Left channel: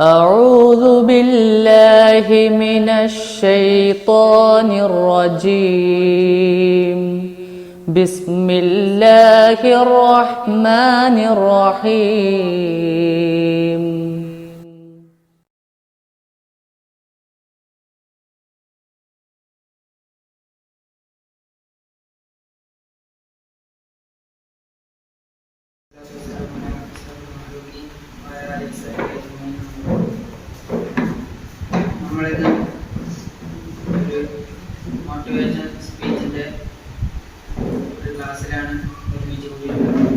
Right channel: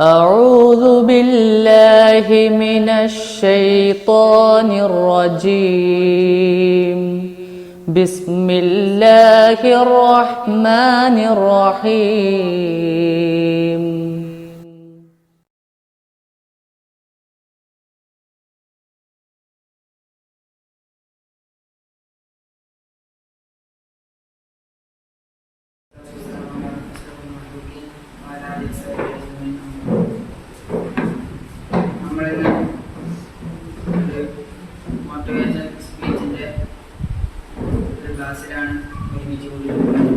أعوذ بالله من الشيطان الرجيم. بسم الله الرحمن الرحيم. നമ്മളിന്ന് ഒരു മോട്ടിവേഷൻ സ്പീച്ചിൻ്റെ ഒരു ക്ലാസ്സിലാണ് ഒരുമിച്ച് കൂടിയിട്ടുള്ളത്.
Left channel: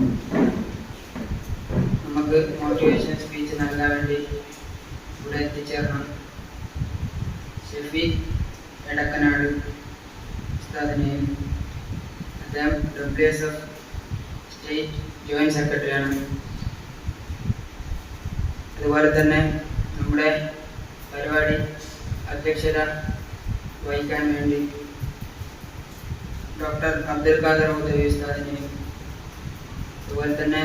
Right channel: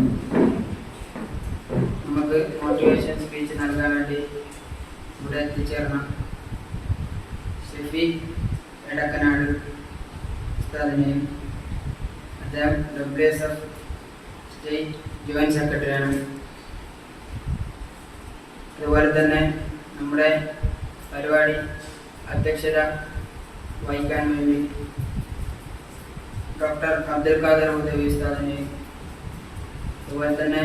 നമുക്ക് മോട്ടിവേഷൻ സ്പീച്ച് നൽകാൻ വേണ്ടി ഇവിടെ എത്തിച്ചേർന്ന ഷെഫീഖ് എടക്കനാട് ഉസ്താദിനെയും, അദ്ദേഹം WSF സ്റ്റേറ്റ് ജോയിൻറ്റ് സെക്രട്ടറിയാണ്. അതുപോലെ തന്നെ നമ്മുടെ പരിപാടി അധ്യക്ഷത വഹിക്കാൻ വേണ്ടി ഡോക്ടർ അബ്ദുൽ ഖാദർ ഹുദവി ഉസ്താദിനെയും, അതുപോലെ തന്നെ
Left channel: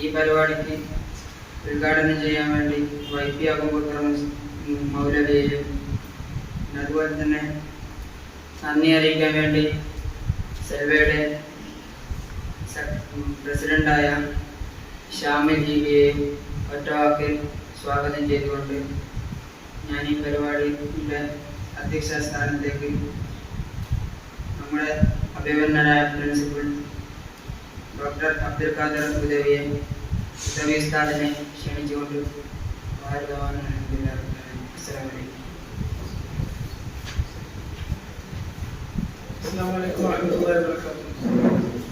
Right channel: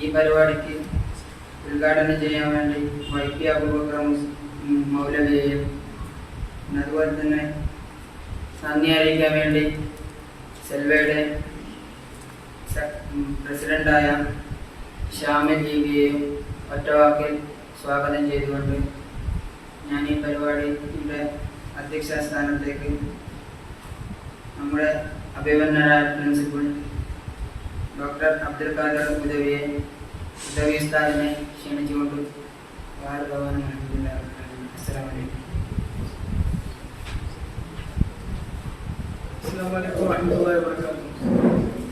ഈ പരിപാടിക്ക് ഉദ്ഘാടനം ചെയ്യാൻ വേണ്ടി YP അബൂബക്കർ മൗലവിയെയും, അതുപോലെ തന്നെ നന്ദി അറിയിക്കാൻ വേണ്ടി സെൽവയുടെ പ്രസിഡന്റായ ഷാമിൽ ജീവിയെയും ഒറ്റവാക്കിൽ സ്വാഗതം ചെയ്തുകൊണ്ട് ഞാൻ ഈ പരിപാടിയുടെ അധ്യക്ഷ സ്ഥാനത്തേക്ക് നമ്മുടെ അഭിമന്യനായ പ്രിൻസിപ്പൽ ഡോക്ടർ അബ്ദുൽ ഖാദർ ഹുദവി ഉസ്താദിനെ ക്ഷണിച്ചുകൊണ്ട് السلام عليكم ورحمة الله وبركاته.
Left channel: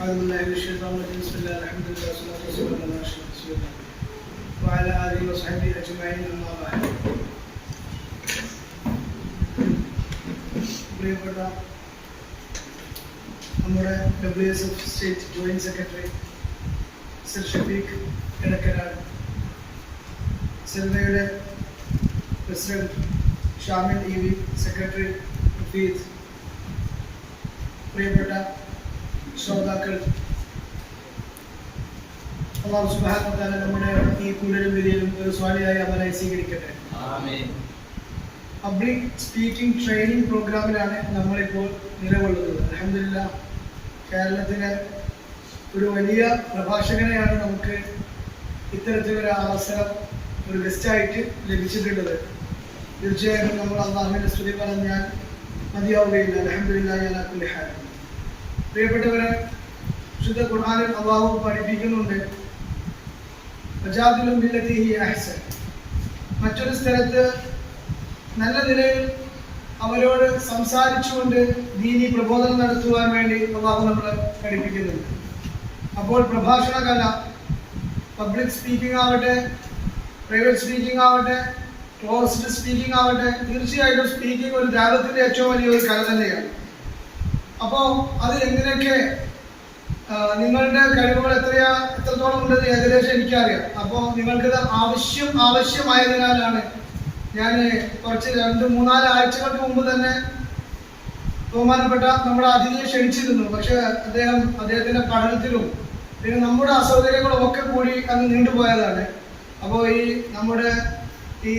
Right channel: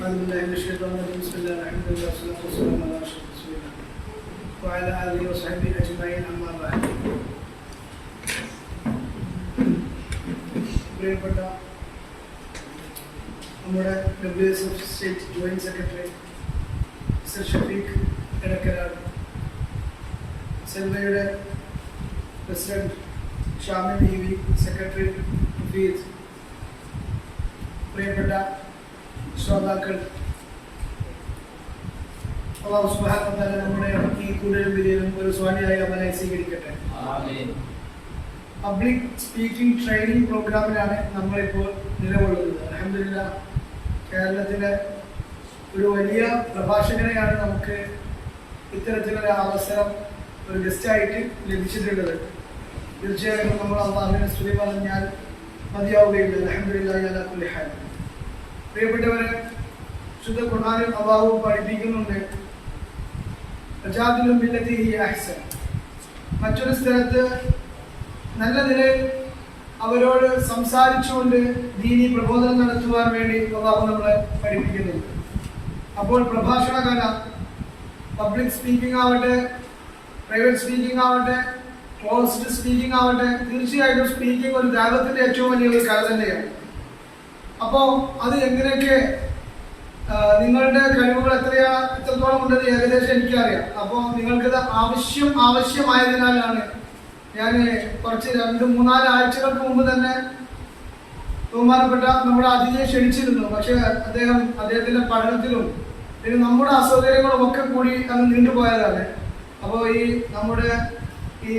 أعوذ بالله من الشيطان الرجيم. بسم الله الرحمن الرحيم. والصلاة والسلام على أشرف رسول الله وعلى آله وصحبه أجمعين. أما بعد. പ്രിയപ്പെട്ട നമ്മുടെ WSF state joint secretary sir Shafeeq Edakkanad, സെൽവയുടെ പ്രസിഡന്റ് ഷാമിൽ ജീവി, സെക്രട്ടറി ഹഫീസ്, പ്രിയപ്പെട്ട ശ്രോതാക്കൾ, അല്ലാഹു സുബ്ഹാനഹു വ തആല നമ്മുടെ ഈ കൂടലും വിധിയിലും ഒരു സ്വാലിയായി അവനെ സ്വീകരിക്കട്ടെ. ആമീൻ. പബ്ലിക് സ്പീക്കിംഗ് ട്രെയിനിങ് പ്രോഗ്രാമിലാണ് നമ്മളിപ്പോൾ നിലകൊള്ളുന്നത്. അൽഹംദുലില്ലാഹ്, കേരളത്തിലെ ഒരു വലിയ പ്രഭാഷകനെയാണ് നമുക്ക് ഇത്തരത്തിലൊരു അവസരം ഒരു ഗസ്റ്റായിട്ട് ലഭിച്ചിട്ടുള്ളത്. തീർച്ചയായിട്ടും നമ്മൾ അല്ലാഹുവിനെ സ്തുതി പറഞ്ഞാൽ മതിയാവുകയില്ല. അൽഹംദുലില്ലാഹി അലാ കുല്ലി ഹാൽ. പ്രിയപ്പെട്ടവരെ, ശുദ്ധ ഖുർആനിൽ അല്ലാഹു പഠിപ്പിക്കുന്നുണ്ട്, വജാദിലു ബില്ലതി ഹിയ അഹ്സൻ. മറ്റൊരു സ്ഥലത്ത് നല്ല നിലയിൽ അവരോട് സംസാരിച്ചുകൊണ്ട് ദീനി പ്രബോധനം നടത്തുവാൻ വേണ്ടി അല്ലാഹു നമ്മളെ പഠിപ്പിക്കുന്നുണ്ട്. അപ്പോൾ പ്രഭാഷണ കല, പബ്ലിക് സ്പീക്കിംഗ് ആവട്ടെ, പ്രൈവറ്റ് സ്പീക്കിംഗ് ആവട്ടെ, ക്ലോസ്ഡ് സ്പീക്കിംഗ് ആവട്ടെ, തീർച്ചയായിട്ടും സ്പീക്കിംഗ് ഒരു ദാവത്തിന്റെ ഏറ്റവും വലിയൊരു കല തന്നെയാണ്. അപ്പോൾ അത് എങ്ങനെയൊക്കെ നിങ്ങളുടെ കഴിവുകൾ എത്രത്തോളം ഉണ്ടെന്ന് ഏകദേശം എനിക്കറിയാം. അപ്പോൾ നിങ്ങൾക്കത് ആവശ്യമായതിനാലാണ് ഞാൻ കുറച്ച് 2-3-4 ആഴ്ചകൾക്ക് മുമ്പ് തന്നെ ബഹുമാനപ്പെട്ട നമ്മുടെ അതിഥിയെ ക്ഷണിച്ചിരുന്നു. പക്ഷേ അദ്ദേഹത്തിന്റെ പഠനത്തിലും പിന്നെ നമ്മുടെ അസൗകര്യങ്ങളും ഒക്കെ കൂടി അങ്ങ് നീണ്ടുപോയതാണ്. അപ്പോൾ നമ്മുടെ ഈ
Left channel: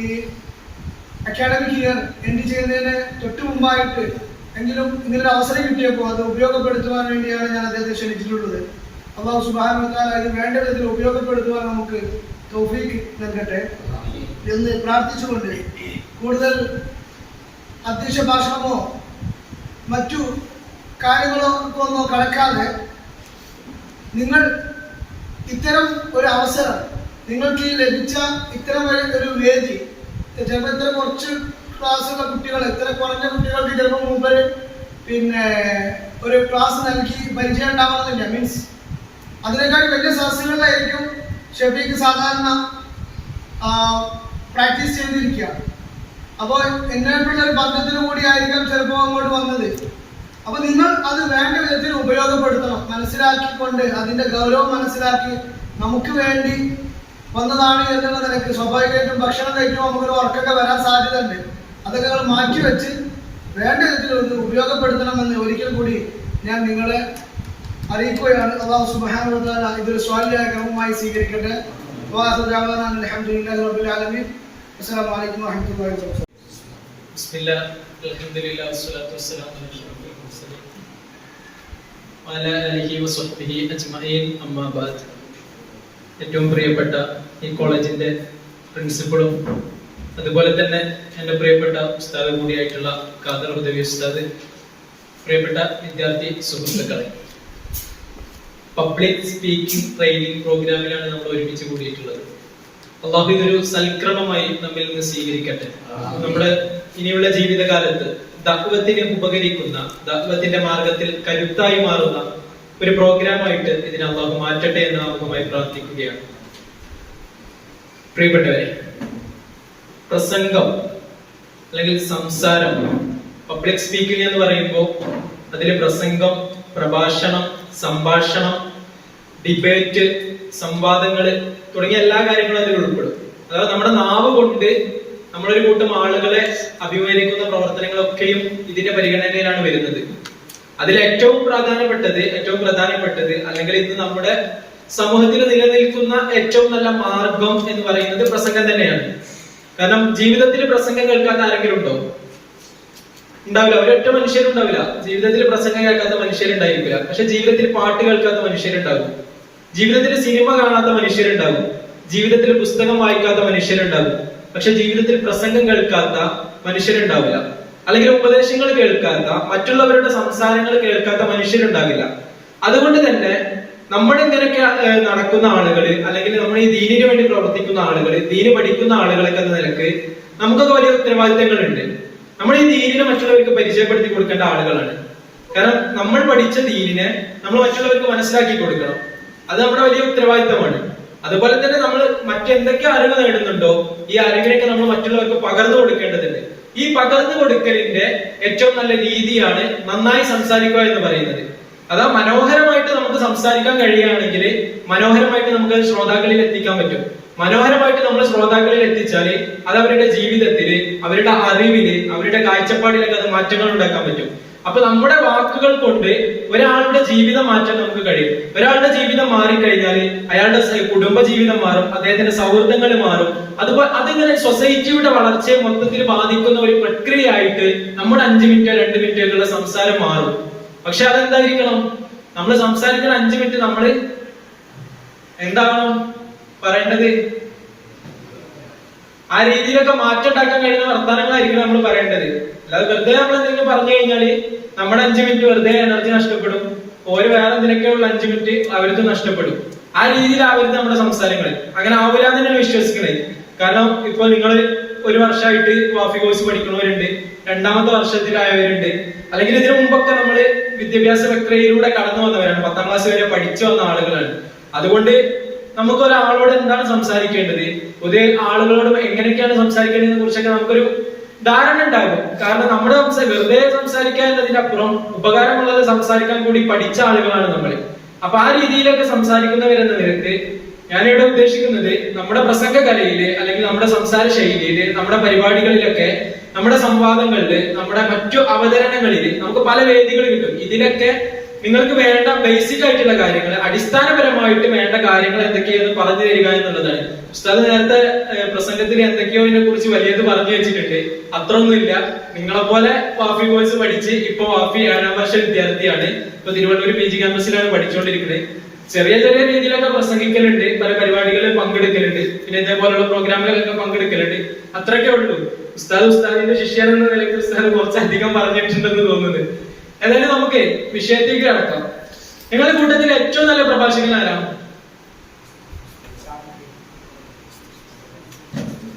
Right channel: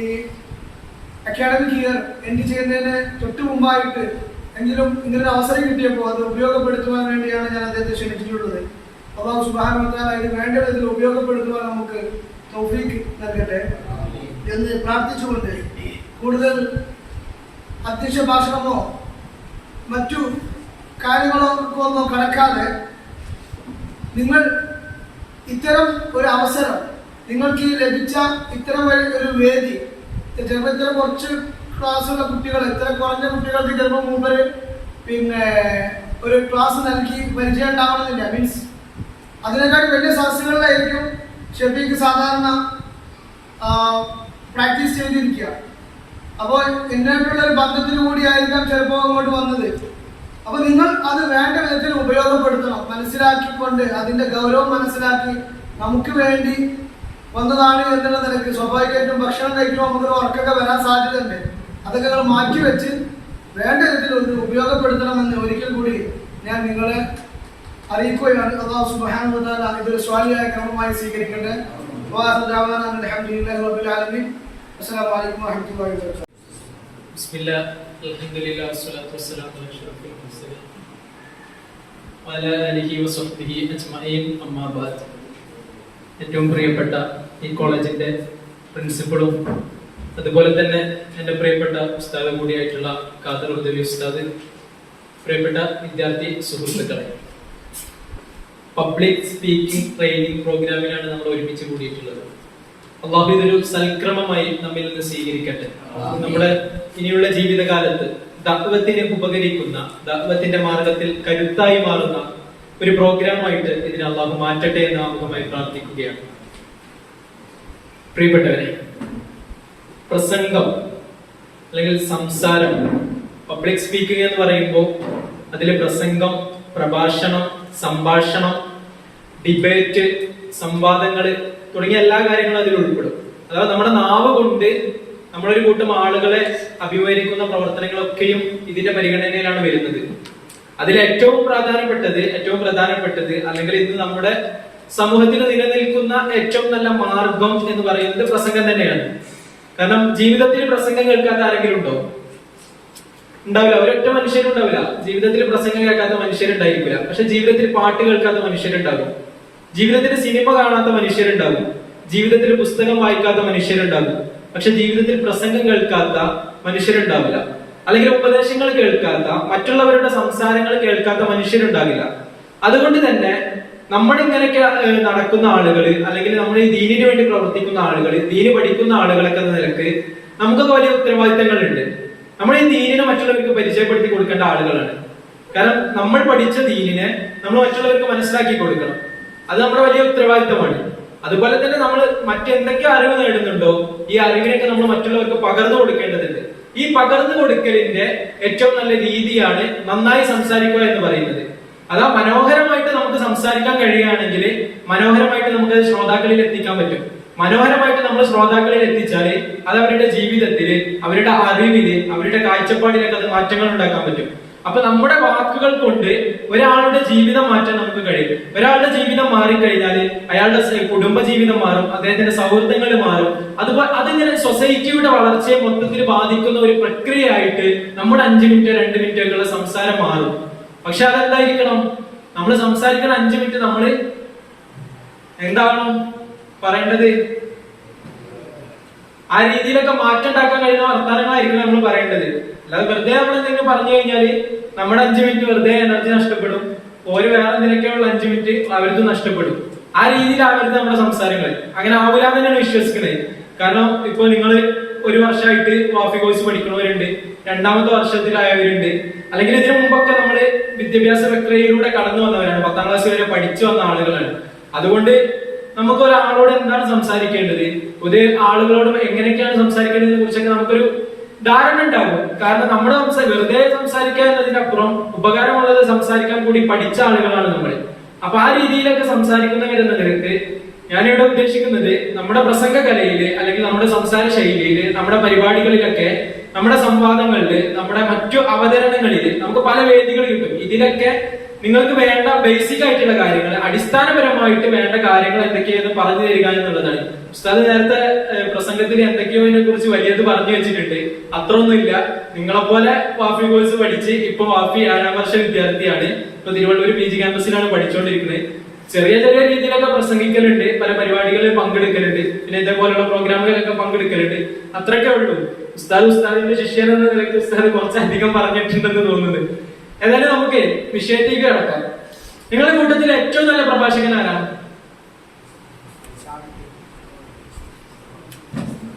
അക്കാഡമിക് ഇയർ എൻഡ് ചെയ്യുന്നതിന് തൊട്ട് മുമ്പായിട്ട് എങ്കിലും ഇങ്ങനൊരു അവസരം കിട്ടിയപ്പോൾ അത് ഉപയോഗപ്പെടുത്തുവാൻ വേണ്ടിയാണ് ഞാൻ അദ്ദേഹത്തെ ക്ഷണിച്ചിട്ടുള്ളത്. അല്ലാഹു സുബ്ഹാനഹു വ തആല ഇത് വേണ്ട വിധത്തിൽ ഉപയോഗപ്പെടുത്തുവാൻ നമുക്ക് തൗഫീഖ് നൽകട്ടെ എന്ന് പ്രാർത്ഥിച്ചുകൊണ്ട് കൂടുതൽ അധ്യക്ഷ ഭാഷണമോ മറ്റു കാര്യങ്ങളോ ഒന്നും കടക്കാതെ, നിങ്ങൾ ഇത്തരം ഒരു അവസരം, നിങ്ങൾക്ക് ഈ ലഭിച്ച ഇത്തരം ഒരു വേദി, ചിലപ്പോൾ ഇത്ര കുറച്ച് ക്ലാസ്സുള്ള കുട്ടികൾ, ഇത്ര കുറഞ്ഞ കുട്ടികൾക്ക് ചിലപ്പോൾ മുമ്പ് പിന്നെ ഒരു ക്ലാസ് നൽകി പരിചയം ഉണ്ടാവണമെന്നില്ല. മീൻസ് അതിനേക്കാൾ വലിയ സദസ്സുകളിലായിരിക്കും ഷഫീഖ് സാധാരണ പ്രാക്ടീസ് ചെയ്തിരിക്കുക. അപ്പോൾ എന്നായിട്ടുള്ള ഒരു ബന്ധത്തിന് കൂടി ആയിരിക്കാം ചിലപ്പോൾ അങ്ങോട്ട് വന്നത്. അപ്പോൾ നിങ്ങൾ അത് വേണ്ട വിധത്തിൽ ഉപയോഗപ്പെടുത്തണം, മനസ്സിലാക്കിക്കൊണ്ട് അതിൻ്റെ ഗൗരവം മനസ്സിലാക്കി നമുക്ക് വേണ്ടി വന്നതാണ് എന്നുള്ള നിലക്ക് സ്വാഭാവികമായിട്ടും ഭക്ഷണം കഴിക്കുമ്പോൾ നമുക്കൊരു വർക്കൊക്കെ വരാൻ സാധ്യതയുണ്ട്. അതൊക്കെ നിങ്ങൾ മാറ്റി വെച്ച് വേണ്ട വിധത്തിൽ ഉപയോഗപ്പെടുത്തണമെന്ന് ഒരിക്കൽ കൂടി ഞാൻ നിങ്ങളെ അറിയിക്കുകയാണ്. അല്ലാഹു സുബ്ഹാനഹു വ തആല ഇതൊരു സ്വാലിയായ ക്രമമായി സ്വീകരിക്കട്ടെ. അസ്സലാമു അലൈക്കും വറഹ്മത്തുള്ളാഹി വബറകാതുഹു. ബിസ്മില്ലാ അൽഹംദുലില്ലാഹി വസ്സലാത്തു വസ്സലാമു അലാ അഷ്റഫിൽ മുർസലീൻ വഅലാ ആലിഹി വസഹ്ബിഹി അജ്മഈൻ അമ്മാ ബഅദ്. ഏറ്റവും പ്രിയപ്പെട്ട ഈ കോളേജിന്റെ പ്രിൻസിപ്പളും അതുപോലെ തന്നെ എൻ്റെ പ്രിയപ്പെട്ട ഉസ്താദ് കൂടിയായിട്ടുള്ള ഖാദർ ഹുദവി ഉസ്താദ്, പ്രിയപ്പെട്ട വിദ്യാർത്ഥി സുഹൃത്തുക്കളെ, പബ്ലിക് സ്പീക്കിംഗ് ട്രെയിനിങ് പ്രോഗ്രാമിലാണ് നമ്മൾ ഒരുമിച്ച് കൂടിയിട്ടുള്ളത്. അള്ളാഹു ഇതൊരു സൽക്രമമായി നമ്മിൽ നിന്ന് സ്വീകരിക്കട്ടെ. നമ്മുടെ ഇനിയുള്ള ജീവിതകാലത്ത് ദഅ്വത്തിന് ഉപകരിക്കുന്ന, ദഅ്വത്തിന്റെ മാർഗത്തിൽ കരുത്തായി മാറുന്ന ഒരു പ്രോഗ്രാമായിട്ട് ഇതിനെ അള്ളാഹു മാറ്റട്ടെ എന്ന് ആമുഖമായി പ്രാർത്ഥിക്കുകയാണ്. പ്രിയപ്പെട്ടവരെ, പ്രസംഗം അല്ലെങ്കിൽ സംസാരം, പബ്ലിക് സ്പീക്കിംഗ് എന്ന് പറയുമ്പോൾ അതിൽ പ്രസംഗം, പ്രഭാഷണം, സംഭാഷണം, ഡിബേറ്റ്, സംവാദങ്ങള് തുടങ്ങിയ എല്ലാ കാര്യങ്ങളും അതിൽ ഉൾപ്പെടും. അതായത് നമ്മുടെ നാവ് കൊണ്ട് നമ്മളൊരു കൂട്ടം ആളുകളെ അഭിമുഖീകരിക്കുന്ന പ്രവർത്തനങ്ങളൊക്കെയും ഇതിന്റെ പരിഗണനയിലാണ് വരുന്നത്. അതിൽ ഏറ്റവും പ്രധാനപ്പെട്ടത് അല്ലെങ്കിൽ ഇന്ന് നമ്മുടെ സമൂഹത്തിൽ നിലനിൽക്കുന്ന ഏറ്റവും നല്ല മാർഗം എന്ന് പറയുന്നത് പ്രസംഗം തന്നെയാണ്. കാരണം ജീവിതത്തിൽ പ്രസംഗം കേൾക്കാത്ത ആരെങ്കിലും ഉണ്ടോ? ഉണ്ടാവില്ല. ഒരൊറ്റ മനുഷ്യരുണ്ടാവില്ല ജീവിതത്തിൽ പ്രസംഗം കേൾക്കാത്ത മനുഷ്യരുണ്ടായിരിക്കില്ല. പക്ഷെ ജീവിതത്തിൽ പാട്ട് കേൾക്കാത്ത മനുഷ്യരുണ്ടാകും, ജീവിതത്തിൽ സിനിമ കാണാത്ത മനുഷ്യരുണ്ടാകും, ജീവിതത്തിൽ പുസ്തകം വായിക്കാത്ത മനുഷ്യരുണ്ടാകും. പക്ഷെ ജീവിതത്തിൽ പ്രസംഗം കേൾക്കാത്ത മനുഷ്യരുണ്ടാവില്ല. അല്ലെങ്കിൽ ഉപദേശങ്ങൾ കേൾക്കാത്ത, മറ്റുള്ളവരുടെ സംസാരങ്ങൾ കേൾക്കാത്ത മനുഷ്യരുണ്ടാകില്ല. അതുകൊണ്ട് തന്നെ നമ്മുടെ ഇങ്ങനെയൊക്കെ നടക്കുന്ന ആളുകൾ, അല്ലെങ്കിൽ നമ്മുടെ ഈ ദീനിന് വേണ്ടി പ്രവർത്തിക്കുന്ന ആളുകൾ, ദീന് പഠിക്കുന്ന ആളുകളൊക്കെ എന്ന നിലക്ക് നമുക്കൊക്കെ വലിയ ഉത്തരവാദിത്തങ്ങളുണ്ട്. നമ്മൾ ഈ ദീനിനെ മറ്റുള്ളവർക്ക് പരിചയപ്പെടുത്തി കൊടുക്കേണ്ട ആളുകളാണ്. കാരണം നമ്മൾ പഠിച്ച ദീനിനെ നമ്മൾ മറ്റുള്ളവർക്ക് മനസ്സിലാക്കി കൊടുക്കണം. അത് നമ്മുടെ വലിയ ഉത്തരവാദിത്തമാണ്. അതുപോലെ തന്നെ നമ്മൾ മറ്റെന്തൊക്കെ അറിവ് നേടുന്നുണ്ടോ ഈ അറിവിനൊക്കെ നമ്മൾ മറ്റുള്ളവർക്ക് പകർന്നു കൊടുക്കേണ്ടതുണ്ട്. ഈ പകർന്നു കൊടുക്കലിന്റെ ഏറ്റവും നല്ല രീതിയാണ് നന്നായി സംസാരിക്കുക എന്ന് പറയുന്നത്. അതാ മനോഹരമായിട്ട് നമുക്ക് സംസാരിക്കാൻ കഴിയുകയാണെങ്കിൽ മനോഹരമായിട്ട് നമുക്ക് ശ്രോതാക്കളിൽ എത്തിക്കാൻ പറ്റും. മനോഹരമായിട്ട് നമ്മൾ ശ്രോതാക്കളിൽ എത്തിച്ചാല് അത് അവരുടെ ജീവിതത്തില്, അവരുടെ അറിവില്, അവരുടെ കാഴ്ചപ്പാടിലൊക്കെ അത് മാറ്റങ്ങൾ ഉണ്ടാക്കാൻ പറ്റും. അപ്പൊ നമ്മുടെ വാക്കുകൾ കൊണ്ട് ഒരാളുടെ ജീവിതം മാറ്റാൻ നമുക്ക് കഴിയും. ഒരാളുടെ ജീവിതം മാറിക്കഴിഞ്ഞാൽ അയാളുടെ കുടുംബ ജീവിതം മാറും, അദ്ദേഹത്തിന്റെ സൗഹൃദങ്ങൾ മാറും. അതുപോലെ അതിങ്ങനെ സൊസൈറ്റിയുടെ വളർച്ചയെ മൊത്തത്തിൽ ബാധിക്കുന്ന ഒരു പ്രക്രിയയായിട്ട് നമ്മുടെ 5 മിനിറ്റോ 2 മിനിറ്റോ ഒക്കെയുള്ള സംസാരം മാറും. പക്ഷെ അതെന്തായിരിക്കണം? നമ്മൾ സംസാരിക്കുന്ന 5 മിനിറ്റ് നമ്മൾ എന്താവണം പറയേണ്ടത്? ആ രീതിയിലൊക്കെ മാറ്റം ഉണ്ടാക്കാൻ കഴിയുന്ന വർത്തമാനങ്ങളായിരിക്കും നമ്മൾ പറയേണ്ടത്. അല്ലാതെ വെറുതെ നമ്മൾ എന്തെങ്കിലും പറഞ്ഞു കഴിഞ്ഞാല് നമ്മുടെ 5 മിനിറ്റ് വെറുതെ എനർജി നഷ്ടപ്പെടും. ഒരു വേറെ എന്തിനൊക്കെയുള്ള 5 മിനിറ്റ് അവർക്ക് നഷ്ടപ്പെടും. ആ രീതിയിലാവരുത് നമ്മുടെ സംസാരങ്ങൾ. അങ്ങനെ ആവില്ല തന്നെയാണ് വിശ്വസിക്കുന്നത്. കാരണം ഇപ്പൊ നിങ്ങൾ ഒരു വർഷമായിട്ട് വാഫി കോഴ്സ് പഠിക്കുന്നവരുണ്ട്, 2ാമത്തെ വർഷത്തിലായവരുണ്ട്, അല്ലെങ്കിൽ ഇതിനു മുമ്പൊക്കെ നമ്മള് വിദ്യാഭ്യാസ പ്രക്രിയയിലൂടെ കടന്നു വന്നവരാണ്, 10ാം ക്ലാസ് വരെ പഠിച്ചു വന്ന ആളുകളാണ്. അതുകൊണ്ട് നമുക്ക് ഒരാളോട് എന്താണ് സംസാരിക്കേണ്ടത്, ഒരു ആളുകളോടും എങ്ങനെയൊക്കെയാണ് സംസാരിക്കേണ്ടതിനെ കുറിച്ചൊക്കെ നമുക്കൊരു ധാരണ ഉണ്ടാകും. കാരണം നമ്മുടെ വെറുതെ സംസാരിക്കാൻ എന്നതിന്റെ അപ്പുറം ഉപകാരമുള്ളത് സംസാരിക്കാൻ കൂടി പഠിച്ച ആളുകളാണ് നമ്മൾ. അപ്പൊ ആ രീതിയിലൊക്കെ സംസാരിക്കുന്നവരെന്ന നിലക്ക് ഞാനിവിടെ ഉദ്ദേശിക്കുന്നത് നമ്മുടെ പ്രസംഗ കലയില്, അല്ലെങ്കിൽ നമ്മുടെ സംസാര ശൈലിയില്, നമ്മുടെ പരിപാടികളിലൊക്കെ, നമ്മുടെ സംവാദങ്ങളില്, നമ്മുടെ മറ്റു അവതരണങ്ങളില് നമുക്ക് പല വേദികൾ കിട്ടും. ഇതിലൊക്കെ നിങ്ങൾക്ക് വേണ്ട ബേസിക് ആയിട്ടുള്ള കാര്യങ്ങൾ, അടിസ്ഥാനപരമായിട്ട് വേണ്ട കാര്യങ്ങൾ എന്തൊക്കെയെന്ന് പറഞ്ഞു തരിക എന്നുള്ളതാണ്. ഉസ്താദ് നേരത്തെ പ്രസംഗത്തിൽ എന്തൊക്കെയോ ഇതിനെ കുറിച്ച് വലിയത് പറഞ്ഞു വെച്ചിട്ടുണ്ട്. അത്രയൊന്നുമില്ല. നിങ്ങളെപ്പോലെ വാഫി കോഴ്സ് പഠിച്ച് ഇപ്പൊ വാഫി 7ാം വർഷ വിദ്യാർത്ഥിയാണ്. ഇപ്പൊ തിരുവള്ളൂർ PG ക്യാമ്പസിലാണ് പഠിച്ചുകൊണ്ടിരിക്കുന്നത്. ചെറിയ ചെറിയ രീതിയിലൊക്കെ പ്രസംഗിക്കലുണ്ട്, പല പരിപാടികളിൽ പങ്കെടുക്കലുണ്ട്, പിന്നെ ഇതേപോലുള്ള പ്രോഗ്രാമുകളിലൊക്കെ പങ്കെടുക്കലുണ്ട്. അത്രയൊക്കെ ഉള്ളൂ. ഉസ്താദിന്റെ ശിഷ്യൻ എന്ന നിലയ്ക്ക് ഉസ്താദ് കുറച്ചധികം പറഞ്ഞിട്ടുണ്ടെന്ന് തോന്നുന്നത്. ഏതായാലും നമുക്ക് വിഷയത്തേക്ക് കടക്കാം. നിങ്ങളുടെ കൂട്ടത്തിൽ ഏറ്റവും നല്ല പ്രഭാഷകൻ ആരാണ്?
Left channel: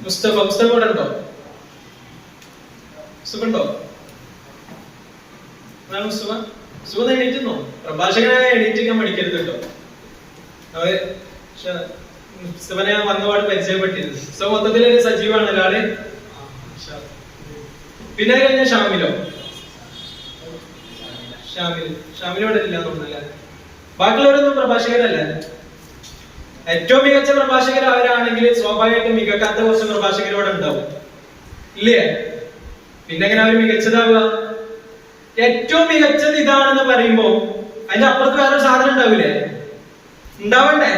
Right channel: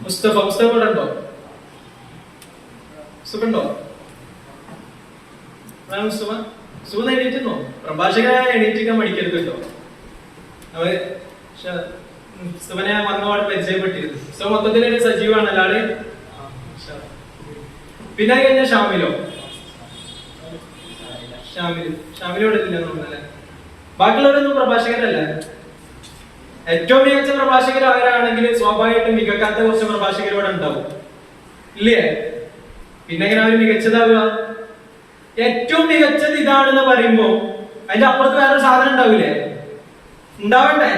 മുസ്തഫ കൂടെ ഉണ്ടോ? സുഖുണ്ടോ? സുഖം എണീറ്റുന്നോ? പ്രഭാഷകനായ എണീറ്റിക്കാൻ പഠിക്കരുത് കേട്ടോ. അവര് മുസ്തഫനെ വന്നപാട് പരിചയപ്പെട്ടിരുന്നു. സോ മൊത്തത്തിലൊരു സജീവമാണ് ഒരാള്. പിന്നെ കഴിഞ്ഞ ഷാമിലോ? ഷാമിലോടെ ഇല്ല തോന്നുന്നല്ലേ? ബാക്കിയുള്ളവരൊന്നും പ്രഭാഷകരല്ല. ഏറ്റവും മികച്ച പ്രഭാഷകർ അവരാണെങ്കിൽ സ്വാഭാവികമായിട്ടും മികക്കാത്ത കുറച്ച് പ്രഭാഷകരോടെ ഉണ്ടാവും, ഇല്ലേ? പിന്നെ എങ്ങനെ അവർ മികച്ചതാവുക? ഏറ്റവും മികച്ചത് ഇതാണെന്ന് പറയുമ്പോ അതിന്റെ അപ്പുറത്ത് വേറൊരു സാധനം ഉണ്ടാവില്ലേ? ഉണ്ടാവണ്ടേ?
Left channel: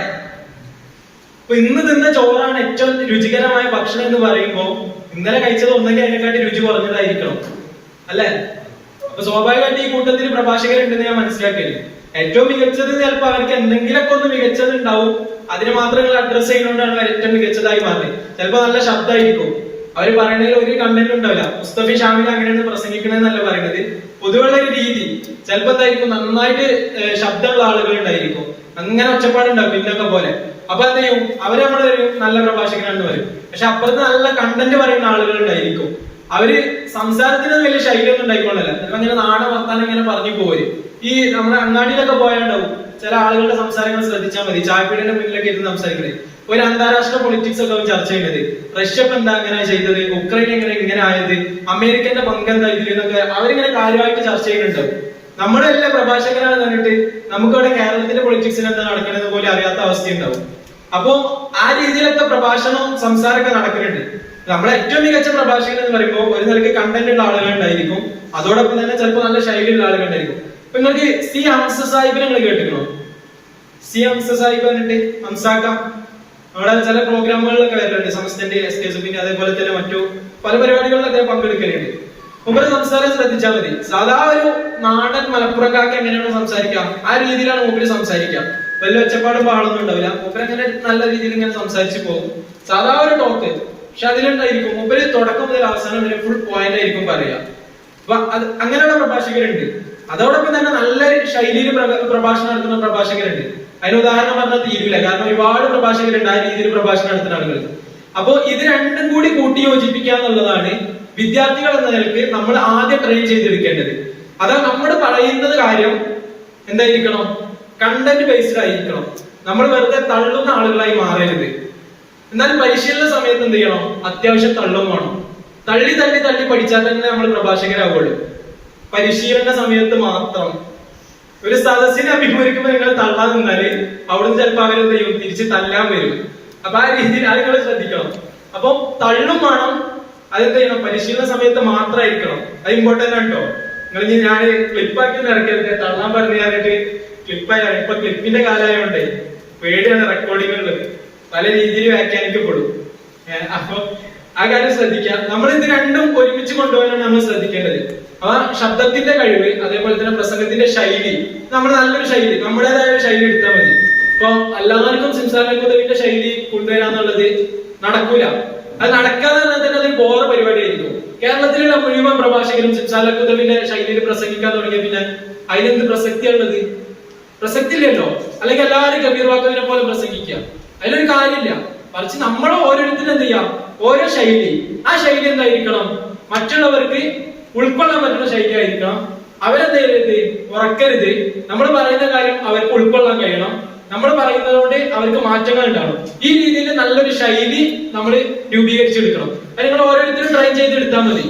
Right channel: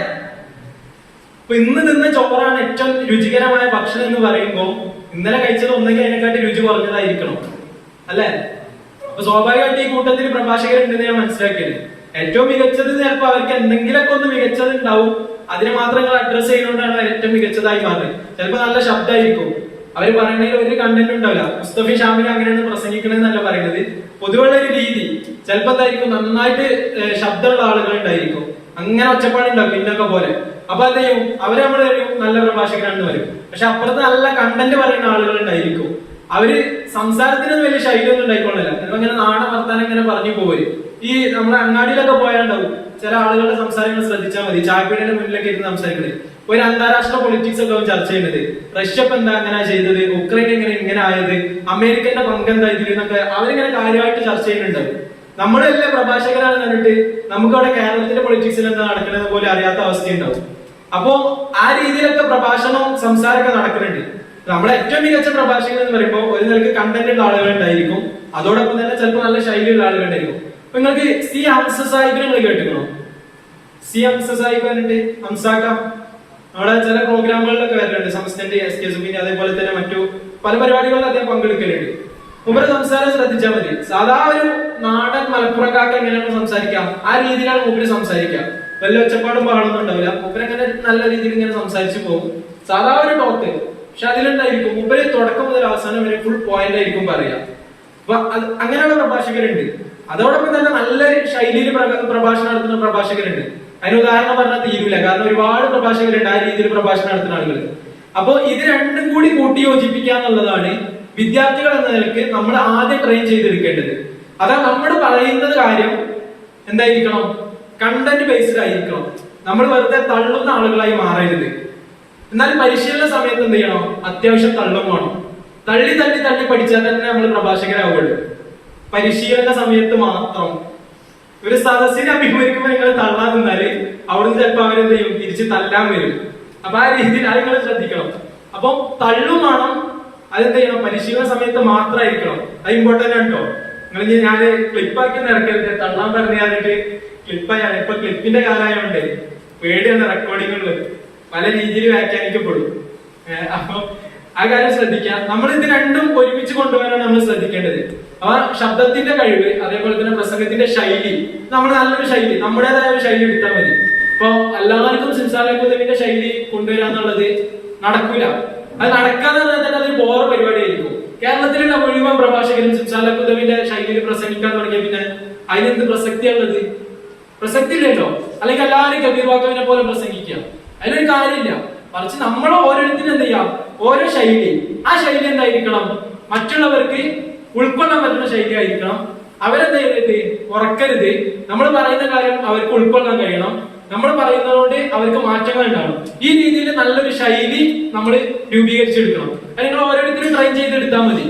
അപ്പൊ ഇന്ന് തിന്ന ചോറാണ് ഏറ്റവും രുചികരമായ ഭക്ഷണം എന്ന് പറയുമ്പോൾ ഇന്നലെ കഴിച്ചത് ഒന്നെങ്കിൽ അതിനെക്കാട്ടി രുചി കുറഞ്ഞതായിരിക്കണം, അല്ലെ? അപ്പൊ സ്വാഭാവികമായിട്ട് ഈ കൂട്ടത്തിൽ പ്രഭാഷകരുണ്ടെന്ന് ഞാൻ മനസ്സിലാക്കിയത്. ഏറ്റവും മികച്ചത് ചിലപ്പോൾ അവർക്ക് എന്തെങ്കിലുമൊക്കെ ഒന്ന് മികച്ചത് ഉണ്ടാവും, അതിനെ മാത്രം നിങ്ങൾ അഡ്രസ് ചെയ്യുന്നതുകൊണ്ടാണ് ഏറ്റവും മികച്ചതായി മാറി. ചിലപ്പോൾ നല്ല ശബ്ദമായിരിക്കും, അവർ പറയുന്നതിൽ ഒരു കണ്ടന്റ് ഉണ്ടാവില്ല. മുസ്തഫി ഷാമിൽ അങ്ങനെയാണ് പ്രസംഗിക്കണമെന്നല്ല പറയുന്നത്, പൊതുവുള്ള ഒരു രീതി. ചിലപ്പോ എന്തായിരിക്കും, നന്നായിട്ട് ശബ്ദമുള്ള ആളുകൾ ഉണ്ടായിരിക്കും, അങ്ങനെ ഒച്ചപ്പാടുണ്ടാവും പിന്നൊക്കെ പോലെ. അപ്പൊ എന്ത് ചെയ്യും, അവര് നമ്മൾ നല്ല പ്രഭാഷകനാണെന്ന് പറയും. പക്ഷെ അപ്പുറത്ത് നല്ല കണ്ടന്റ് പറയുന്ന ആളുകൾ ഉണ്ടായിരിക്കും, അവര് സംസാരത്തിന് വലിയ ശൈലിയൊന്നും ഉണ്ടായിക്കൊള്ളില്ല. ചിലപ്പോ അങ്ങനെ നാടൻ വർത്താനം ഇങ്ങനെ പറഞ്ഞു പോരും. ഈ നമ്മളെ അങ്ങാടിയിലൊക്കെ പോയാണ്ടാവും ചില ആളുകളുടെ സംസാരങ്ങൾ ശ്രദ്ധിച്ചാൽ മതി. ചായപ്പീടിയുടെ മുന്നിലൊക്കെ ഇരുന്ന് സംസാരിക്കുന്നത് ഒരു അന്താരാഷ്ട്ര പൊളിറ്റിക്സ് ഒക്കെ ചർച്ച ചെയ്യുന്നത്, റഷ്യ ഇപ്പൊ എന്താ അങ്ങനെ ചെയ്തത്, ഉക്രൈൻ ഇങ്ങനെ ആയത്, അമേരിക്കന്റെ പങ്ക് എന്താ ഇതിലൊക്കെ അവരിങ്ങനെ കാര്യമായിട്ട് ചർച്ച ചെയ്യുന്നുണ്ടാവും. നമ്മുടെ എല്ലാ പ്രഭാഷകരാണ് കണ്ടിട്ട് നമുക്ക് അവിടെ കേരളത്തിന്റെ പൊളിറ്റിക്സിൽ എന്താ നടക്കുന്നത് പോലെ അറിയാത്ത അവസ്ഥയുണ്ടാവും. അപ്പോ ആ രീതിയിലൊക്കെ പ്രഭാഷണവും സംസാരമൊക്കെ നടക്കുന്നുണ്ട്. നമ്മളെ ഏറ്റവും മികച്ച പ്രഭാഷകൻ എന്ന് പറയുമ്പോൾ ഒരു നിലയ്ക്ക് കണ്ടന്റ് ഉള്ള ആളുകൾ ഉണ്ടായിരിക്കും, അതോടൊപ്പം തന്നെ ചിലപ്പോൾ നല്ല ശൈലിയുള്ള ആളുകൾ ഉണ്ടായിരിക്കും. അപ്പൊ നിങ്ങൾക്ക് സി ഹംസ സാഹിബിനെ നിങ്ങൾ കേട്ടിരുന്നോ? സി ഹംസ സാഹിബ് പറഞ്ഞിട്ട് ഹംസാക്ക നമ്മളെ ചില പ്രോഗ്രാമുകളിലൊക്കെ വരലുണ്ട്, സംസ്ഥാനത്തിന്റെ SK സുബിന്റെ അതേപോലെ തന്നെ മറ്റു പല പരിപാടികളിൽ അദ്ദേഹം പങ്കെടുക്കലുണ്ട്. മൂപ്പര് സംസാരം ശ്രദ്ധിച്ചാൽ മതി. സാധാ ഒരു നാടൻ മലപ്പുറക്കാർക്ക് എങ്ങനെയാണ് സംസാരിക്കുക ആ രീതിയിലാണ് മൂപ്പര് സംസാരിക്കുക. വല്ല ഒച്ചപ്പാടും പാടൊന്നും ഉണ്ടാവില്ല. മൂപ്പര് അങ്ങനെ നല്ല രീതിയിൽ ഇങ്ങനെ സംസാരിച്ചു പോകും, സാധാ ഒരു ടോക്ക്. പക്ഷെ അതിലുണ്ടായിരിക്കും മൂപ്പര് തുടക്കം മുതൽ അവസാനം വരെ ഫുൾ പോയിന്റ് ആയിരിക്കും പറയുക. അപ്പൊ അങ്ങനെയുള്ള പ്രഭാഷകരുണ്ട്. അതോടൊപ്പം തന്നെ നല്ല ശൈലിയിൽ പ്രഭാഷണം നടത്തുന്ന പ്രഭാഷകരുണ്ട്. അതിന് ഉദാഹരണം പറഞ്ഞാൽ തീരൂല, കാരണം ഒരുപാട് പ്രഭാഷകരുണ്ട് ആ രീതിയിൽ പ്രഭാഷണം നടത്തുന്ന ആളുകൾ. അപ്പോ ഇത് രണ്ടും കൂടി കൂട്ടി യോജിപ്പിക്കുക എന്നുള്ളതാണ് വിദ്യാർത്ഥികൾ എന്ന നിലയ്ക്ക് നമ്മൾ ആദ്യം ട്രെയിൻ ചെയ്തെടുക്കേണ്ടത്. അതാ നമ്മൾ പറയുന്നത് കാര്യം എന്തായിരിക്കണം, കണ്ടന്റ് ബേസ്ഡ് ആയിരിക്കണം. നമ്മൾ വെറുതെ തള്ളുന്ന ആളുകളായി മാറരുത്. എന്നാൽ പരിശീലന സമയത്ത് എന്ത് ചെയ്യണം, അത്യാവശ്യം തള്ളും വേണം. തള്ളി തള്ളി തള്ളി പഠിച്ചാൽ തന്നെ നമ്മൾ പ്രഭാഷകരാവുള്ളൂ. പരിശീലന സമയത്ത് മാത്രം. ഒരു സദസ്സിനെ അഭിമുഖീകരിക്കുമ്പോൾ നിങ്ങൾ തള്ളാൻ നിന്നാല് അവിടുന്ന് ചിലപ്പോൾ അവരെന്ത് ചെയ്യും, തിരിച്ച് തല്ലാൻ വരും. അപ്പൊ ആ രീതിയിൽ ആളുകൾ ശ്രദ്ധിക്കണം. അപ്പൊ തള്ളും വേണം, അതെന്ത് ചെയ്യണം, പരിശീലന സമയത്ത് മാത്രമായിരിക്കണം. അത് ഇമ്പോർട്ടന്റ് ആണ് കേട്ടോ. നിങ്ങൾ ഞാൻ ക്ലിപ്പാക്കി ഇറക്കരുത്, തള്ളാൻ പറഞ്ഞു തന്നിട്ട് ക്ലിപ്പായാണ്. ഇപ്പൊ ക്ലിപ്പിന്റെ കാലമായോണ്ടേ പേടിയാണ് റെക്കോർഡിങ്ങുള്ളത്, പല രീതിയിൽ വ്യാഖ്യാനിക്കപ്പെടും. അപ്പൊ ആ കാര്യം ശ്രദ്ധിക്കാം. നമ്മൾ ഇത് രണ്ടും ഒരുമിച്ച് കൊണ്ടുപോകാനാണ് നമ്മൾ ശ്രദ്ധിക്കേണ്ടത്. ആ ശബ്ദത്തിന്റെ കഴിവ്, അതേപോലെ തന്നെ പ്രസംഗത്തിന്റെ ശൈലി, നമ്മൾ നല്ലൊരു ശൈലി, നമ്മുടേതായ ഒരു ശൈലി എടുത്താൽ മതി. ഇപ്പൊ എല്ലാവർക്കും സിംസാലക്കുതവിന്റെ ശൈലി കൊണ്ടുവരാന്നുള്ളത് നടക്കൂല. അത് നടക്കാതെ തന്നെ അതൊരു ബോറ പരിപാടിയായിരിക്കും. കേരളത്തിലുള്ള മുഴുവൻ പ്രഭാഷകരും സിംസാലക്കുതവിന്റെ ശൈലിയിൽ പ്രസംഗിക്കാൻ തുടങ്ങിയ പിന്നെ അതിനെന്ത് പ്രസക്തിയുള്ളത്? പ്രസക്തി ഇല്ലല്ലോ. അല്ലെങ്കിൽ എല്ലാവരും കബീർ വാക്കവിനെ പോലെ പ്രസംഗിക്കുക, അതിലൊരു കാര്യമില്ല. മറിച്ച് നമ്മൾ ഓരോരുത്തരും എന്ത് ചെയ്യാം, ഓരോ ശൈലി, ആ ശൈലി എന്തായിരിക്കണം, മറ്റുള്ളവർക്ക് ഉൾക്കൊള്ളാൻ പറ്റുന്ന ശൈലി ആയിരിക്കണം. അവരെന്ത് ചെയ്യരുത്, ഉറക്കരുത്. നമ്മൾ പറയുന്ന കാര്യം അവർക്ക് ഉൾക്കൊള്ളാൻ കഴിയണം. നമ്മൾ പറയുന്നതുകൊണ്ട് അവർക്ക് മാറ്റങ്ങൾ ഉണ്ടാവണം. ഈ രീതിയിൽ നല്ലൊരു ശൈലി നമ്മൾ രൂപീകരിച്ചെടുക്കണം. അത് നിങ്ങൾ ഓരോരുത്തരും ട്രൈ ചെയ്തെടുത്താൽ മതി.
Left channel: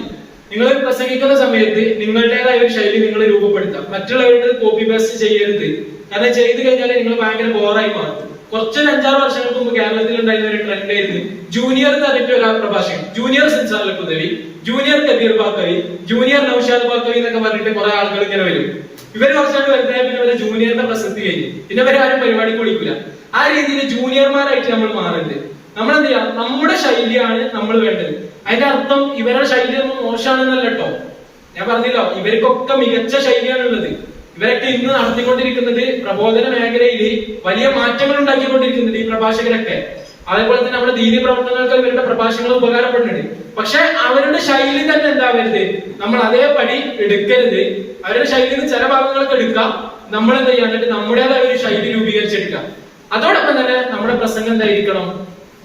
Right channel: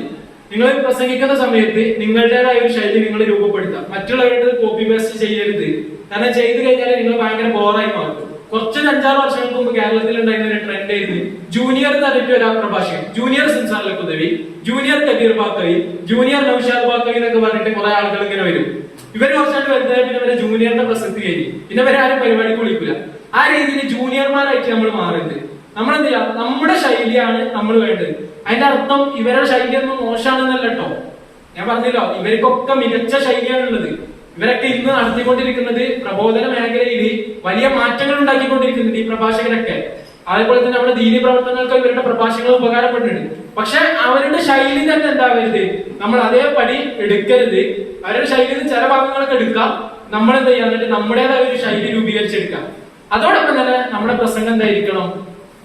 നിങ്ങൾ പ്രസംഗിക്കുന്ന സമയത്ത് നിങ്ങളുടേതായ ഒരു ശൈലി നിങ്ങൾ രൂപപ്പെടുത്താം. മറ്റുള്ളവരുടെ കോപ്പി പേസ്റ്റ് ചെയ്യരുത്. കാരണം ചെയ്തു കഴിഞ്ഞാൽ നിങ്ങൾ ഭയങ്കര ബോറായി മാറും. കുറച്ചൊരു 5-6 വർഷങ്ങൾക്ക് മുമ്പ് കേരളത്തിൽ ഉണ്ടായിരുന്ന ഒരു ട്രെൻഡ് ആയിരുന്നു ജൂനിയർ എന്ന് പറഞ്ഞിട്ട് ഒരു പ്രഭാഷകൻ, ജൂനിയർ സിംസാലക്കുതവി, ജൂനിയർ കബീർ ബാക്കവി, ജൂനിയർ നൗഷാദ് ബാക്കവി എന്നൊക്കെ പറഞ്ഞിട്ട് കുറെ ആളുകൾ ഇങ്ങനെ വരും. ഇവര് കുറച്ചായിട്ട് വരുന്നതായി പിന്നെ ഇവരെ ജൂനിയറിന്റെ പ്രസക്തി കഴിഞ്ഞു, പിന്നെ ഇവരെ ആരും പരിപാടിക്ക് വിളിക്കില്ല. ആ രീതിയിൽ ജൂനിയർമാരായിട്ട് നമ്മൾ മാറരുത്. നമ്മൾ എന്ത് ചെയ്യാം, നമ്മുടെ ശൈലിയാണ് നമ്മൾ വേണ്ടത്. അതിന്റെ അർത്ഥം ഇവരുടെ ശൈലിയൊന്നും മോശമാണെന്നല്ല കേട്ടോ. ഞാൻ പറഞ്ഞല്ലോ, ഇവർക്കൊക്കെ മികച്ച ശൈലിയാണുള്ളത്. ഇവരൊക്കെ ഇന്ന് നടത്തിക്കൊണ്ടിരിക്കുന്നത് പ്രബോധന മേഖലയിൽ വലിയ മാറ്റങ്ങൾ ഉണ്ടാക്കിക്കൊണ്ടിരിക്കുന്നുണ്ട് ഈ പ്രഭാഷകരൊക്കെ. അതേപോലെ തന്നെ നമ്മുടെ ദീനി പ്രവർത്തനങ്ങൾക്ക് ഇവരുടെ പ്രഭാഷണങ്ങൾ ഉപകാരപ്പെടുന്നുണ്ട്. പക്ഷെ അവരുടെ ശൈലി തന്നെ എന്താവരുത്, നമ്മൾ അതേപടി എടുക്കരുത്. അവരുടെ ശൈലിയിൽ ചില ഭാഗങ്ങളൊക്കെ എടുക്കാം, നമ്മൾ എന്ത് ചെയ്യാം, എന്നിട്ട് നമ്മുടേതായ ഒരു ശൈലി രൂപീകരിച്ചെടുക്കാം. അതോടൊപ്പം തന്നെ നമ്മുടെ പ്രസംഗം എന്തായിരിക്കണം,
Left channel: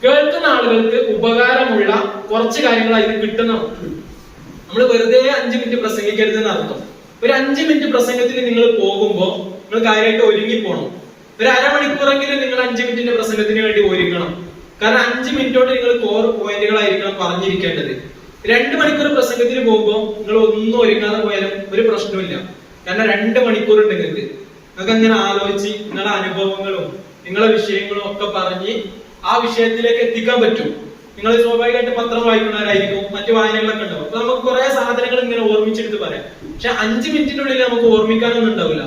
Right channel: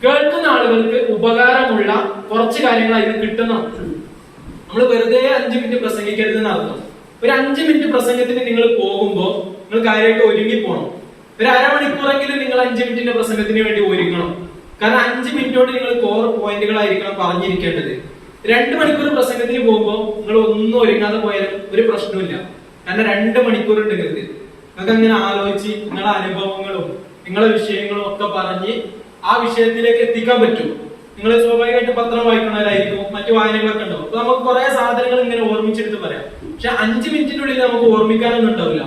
കേൾക്കുന്ന ആളുകൾക്ക് ഉപകാരമുള്ള കുറച്ച് കാര്യങ്ങൾ അതിന് കിട്ടണം. നമ്മൾ വെറുതെ 5 മിനിറ്റ് പ്രസംഗിക്കരുതെന്ന് അർത്ഥം. ഒരു 5 മിനിറ്റ് പ്രസംഗത്തിന് നിങ്ങൾ പോകുമ്പോൾ നിങ്ങൾ കാര്യമായിട്ട് ഒരുങ്ങി പോകണം. ഒരു അരമണിക്കൂറെങ്കിലും നിങ്ങൾ 5 മിനിറ്റിന്റെ പ്രസംഗത്തിന് വേണ്ടി ഒരുങ്ങണം. കാരണം 5 മിനിറ്റോട് നിങ്ങൾ കോർ പോയിന്റുകളായിരിക്കണം പറഞ്ഞിരിക്കേണ്ടത്. 2 മണിക്കൂർ പ്രസംഗത്തിന് പോകുമ്പോൾ നിങ്ങൾ ഒന്നും ഒരുങ്ങാതെ പോയാലും ഒരു പ്രശ്നമില്ല. കാരണം 2 മണിക്കൂറുണ്ട് നിങ്ങൾക്ക്. നിങ്ങൾക്ക് അങ്ങനെ ആലോചിച്ച് നിങ്ങളുടെ അനുഭവങ്ങളും നിങ്ങളുടെ വിഷയങ്ങളും ഒക്കെ പറഞ്ഞ് ആ വിഷയത്തിലേക്ക് എത്തിക്കാൻ പറ്റും. നിങ്ങൾ സ്വാഭാവികമായിട്ട് പത്രം വായിക്കുന്നവരായിരിക്കും, മറ്റു വായനകളൊക്കെ ഉണ്ടാവും. അപ്പൊ നമുക്ക് കുറെ സാധനങ്ങൾ ഇങ്ങനെ ഓർമ്മിച്ചെടുത്ത് പറയാം. പക്ഷെ 5 മിനിറ്റിനുള്ളിൽ നമുക്ക് ഓർമ്മിക്കാനൊന്നും ഉണ്ടാവില്ല.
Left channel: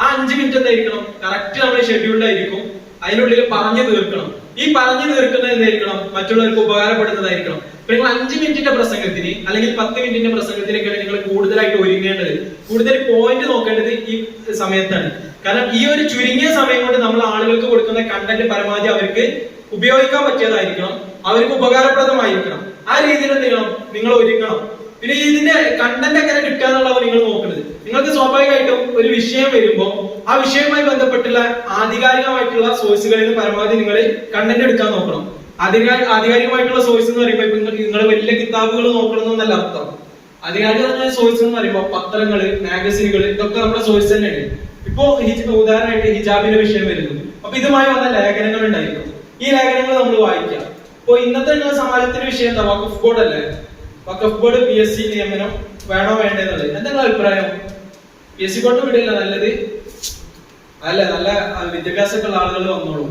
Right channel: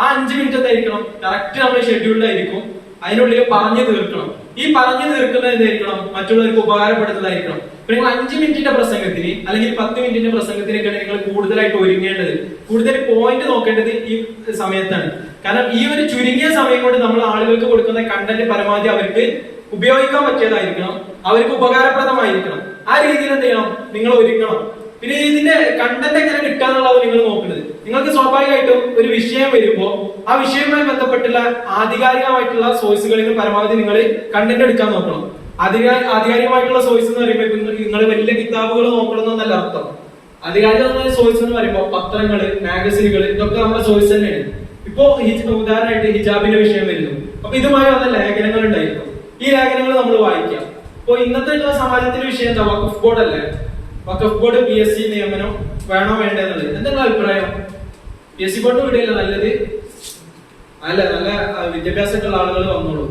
ആ 5 മിനിറ്റ് എന്തായിരിക്കണം, കറക്റ്റ് നമ്മൾ ഷെഡ്യൂൾഡ് ആയിരിക്കും, അതിനുള്ളിൽ പറഞ്ഞു തീർക്കണം. ഈ പറഞ്ഞു തീർക്കുന്നത് എന്തായിരിക്കണം? മറ്റുള്ളവർക്ക് ഉപകാരപ്പെടുന്നതായിരിക്കണം. ഇപ്പൊ നിങ്ങൾ 5 മിനിറ്റിന്റെ പ്രസംഗത്തിന് അല്ലെങ്കിൽ 10 മിനിറ്റിന്റെ പ്രസംഗത്തിനൊക്കെയാണ് നിങ്ങൾ കൂടുതലായിട്ട് ഒരുങ്ങേണ്ടത്, കൂടുതൽ പോയിന്റ് നോക്കേണ്ടത് ഈ സമയത്താണ്. കാരണം ഈ ഒരു ചുരുങ്ങിയ സമയം കൊണ്ട് നമ്മൾ ആളുകൾക്ക് കൊടുക്കുന്ന കണ്ടന്റ് പരമാവധി അവർക്ക് ഉപയോഗിക്കാൻ പറ്റിയതായിരിക്കണം, അവർക്ക് ഉപകാരപ്രദമായിരിക്കണം. ആ രീതിയിൽ എന്ത് ചെയ്യണം? നിങ്ങൾ ഒരുങ്ങണം. പിന്നെ ഇതിന്റെ കണ്ടന്റ് എങ്ങനെ കിട്ടുക എന്നുള്ളത് നിങ്ങൾ നോക്കുന്നത്. നിങ്ങൾക്ക് സ്വാഭാവികമായിട്ടും ഒരു വിഷയം വരുമ്പോൾ ആ വിഷയവുമായി ബന്ധപ്പെട്ടുള്ള ആധികാരികമായിട്ടുള്ള സോഴ്സുകളിൽ നിന്ന് പരമാവധി നിങ്ങൾ കണ്ടന്റ് എടുക്കാൻ നോക്കണം. ആധികാരികമായിട്ടുള്ള സോഴ്സ് എന്ന് പറയുമ്പോൾ നിങ്ങൾ വലിയ കിതാബുകൾ നോക്കണം എന്നല്ല അർത്ഥം. ആധികാരികമായ സോഴ്സ് എന്ന് പറയുമ്പോൾ പത്രങ്ങള്, മാഗസിനുകൾ, ഇതൊക്കെ നമ്മുടെ സോഴ്സ് തന്നെയാണ്. ഇപ്പോ ഉദാഹരണമായിട്ട് ഹിജാബിന്റെ വിഷയം വരുന്നു, അപ്പൊ ഇതുമായി വന്ന ലേഖനങ്ങൾ ഉണ്ടായിരിക്കും. ഈ ലേഖനങ്ങൾ നമ്മൾ വായിക്കാം. ഇപ്പൊ ഇന്നത്തെ നിങ്ങളുടെ സമാജത്തിന്റെ വിഷയം എന്താ? വഖഫ് ബോർഡ് അല്ലേ? വഖഫ് ബോർഡ് PSC നിയമനം വേണോ വേണ്ടെന്നുള്ളത് എന്താണ് അഭിപ്രായം? PSC ബോർഡ് വിടുകയല്ല നല്ലത്? അല്ല, നല്ല വിദ്യാഭ്യാസമുള്ള ആളുകൾ വന്നോളൂ.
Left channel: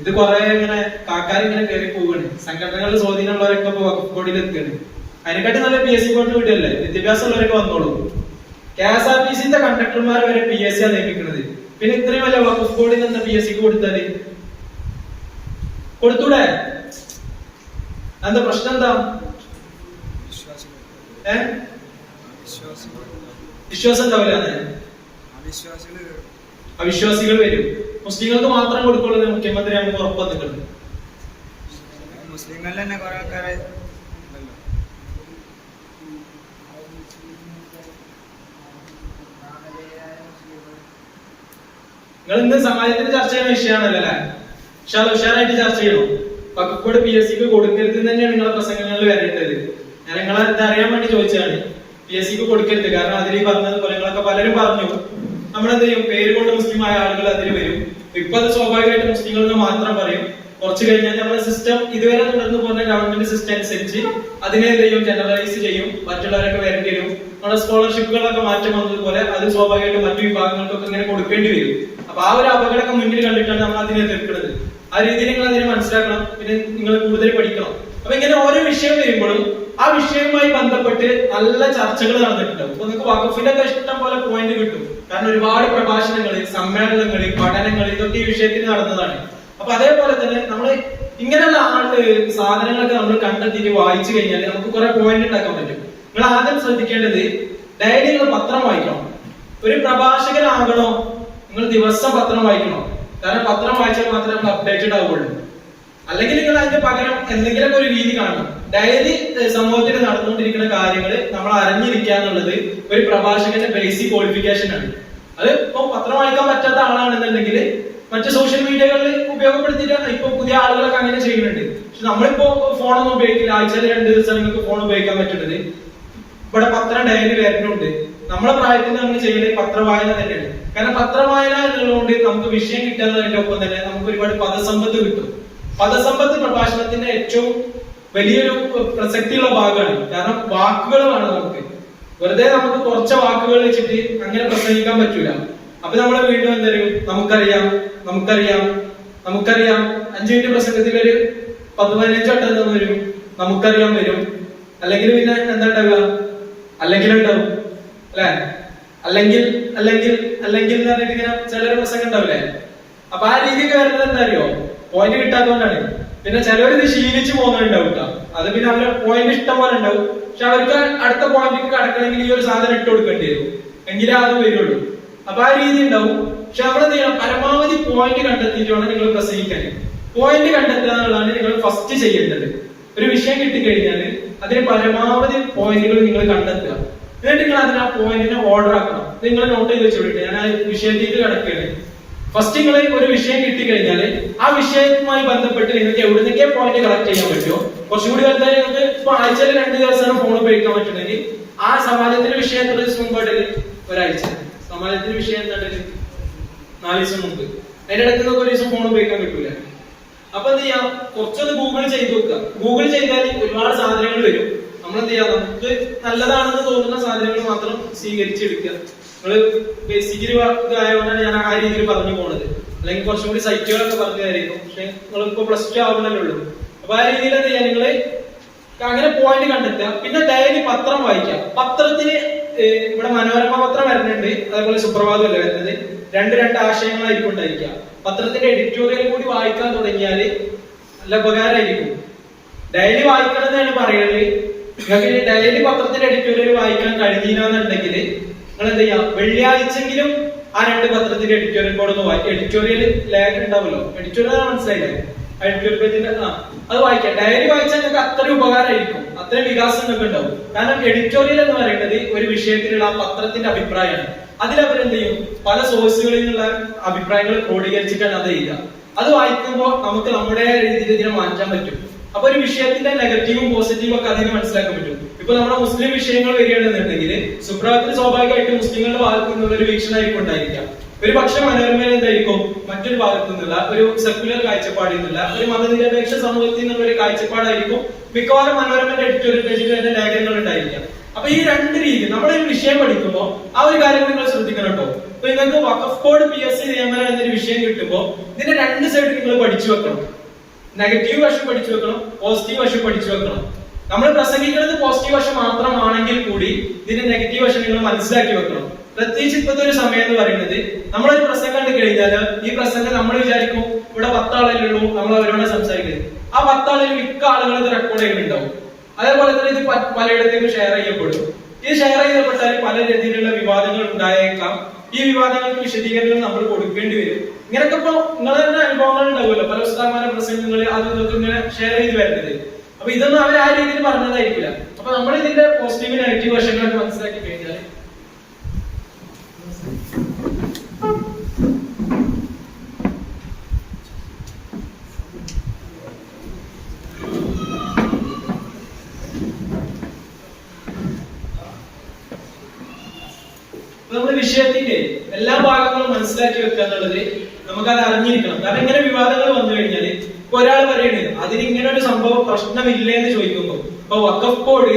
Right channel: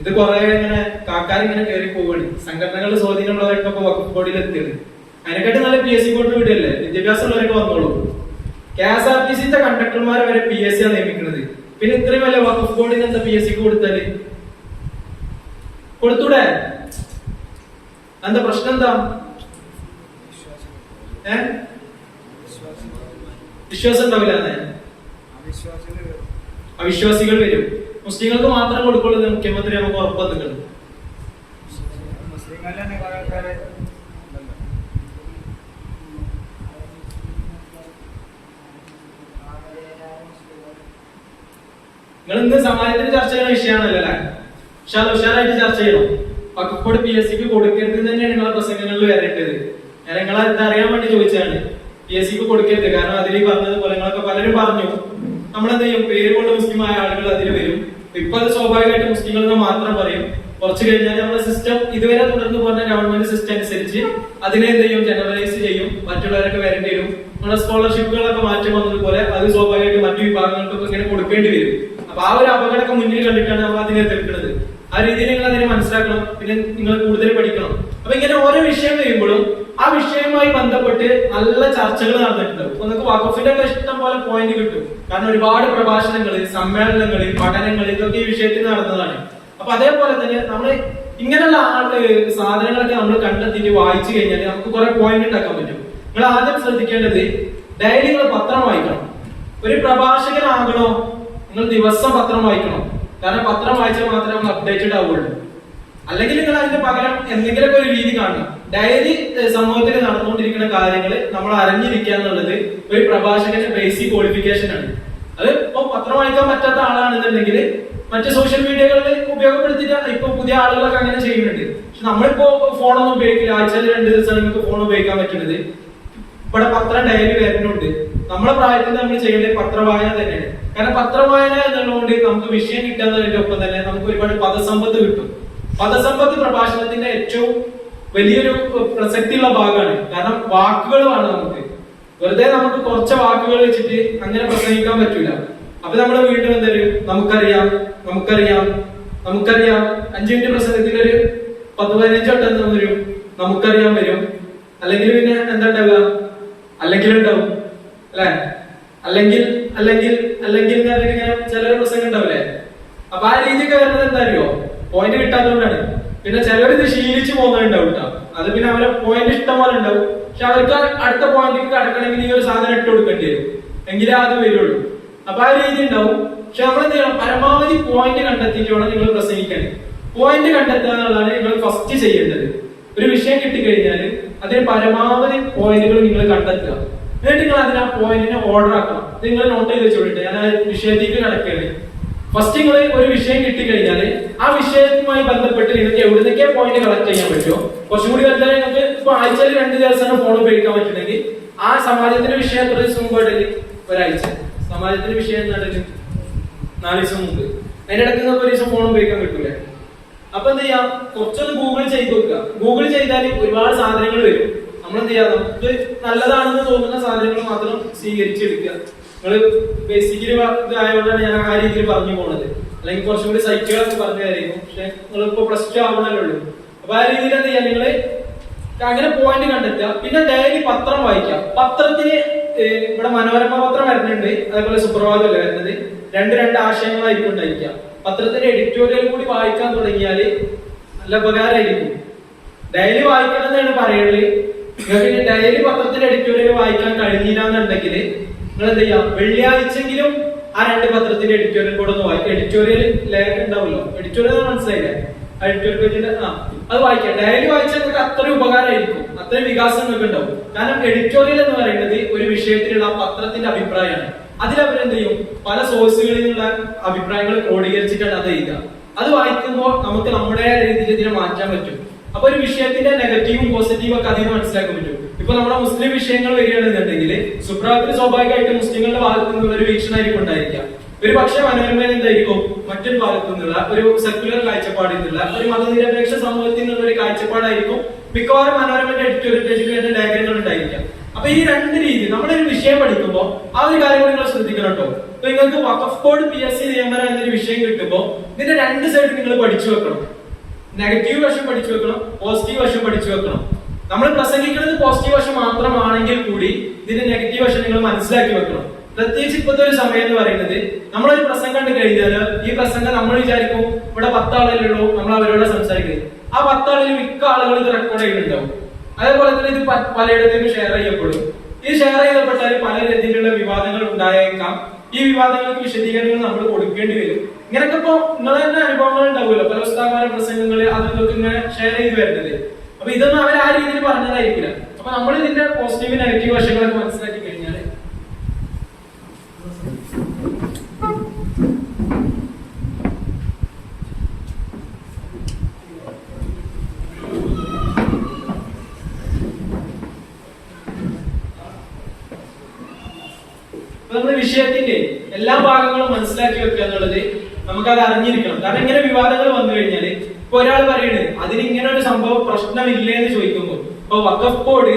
ഇത് കുറെ ഇങ്ങനെ കാക്കാരിങ്ങനെ കയറി പോവുകയാണ്. സംഘടനകളുടെ സ്വാധീനമുള്ളവരൊക്കെ ഇപ്പൊ വഖഫ് ബോർഡിൽ എത്തിയാണ്. അതിനെക്കാട്ടി നല്ല PSC ബോർഡ് വിടുകയല്ലേ? വിദ്യാഭ്യാസമുള്ളവരൊക്കെ വന്നോളൂ. KSRTC കണ്ടക്ടർമാരെ വരെ PSC ആണ് നിയമിക്കുന്നത്. പിന്നെ ഇത്രയും വല്ല വഖഫ് ബോർഡിൽ എന്താ PSC കൊടുത്താല്? കൊടുത്തൂടെ? എന്താ പ്രശ്നം? എന്താ വിശ്വാസം ഉണ്ടാവില്ല, അവിശ്വാസികൾ വരും. മുസ്ലിങ്ങൾക്ക് മാത്രം കൊടുക്കുള്ളത് മുഖ്യമന്ത്രി നമുക്ക് ഉറപ്പ് വന്നിട്ടുണ്ട്. നിങ്ങൾ എന്ത് സമാജത്തിന് ചർച്ച ചെയ്യുന്ന വിഷയമാണല്ലോ അല്ലെ? ഉഷാറായിട്ട് ചർച്ച ചെയ്യണം. വഖഫ് ബോർഡ് PSCക്ക് കൊടുക്കരുത് തന്നെയാണ് നിങ്ങളെ പ്രസംഗങ്ങളിൽ വരേണ്ടത്. ഞാൻ നിങ്ങളെ അറിയാൻ വേണ്ടി ചോദിച്ചതാണ്. PSCക്ക് കൊടുക്കരുത്. കാരണം അതിൽ പറഞ്ഞത് പോലെ നിങ്ങളൊക്കെ പലരും പറഞ്ഞു, നമ്മളെന്ത് ചെയ്യും? പേര് കൊണ്ട് മുസ്ലിം ആയ ആളുകൾ അതിൽ വരും. ഇപ്പൊ അത് സ്വാഭാവികമായിട്ട് മുസ്ലിങ്ങൾക്ക് മാത്രം പറയും. കുറച്ച് കഴിഞ്ഞാൽ നമ്മുടെ സിസ്റ്റം ഇതുവരെ തുടർന്ന് പോകുന്ന ഗവൺമെന്റ് സിസ്റ്റം അനുസരിച്ച് അതിനെ എന്ത് ചെയ്യും? ജനറലൈസ് ചെയ്യും. മറ്റുള്ളവരൊക്കെ വരേണ്ടി വരും. നമ്മുടെ സ്കോളർഷിപ്പുകളൊക്കെ മാറ്റം വന്നതുപോലെ അത് സ്വാഭാവികമായിട്ട് മറ്റു വിഭാഗങ്ങൾക്കൊക്കെ ഇങ്ങനെ കൊടുക്കേണ്ടി വരും. അപ്പൊ ആ ഒരു അപകടമൊക്കെ മുന്നിൽ കണ്ടിട്ടാണ് നമ്മൾ അതിനെ എതിർക്കുന്നത്. ആ രീതിയിൽ നിങ്ങൾ അതിനെ മനസ്സിലാക്കണം. പിന്നെ നിങ്ങൾ കൂടുതൽ പഠിക്കണം. അപ്പൊ ഇങ്ങനെ ഓരോ വിഷയം വരുമ്പോഴും ആ വിഷയവുമായി ബന്ധപ്പെട്ട് നല്ല ചർച്ചകൾ നടന്നിട്ടുണ്ടാവും. അപ്പൊ നിങ്ങൾക്ക് വഖഫിന്റെ ഇഷ്ടം പോലെ പോയിന്റ് കിട്ടും. കാരണം ഒരുപാട് പ്രഭാഷണങ്ങള്, സമ്മേളനങ്ങള്, പഠനങ്ങൾ, ഇതൊക്കെ ഈ വിഷയത്തിൽ നടന്നതാണ്. അപ്പൊ അതേപോലെ തന്നെ നമ്മൾ ഇങ്ങനെയുള്ള സാധനങ്ങളൊക്കെ നമ്മൾ കണ്ടെത്തിയിട്ട് വായിച്ചു കഴിഞ്ഞാൽ നമുക്ക് കുറെ പോയിന്റ് ഉണ്ടാക്കാൻ പറ്റും. നിങ്ങൾ ആദ്യം ശ്രദ്ധിക്കേണ്ടത് ഡെയിലി നിങ്ങൾ പത്രം വായിക്കണം. ഒരു പ്രഭാഷകനാകണോ നിങ്ങൾ ദിവസം പത്രം വായിക്കണം. കാരണം പത്രം വായിച്ചാൽ മാത്രമേ നമ്മൾ അപ്ഡേറ്റഡ് ആവുള്ളൂ. അല്ലെങ്കിൽ നിങ്ങൾ അതിന്റെ പകരം എന്തെങ്കിലുമൊക്കെ ഒരു രീതി കാണണം. ഡെയിലി സമൂഹത്തിൽ നടന്നുകൊണ്ടിരിക്കുന്ന കാര്യങ്ങൾ നമ്മൾ അറിഞ്ഞിരിക്കുക എന്നുള്ളത് ഒരു പ്രഭാഷകന്റെ ബേസിക് ക്വാളിഫിക്കേഷൻ ആണ്. അത് ഇപ്പൊ പത്രം വായിക്കാൻ പറ്റാത്ത ആളാണെന്നുണ്ടെങ്കിൽ മറ്റു സോഷ്യൽ മീഡിയകളിൽ ഉപയോഗപ്പെടുത്തിയിട്ട് ഇപ്പൊ പുതിയ ആളുകളൊക്കെ അങ്ങനെ ചെയ്യുന്നുണ്ട്. പക്ഷെ നമ്മളിപ്പോ ഫോണൊന്നും ഉപയോഗിക്കില്ല. ആഴ്ചയിൽ 2 ദിവസം നിങ്ങൾക്ക് ഫോൺ ഉപയോഗിക്കാൻ പറ്റുന്നത്. ഇവിടെ പത്രം ഡെയിലി വരുന്നുണ്ട്. നമ്മളെ പ്രായത്തിൽ നമ്മൾ ചെയ്യേണ്ടത് പത്രവായന തന്നെയാണ്. കാരണം പത്രവായന എന്നുള്ളതുകൊണ്ട് നമുക്ക് വിഷയം കിട്ടുന്നതിന്റെ ഒപ്പം തന്നെ നമുക്ക് ഒരുപാട് പദസമ്പത്ത് കിട്ടും. പദസമ്പത്ത് പ്രഭാഷണത്തിന്റെ ഏറ്റവും വലിയൊരു പ്രസക്തിയുള്ള ഭാഗമാണ്. കാരണം വാക്കുകൾ വേണം നമുക്ക്. വെറുതെ നമുക്ക് കുറച്ച് വാക്കുകൾ വെച്ചിട്ട് അങ്ങനെ പ്രസംഗിക്കാൻ പറ്റൂല. അപ്പൊ നമ്മളെ വീണ്ടും എന്താ വരും? നമുക്കറിയാം 5 മിനിറ്റ് പ്രസംഗത്തിൽ ഒരു 10-15 വട്ടം വരും നമുക്കറിയാം വരും. അല്ലെങ്കിൽ പിന്നെ എന്താ ഉണ്ടാവുക? അല്ലെങ്കിൽ ഉണ്ടാവും അല്ലെ? അല്ലെങ്കിൽ ഇങ്ങനെ ചിലര് പ്രസംഗം ഉണ്ടാവില്ലേ? അപ്പൊ ആ രീതിക്ക് വരുന്നത് എന്താ അറിയോ? പോയിന്റ് കിട്ടാത്തതുകൊണ്ടാണ്. പിന്നെ ചിലവർ ഇത് ശീലിച്ചു പോകുന്നുണ്ടാവും കേട്ടോ. അത് പിന്നെ അവരെ പോയിന്റ് ഇഷ്ടം പോലെ ഉണ്ടാവും. പക്ഷെ അവർക്ക് അടുത്ത പോയിന്റിലേക്ക് കടക്കണമെങ്കിൽ ഈ ഒരു സാധനം ഇട്ട് കൊടുക്കേണ്ടി വരും, എങ്കിലേ അത് വരുള്ളൂ. അപ്പൊ ആ രീതി ഉണ്ടാവും. പക്ഷെ നമ്മൾ എന്ത് ചെയ്യണം? പരമാവധി പോയിന്റ് കണ്ടെത്തിയിട്ട് വേണം നിങ്ങൾ പ്രസംഗിക്കാൻ. പോയിന്റ് കണ്ടെത്തുക എന്നുള്ളതാണ് നിങ്ങൾ ഫസ്റ്റ് ചെയ്യേണ്ടത്. ഒരു വിഷയം കിട്ടിക്കഴിഞ്ഞാൽ അതിന് പരമാവധി പോയിന്റുകൾ നിങ്ങൾ കണ്ടെത്തുക. എന്നിട്ട് നിങ്ങൾ അതിന് ആ പോയിന്റിനെ ഓർഡർ ആക്കണം. നിങ്ങൾ നോട്ട് ചെയ്ത് വെച്ചോട്ടെ. ഞാൻ ആ വിഷയത്തേക്ക് കിടക്കുകയാണ്. ഫസ്റ്റ് നിങ്ങൾ ഒരു വിഷയം കിട്ടിക്കഴിഞ്ഞാൽ ആ വിഷയവുമായി ബന്ധപ്പെട്ട് നിങ്ങൾക്ക് എവിടുന്നൊക്കെ പോയിന്റ് കളക്ട് ചെയ്യാൻ പറ്റുമോ? കുറച്ചും കൂടി വലുതായി നിങ്ങൾക്ക് ഇപ്പൊ ആഴ്ചയിൽ 2 ദിവസമാണ് ഫോൺ ഉപയോഗിക്കാൻ പറ്റുന്നെങ്കിൽ ആ സമാജത്തിന്റെ വിഷയം എത്ര ദിവസം മുമ്പായിട്ടല്ലേ? ഒരാഴ്ച. സമാജത്തിന്റെ വിഷയം എന്താണ്ടല്ലേ? 4 ദിവസം മുമ്പ്. അതിന്റെ ഇടയ്ക്ക് നിങ്ങൾക്ക് ഒരു ദിവസം ഫോൺ ഉപയോഗിക്കാൻ പറ്റൂല. അപ്പൊ എന്ത് ചെയ്യാം? കുറച്ചൊന്ന് ഗൂഗിൾ ചെയ്ത് നോക്കുക. ഗൂഗിൾ ചെയ്താൽ ഒരുപാട് സാധനങ്ങൾ വരും. നമ്മൾ എന്ത് ചെയ്യാം? നമുക്ക് നല്ലതാണെന്ന് തോന്നുന്ന സാധനങ്ങൾ മാത്രം സ്വീകരിച്ചെടുക്കുക. നിങ്ങൾ ബേസിക്കലി ഇതായതുകൊണ്ടാണ് ഞാൻ ആ രീതിയിൽ പറഞ്ഞു പോണത്. അല്ലെങ്കിൽ കുറച്ചും കൂടി സൈറ്റുകളൊക്കെ പറഞ്ഞതായിരുന്നു. പക്ഷെ നിങ്ങളിപ്പോ +2 ആവുന്നല്ലേ ഉള്ളൂ. അപ്പൊ ആ രീതിയിൽ എന്ത് ചെയ്യാം? നിങ്ങള് അങ്ങനെ പോയിന്റ് കണ്ടെത്തുക. പിന്നെ ഡെയിലി പത്രം വായിക്കാം. പത്രത്തിന് ഇവിടെ മനോരമ പത്രം വരുന്നുണ്ട്, അതേപോലെ സുപ്രഭാതം അല്ലേ വരുന്നത്. 2 ആശയങ്ങളായിരിക്കും ഉണ്ടായിരിക്കുക. പത്രത്തിന്റെ എഡിറ്റോറിയൽ കൂടി വായിക്കാൻ തുടങ്ങിയാല് നല്ല ഉപകാരമായിരിക്കും. ഡെയിലി വായിക്കണം എന്നാണ് പറയുന്നത്. നിങ്ങൾക്ക് ഡെയിലി പത്രത്തിന്റെ എഡിറ്റോറിയൽ വായിക്കാൻ കഴിഞ്ഞില്ല എന്നുണ്ടെങ്കിൽ നിങ്ങൾ എന്ത് ചെയ്യാം, വെള്ളിയാഴ്ചെങ്കിലും ആ 2 പത്രത്തിന്റെ എഡിറ്റോറിയൽ കൂടെ ഒന്ന് വായിക്കും. എഡിറ്റോറിയൽ ലേഖനം ഉണ്ടാവുമല്ലോ, എഡിറ്റോറിയൽ മനസ്സിലായില്ലേ, എഡിറ്റോറിയൽ പേജിന്റെ അത് വായിക്കാം. ഡെയിലി വായിച്ചാൽ നിങ്ങൾക്ക് അത്രയും ഉപകാരമായിരിക്കും, അത്രയും വികാസം നിങ്ങൾക്ക് ഉണ്ടാവും. കാരണം എഡിറ്റോറിയൽ എന്ന് പറയുന്നത് ഒരു വിഷയത്തിലുള്ള ആ പത്രത്തിന്റെ അഭിപ്രായമാണ്. അതിലവരെന്ത് ചെയ്യും, പല സോഴ്സുകളിൽ നിന്നുള്ള അഭിപ്രായങ്ങൾ ക്രോഡീകരിച്ചിട്ടാണ് അത് ചെയ്യുക. അത് വായിക്കുമ്പോൾ നമുക്ക് നമ്മുടെ രീതിയിൽ ഇതിനെ മാറ്റാൻ പറ്റും. അപ്പൊ ഒരു വിഷയത്തിന്റെ നെഗറ്റീവും പോസിറ്റീവും ഒക്കെ അതിന് മനസ്സിലാക്കാൻ പറ്റും. ഇപ്പൊ നമ്മുടെ മുസ്ലിം വിഷയങ്ങൾ വരികയാണെന്നുണ്ടെങ്കിൽ സുപ്രഭാതത്തിൽ സ്വാഭാവികമായിട്ട് മുസ്ലിങ്ങളുടെ ഭാഗത്തു നിന്നുള്ള ഒരു വീക്ഷണമായിരിക്കും ഉണ്ടായിരിക്കാം. ഒരു പക്ഷേ മനോരമയിൽ എന്തായിരിക്കും, മറ്റൊരു ഭാഗത്തു നിന്നുള്ള ഒരു സെക്യുലർ കാഴ്ചപ്പാടിൽ നിന്നുള്ള ഒരു മതനിരപേക്ഷ സമൂഹത്തിൽ നിന്നുള്ള ഒരു കാഴ്ചപ്പാടായിരിക്കും മിക്കവാറും മനോരമയുടെ എഡിറ്റോറിയൽ പേജിൽ തന്നെ ലേഖനങ്ങൾ ഉണ്ടായിരിക്കാം. അപ്പൊ ഈ 2 രീതി നമ്മളൊരു വിഷയം പഠിക്കുമ്പോൾ ആ ഒരു കാര്യം നിങ്ങൾ ശ്രദ്ധിക്കണം കേട്ടോ. അപ്പൊ നിങ്ങൾക്ക് വഖഫ് ബോർഡ് PSC നിയമനം എന്നൊരു വിഷയം കിട്ടുമ്പോൾ ഇതിന്റെ 2 സൈഡ് നിങ്ങൾ പഠിച്ചു വെക്കണം. നെഗറ്റീവ് വശം പഠിച്ചു വെക്കണം, പോസിറ്റീവ് വശം പഠിച്ചു വെക്കണം. നമ്മൾ പ്രസംഗിക്കുന്നത് പോസിറ്റീവ് വശം മാത്രമാണെങ്കിൽ കൂടി ഇതിന്റെ നെഗറ്റീവ് വശം നിങ്ങൾ മനസ്സിലാക്കി വെക്കണം. പ്രത്യേകിച്ച് ഇപ്പോഴത്തെ ഒരു സമയം എന്ന് പറയുന്നത്, നമ്മളൊരു പ്രസംഗം കണ്ടു കഴിഞ്ഞാൽ ഈ പ്രസംഗം നമ്മൾ വിചാരിക്കും ഇവിടെ 10 ആളുകളുള്ളൂ, നമ്മൾ അവരോട് സംസാരിക്കുന്നത്. ആ 10 ആളുകൾ മിക്ക ആളുകൾ ഇത് റെക്കോർഡ് ചെയ്യുന്നുണ്ടാവും. അതേപോലെ തന്നെ ഇത് പലയിടത്തേക്കും ഷെയർ ചെയ്യപ്പെടും. ഈ ഷെയർ ചെയ്യപ്പെട്ടാൽ പല രീതിയിലുള്ള വിവാദങ്ങൾ ഉണ്ടായേക്കാം. ഈ വിവാദങ്ങൾക്ക് വിശദീകരണങ്ങൾ നമ്മൾ കൊടുക്കേണ്ടി വരും. ഇങ്ങനെയൊക്കെ ഇപ്പൊ നിങ്ങളെ തന്നെ അനുഭവങ്ങൾ ഉണ്ടാവുമല്ലോ, പല ഉസ്താദന്മാരുടെ പ്രസംഗങ്ങൾ അത് ഇതൊക്കെ ഇങ്ങനെ ഷെയർ ചെയ്ത് വരുന്നത്. അപ്പൊ ഇതൊന്നും അവർ ആ രീതിയിൽ പറഞ്ഞതായിരിക്കില്ല. അപ്പൊ നമ്മൾ ഇതിന്റെ പോസിറ്റീവ് നെഗറ്റീവ് വശങ്ങളൊക്കെ മനസ്സിലാക്കി കഴിഞ്ഞാൽ നമ്മുടെ വിഷയത്തിന്റെ എല്ലാ ഭാഗങ്ങളും മനസ്സിലാക്കി വെക്കുക എന്നുള്ളത് നമുക്കത് അറിഞ്ഞിരിക്കണം. കാരണം ഇങ്ങനെ വിവാദങ്ങൾ വന്നു കഴിഞ്ഞാൽ ഇപ്പൊ ഒരാൾ പറയുന്നത് അതിന് ഇങ്ങനെ ഒരു സംഭവം പ്രശ്നമില്ലേ എന്ന് ചോദിക്കുമ്പോൾ, ഇപ്പൊ വഖഫ് ബോർഡ്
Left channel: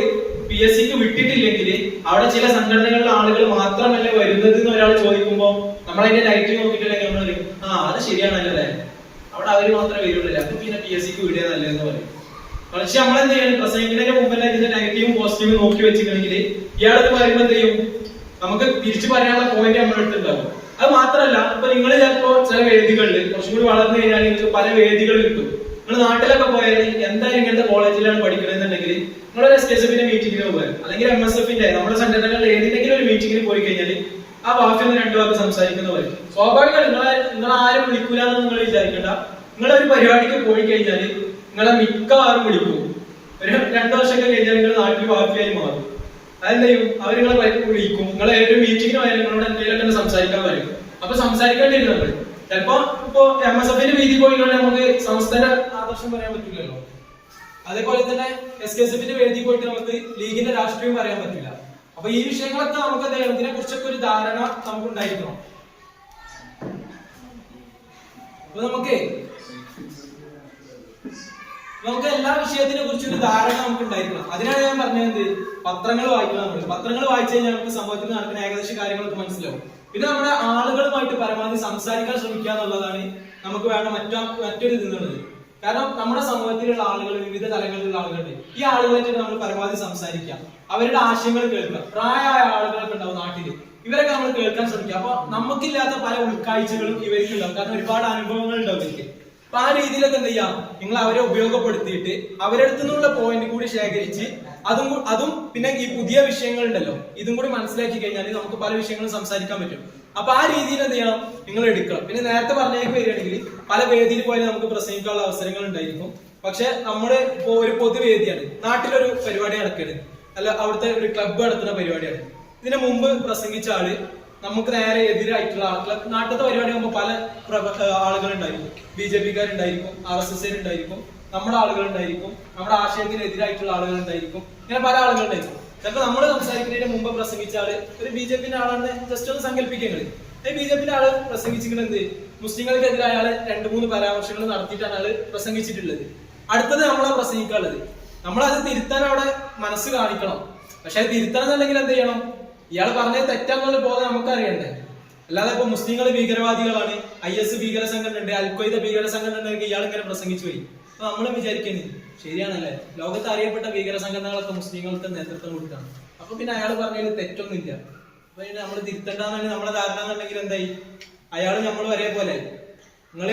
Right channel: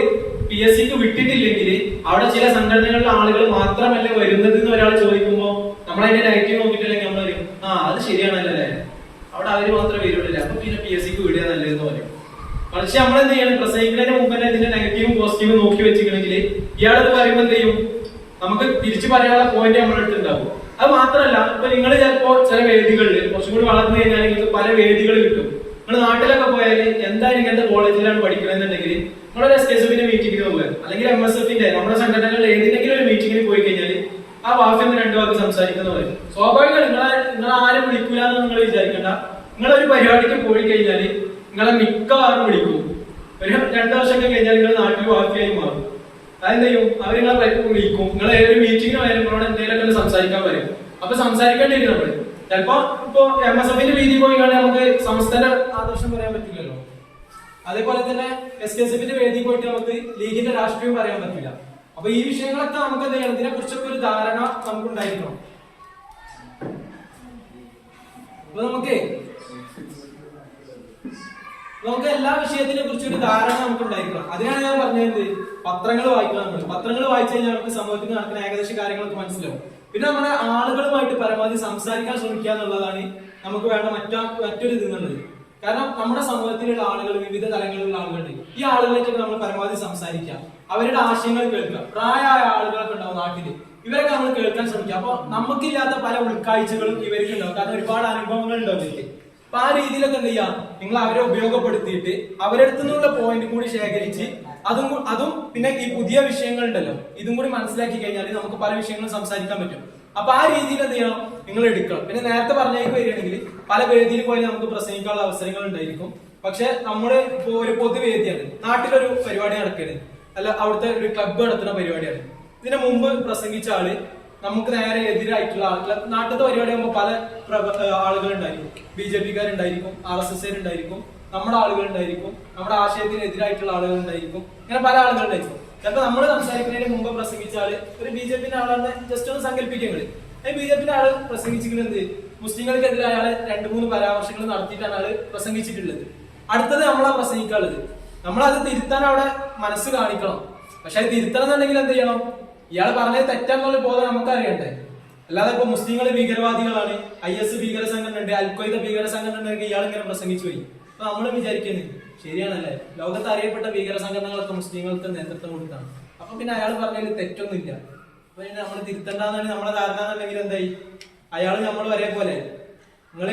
PSCക്ക് വിട്ടിട്ടില്ലെങ്കിൽ അവിടെ ചില സംഘടനകളിലെ ആളുകൾ മാത്രമല്ല വരുന്നത് എന്ന് ഒരാൾ ചോദിക്കുമ്പോൾ നമ്മൾ അതിന്റെ നെഗറ്റീവ് നോക്കിയിട്ടില്ലെങ്കിൽ നമ്മൾ പറയും അത് ശരിയാണല്ലേ, അവിടെ അവര് മാത്രമേ വരുള്ളൂ, അപ്പൊ പിന്നെ PSCക്ക് വിടുക നല്ലതെന്ന് പറയും. പക്ഷെ നമ്മൾ എന്ത് ചെയ്യണം, പ്രസംഗിക്കുന്നതിന് മുമ്പ് തന്നെ ഇതിന്റെ നെഗറ്റീവും പോസിറ്റീവും നോക്കി വെച്ചിട്ടുണ്ടെങ്കിൽ ഇയാളത് പറയുമ്പോൾ എന്ത് ചെയ്യും, നമുക്ക് തിരിച്ചു പറയാനുള്ള പോയിന്റ് നമ്മുടെ അടുത്തുണ്ടാവും. അത് മാത്രമല്ല, ഇപ്പൊ നിങ്ങൾ ചിലപ്പോ ചില വേദികളിൽ കുറച്ചും കൂടി വളർന്നു കഴിഞ്ഞാൽ നിങ്ങൾക്ക് പല വേദികൾ കിട്ടും. നിങ്ങൾ നാട്ടിലൊക്കെ പോയാൽ എന്തായാലും ഇങ്ങനത്തെ കോളേജിലാണ് പഠിക്കണമെന്നുണ്ടെങ്കിൽ നിങ്ങളൊരു SKSFന്റെ മീറ്റിംഗിന് പോകുക, അല്ലെങ്കിൽ MSFന്റെ നമ്മുടെ സംഘടനകളിൽ ഏതെങ്കിലും ഒരു മീറ്റിംഗിന് പോയി കഴിഞ്ഞാൽ ആ വാക്കിൽ 2 വാക്ക് സംസാരിക്കുന്നവർ സ്വാഭാവികമായി നിങ്ങൾ ആരും വിളിക്കൂല എന്ന് നിങ്ങൾ വിചാരിക്കണ്ട. നിങ്ങളൊരു പരിപാടിക്ക് പോയി കഴിഞ്ഞാൽ നിങ്ങളെ മിക്കവാറും വിളിക്കും. ഒരു 2 വർഷമൊക്കെ കഴിഞ്ഞാൽ നിങ്ങൾ നാട്ടിൽ വാക്കിയായി മാറും. അതെന്ത് ചെയ്യും, അവർ നിങ്ങളെ വിളിക്കും. നിങ്ങൾ ഏതൊരു മീറ്റിങ്ങിന് പോയാലും നിങ്ങളോട് എന്തെങ്കിലുമൊക്കെ സംസാരിക്കാൻ പറയും. അപ്പൊ സംസാരിക്കേണ്ടി വരും നമ്മൾ. ചിലപ്പോ ഇപ്പൊ MSFന്റെ രീതി പോയി കഴിഞ്ഞാൽ നമുക്ക് സംസ്ഥാന ആദർശം പറയാൻ പറ്റില്ലല്ലോ. അതേപോലെ തന്നെ SKSFന്റെ വേദി പോയിട്ട് നമുക്ക് ലീഗിന്റെ രാഷ്ട്രീയം പറയാൻ പറ്റില്ല. അപ്പൊ ഈ വിഷയങ്ങളൊക്കെ നമുക്ക് എന്ത് ചെയ്യണം, ഇതിനെ കുറിച്ചൊക്കെ ഒരു ധാരണ നമുക്ക് ഉണ്ടായിരിക്കണം. അപ്പൊ നമുക്ക് എല്ലാ വിഷയത്തിനെ കുറിച്ച് ഒരു ധാരണ നമുക്ക് ഉണ്ടായിരിക്കണം. അതിനാണ് ഞാൻ പറഞ്ഞത് പത്രങ്ങൾ വായിക്കണം. നമ്മൾ പത്രങ്ങൾ വായിച്ചു കഴിഞ്ഞാൽ നമുക്ക് സമൂഹത്തിൽ നടക്കുന്ന ഏകദേശ കാര്യങ്ങളൊക്കെ മനസ്സിലാവും. പിന്നെ നമ്മുടെ ആളുകളുമായിട്ട് പരമാവധി സംസാരിക്കാൻ ശ്രമിക്കുക എന്നുള്ളതാണ് നമുക്ക് വേണ്ട മറ്റൊരു ഇത് എന്നുള്ളത്. കാരണം നമ്മുടെ സമൂഹത്തിലുള്ള ആളുകൾ, വിവിധ തലങ്ങളിലുള്ള ആളുകളുണ്ട്. ഈ ആളുകളായിട്ടൊക്കെ നമ്മൾ പരമാവധി സംസാരിക്കാം, അവരുടെ ആശയങ്ങൾ കേൾക്കുക. പ്രായമായ ആളുകളൊക്കെ ഉണ്ടാവും നാട്ടില്, ഇവരൊക്കെ നമ്മൾ കേൾക്കാൻ ശ്രമിക്കുക. അപ്പൊ നമുക്കില്ലാത്ത പല ഉൾക്കാഴ്ചകളും ഇവർക്ക് ഉണ്ടാവും. കാരണം ഒരുപാട് അനുഭവങ്ങൾ ഉണ്ടാവും ഇവർക്ക്. അപ്പൊ ആ രീതിയിലൊക്കെ എന്ത് ചെയ്യാം, നിങ്ങൾ അവരെ ഉപയോഗപ്പെടുത്തിയിട്ട് അവരടുത്തു നിന്നുള്ള പോയിന്റ് കൂടി ശേഖരിച്ച് അതും പിന്നെ ഈ പുതിയ വിഷയങ്ങൾ ഉണ്ടല്ലോ ഇതും കൂടി മനസ്സിലാക്കി കഴിഞ്ഞാൽ നമുക്ക് പല വിഷയങ്ങളും സംസാരിക്കാൻ പറ്റും. അപ്പൊ ആ രീതിയിൽ എന്ത് ചെയ്യണം, നിങ്ങൾ എടുക്കണം. പിന്നെ നേരത്തെ പറഞ്ഞേക്ക് വരികയാണെങ്കിൽ പല വേദിയിൽ പോയാൽ നമുക്ക് പ്രസംഗിക്കാനുള്ള അവസരങ്ങൾ ഉണ്ടായിരിക്കും. പക്ഷെ നമ്മുടെ ഇപ്പോ ഒരു പൊതുവേദിയാണ്, നാട്ടിലൊരു പരിപാടി നടക്കുകയാണ്, അല്ല അവിടുത്തെ ഒരു ക്ലബ്ബ് നടത്തുന്ന പരിപാടിയാണ്. ഇതിനു മുമ്പ് പ്രസംഗിച്ച ആള് നമുക്ക് നേരെ എതിരായിട്ടുള്ള ആളുകൾ, നാട്ടിലത്തെ പരിപാടി ആകുമ്പോൾ പല ആളുകൾ ഉണ്ടായിരിക്കും. BJPക്കാരുണ്ടായിരിക്കും, RSSകാരുണ്ടായിരിക്കും, നമ്മുടെ ആളുകൾ ഉണ്ടായിരിക്കും, നമ്മുടെ ആശയത്തിന് എതിരായിട്ടുള്ള ആളുകൾ ഉണ്ടായിരിക്കും. ഇങ്ങനെ പല ആളുകൾ ഉണ്ടായിരിക്കും. ചിലപ്പോൾ നമ്മൾ സംസാരിക്കുന്നതിന് മുമ്പ് പ്രസംഗിച്ച ആള് ഒരു BJPന്റെ ആളാണെന്ന് ജസ്റ്റ് ഒന്ന് സങ്കല്പിക്കുന്നത്. ഈ BJPന്റെ ആള് പ്രസംഗിച്ചിരിക്കുന്നത് മുസ്ലിങ്ങൾക്കെതിരായ ആള് 2-3 പരാമർശങ്ങൾ നടത്തിയിട്ടാണ് ആള് പ്രസംഗിച്ചിട്ടുള്ളത്. അടുത്തത് നമ്മളാ പ്രസംഗിക്കാനുള്ളത്. നമ്മളത് തിരുത്താൻ അവിടെ മനസ്സ് കാണിക്കണം. പക്ഷെ അത് തിരുത്തണം എന്നുണ്ടെങ്കിൽ എന്ത് ചെയ്യണം, ഇയാൾ പറഞ്ഞത് തെറ്റാന്നുള്ള ബോധം നമുക്കറിയണ്ടേ. അല്ലാതെ ഇപ്പൊ മുസ്ലിങ്ങൾ ഭീകരവാദികളാണ്, IS ഭീകര സംഘടന ഉണ്ട്, അൽഖ്വയ്ദ ഭീകര സംഘടന ഉണ്ടെങ്കിൽ ഇയാൾ ഇങ്ങനെ പ്രസംഗിച്ചു പോയി. അപ്പൊ നമ്മൾ വിചാരിക്കുന്നത് ശരിയാണല്ലേ, ലോകത്ത് അറിയപ്പെട്ട ഭീകര സംഘടനകളൊക്കെ മുസ്ലിങ്ങൾക്ക് നേതൃത്വം കൊടുത്താണ്. അപ്പൊ പിന്നെ അയാൾ പറഞ്ഞതിൽ തെറ്റൊന്നുമില്ല. അപ്പൊ നമ്മൾ തിരുത്തണ്ടെന്നാണ് നമ്മളെ ധാരണ എന്നുണ്ടെങ്കിൽ എന്തായി, അയാൾ നമ്മൾ ഒരേപോലെ. നിങ്ങൾ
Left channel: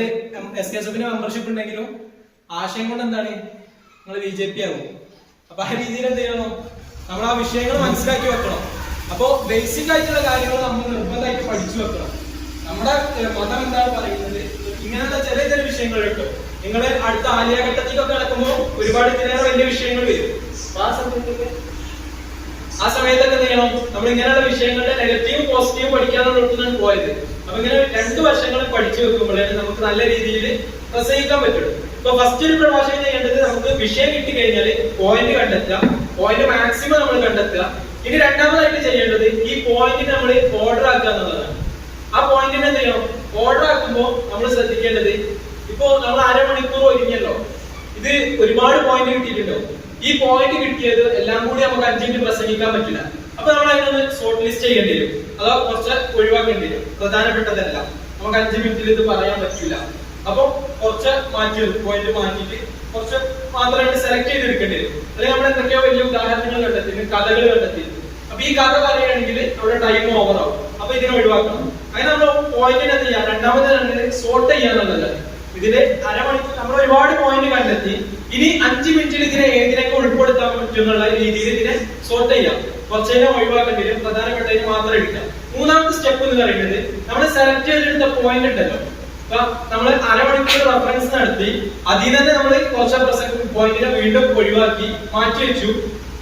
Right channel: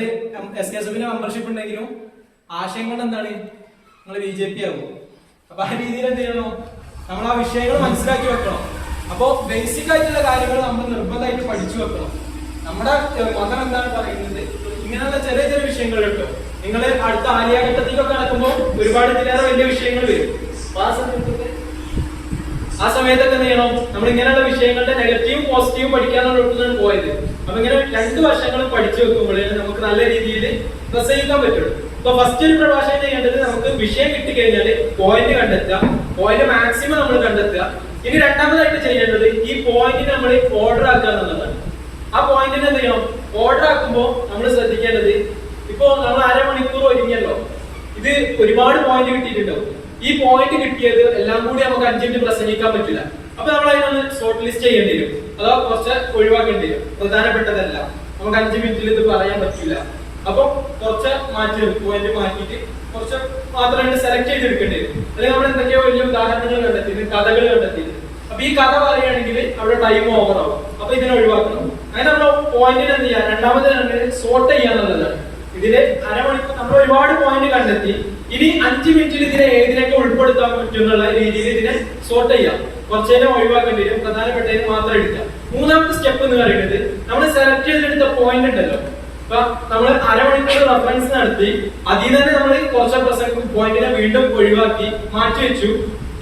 SKSF മെമ്പർഷിപ്പ് ഉണ്ടെങ്കിലും ആശയം കൊണ്ട് എന്താണ് നിങ്ങൾ BJP ആകും. അപ്പൊ ആ രീതിയിൽ എന്ത് ചെയ്യണം, നമ്മൾ ആ വിഷയങ്ങൾ മനസ്സിലാക്കി വെക്കണം. അപ്പോ ബേസിക് ആയിട്ടുള്ള കാര്യങ്ങൾ നമ്മൾ നിർബന്ധമായിട്ട് പഠിച്ചു വെക്കണം. നമ്മുടെ മതം എന്താണ് പറയുന്നത്, ഇങ്ങനെയുള്ള ചെറിയ ചെറിയ വിഷയങ്ങൾ കേട്ടോ. നിങ്ങൾ അടുത്ത ആലിയ ഘട്ടത്തിലൊക്കെ നടക്കുമ്പോൾ ഒരുപാട് ഇതിലേറെ വലിയ വിഷയങ്ങൾ വരും. ആ സമയത്തൊക്കെ എന്ത് ചെയ്യണം, നമ്മൾ ഇങ്ങനെയുള്ള വിഷയങ്ങളുടെ നെഗറ്റീവും പോസിറ്റീവും പഠിക്കാനുള്ള പോയത്. അപ്പൊ ഇങ്ങനെ 2 വർഷങ്ങൾ പഠിച്ചു വെക്കുമ്പോഴേ നമുക്ക് നല്ല രീതിയിൽ പ്രസംഗിക്കാൻ പറ്റുള്ളൂ. ഇപ്പൊ ഫസ്റ്റ് ഒരു പ്രഭാഷണം ചെയ്യേണ്ടത് നമുക്ക് വിഷയം കിട്ടിക്കഴിഞ്ഞാൽ പോയിന്റ് കണ്ടെത്തുക, പോയിന്റ് മാക്സിമം നമ്മൾ കണ്ടെത്തുക. ഇനി രണ്ടാമതായിട്ട് ചെയ്യേണ്ടത് ഈ പോയിന്റ് നമ്മൾ ഓർഡർ ആക്കുക എന്നുള്ളതാണ്. ആ പോയിന്റിനെ എന്ത് ചെയ്യണം, ഓർഡർ ആക്കുമ്പോൾ നമ്മൾ ശ്രദ്ധിക്കേണ്ടത്, ഇപ്പോ നമ്മൾ അരമണിക്കൂർ ഒരുങ്ങിയല്ലോ, ഇത് ഒരുപാട് പോയിന്റ് കിട്ടിയിട്ടുണ്ടാവും. ഈ പോയിന്റ് കിട്ടിയത് എല്ലാം കൂടി നമുക്ക് 5 മിനിറ്റ് പ്രസംഗിക്കാൻ പറ്റില്ല. അപ്പൊ നമ്മൾ അതിനൊന്ന് ഷോർട്ട് ലിസ്റ്റ് ചെയ്യേണ്ടി വരും, അതോ കുറച്ച് ഒഴിവാക്കേണ്ടി വരും. പ്രധാനപ്പെട്ടതല്ല നമുക്ക് 5 മിനിറ്റിൽ ഇത് പറയാൻ പറ്റില്ല. അപ്പൊ കുറച്ച് പോയിന്റ് മാറ്റിയിട്ട് കുറച്ച് മാത്രമേ സെലക്ട് ചെയ്തെടുക്കേണ്ടി വരും. അല്ലെങ്കിൽ നമ്മൾ എന്തൊക്കെയോ വലിയ ഉദാഹരണങ്ങൾ കണ്ടെത്തി, കഥകൾ കണ്ടെത്തി. അപ്പൊ ഈ കഥ പറയുകയാണെങ്കിൽ അവിടെ ടൈം ഓവർ ആവും. അപ്പൊ ഇതിനെ ഒഴിവാക്കണം. അങ്ങനെ നമ്മൾ പോയിന്റിന് എന്ത് ചെയ്യാം, രണ്ടാമത് സോർട്ട് ചെയ്യാന്നുള്ളതാണ്. ഇതില് അരമണിക്കൂർ നമ്മൾ ഒരുപാട് പോയിന്റ് കണ്ടെത്തി. ഇനി 5 മിനിറ്റിൽ ഇതിനെ ഏതിനൊക്കെ ഉൾപ്പെടുത്താൻ പറ്റുന്നുള്ള രീതിയിൽ ഇതിനെ സോർട്ട് ചെയ്യാം. കുറച്ചേനെ ഒഴിവാക്കേണ്ടി വരും, പ്രധാനപ്പെട്ടതിന് മാത്രം എടുക്കാം. മൂന്നാമത്തെ സ്റ്റെപ്പ് എന്ന് പറയുന്നത് നമ്മൾ സെലക്ട് ചെയ്തെടുത്ത പോയിന്റ് ഉണ്ടല്ലോ. അപ്പൊ നമ്മൾ അരമണിക്കൂർ റെഫറൻസ് നടത്തി, അതിൽ തന്നെ നമ്മൾ കുറച്ച് പോയിന്റിനെ വീണ്ടും ഒഴിവാക്കി മാറ്റി വെച്ചു.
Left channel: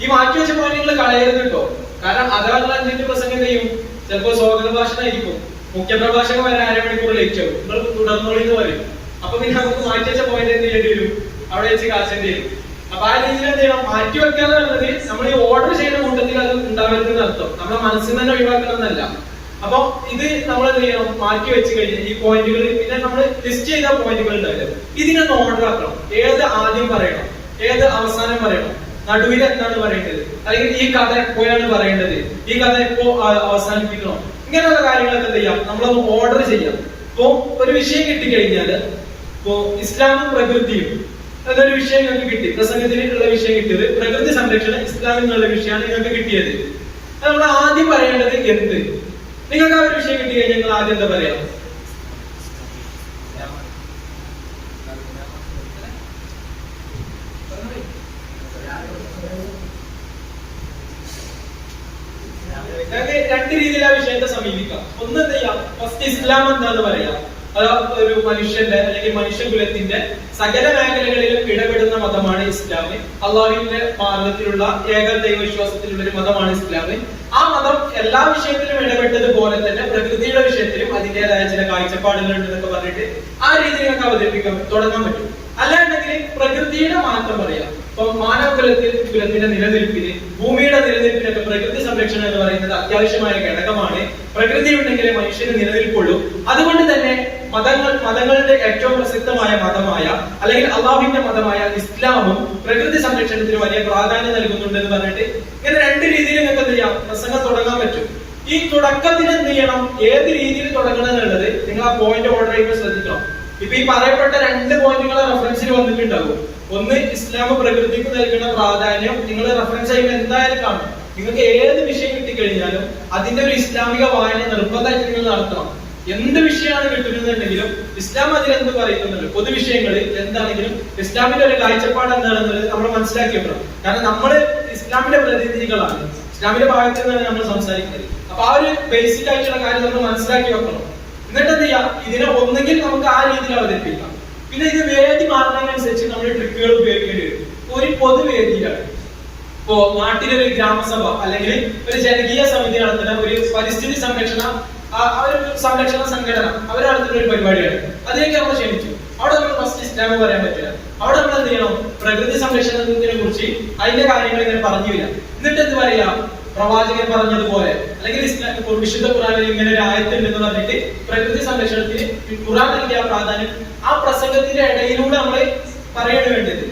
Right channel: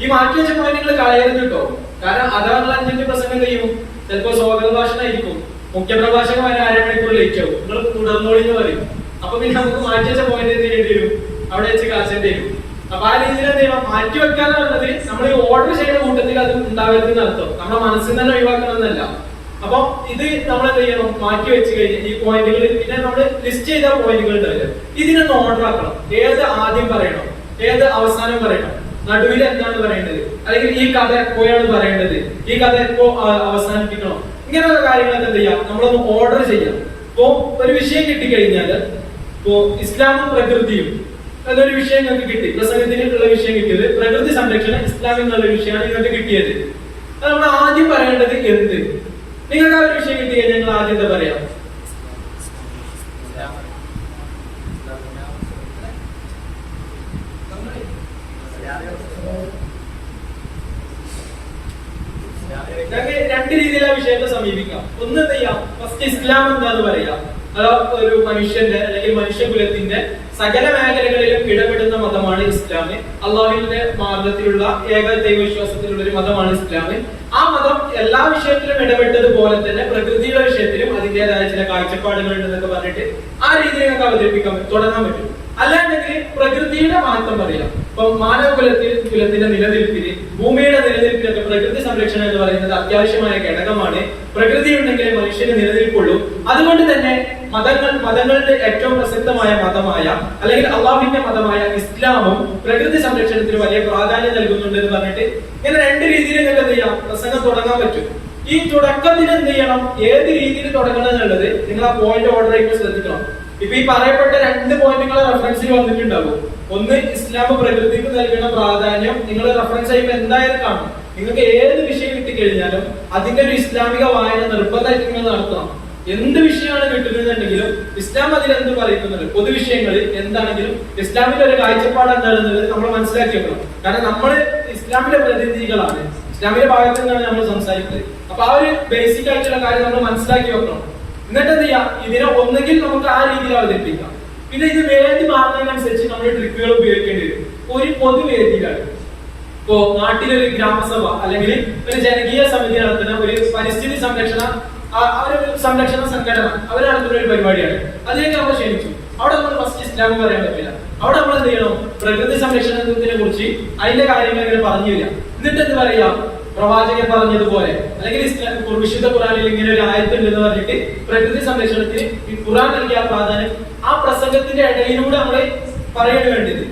ഈ മാറ്റി വെച്ച പോയിന്റുകൾ കളയരുത് കേട്ടോ. കാരണം അഥവാ 5 മിനിറ്റ് പ്രസംഗം ചെയ്യും, ചിലപ്പോൾ സ്വാഗത ഭാഷണമായിരിക്കും, മുഖ്യപ്രഭാഷകൻ വരെ അരമണിക്കൂർ ലേറ്റ് ആവും, നിങ്ങൾ തുടർന്നോളി എന്ന് പറയും. അപ്പൊ പിന്നെ നമുക്ക് മാറ്റി വെച്ച പോയിന്റ് എന്ത് ചെയ്യേണ്ടി വരും, അവിടെ വെച്ച് കാച്ചേണ്ടി വരും. അപ്പൊ ആ രീതിയിൽ എന്ത് ചെയ്യണം, മാറ്റി വെക്കാന്നുള്ളത് നമ്മൾ ഈ ഓർഡർ ചെയ്യുന്ന കൂട്ടത്തിൽ അത് ഉണ്ടാവരുതെന്ന് അർത്ഥം. നമ്മുടെ മനസ്സിൽ തന്നെ ഒഴിവാക്കണമെന്നല്ല. അപ്പൊ ഇത് നമ്മൾ എന്ത് ചെയ്യണം, മാറ്റി വെച്ച് കഴിഞ്ഞാൽ ഈ പോയിന്റുകൾ, പിന്നെ നമ്മൾ ലിസ്റ്റ് ചെയ്ത പോയിന്റുകൾ ഉണ്ടാവില്ല, ഇതിനൊന്ന് ഓർഡർ ആക്കണം. ഏത് ആദ്യം പറയണം, ഏത് അവസാനം പറയണം, നടുവിൽ എന്താണ് പറയേണ്ടത്, അല്ലെങ്കിൽ ഈ കഥ എപ്പോഴാണ് പറയേണ്ടത്, ഈ കഥ എപ്പോ അവസാനിപ്പിക്കണം, ഇങ്ങനെയുള്ള കാര്യങ്ങളൊക്കെ എന്ത് ചെയ്യാം, നമ്മളൊന്ന് ഓർഡർ ചെയ്യാം. ഇപ്പോ ഒരു വിഷയം കിട്ടിക്കഴിഞ്ഞാല്, ഇപ്പോ ഇസ്ലാമും പ്രകൃതിയും എന്നൊരു വിഷയം നിങ്ങൾക്ക് കിട്ടി, പ്രസംഗത്തിനുള്ള വിഷയം കിട്ടിയത് പ്രകൃതി സംരക്ഷണം ഇസ്ലാം എന്നുള്ള വിഷയമാണ് നിങ്ങൾക്ക് കിട്ടിയത്. നമ്മൾ ആദ്യം പറയേണ്ടത് എന്ത്, നിങ്ങൾക്ക് ആ ഒരു വിഷയം കിട്ടി കഴിഞ്ഞാൽ നിങ്ങൾ ആദ്യം എന്താ പറയാ, രണ്ട് രീതിയിൽ ആ വിഷയത്തെ സമീപിക്കാം. ഒന്ന് എന്ത് ചെയ്യാം, ഫസ്റ്റ് ഇസ്ലാം എന്താന്ന് പറയാം. അത് ഒരു മനുഷ്യന്റെ അല്ലെങ്കിൽ മനുഷ്യകുലത്തിന്റെ സകല മേഖലകളിലും ഇടപെടുന്ന മതമാണ് ഇസ്ലാം. അള്ളാഹുവിന്റെ മാർഗത്തിലുള്ള ഏക ദൈവവിശ്വാസത്തിലുള്ള ഒരു മതമാണ് ഇസ്ലാം. ആ മതം എല്ലാ വിഷയത്തിലും ഇടപെട്ടതുപോലെ തന്നെ പ്രകൃതിയുടെ വിഷയത്തിലും അതിന്റേതായ ചില കാഴ്ചപ്പാടുകൾ ഉണ്ടെന്നൊക്കെ പറഞ്ഞിട്ട് ആ രീതിയിൽ നമുക്ക് അവതരിപ്പിക്കാൻ തുടങ്ങാൻ പറ്റും. അല്ലാണ്ടെങ്കിൽ പ്രകൃതിയുടെ മാറ്റം പറയാം. ഇപ്പൊ മാനവകുലത്തിന്റെ നിലനിൽപ്പിന്, ഭൂമിയുടെ നിലനിൽപ്പിനൊക്കെ പ്രകൃതി സംരക്ഷണം എന്ന് പറയുന്നത് അത്യാവശ്യമായ ഘടകമാണ്. പ്രകൃതി ഉണ്ടെങ്കിലേ മനുഷ്യന് നിലനിൽപ്പുള്ളൂ. അതുകൊണ്ട് തന്നെ മതങ്ങളുടെ ഏറ്റവും പ്രസിദ്ധമായ മതമായ അല്ലെങ്കിൽ അള്ളാഹുവിന്റെ മതമായ ഇസ്ലാമും പ്രകൃതി സംരക്ഷണത്തിന് വലിയ പ്രാധാന്യം നൽകുന്നുണ്ട് എന്ന് പറഞ്ഞിട്ട് ഇങ്ങനെ രണ്ട് രീതിയിൽ നിങ്ങൾക്ക് എന്ത് ചെയ്യാം, പ്രസംഗം തുടങ്ങാൻ പറ്റും. ഈ തുടക്കത്തിന് എന്ത് ചെയ്യണം, ഏത് രീതിയിൽ തുടങ്ങണം എന്നുള്ളത് നിങ്ങൾ ആ പോയിന്റ് ഓർഡർ ചെയ്യുമ്പോൾ ശ്രദ്ധിക്കണം. ഇപ്പൊ ഈ പറയപ്പെട്ട 2 പോയിന്റുകൾ റെഫറൻസിൽ വന്നിട്ടുണ്ടാകും. ഒന്ന്, ഇസ്ലാം പ്രകൃതിക്ക് നൽകുന്ന പ്രാധാന്യം നിങ്ങൾ റെഫറൻസ് ചെയ്യുമ്പോൾ എന്തായാലും കാണും. നിങ്ങൾക്ക് ഏത് വിഷയം കിട്ടിക്കഴിഞ്ഞാലും അതിന്റെ ഒരു ഇസ്ലാമിക വായന നിർബന്ധമായിട്ട് നിങ്ങൾ നടത്തണം. എന്ത് വിഷയമാണ് കിട്ടുന്നുണ്ടെങ്കിലും ഇസ്ലാം അതിൽ എന്ത് പറയുന്നുണ്ട്, പൊതുവിഷയങ്ങൾ എന്താണെങ്കിലും ഇസ്ലാമിന്റെ ഒരു കാഴ്ചപ്പാട് എന്താണെന്നുള്ളത് നമ്മൾ മനസ്സിലാക്കി വെക്കണം. കാരണം നമ്മൾ ഇസ്ലാമിന്റെ പ്രതിനിധികളാണ്, ഇസ്ലാമിന്റെ ഭാഗത്ത് നിന്നാണ് നമ്മൾ സംസാരിക്കുന്നത്. അപ്പൊ ആ ഒരു ബേസിക് ആയിട്ടുള്ള കാര്യം നമ്മൾ മനസ്സിലാക്കി വെക്കണം. എന്നിട്ട് എന്ത് ചെയ്യാം, ഇതിനെ ഒന്നെങ്കിൽ നമുക്ക് ആ രീതിയിൽ അവതരിപ്പിക്കാം. പിന്നെ ഇത് വേദി മാറുന്നതിനനുസരിച്ച് നമ്മൾ ട്രിക്കുകൾ ഉപയോഗിക്കേണ്ടി വരും. ഒരു പൊതുവേദിയിലാണ്, ഇപ്പോ നാട്ടിലൊരു ഗ്രാമസഭ അല്ലെങ്കിൽ ഒരു ജനകീയ സമിതി നടത്തുന്ന ഒരു പരിസ്ഥിതി സംരക്ഷണ സംഘടന അവർ നടത്തുന്ന ഒരു പരിപാടിയാണ്. അതിലേക്ക് നമ്മൾ ക്ഷണിച്ചു. അവിടെ നമ്മൾ ഫസ്റ്റ് ഇസ്ലാം പറയാൻ പറ്റില്ല. അവിടെ നമ്മൾ എന്ത് ചെയ്യണം, പ്രകൃതി സംരക്ഷണത്തിനെ കുറിച്ച് അതിന്റെ കാര്യങ്ങൾ ഇങ്ങനെ പറഞ്ഞു തരിക. എന്നിട്ട് എന്ത് പറയാ, പ്രവാചകൻ പറഞ്ഞതുപോലെ അല്ലെങ്കിൽ വിശുദ്ധ ഖുറാനിൽ ഇങ്ങനെ ഒരു ആയത്തുണ്ട് എന്ന് പറഞ്ഞിട്ട് പ്രകൃതി സംരക്ഷണത്തിന് ഖുറാൻ നൽകിയ പ്രാധാന്യം ആ പ്രസംഗത്തിന്റെ ഇടയിലൂടെ നമ്മൾ പറയേണ്ടി വേണ്ടത്.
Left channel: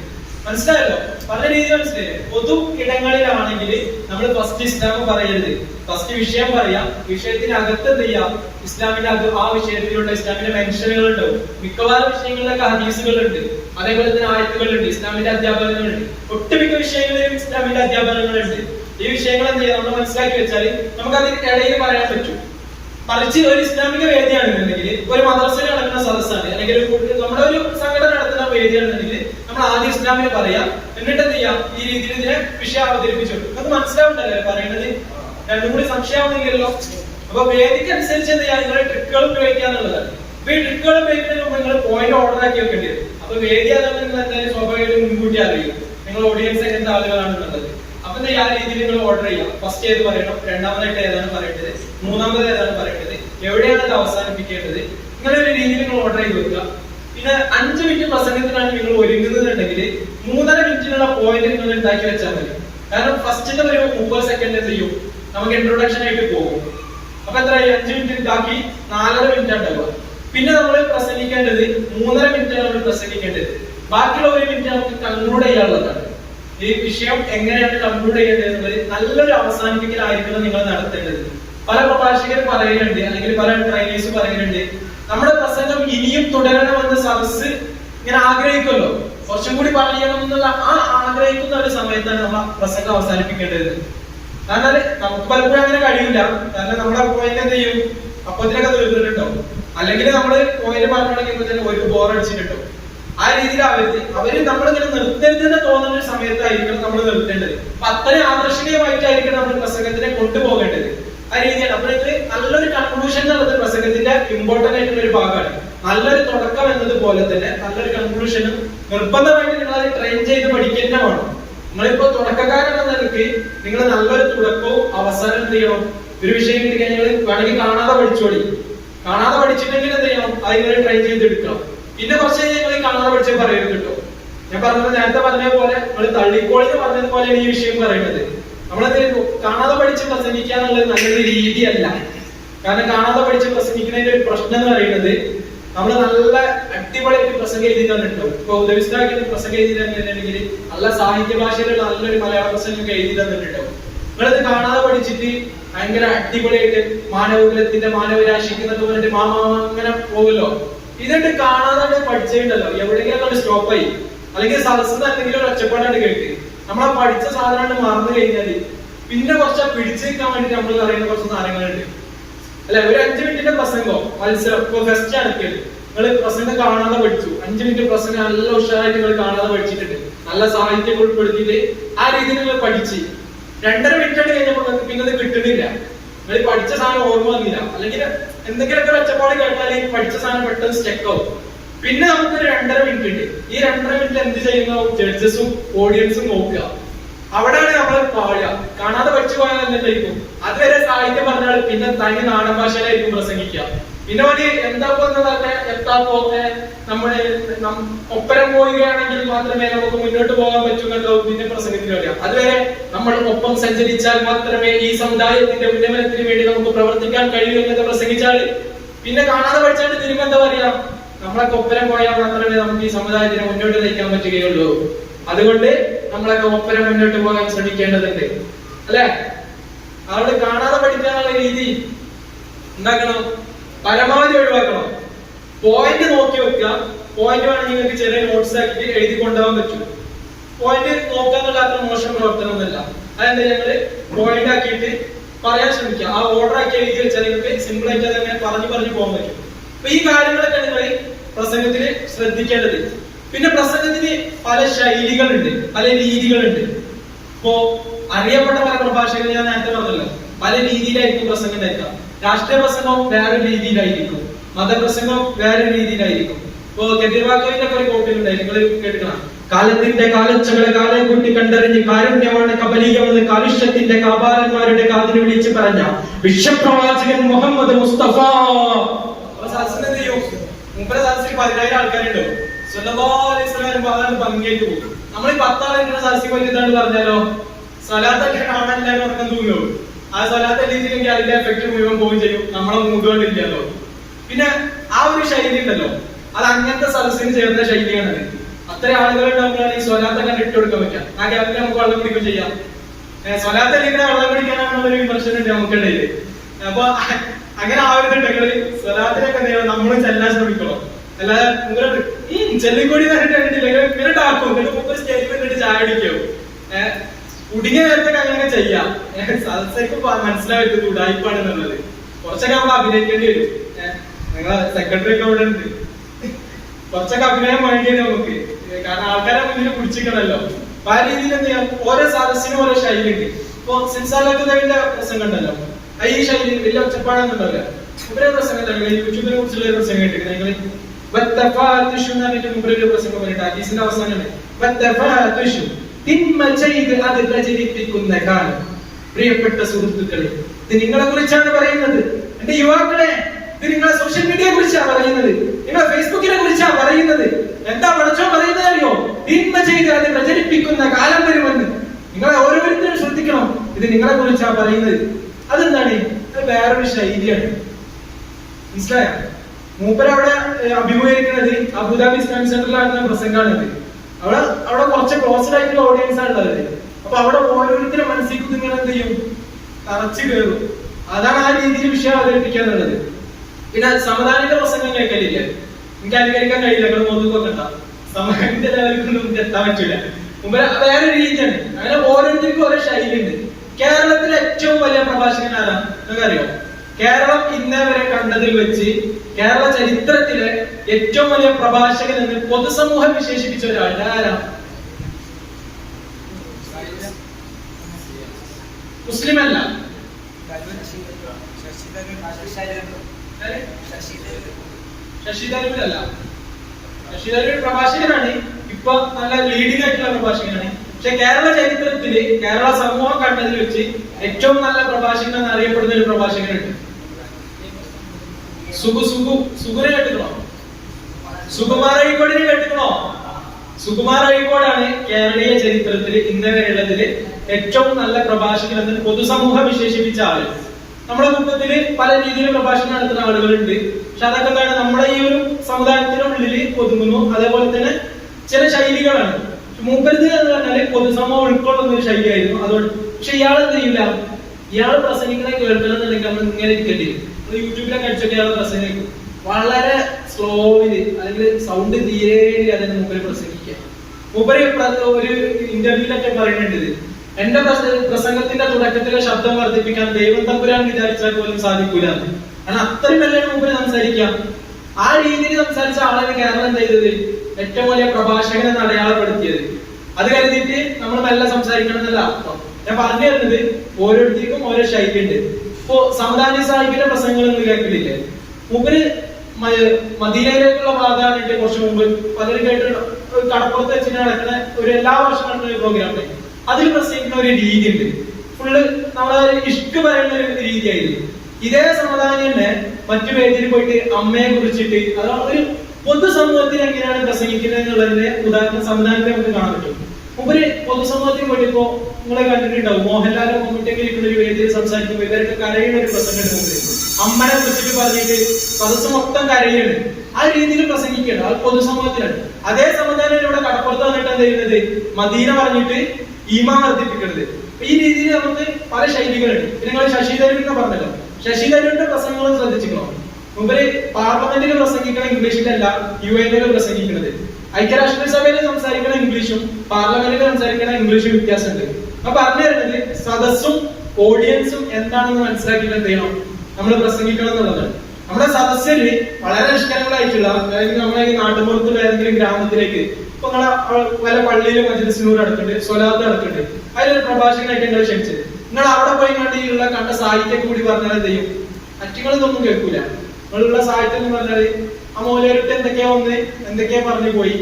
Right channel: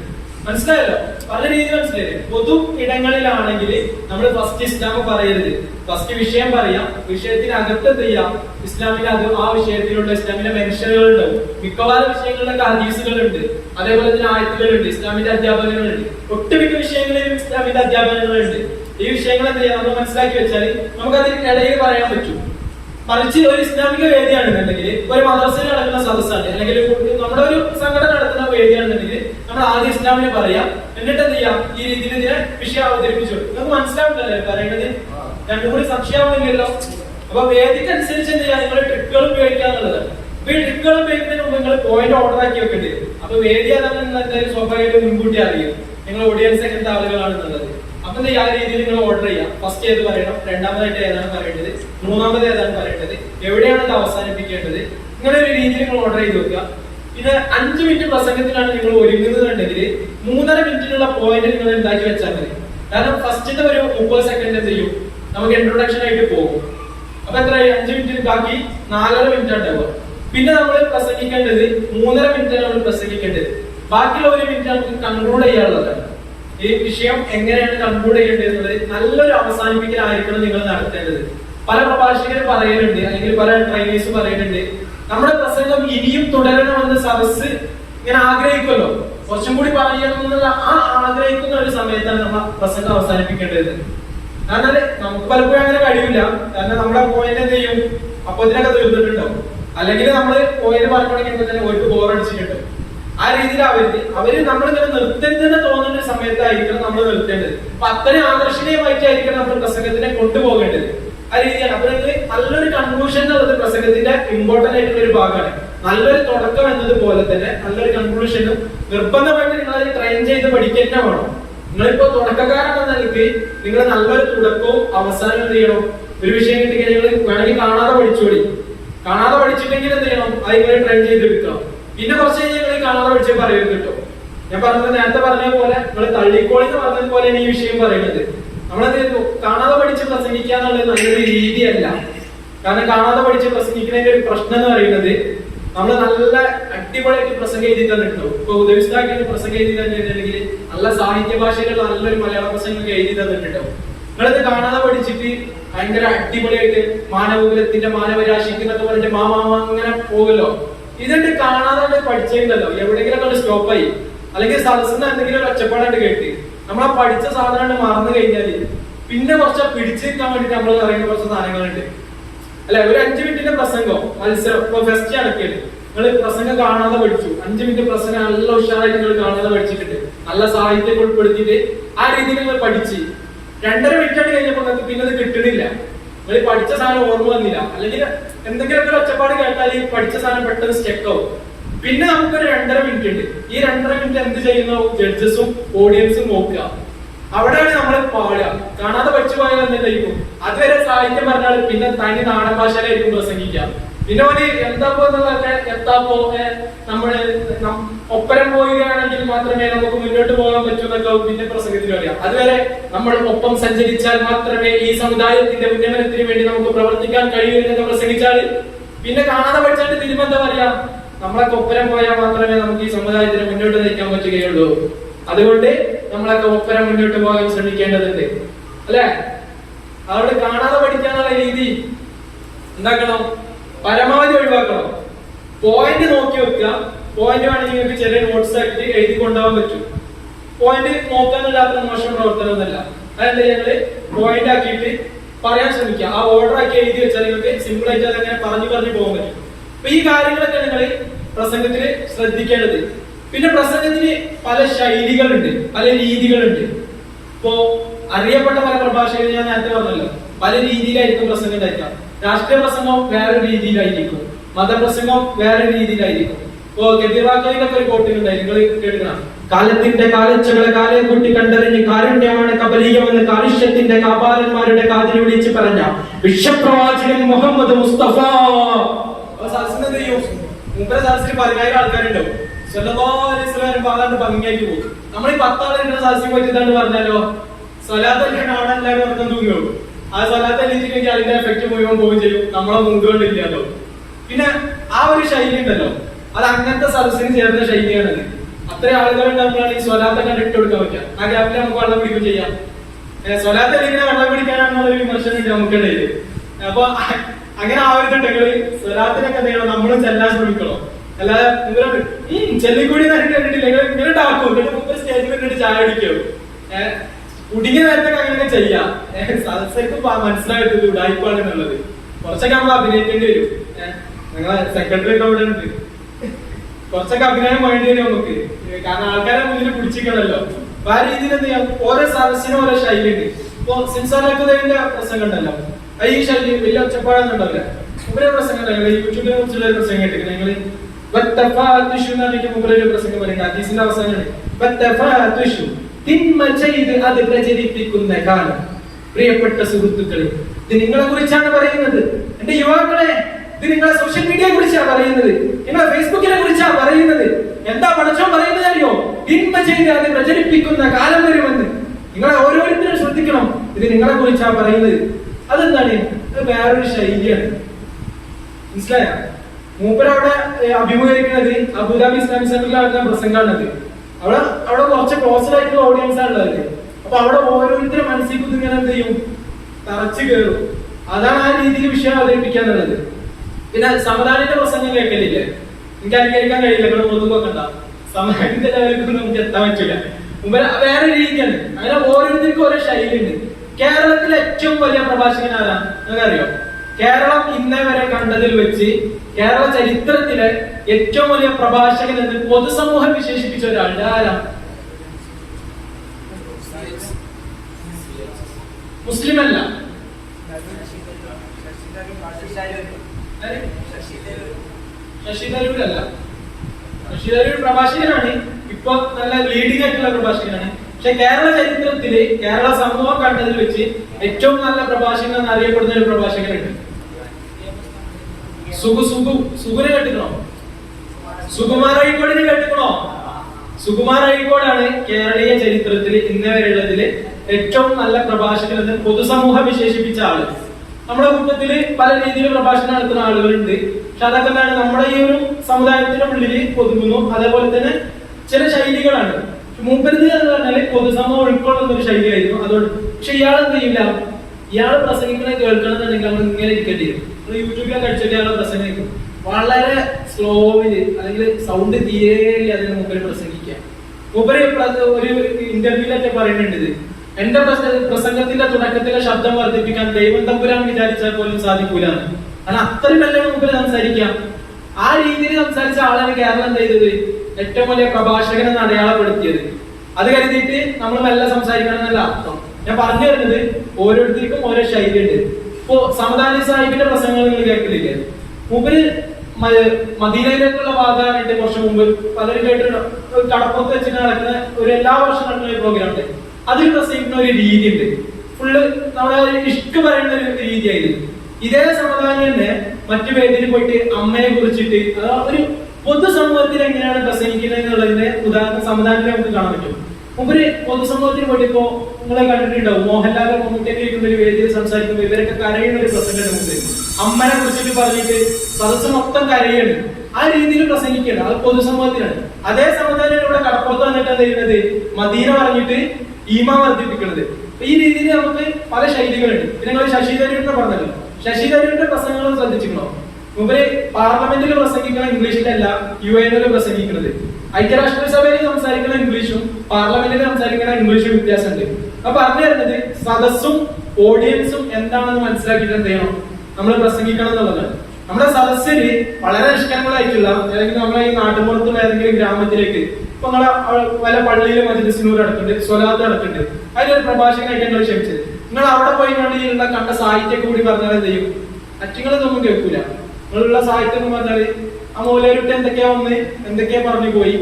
മനസ്സിലായല്ലോ, പല രീതി മനസ്സിലായില്ലേ. പൊതു ഇടങ്ങളിലാണെങ്കിൽ നമ്മൾ ഫസ്റ്റ് ഇസ്ലാം പറയരുത്, ഫസ്റ്റ് വിഷയം പറയാം. വിഷയത്തിനകത്ത് എന്ത് ചെയ്യാം, ഇസ്ലാമിന്റെ ആ വിഷയത്തിലുള്ള ഇസ്ലാമിന്റെ മെൻഷനുകൾ ഉണ്ടാവും. മിക്കവാറും വിഷയങ്ങളിലൊക്കെ ഹദീസുകളുണ്ട്, അതേപോലെ തന്നെ ആയത്തുകളുണ്ട്, ഇസ്ലാമിന്റെ അധ്യാപനങ്ങളുണ്ട്. ഒട്ടുമിക്ക വിഷയങ്ങളിലും ഇസ്ലാമിന്റെ അധ്യാപനങ്ങളുണ്ട്. ഈ വിഷയങ്ങൾ എന്ത് ചെയ്യാം, നമ്മൾ മനസ്സിലാക്കി വെച്ചാൽ നമുക്ക് അതിന് ഇടയിൽ പറയാൻ പറ്റും. മറിച്ച് ഒരു ഇസ്ലാമിക വേദിയാണെന്നുണ്ടെങ്കിൽ ഇപ്പൊ ഒരു മദ്രസയിൽ നടക്കുന്ന സദസ്സാണ്, അല്ലെങ്കിൽ നമ്മുടെ ഒരു സംഘടന നടത്തുന്ന വേദിയാണെന്നുണ്ടെങ്കിൽ നമ്മൾ ആദ്യം ഇസ്ലാമിനെ പറയാം, എന്നിട്ട് എന്ത് ചെയ്യാം, ഈ രീതിയിൽ ഇതിനെ വിഷയം അവതരിപ്പിച്ചു. നമുക്ക് മനസ്സിലാവുന്നല്ലേ പറയണത്? രണ്ടും കൂടി സംശയമാവുന്നില്ലല്ലോ. അപ്പൊ വേദിക്ക് അനുസരിച്ച് എന്ത് ചെയ്യാം, നിങ്ങൾ ട്രിക്കുകൾ ഉപയോഗിക്കാന്നുള്ളതാണ്. അപ്പൊ ഈ ട്രിക്കുകൾ ഉപയോഗിക്കുന്നതിന് മുമ്പ് നിങ്ങൾ പോയിന്റ് ഓർഡർ ആക്കി വെക്കേണ്ടി വരും. അപ്പൊ വേദി അതാണ് നിങ്ങൾ എന്തായാലും സ്വാഭാവികമായിട്ടും മുൻകൂട്ടി അറിയും നിങ്ങൾ ഓഡിയൻസ് എങ്ങനത്തെ ആളുകളാണെന്നുള്ളത്. അപ്പൊ ആ രീതിയിൽ നിങ്ങൾ ഓർഡർ ചെയ്യാം. ഫസ്റ്റ് ഏത് പറയണം, രണ്ടാമതായിട്ട് ഏതാണ് പറയേണ്ടത്, മൂന്നാമത് ഏതാണ് പറയേണ്ടത്, എവിടെയാണ് ഇത് അവസാനിപ്പിക്കേണ്ടത്, ഇങ്ങനെ ഒരു രീതിയിൽ നിങ്ങൾ ഓർഡർ ചെയ്ത് വെക്കുക. പിന്നെ 5 മിനിറ്റ് പ്രസംഗത്തിലാണ് നിങ്ങൾ ഒരുങ്ങുന്നതെന്നുണ്ടെങ്കിൽ 3.5 മിനിറ്റിനുള്ള പോയിന്റ് നിങ്ങൾ ഉണ്ടാക്കി വെച്ചാൽ മതി. കാരണം ഫസ്റ്റത്തെ ഒരു 30 സെക്കൻഡ് എന്ത് ചെയ്യും, നമുക്ക് ഇൻട്രൊഡക്ഷൻ ആയിട്ട് പോകും. അപ്പൊ എത്രയായി, 5 മിനിറ്റ് ബാക്കി 4.5 മിനിറ്റ് ഉണ്ടാവുക. പിന്നെ നമ്മൾ പ്രസംഗിക്കേണ്ടത് 3.5 മിനിറ്റാണ് നമ്മൾ പ്രസംഗിക്കേണ്ടത്. ബാക്കിയുള്ള 1 മിനിറ്റ് നമുക്ക് കൺക്ലൂഡ് ചെയ്യാനുള്ളതാണ്. ഈ വിഷയം എങ്ങനെയാണ് കൺക്ലൂഡ് ചെയ്യേണ്ടത് എന്നുള്ളത് നല്ലൊരു അവസാനിപ്പിക്കലായിരിക്കണം നിങ്ങൾ നടത്തേണ്ടത്. പല പ്രഭാഷകരും പറയുന്നുണ്ട്, അല്ലെങ്കിൽ പല ട്രെയിനേഴ്സ് പറയുന്നുണ്ട്, നമ്മുടെ പ്രസംഗം ഇനിയും തുടരണമെന്ന് സദസ്സ് ഇങ്ങനെ ആഗ്രഹിക്കുമല്ലോ, കുറച്ചും കൂടി പറയണമെന്നുള്ള ആ ആഗ്രഹിക്കുന്ന ഒരു സമയത്താണ് നമ്മൾ പ്രസംഗം അവസാനിപ്പിക്കേണ്ടത്. കാരണം നമുക്ക് പലപ്പോഴും അങ്ങനെ കഴിയില്ല. കാരണം നമ്മുടെ പോയിന്റ് എന്ത് ചെയ്യും, അപ്പൊ ഇതിനൊക്കെ തീർന്നിട്ടുണ്ടാവും. അല്ലെങ്കിൽ നമ്മൾ പോയിന്റ് പറഞ്ഞുകൊണ്ടെങ്കിൽ തന്നെ ഒരു ബോറടിച്ചിട്ടുണ്ടാവും. ആ രീതിയിലാവരുത്. അവര് നമ്മളിങ്ങനെ നിർത്തരുതെന്ന് തോന്നുന്ന സമയത്തായിരിക്കണം നമ്മൾ നിർത്തേണ്ടത്. അപ്പൊ അത്രയും ആകർഷണീയമായിട്ടായിരിക്കണം നമ്മൾ പ്രസംഗത്തിനെ കൊണ്ടുപോകേണ്ടത്. ആ രീതിയാണ്. അപ്പൊ ഇത് നല്ലൊരു കൺക്ലൂഷൻ എന്നുള്ളത് പ്രസംഗത്തിന്റെ ഇമ്പോർട്ടന്റ് ആയിട്ടുള്ള ഒരു ഭാഗമാണ്. നല്ലൊരു തുടക്കം എന്നതുപോലെ തന്നെ നല്ലൊരു കൺക്ലൂഷനും നിർബന്ധമായിട്ട് നിങ്ങൾ അത് ട്രെയിൻ ചെയ്ത് പഠിക്കേണ്ട വേണം. നിങ്ങളിപ്പോ തുടക്കക്കാരെന്ന നിലയ്ക്ക് നിങ്ങൾ നല്ലൊരു തുടക്കവും അവസാനം എന്ത് ചെയ്യണം, ഒരു വിഷയം കിട്ടിക്കഴിഞ്ഞാൽ വേണമെങ്കിൽ കാണാതെ പഠിച്ചോളി. കാണാതെ പഠിച്ചിട്ടെങ്കിൽ എന്ത് ചെയ്യണം, അതിങ്ങനെ ട്രെയിൻ ചെയ്തെടുക്കാം. പിന്നെ കുറച്ച് കഴിഞ്ഞാൽ നിങ്ങൾ കാണാതെ പഠിച്ച് പറയുന്നത് കിട്ടും. ഞാൻ പറഞ്ഞത് നേരത്തെ പറഞ്ഞ പോലെ നിങ്ങൾ തള്ളിക്കോളി എന്ന് പറഞ്ഞതുപോലെയാണ് ഈ വിഷയം പറയുന്നത്. നമ്മളത് കാണാതെ പഠിച്ച് പ്രസംഗിക്കുക എന്നുള്ളത് നല്ലൊരു രീതിയല്ല. കാരണം കാണാതെ പഠിച്ച് പ്രസംഗിക്കുന്നതിന്റെ ഒരു പ്രശ്നം എന്ന് പറയുന്നത്, നമ്മൾ നല്ല അടിപൊളിയായിട്ട് പ്രസംഗം എഴുതി തന്നിട്ടുണ്ടാവും. ഇപ്പൊ ഉദവിസ്ഥാക്കിയ പ്രസംഗം എഴുതി തന്നിട്ടുണ്ടെങ്കിൽ നല്ല സാഹിത്യ ഭാഷയിലുള്ള നല്ലൊരു മലയാള പ്രസംഗം എഴുതി തന്നിട്ടുണ്ടാവും. നിങ്ങളത് കാണാതെ പഠിച്ചിട്ട് ഭയങ്കര അടിപൊളിയായിട്ട് മാനവകുലത്തിന്റെ മാനവരാശിക്ക് എന്നൊക്കെ പറഞ്ഞിട്ട് മാമാ അങ്ങനെ പോകുമല്ലോ. ഇതിട്ട് കാണാതെ പഠിച്ചിട്ടുണ്ടല്ലോ, എവിടെയെങ്കിലും ഒക്കെ സ്റ്റോപ്പായി, അല്ലെങ്കിൽ സദസ്സിന് എന്തെങ്കിലും ഒരു ഒച്ചപ്പാടായിട്ട് കേട്ട് നമ്മളെ പഠിച്ച സാധനം മറന്നു കഴിഞ്ഞാല് പിന്നെ കുറച്ച് പിടിച്ചു നിൽക്കാൻ വേണ്ടിട്ട് നമ്മൾ പറയുന്ന കുറച്ച് സാധനങ്ങളുണ്ട് അല്ലെ. ഒരു 5 മിനിറ്റിന്റെ പ്രസംഗം മത്സരം ഇപ്പൊ ഫെസ്റ്റ് അടക്കിയത് നിങ്ങൾ പ്രസംഗം കാണാതെ പഠിച്ചു. 5 മിനിറ്റ് പ്രസംഗം നല്ല ഉഷാറായിട്ട് നിങ്ങൾ കാണാതെ പഠിച്ചിട്ടുണ്ട്, നല്ല സാഹിത്യം ഉൾപ്പെടുത്തിയിട്ട് ആ രീതിയിൽ നിങ്ങൾ പഠിച്ച് 2.5 മിനിറ്റ് കഴിഞ്ഞപ്പോൾ നിങ്ങൾക്ക് പിന്നെ അത് കിട്ടണില്ല. നിങ്ങൾ പഠിച്ച സാധനം ഓർമ്മ വന്നില്ല, അല്ലെങ്കിൽ എന്തെങ്കിലുമൊക്കെ ഒച്ചപ്പാട് കേട്ടാൽ പഠിച്ച സാധനം പെട്ടെന്ന് സ്റ്റെക്ക് ആവും. പിന്നെ നമുക്കൊരു 2.5 മിനിറ്റ് ഉണ്ട്. ഈ 2.5 മിനിറ്റ് എന്ത് ചെയ്യുന്നു, ജഡ്ജസും ഓഡിയൻസും നോക്കുക. അവിടെയാണ് നമ്മൾ പാടുക. കാണാതെ പഠിച്ചു പോയാൽ എന്തായിരിക്കും, അതുവരെ സാഹിത്യം പറഞ്ഞാൽ പിന്നെ തനി നാടൻ ഭാഷയിലായിരിക്കും പ്രസംഗിക്കുക. പിന്നെ ഒരു എന്താപ്പോ എന്നതൊക്കെ എത്താപ്പോ നമ്മള് ഒപ്പരം പോവുകയാണെങ്കിൽ മാത്രമേ നമുക്ക് മുന്നോട്ട് പോകാൻ പറ്റൂ എന്നൊക്കെ പിന്നെ പ്രസംഗത്തിൽ പറയാം. അതുവരെ നമ്മൾ ഒപ്പം സഞ്ചരിച്ചാൽ മാത്രമേ ഈ സമുദായത്തിന്റെ ഉന്നമനത്തിന് വേണ്ടി നമുക്ക് പ്രവർത്തിക്കാൻ കഴിയൂ എന്നൊക്കെ പ്രസംഗിച്ചാൽ പിന്നെ കാണാതെ പഠിച്ചാൽ തിരുമ്പോ എന്താ പറയാ, നമ്മളൊക്കെ ഒപ്പരം പോയാൽ മാത്രമേ നമുക്ക് ഈ സമുദായത്തിന് മുന്നോട്ട് നയിക്കാൻ പറ്റുകയുള്ളൂ. അതുകൊണ്ട് നമ്മളൊക്കെ ഒപ്പരം മുന്നോട്ട് പോകാൻ ശ്രമിക്കേണ്ടതുണ്ട് അല്ലെ. അതുകൊണ്ട് കാണാതെ പഠിക്കാനുള്ള രീതി എന്താക്കണം, പരമാവധി ഒഴിവാക്കണം. പോയിന്റ് നോക്കി വെക്കുക. പോയിന്റ് വേണമെങ്കിൽ നിങ്ങൾക്ക് ചെറിയ നോട്ട്സ് ആക്കിയിട്ട് എഴുതി കൊണ്ടുപോകാൻ പറ്റും. പോയിന്റ് നോക്കാന്നുള്ള അത്ര മോശം പ്രവർത്തനം ഒന്നല്ല. അതെന്താ, ഞങ്ങള് പോയിന്റ് ആക്കിയിട്ട് പറയാൻ ശ്രമിക്കുക. ആ ഓർഡർ ആക്കി എഴുതി വെച്ചാൽ നിങ്ങൾക്ക് സിമ്പിൾ ആയിട്ട് അതങ്ങനെ പറഞ്ഞു പോകാൻ പറ്റും. അപ്പൊ ഈ കാര്യങ്ങളൊക്കെ നിങ്ങൾ പ്രസംഗത്തിൽ ശ്രദ്ധിക്കേണ്ടത്. പിന്നെ പ്രസംഗത്തിന് പല ശൈലികളുണ്ട്, പല രീതികളുണ്ട്. ഇപ്പോ അറിയപ്പെട്ട പല പ്രഭാഷകർ ഞാൻ നേരത്തെ പറഞ്ഞല്ലോ, പല രീതിയിലായിരിക്കും പ്രസംഗം ഉണ്ടായിരിക്കാം. രാഷ്ട്രീയ പ്രസംഗം വേറൊരു രീതിയിലായിരിക്കും, മതപ്രസംഗം വേറൊരു രീതിയിലായിരിക്കും. ഇപ്പോ ഗദ്യവാക്യത്തിന്റെ ഒരു കോട്ടിലുണ്ടായിരിക്കും, നിങ്ങൾ കേൾക്കണം. കാലത്തിന്റെ കാലച്ചകളെ കാലം കൂട്ടി കണ്ടറിഞ്ഞ് കാരുണ്യമാണ് കബലീയമെന്ന് കാലുഷ്യത്തിന്റെ കാപാലന്മാരുടെ കാതിൽ വിളിച്ച് പറഞ്ഞ വിശ്വപ്രവാചകൻ മുഹമ്മദ് മുസ്തഫ. സദസ്സിൽ 10,000 ആൾക്കാരുണ്ടാവും. സ്വല്ലല്ലാഹു ഭംഗിയായിട്ട് പോകും. നമ്മൾ ഈ 10 ആളുകളുടെ സദസ്സിൽ പറ്റിയതാണ് പറഞ്ഞാലോ, സ്വലാത്തൊക്കെയാണ് അവിടെ എല്ലാവരും ഉറക്കം തൂങ്ങുള്ളൂ. ആ സ്വലാത്ത് എണീറ്റില്ലെങ്കിൽ അതിന്റെ എഫക്ട് മുഴുവൻ പോവുകയും ചെയ്യും, നമ്മളെ മുൻകൊണ്ടിരിക്കാമല്ലോ. പിന്നെ ആ ഒരു ശൈലി ഉണ്ടല്ലോ, അത് അങ്ങനത്തെ സദസ്സിന് ചേർന്ന ശൈലിയാണത്. അത്രയും ആളുകളുണ്ടാകുമ്പോഴാണ് ഈ സ്വലാത്തൊക്കെ ഇട്ട് കൊടുക്കാൻ പറ്റുക. ആ ഗ്യാപ്പിൽ നമുക്ക് വെള്ളം കുടിക്കുകയും ചെയ്യാം. സ്വലാത്ത് അല്ലെങ്കിൽ വെള്ളം കുടിക്കാനാണ് ഒരു വിമർശനം ഉണ്ട് നമുക്കിടയിൽ. അപ്പൊ അങ്ങനെ ആവരുന്നുണ്ടെങ്കിൽ സ്വലാത്തിനൊക്കെ എന്തെങ്കിലും നമ്മളും ചെല്ലാൻ ശ്രമിക്കണം. അല്ലാതെ ചെല്ലിക്കൂടി കണ്ടിട്ടില്ല ഇങ്ങനെ ഉണ്ടാക്കും. എന്നിട്ട് മുമ്പ് സ്റ്റേജിൽ കണ്ടിട്ട് ചായ അടിക്കും. കുടുങ്ങിയ നേരത്തൊക്കെ അങ്ങനെ ചെയ്യാം. സദസ്സർക്ക് മനസ്സിലായിട്ട് ഉടായ്പാണെന്നുള്ളത് കുറച്ചൊക്കെ നമ്മൾ അഭിനയിക്കേണ്ടി വരും. ഞങ്ങളെ സെക്രട്ടറി ഒക്കെ ഇവിടെ ഉണ്ട്. കുറച്ചൊക്കെ അഭിനയം വേണ്ടി നമുക്ക്, കാരണം ആൾക്കാരെ മുന്നിൽ പിടിച്ചിക്കണല്ലോ. അപ്പൊ ആ രീതിയിൽ എന്ത് ചെയ്യാം, ഓരോ സദസ്സിനും ഓരോ ശൈലി ഉണ്ട്. ഇപ്പൊ സിൻസാറാക്കുന്നതിന്റെ പ്രസംഗം ഉണ്ടല്ലോ, ഈ ശൈലി വലിയ ഒച്ചപ്പാടൊന്നും ഉണ്ടാവില്ല. മുമ്പേ പ്രസംഗം ഉണ്ടല്ലോ, യൂട്യൂബിനെ കുറിച്ചുള്ള ഒരു പ്രസംഗം കേട്ടിരിക്കുന്നത് ഞങ്ങള് മുമ്പൊരു പ്രസംഗം പറയുന്നുണ്ട്. ഹദീസിന്റെ അവസാനമാണ് തിന്മ ചെയ്ത് അത് പ്രചരിപ്പിക്കുന്ന കാലം. പ്രിയപ്പെട്ട സുഹൃത്തുക്കളെ, ഇത് നിങ്ങളെ കുറിച്ചാണ് പറയുന്നത്. എന്റെ യുവാക്കളെ, ഇത് നിങ്ങളെ സോഷ്യൽ മീഡിയയെ കുറിച്ചാണ് പറയുന്നത്, നിങ്ങളെ ഫേസ്ബുക്കിനെ കുറിച്ചാണ് പറയുന്നത്. എന്താ പടച്ചോൻ പറയുന്നത് അറിയോ? തിന്മ ചെയ്ത് അത് പ്രചരിപ്പിക്കുന്ന കാലം വരുമെന്ന്. നിങ്ങളെ ഓരോരുത്തരും ശ്രദ്ധിക്കണം, ഇത് നിങ്ങളെ കുറിച്ചാണ് പറയുന്നത്. അതെന്താണ്? വേറൊരു ശൈലിയാണ്. മനസ്സിലായോ? മൂപ്പരവിടെ അഭിമുഖീകരിക്കുന്നത് അബുദാബി ഇസ്ലാമിക് സെന്ററിൽ നടന്ന പ്രസംഗമാണത്. അവിടെ കുറച്ച് ക്ലോസ്ഡ് ആയിട്ടുള്ള ഓഡിയൻസ് ആണ് ഉള്ളത്. അപ്പൊ അവിടെ ഓരോരുത്തരും മനസ്സിലേക്ക് ഇങ്ങനെ എന്ത് ചെയ്യും, തറച്ചു കയറും. അതാണ് ആ രീതിയിൽ വിഷയം അവതരിപ്പിക്കാന്നുള്ളത്. പിന്നെ സമാധാനത്തിന്റെ പ്രസംഗം കേൾക്കലില്ലേ, എനിക്ക് അനുകരിക്കാൻ കഴിയില്ല. ഇവിടെ മോദുക്കൊക്കെ ഉണ്ടാവും. സമാധാനത്തിന്റെ ലെവലിൽ നമുക്ക് എത്താൻ പറ്റില്ല. വേറെ രീതിയാണ്. അങ്ങനെ ഓരോരുത്തർക്കും ഓരോ ശൈലി ഉണ്ട്. കേരളത്തിലെ ഏറ്റവും വലിയ പ്രഭാഷകൻ ആരാ നിങ്ങൾക്കറിയോ? കേരളം ഇന്നേ വരെ കണ്ടതിൽ വെച്ച് കേരള ചരിത്രത്തിലെ ഏറ്റവും വലിയ പ്രഭാഷകൻ എന്ന് പൊതുസമൂഹം വിശേഷിപ്പിച്ച ഒരാളുടെ ആരാ? മുസ്ലിം അല്ല, ശശി തരൂരല്ല. ശശി തരൂർ പ്രഭാഷകനാണ്, ഇപ്പൊ നല്ല ലീഡിംഗ് ആയിട്ടുള്ള പ്രഭാഷകനാണ്. പക്ഷെ കേരള ചരിത്രത്തില് കേരള സമൂഹം കണ്ടതിൽ വെച്ച് ഏറ്റവും നല്ല പ്രഭാഷകൻ എന്ന് അറിയപ്പെടുന്ന ഒരു പ്രഭാഷകനുണ്ട്. സുഗുനെ കേട്ടിക്കണോ? സുകുമാർ അഴീക്കോടിനെ കേട്ടിക്കണോ? സുകുമാർ അഴീക്കോടാണ് കേരളീയ ചരിത്രത്തിൽ ഇന്നേ വരെയുള്ളതില് ഏറ്റവും നല്ല പ്രഭാഷകൻ എന്ന് പൊതുസമൂഹം വിശേഷിപ്പിച്ച ആള്. നമ്മുടെ കൂട്ടത്തില് പല രീതിയിൽ പ്രഭാഷണം നടത്തുന്ന ആളുകളുണ്ട്. പക്ഷെ അതൊക്കെ എന്താണ്, നമ്മുടെ ഈ ഒരു സമുദായത്തിന്റെ ഉള്ളില് ഒതുങ്ങുന്നു. അതേപോലെ തന്നെ ചില ശൈലികളാണ്. മൂപ്പരുത് എന്ന് പറഞ്ഞാല് പൊതുസമൂഹം ഉൾക്കൊള്ളുന്ന ഒരു ശൈലിയായിരുന്നു. അതുകൊണ്ട് പക്ഷെ ഇയാൾ എന്ത് ചെയ്യില്ല, ഇയാൾ പ്രസംഗിക്കണ കേൾക്കണം എന്നുണ്ടെങ്കിൽ നമ്മൾ ഇങ്ങനെ ഇരിക്കേണ്ടി വരും. യൂട്യൂബിലൊക്കെ അടിച്ചിട്ട് ഇയാൾ പ്രസംഗിക്കും വളരെ സ്ലോയില്, അല്ലെങ്കിൽ സൗണ്ട് തീരെ അതിന് മൂപ്പര് പ്രസംഗിക്കുക. മൂപ്പര് ഒരു ഇന്റർവ്യൂലൊക്കെ പറയുന്നുണ്ട്, എന്റെ പ്രസംഗത്തിന്റെ തുടക്കത്തിലെ ശബ്ദം വർദ്ധിപ്പിക്കാൻ ദൈവം തമ്പുരാൻ വിചാരിച്ചാൽ പോലും സാധിക്കൂല. കാരണം അത്രയും നല്ല മൂപ്പര് സംസാരിക്കാം. ആ രീതിയിൽ സംസാരിച്ച ആളാണ് കേരളം എന്ത് ചെയ്തത്, ഏറ്റവും വലിയ പ്രഭാഷകൻ എന്ന് അടയാളപ്പെടുത്തിയത്. അത് കരുതിയിട്ട് നമ്മൾ നല്ല സംസാരിക്കണം എന്നല്ല അർത്ഥം. ഞാൻ പറഞ്ഞു തരുന്നത് ഓരോരുത്തർക്കും ഓരോ ശൈലി ഉണ്ട്. ഇപ്പോ സമദാനി സാഹിബിന്റെ പ്രസംഗങ്ങൾ നിങ്ങൾ കേൾക്കില്ലേ? മൂപ്പര് മദീനയിലേക്കുള്ള വാഗ്ദാനായിട്ട് കുറച്ച് മുമ്പ് പലരും കേട്ടിട്ടുണ്ടോ, കടപ്പുറത്ത് വെച്ചിട്ട് നടക്കുന്ന ഒരു എല്ലാ വർഷം നടക്കുന്ന ഒരു പ്രോഗ്രാം ഉണ്ട്. അതിൽ പ്രസംഗിക്കുന്ന ഒരു രീതി ഉണ്ട്. ഫുള്ള് നമ്മളെ ഇഷ്ക് പറയുന്ന ഒരു രീതിയായിരുന്നു. ഇതേ സമാധാനം തന്നെ മറ്റു വേദിയിൽ പോയിട്ട് അമ്മയെ കുറിച്ചിട്ട് അതാ ഒരു പൊതുസമൂഹത്തിൽ എങ്ങനെയാണ് പ്രസംഗിക്കുന്നത് എന്നുള്ളതിന്റെ ഉദാഹരണം സമാധാനത്തെ നമുക്ക് കാണാൻ പറ്റും. മുമ്പ് പൊതുസമൂഹത്തിന് പോയിട്ട് ഇപ്പോ നിങ്ങളെ കണ്ടിട്ടുണ്ടാവും, മോഹൻലാലോ മമ്മൂട്ടിയൊക്കെ ഇരിക്കുന്ന ഒരു വേദിയിൽ സംസാരിക്കുമ്പോൾ ഇവരൊക്കെ കരയുന്ന ഒരു പ്രസംഗം മുമ്പ് അമ്മനെ കുറിച്ചിട്ട് പറഞ്ഞിട്ട് സദസ് മൊത്തം കരയാണ്. ആ രീതിയിൽ പ്രസംഗിക്കുകയാണ്. അത് പൊതുസമൂഹത്തിലാണ്. അതേ സമാധാനം ഇവിടെ കടപ്പുറത്ത് വന്നിട്ട് എന്താ ചെയ്യുന്നത്, മദീന പറഞ്ഞിട്ട് ഈമാൻ വർദ്ധിപ്പിക്കുന്നത്. ഈ രീതിയിൽ നമുക്ക് പല ശൈലികളുണ്ട്. പിന്നെ നിങ്ങൾ ശശി തരൂരിനെ പറഞ്ഞല്ലോ, ശശി തരൂരിന്റെ പ്രസംഗങ്ങൾ ശ്രദ്ധിച്ചിട്ടുണ്ടോ? മുമ്പ് പാർലമെന്റിൽ പ്രസംഗിക്കണ ഇംഗ്ലീഷിലല്ല UN പ്രസംഗിക്കുന്നത്. ഐക്യരാഷ്ട്രസഭയിൽ സംസാരിക്കുന്ന ഇംഗ്ലീഷും പാർലമെന്റിൽ സംസാരിക്കുന്ന ഇംഗ്ലീഷും വ്യത്യാസമുണ്ട്. അപ്പൊ പറഞ്ഞു തരുന്നത് സദസ്സും ഓഡിയൻസും എന്താണെന്ന് മനസ്സിലാക്കിയിട്ട് എന്ത് ചെയ്യണം, നമ്മൾ പ്രസംഗിക്കണം എന്നുള്ളതാണ്. നമ്മുടെ സദസ്സിന് വളരെ നിഷ്കളങ്കരായിട്ടുള്ള, അതായത് നമ്മളെ ഈ നാട്ടുപുറത്തുള്ള ഏതെങ്കിലും ഗ്രാമത്തിലേക്ക് ഇപ്പൊ നിങ്ങളെ പല പള്ളിയിലും മജ്‌ലിസുന്നൂർ നടക്കുന്നുണ്ട്, സ്വലാത്ത് നടക്കുന്നുണ്ട്, അതിലൊരു പ്രഭാഷകനായിട്ട് നിങ്ങൾ ക്ഷണിച്ചത്. നിങ്ങൾ അവിടെ പോയി കണ്ടിട്ടുള്ള കണ്ട സാഹിത്യം കൂടി പറഞ്ഞാൽ എന്ത് ചെയ്യും, മറ്റുങ്ങളൊന്നും കേൾക്കൂല. നിങ്ങളുള്ള സാഹിത്യം എന്ന് പറഞ്ഞാൽ ആ മൂലരുട്ട് എന്തൊക്കെയാ വന്ന് എന്തൊക്കെയാ പറഞ്ഞു പോയി,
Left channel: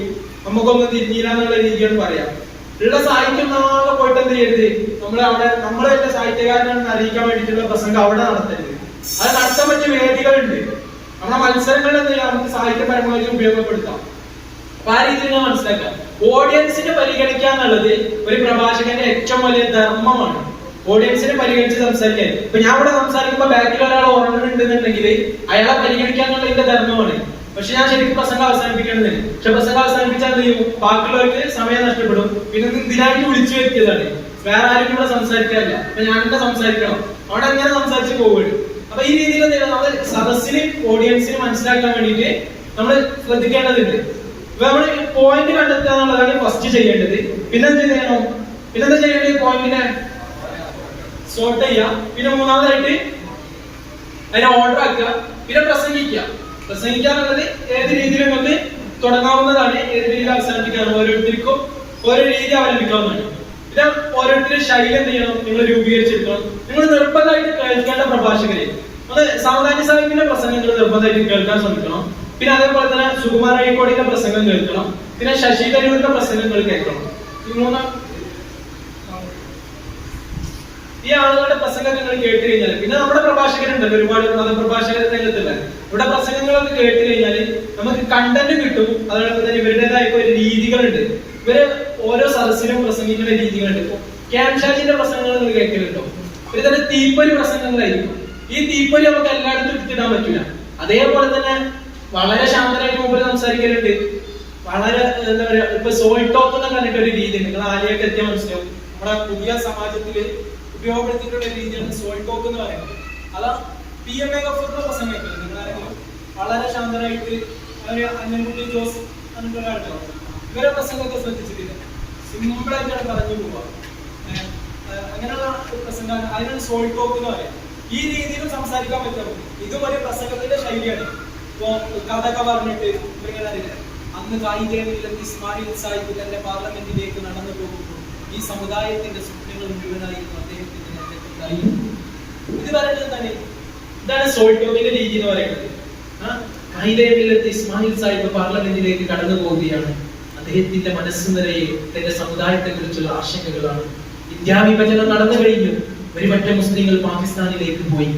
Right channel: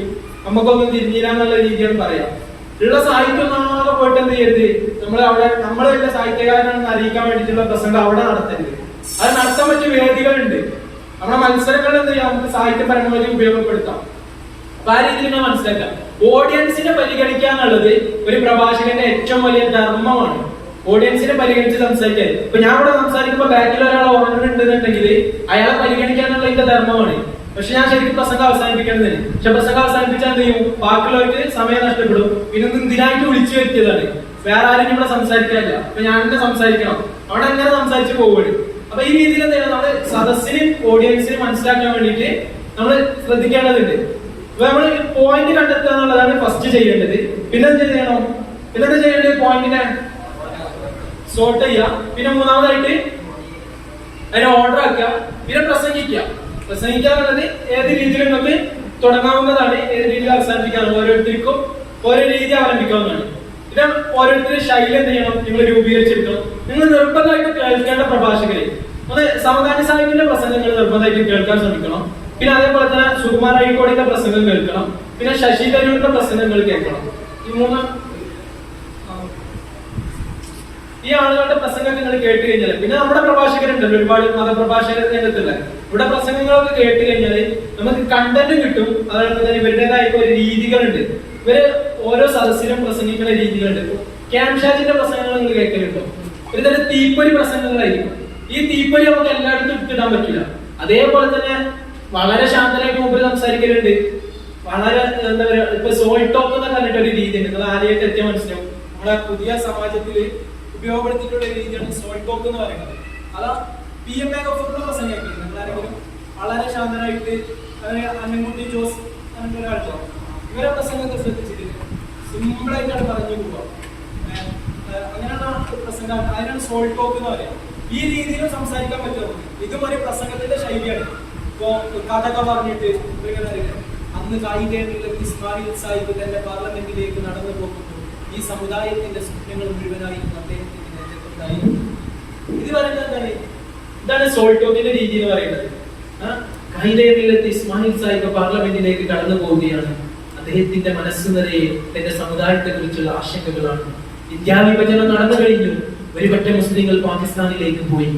നമുക്കൊന്നും തിരിഞ്ഞില്ല എന്നുള്ള രീതിയാണ് പറയാം. ഉള്ള സാഹിത്യം ഒന്നാകെ പോയിട്ട് എന്ത് ചെയ്യരുത്, നമ്മളെ സാഹിത്യകാരനാണെന്ന് അറിയിക്കാൻ വേണ്ടിയിട്ടുള്ള പ്രസംഗം അവിടെ നടത്തരുത്. അത് നടത്താൻ പറ്റിയ വേദികളുണ്ട്. നമ്മുടെ മത്സരങ്ങളിൽ എന്ത് ചെയ്യാം, നമുക്ക് സാഹിത്യം പരമാവധി ഉപയോഗപ്പെടുത്താം. അപ്പൊ ആ രീതിയിൽ നമ്മൾ മനസ്സിലാക്കാം. ഓഡിയൻസിനെ പരിഗണിക്കുക എന്നുള്ളത് ഒരു പ്രഭാഷകന്റെ ഏറ്റവും വലിയ ധർമ്മമാണ്. ഓഡിയൻസിനെ പരിഗണിച്ച് സംസാരിക്കാൻ. ഇപ്പൊ ഞാൻ ഇവിടെ സംസാരിക്കുമ്പോ ബാക്കിൽ ഒരാൾ ഓർമ്മയുണ്ടെന്നുണ്ടെങ്കിൽ അയാളെ പരിഗണിക്കാന്നുള്ള എന്റെ ധർമ്മമാണ്. പക്ഷെ ഞാൻ ശരിക്കും പ്രസംഗം അവസാനിപ്പിക്കേണ്ടതില്ല. പക്ഷെ പ്രസംഗം അവസാനിപ്പിച്ചാൽ എന്ത് ചെയ്യും, ബാക്കിയുള്ളവർക്ക് സമയം നഷ്ടപ്പെടും. പിന്നെ ഇതിനായിട്ട് വിളിച്ചു വരുത്തിയതാണ്, വേറെ ആരും ഇവിടെ സംസാരിക്കാറില്ല. അപ്പൊ ഞാൻ തന്നെ സംസാരിക്കണം, അവിടെ എങ്ങനെ സംസാരിച്ച് പോവുകയാണ്. അപ്പൊ ഈ രീതിയിൽ എന്തെങ്കിലും നമ്മൾ സദസ്സിനും ഓഡിയൻസിനും മനസ്സിലാക്കാൻ വേണ്ടിയിട്ട് നമ്മൾ ശ്രദ്ധിക്കേണ്ടതുണ്ട്. അപ്പൊ നമ്മൾ പോയിന്റ് കണ്ടെത്തുക എന്നുള്ളതാണ് ഫസ്റ്റ് ചെയ്യേണ്ടത്. പിന്നെന്ത് ചെയ്യണം, പിന്നെന്താ ചെയ്യേണ്ടത്, പോയിന്റിനെ സോർട്ട് ചെയ്യുക. പിന്നെ മൂന്നാമതായിട്ട് അതിനെ ഓർഡർ ആക്കുക. പിന്നെ പ്രസംഗിക്കുക. പ്രസംഗിക്കാന്നുള്ളത് ഏത് രീതിയിലും നമുക്ക് തുടങ്ങാവുന്നതാണ്, ഏത് രീതിയിൽ അവസാനിപ്പിക്കാവുന്ന, ഓരോരുത്തർക്കും ഓരോ രീതി അവലംബിക്കാവുന്നതാണ്. ഇത് ഓരോരുത്തരുടെ ശൈലി എന്ത് ചെയ്യണം, നിങ്ങൾ രൂപീകരിച്ചെടുക്കണം. നിങ്ങൾ നിർബന്ധമായിട്ട് കേൾക്കേണ്ട പ്രഭാഷകരെ അത് സാവധാന സാഹിബിന്റെ പ്രസംഗങ്ങൾ നിർബന്ധമായിട്ട് കേൾക്കാൻ ശ്രമിക്കണം. പിന്നെ അതേപോലെ തന്നെ സുകുമാർ അഴീക്കോടിന്റെ പ്രസംഗം കേൾക്കണം. പിന്നെ ശശി തരൂരിന്റെ പ്രസംഗങ്ങൾ കേൾക്കണം. ഈ മൂന്നും ഈ ആളുകളുടെ പ്രസംഗം നിങ്ങൾ കേട്ട് കഴിഞ്ഞാൽ, പിന്നെ നമ്മുടെ പ്രഭാഷകരുണ്ടല്ലോ, ഒരുപാട് മതപ്രഭാഷകർ രംഗത്തില്ല, ഇവിടെ പ്രസംഗങ്ങളൊക്കെ കേട്ട് കഴിഞ്ഞാല് നമുക്ക് കണ്ടന്റ് കിട്ടും. അതുപോലെ തന്നെ ഇവരുടേതായ ഒരു രീതികളുണ്ട്. ഇവര് ഓരോ സദസ്സിലും പ്രസംഗിക്കുന്ന രീതികളുണ്ട്. ക്യാംഷാജിന്റെ പ്രസംഗങ്ങൾ നിങ്ങൾ കേൾക്കലുണ്ടോ? ഒരു തന്നെ തീപ്പൊരി പ്രസംഗങ്ങളായിരിക്കും. ഈ തീപ്പൊരി നമുക്ക് എല്ലായിടത്തും എടുത്തിടാൻ പറ്റില്ല. അതേപോലെ തന്നെ വളരെ ശാന്തനായിട്ട് മുമ്പിൽ സംസാരിക്കലുണ്ട്. വളരെ എന്താ പറയാ, ഇപ്പൊ സോൾ ടോക്ക് എന്ന് പറഞ്ഞിട്ട് ഒരു രീതി ഉണ്ട്. നിങ്ങൾ ആരെയൊക്കെ എത്തിയാൽ മനസ്സിലാവും. നമ്മുടെ പുതിയ സമാജത്തില് ഉപയോഗപ്പെടുത്തിയിട്ടുള്ള രീതിയാണ് സോൾ ടോക്ക് എന്ന് പറയുന്നത്. അതാ PMA ഗഫൂറിന്റെ പ്രസംഗമൊക്കെ നിങ്ങൾ ആരെങ്കിലും വളരെ ശാന്തനായിട്ട് അന്നൻകുട്ടി ജോസ് അങ്ങനത്തെ ഒരാളുടെ ഇവരെ പ്രസംഗമൊക്കെ ശ്രദ്ധിച്ചിട്ടില്ല. സിമ്പിളായിട്ടാണ് പറഞ്ഞു പോവുക. അങ്ങനെയുള്ള പ്രസംഗം, അതിനാണ് സോൾ ടോക്ക് എന്ന് പറയാം. ഈ രീതിയിലും സംസാരിക്കാൻ പറ്റും. ഇതും ഒരു പ്രസംഗത്തിന്റെ ശൈലിയാണ്. ഇപ്പോ കഥയൊക്കെ പറഞ്ഞിട്ട് ഇങ്ങനെ അറിയില്ല, അന്ന് കായികത്തിൽ ഇസ്മായിൽ സാഹിബ് തന്റെ പാർലമെന്റിലേക്ക് നടന്നു പോകുന്നു, ഈ സമുദായത്തിന്റെ സ്വപ്നങ്ങൾ മുഴുവനായിരുന്നു അദ്ദേഹത്തിന്റെ നെഞ്ചത്തുണ്ടായിരുന്നു. ഇത് പറയുന്നത് എന്താണ്? ഇതാണ് സോൾ ടോക്കിന്റെ രീതി എന്ന് പറയുന്നത്. കായികത്തിൽ ഇസ്മായിൽ സാഹിബ് പാർലമെന്റിലേക്ക് കടന്നു പോവുകയാണ്. അദ്ദേഹത്തിന്റെ മനസ്സ് നിറയെ തന്റെ സമുദായത്തെ കുറിച്ചുള്ള ആശങ്കകളാണ്. വിദ്യാവിഭജനം നടന്നു കഴിഞ്ഞു. ഒരുപറ്റം മുസ്ലിങ്ങൾ പാകിസ്ഥാനിലേക്ക് പോയി.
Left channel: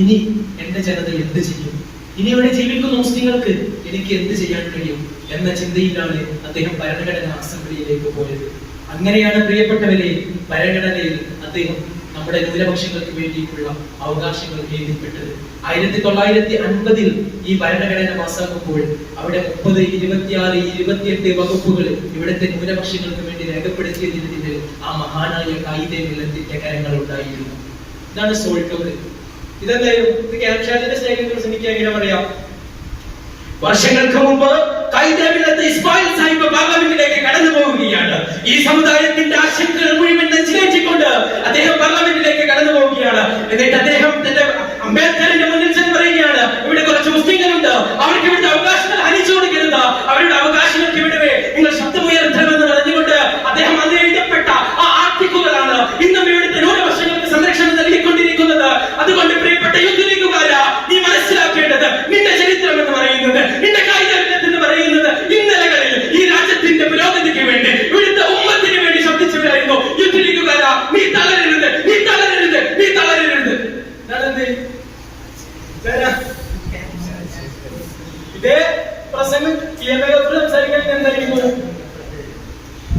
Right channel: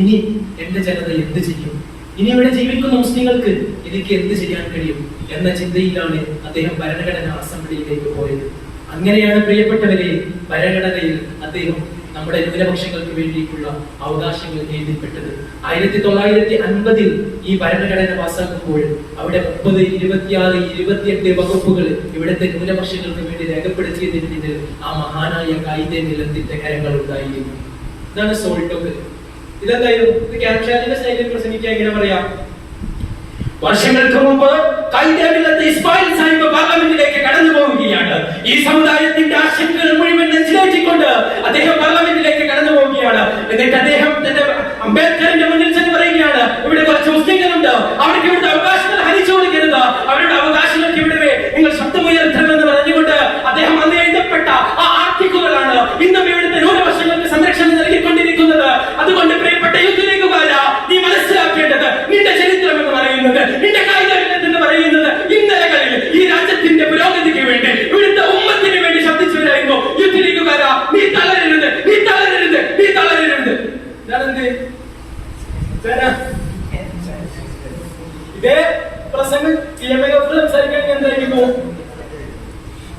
ഇനി എന്റെ ജനത എന്ത് ചെയ്യും? ഇനി ഇവിടെ ജീവിക്കുന്ന മുസ്ലിങ്ങൾക്ക് എനിക്ക് എന്ത് ചെയ്യാൻ കഴിയും എന്ന ചിന്തയിലാണ് അദ്ദേഹം ഭരണഘടനാ അസംബ്ലിയിലേക്ക് പോയത്. അങ്ങനെയാണ് പ്രിയപ്പെട്ടവരെ ഭരണഘടനയിൽ അദ്ദേഹം നമ്മുടെ ന്യൂനപക്ഷങ്ങൾക്ക് വേണ്ടിയിട്ടുള്ള അവകാശങ്ങൾ എഴുതിപ്പെട്ടത്. 1950 ഈ ഭരണഘടന പാസ്സാക്കുമ്പോൾ അവിടെ 30, 26, 28 വകുപ്പുകൾ ഇവിടുത്തെ ന്യൂനപക്ഷങ്ങൾക്ക് വേണ്ടി രേഖപ്പെടുത്തിയതിന് പിന്നിൽ ആ മഹാനായ കായിക മില്ലത്തിന്റെ കരങ്ങൾ ഉണ്ടായിരുന്നു. ഇതാണ് സോൾ ടോക്ക്. ഇതെന്തായാലും ഇത് ക്യാപ്ഷാജിന്റെ സ്നേഹിതരെ പ്രസംഗിക്കാൻ എങ്ങനെ പറയാം? വർഷങ്ങൾക്ക് മുമ്പ് ഇസ്മായിൽ സാഹിബ് പാർലമെന്റിലേക്ക് കടന്നു പോവുകയാണ്. ഈ സമുദായത്തിന്റെ ആശങ്കകൾ മുഴുവൻ നെഞ്ചിലേറ്റിക്കൊണ്ട് അദ്ദേഹം പാർലമെന്റിലേക്ക് കടന്നു പോവുകയാണ്. എന്നിട്ട് അദ്ദേഹം തന്റെ അംബേദ്കറിന്റെ മുന്നിൽ ചെന്ന് പറയുകയാണ്, ഇവിടെ കുറച്ച് മുസ്ലിങ്ങളുണ്ട്, അവർക്ക് ഇവിടുത്തെ അവകാശങ്ങൾ ഹനിച്ചു കൊടുക്കരുത്, അവരുടെ അവകാശങ്ങൾക്ക് ഇവിടെ നിങ്ങൾ ശബ്ദമുയർത്തണമെന്ന് പറഞ്ഞുകൊണ്ട് അദ്ദേഹം അന്ന് എഴുതപ്പെട്ട ആ ആർട്ടിക്കിളുകളാണ് ഇന്നും ഇവിടുത്തെ ന്യൂനപക്ഷങ്ങൾക്ക് സംരക്ഷണം നൽകിക്കൊണ്ടിരിക്കുന്നത്. അതുകൊണ്ട് പ്രിയപ്പെട്ട യുദ്ധലേഖകാരാ, നീ മനസ്സിലാക്കേണ്ടത് നിന്റെ ചരിത്രം എന്ന് പറയുന്നത്, നിന്റെ കായികം എന്ന് പറയുന്നത് ഇന്നലകളിൽ ഈ രാജ്യത്തിന്റെ പുരോഗതിക്ക് വേണ്ടി ഇവിടുത്തെ ഉമ്മത്തിന് വേണ്ടി ശബ്ദിച്ചവരായിരുന്നു യുദ്ധലേഖകാരാ. നീ തളരരുത്, നീ തളരരുത്, നീ തളരരുത്. ഇതേ പ്രസംഗം PMA സംസാരിക്കാൻ എന്തായിരുന്നു?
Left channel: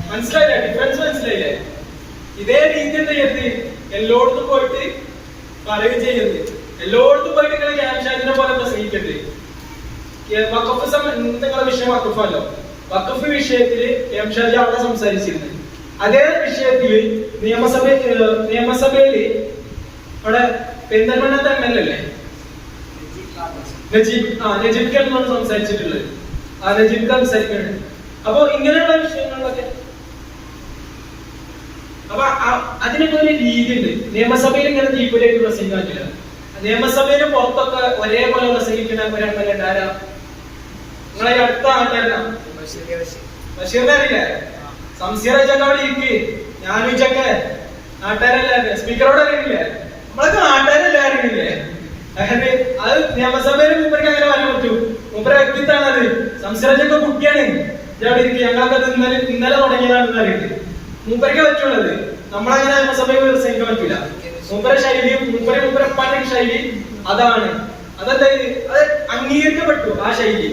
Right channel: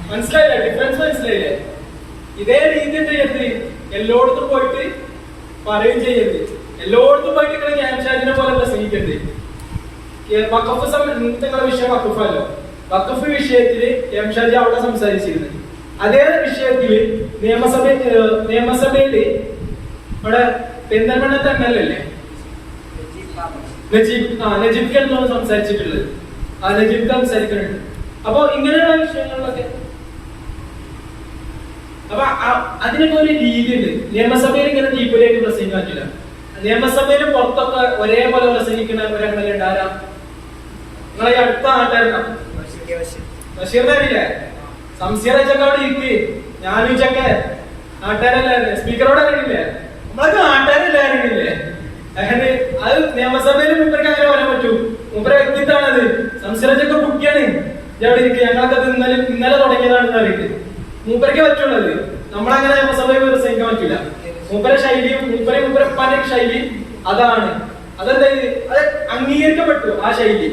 മനസ്സിലായില്ലേ? ഡിഫറൻസ് മനസ്സിലായില്ലേ? ഇതേ രീതി എന്താ ചെയ്യരുത്? എല്ലായിടത്തും പോയിട്ട് പറയുകയും ചെയ്യരുത്. എല്ലായിടത്തും പോയിട്ട് നിങ്ങൾ ക്യാൻഷാജിനെ പോലെ പ്രസംഗിക്കരുത്. വഖഫ് നിങ്ങളുടെ വിഷയം വഖഫല്ലോ. വഖഫ് വിഷയത്തില് ക്യാൻഷാജി അവിടെ സംസാരിച്ചിരുന്നു. അതേ വിഷയത്തില് നിയമസഭയില് അവിടെ പെരിന്തൽമണ്ണത്തെ MLA അല്ലേ നജീബ് ഖാൻ എന്നാണ് സംസാരിച്ചിട്ടുള്ളത്. ആ നജീബ് ഖാൻ സംസാരിക്കുന്നുണ്ട്. അപ്പൊ ഇങ്ങനെയുള്ള വിഷയങ്ങളിലൊക്കെ അപ്പൊ അതിനൊക്കെ ഒരു രീതിയുണ്ട്. നിയമസഭയിൽ ഇങ്ങനെ തീപ്പൊരിയായിട്ട് പ്രസംഗിക്കാൻ പറ്റില്ല. നിയമസഭയിൽ പുറത്തൊക്കെ ഒരേപോലെ പ്രസംഗിക്കുന്ന ഒരു MLA ആരാ? നിങ്ങളെ അടുത്ത നാട്ടുകാരനാ ബഷീറിനെ അറിയില്ലേ? സംശയച്ചൊക്കെ അവിടെ ഇരിക്കേ, ഞാനും ചൊക്കെ നാട്ടുകാരല്ലേ, സ്പീക്കറോട് അറിയില്ലേ? നമ്മളൊക്കെ നാട്ടുകാരല്ലേ അറിയില്ലേ? അത് നിയമസഭയിൽ മൂപ്പർക്ക് അങ്ങനെ പറയാൻ പറ്റൂ. മൂപ്പര വ്യക്തിത്വമാണത്. സംശയച്ചൊക്കെ കുട്ടിയാണ്. അവിടെ ഇരിക്കും. ഞങ്ങളൊക്കെ ഇന്നലെ തുടങ്ങിയതാണെന്ന് അറിയില്ലേ? മൂപ്പരക്കേ പറ്റുള്ളത്. നമ്മളങ്ങനെ നിയമസഭയിൽ പ്രസംഗിക്കാൻ പറ്റൂല. മൂപ്പര ശൈലി, മൂപ്പരപ്പാന്റെ ശൈലി അതാണ്. അതെന്താ? അത് അംഗീകരിക്കപ്പെട്ടു. ആ ശൈലി,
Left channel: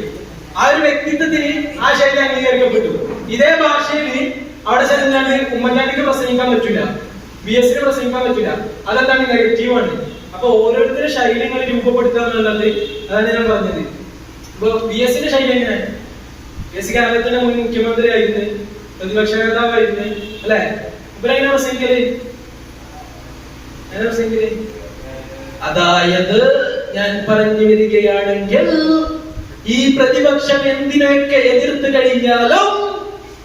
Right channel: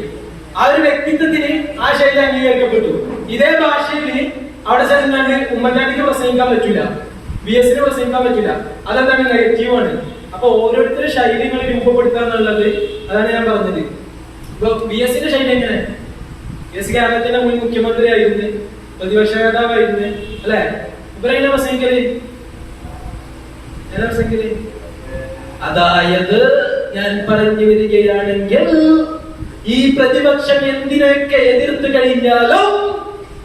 ആ ഒരു വ്യക്തിത്വത്തിന് ആ ശൈലി അംഗീകരിക്കപ്പെട്ടു. ഇതേ ഭാഷയിൽ അവിടെ ചെന്നാണ് ഉമ്മൻചാണ്ടിക്ക് പ്രസംഗിക്കാൻ പറ്റൂല, BS പ്രസംഗിക്കാൻ പറ്റൂല. അതെന്താണ്? നെഗറ്റീവാണ്. അപ്പൊ ഓരോരുത്തരുടെ ശൈലികൾ രൂപപ്പെടുത്തുക എന്നുള്ളത് അതാണ് ഞാൻ പറഞ്ഞത്. ഇപ്പൊ BS ശൈലി എങ്ങനെ? BS കേരളത്തിന്റെ മുൻ മുഖ്യമന്ത്രി ആയിരുന്നു, പ്രതിപക്ഷ നേതാവായിരുന്നു അല്ലെ? ഇവരെങ്ങനെ പ്രസംഗിക്കല്? അതായത് ഞാൻ പറഞ്ഞു വരികയാണെങ്കിൽ ഈ പ്രതിപക്ഷം എന്തിനൊക്കെ എതിർത്ത് കഴിഞ്ഞാലും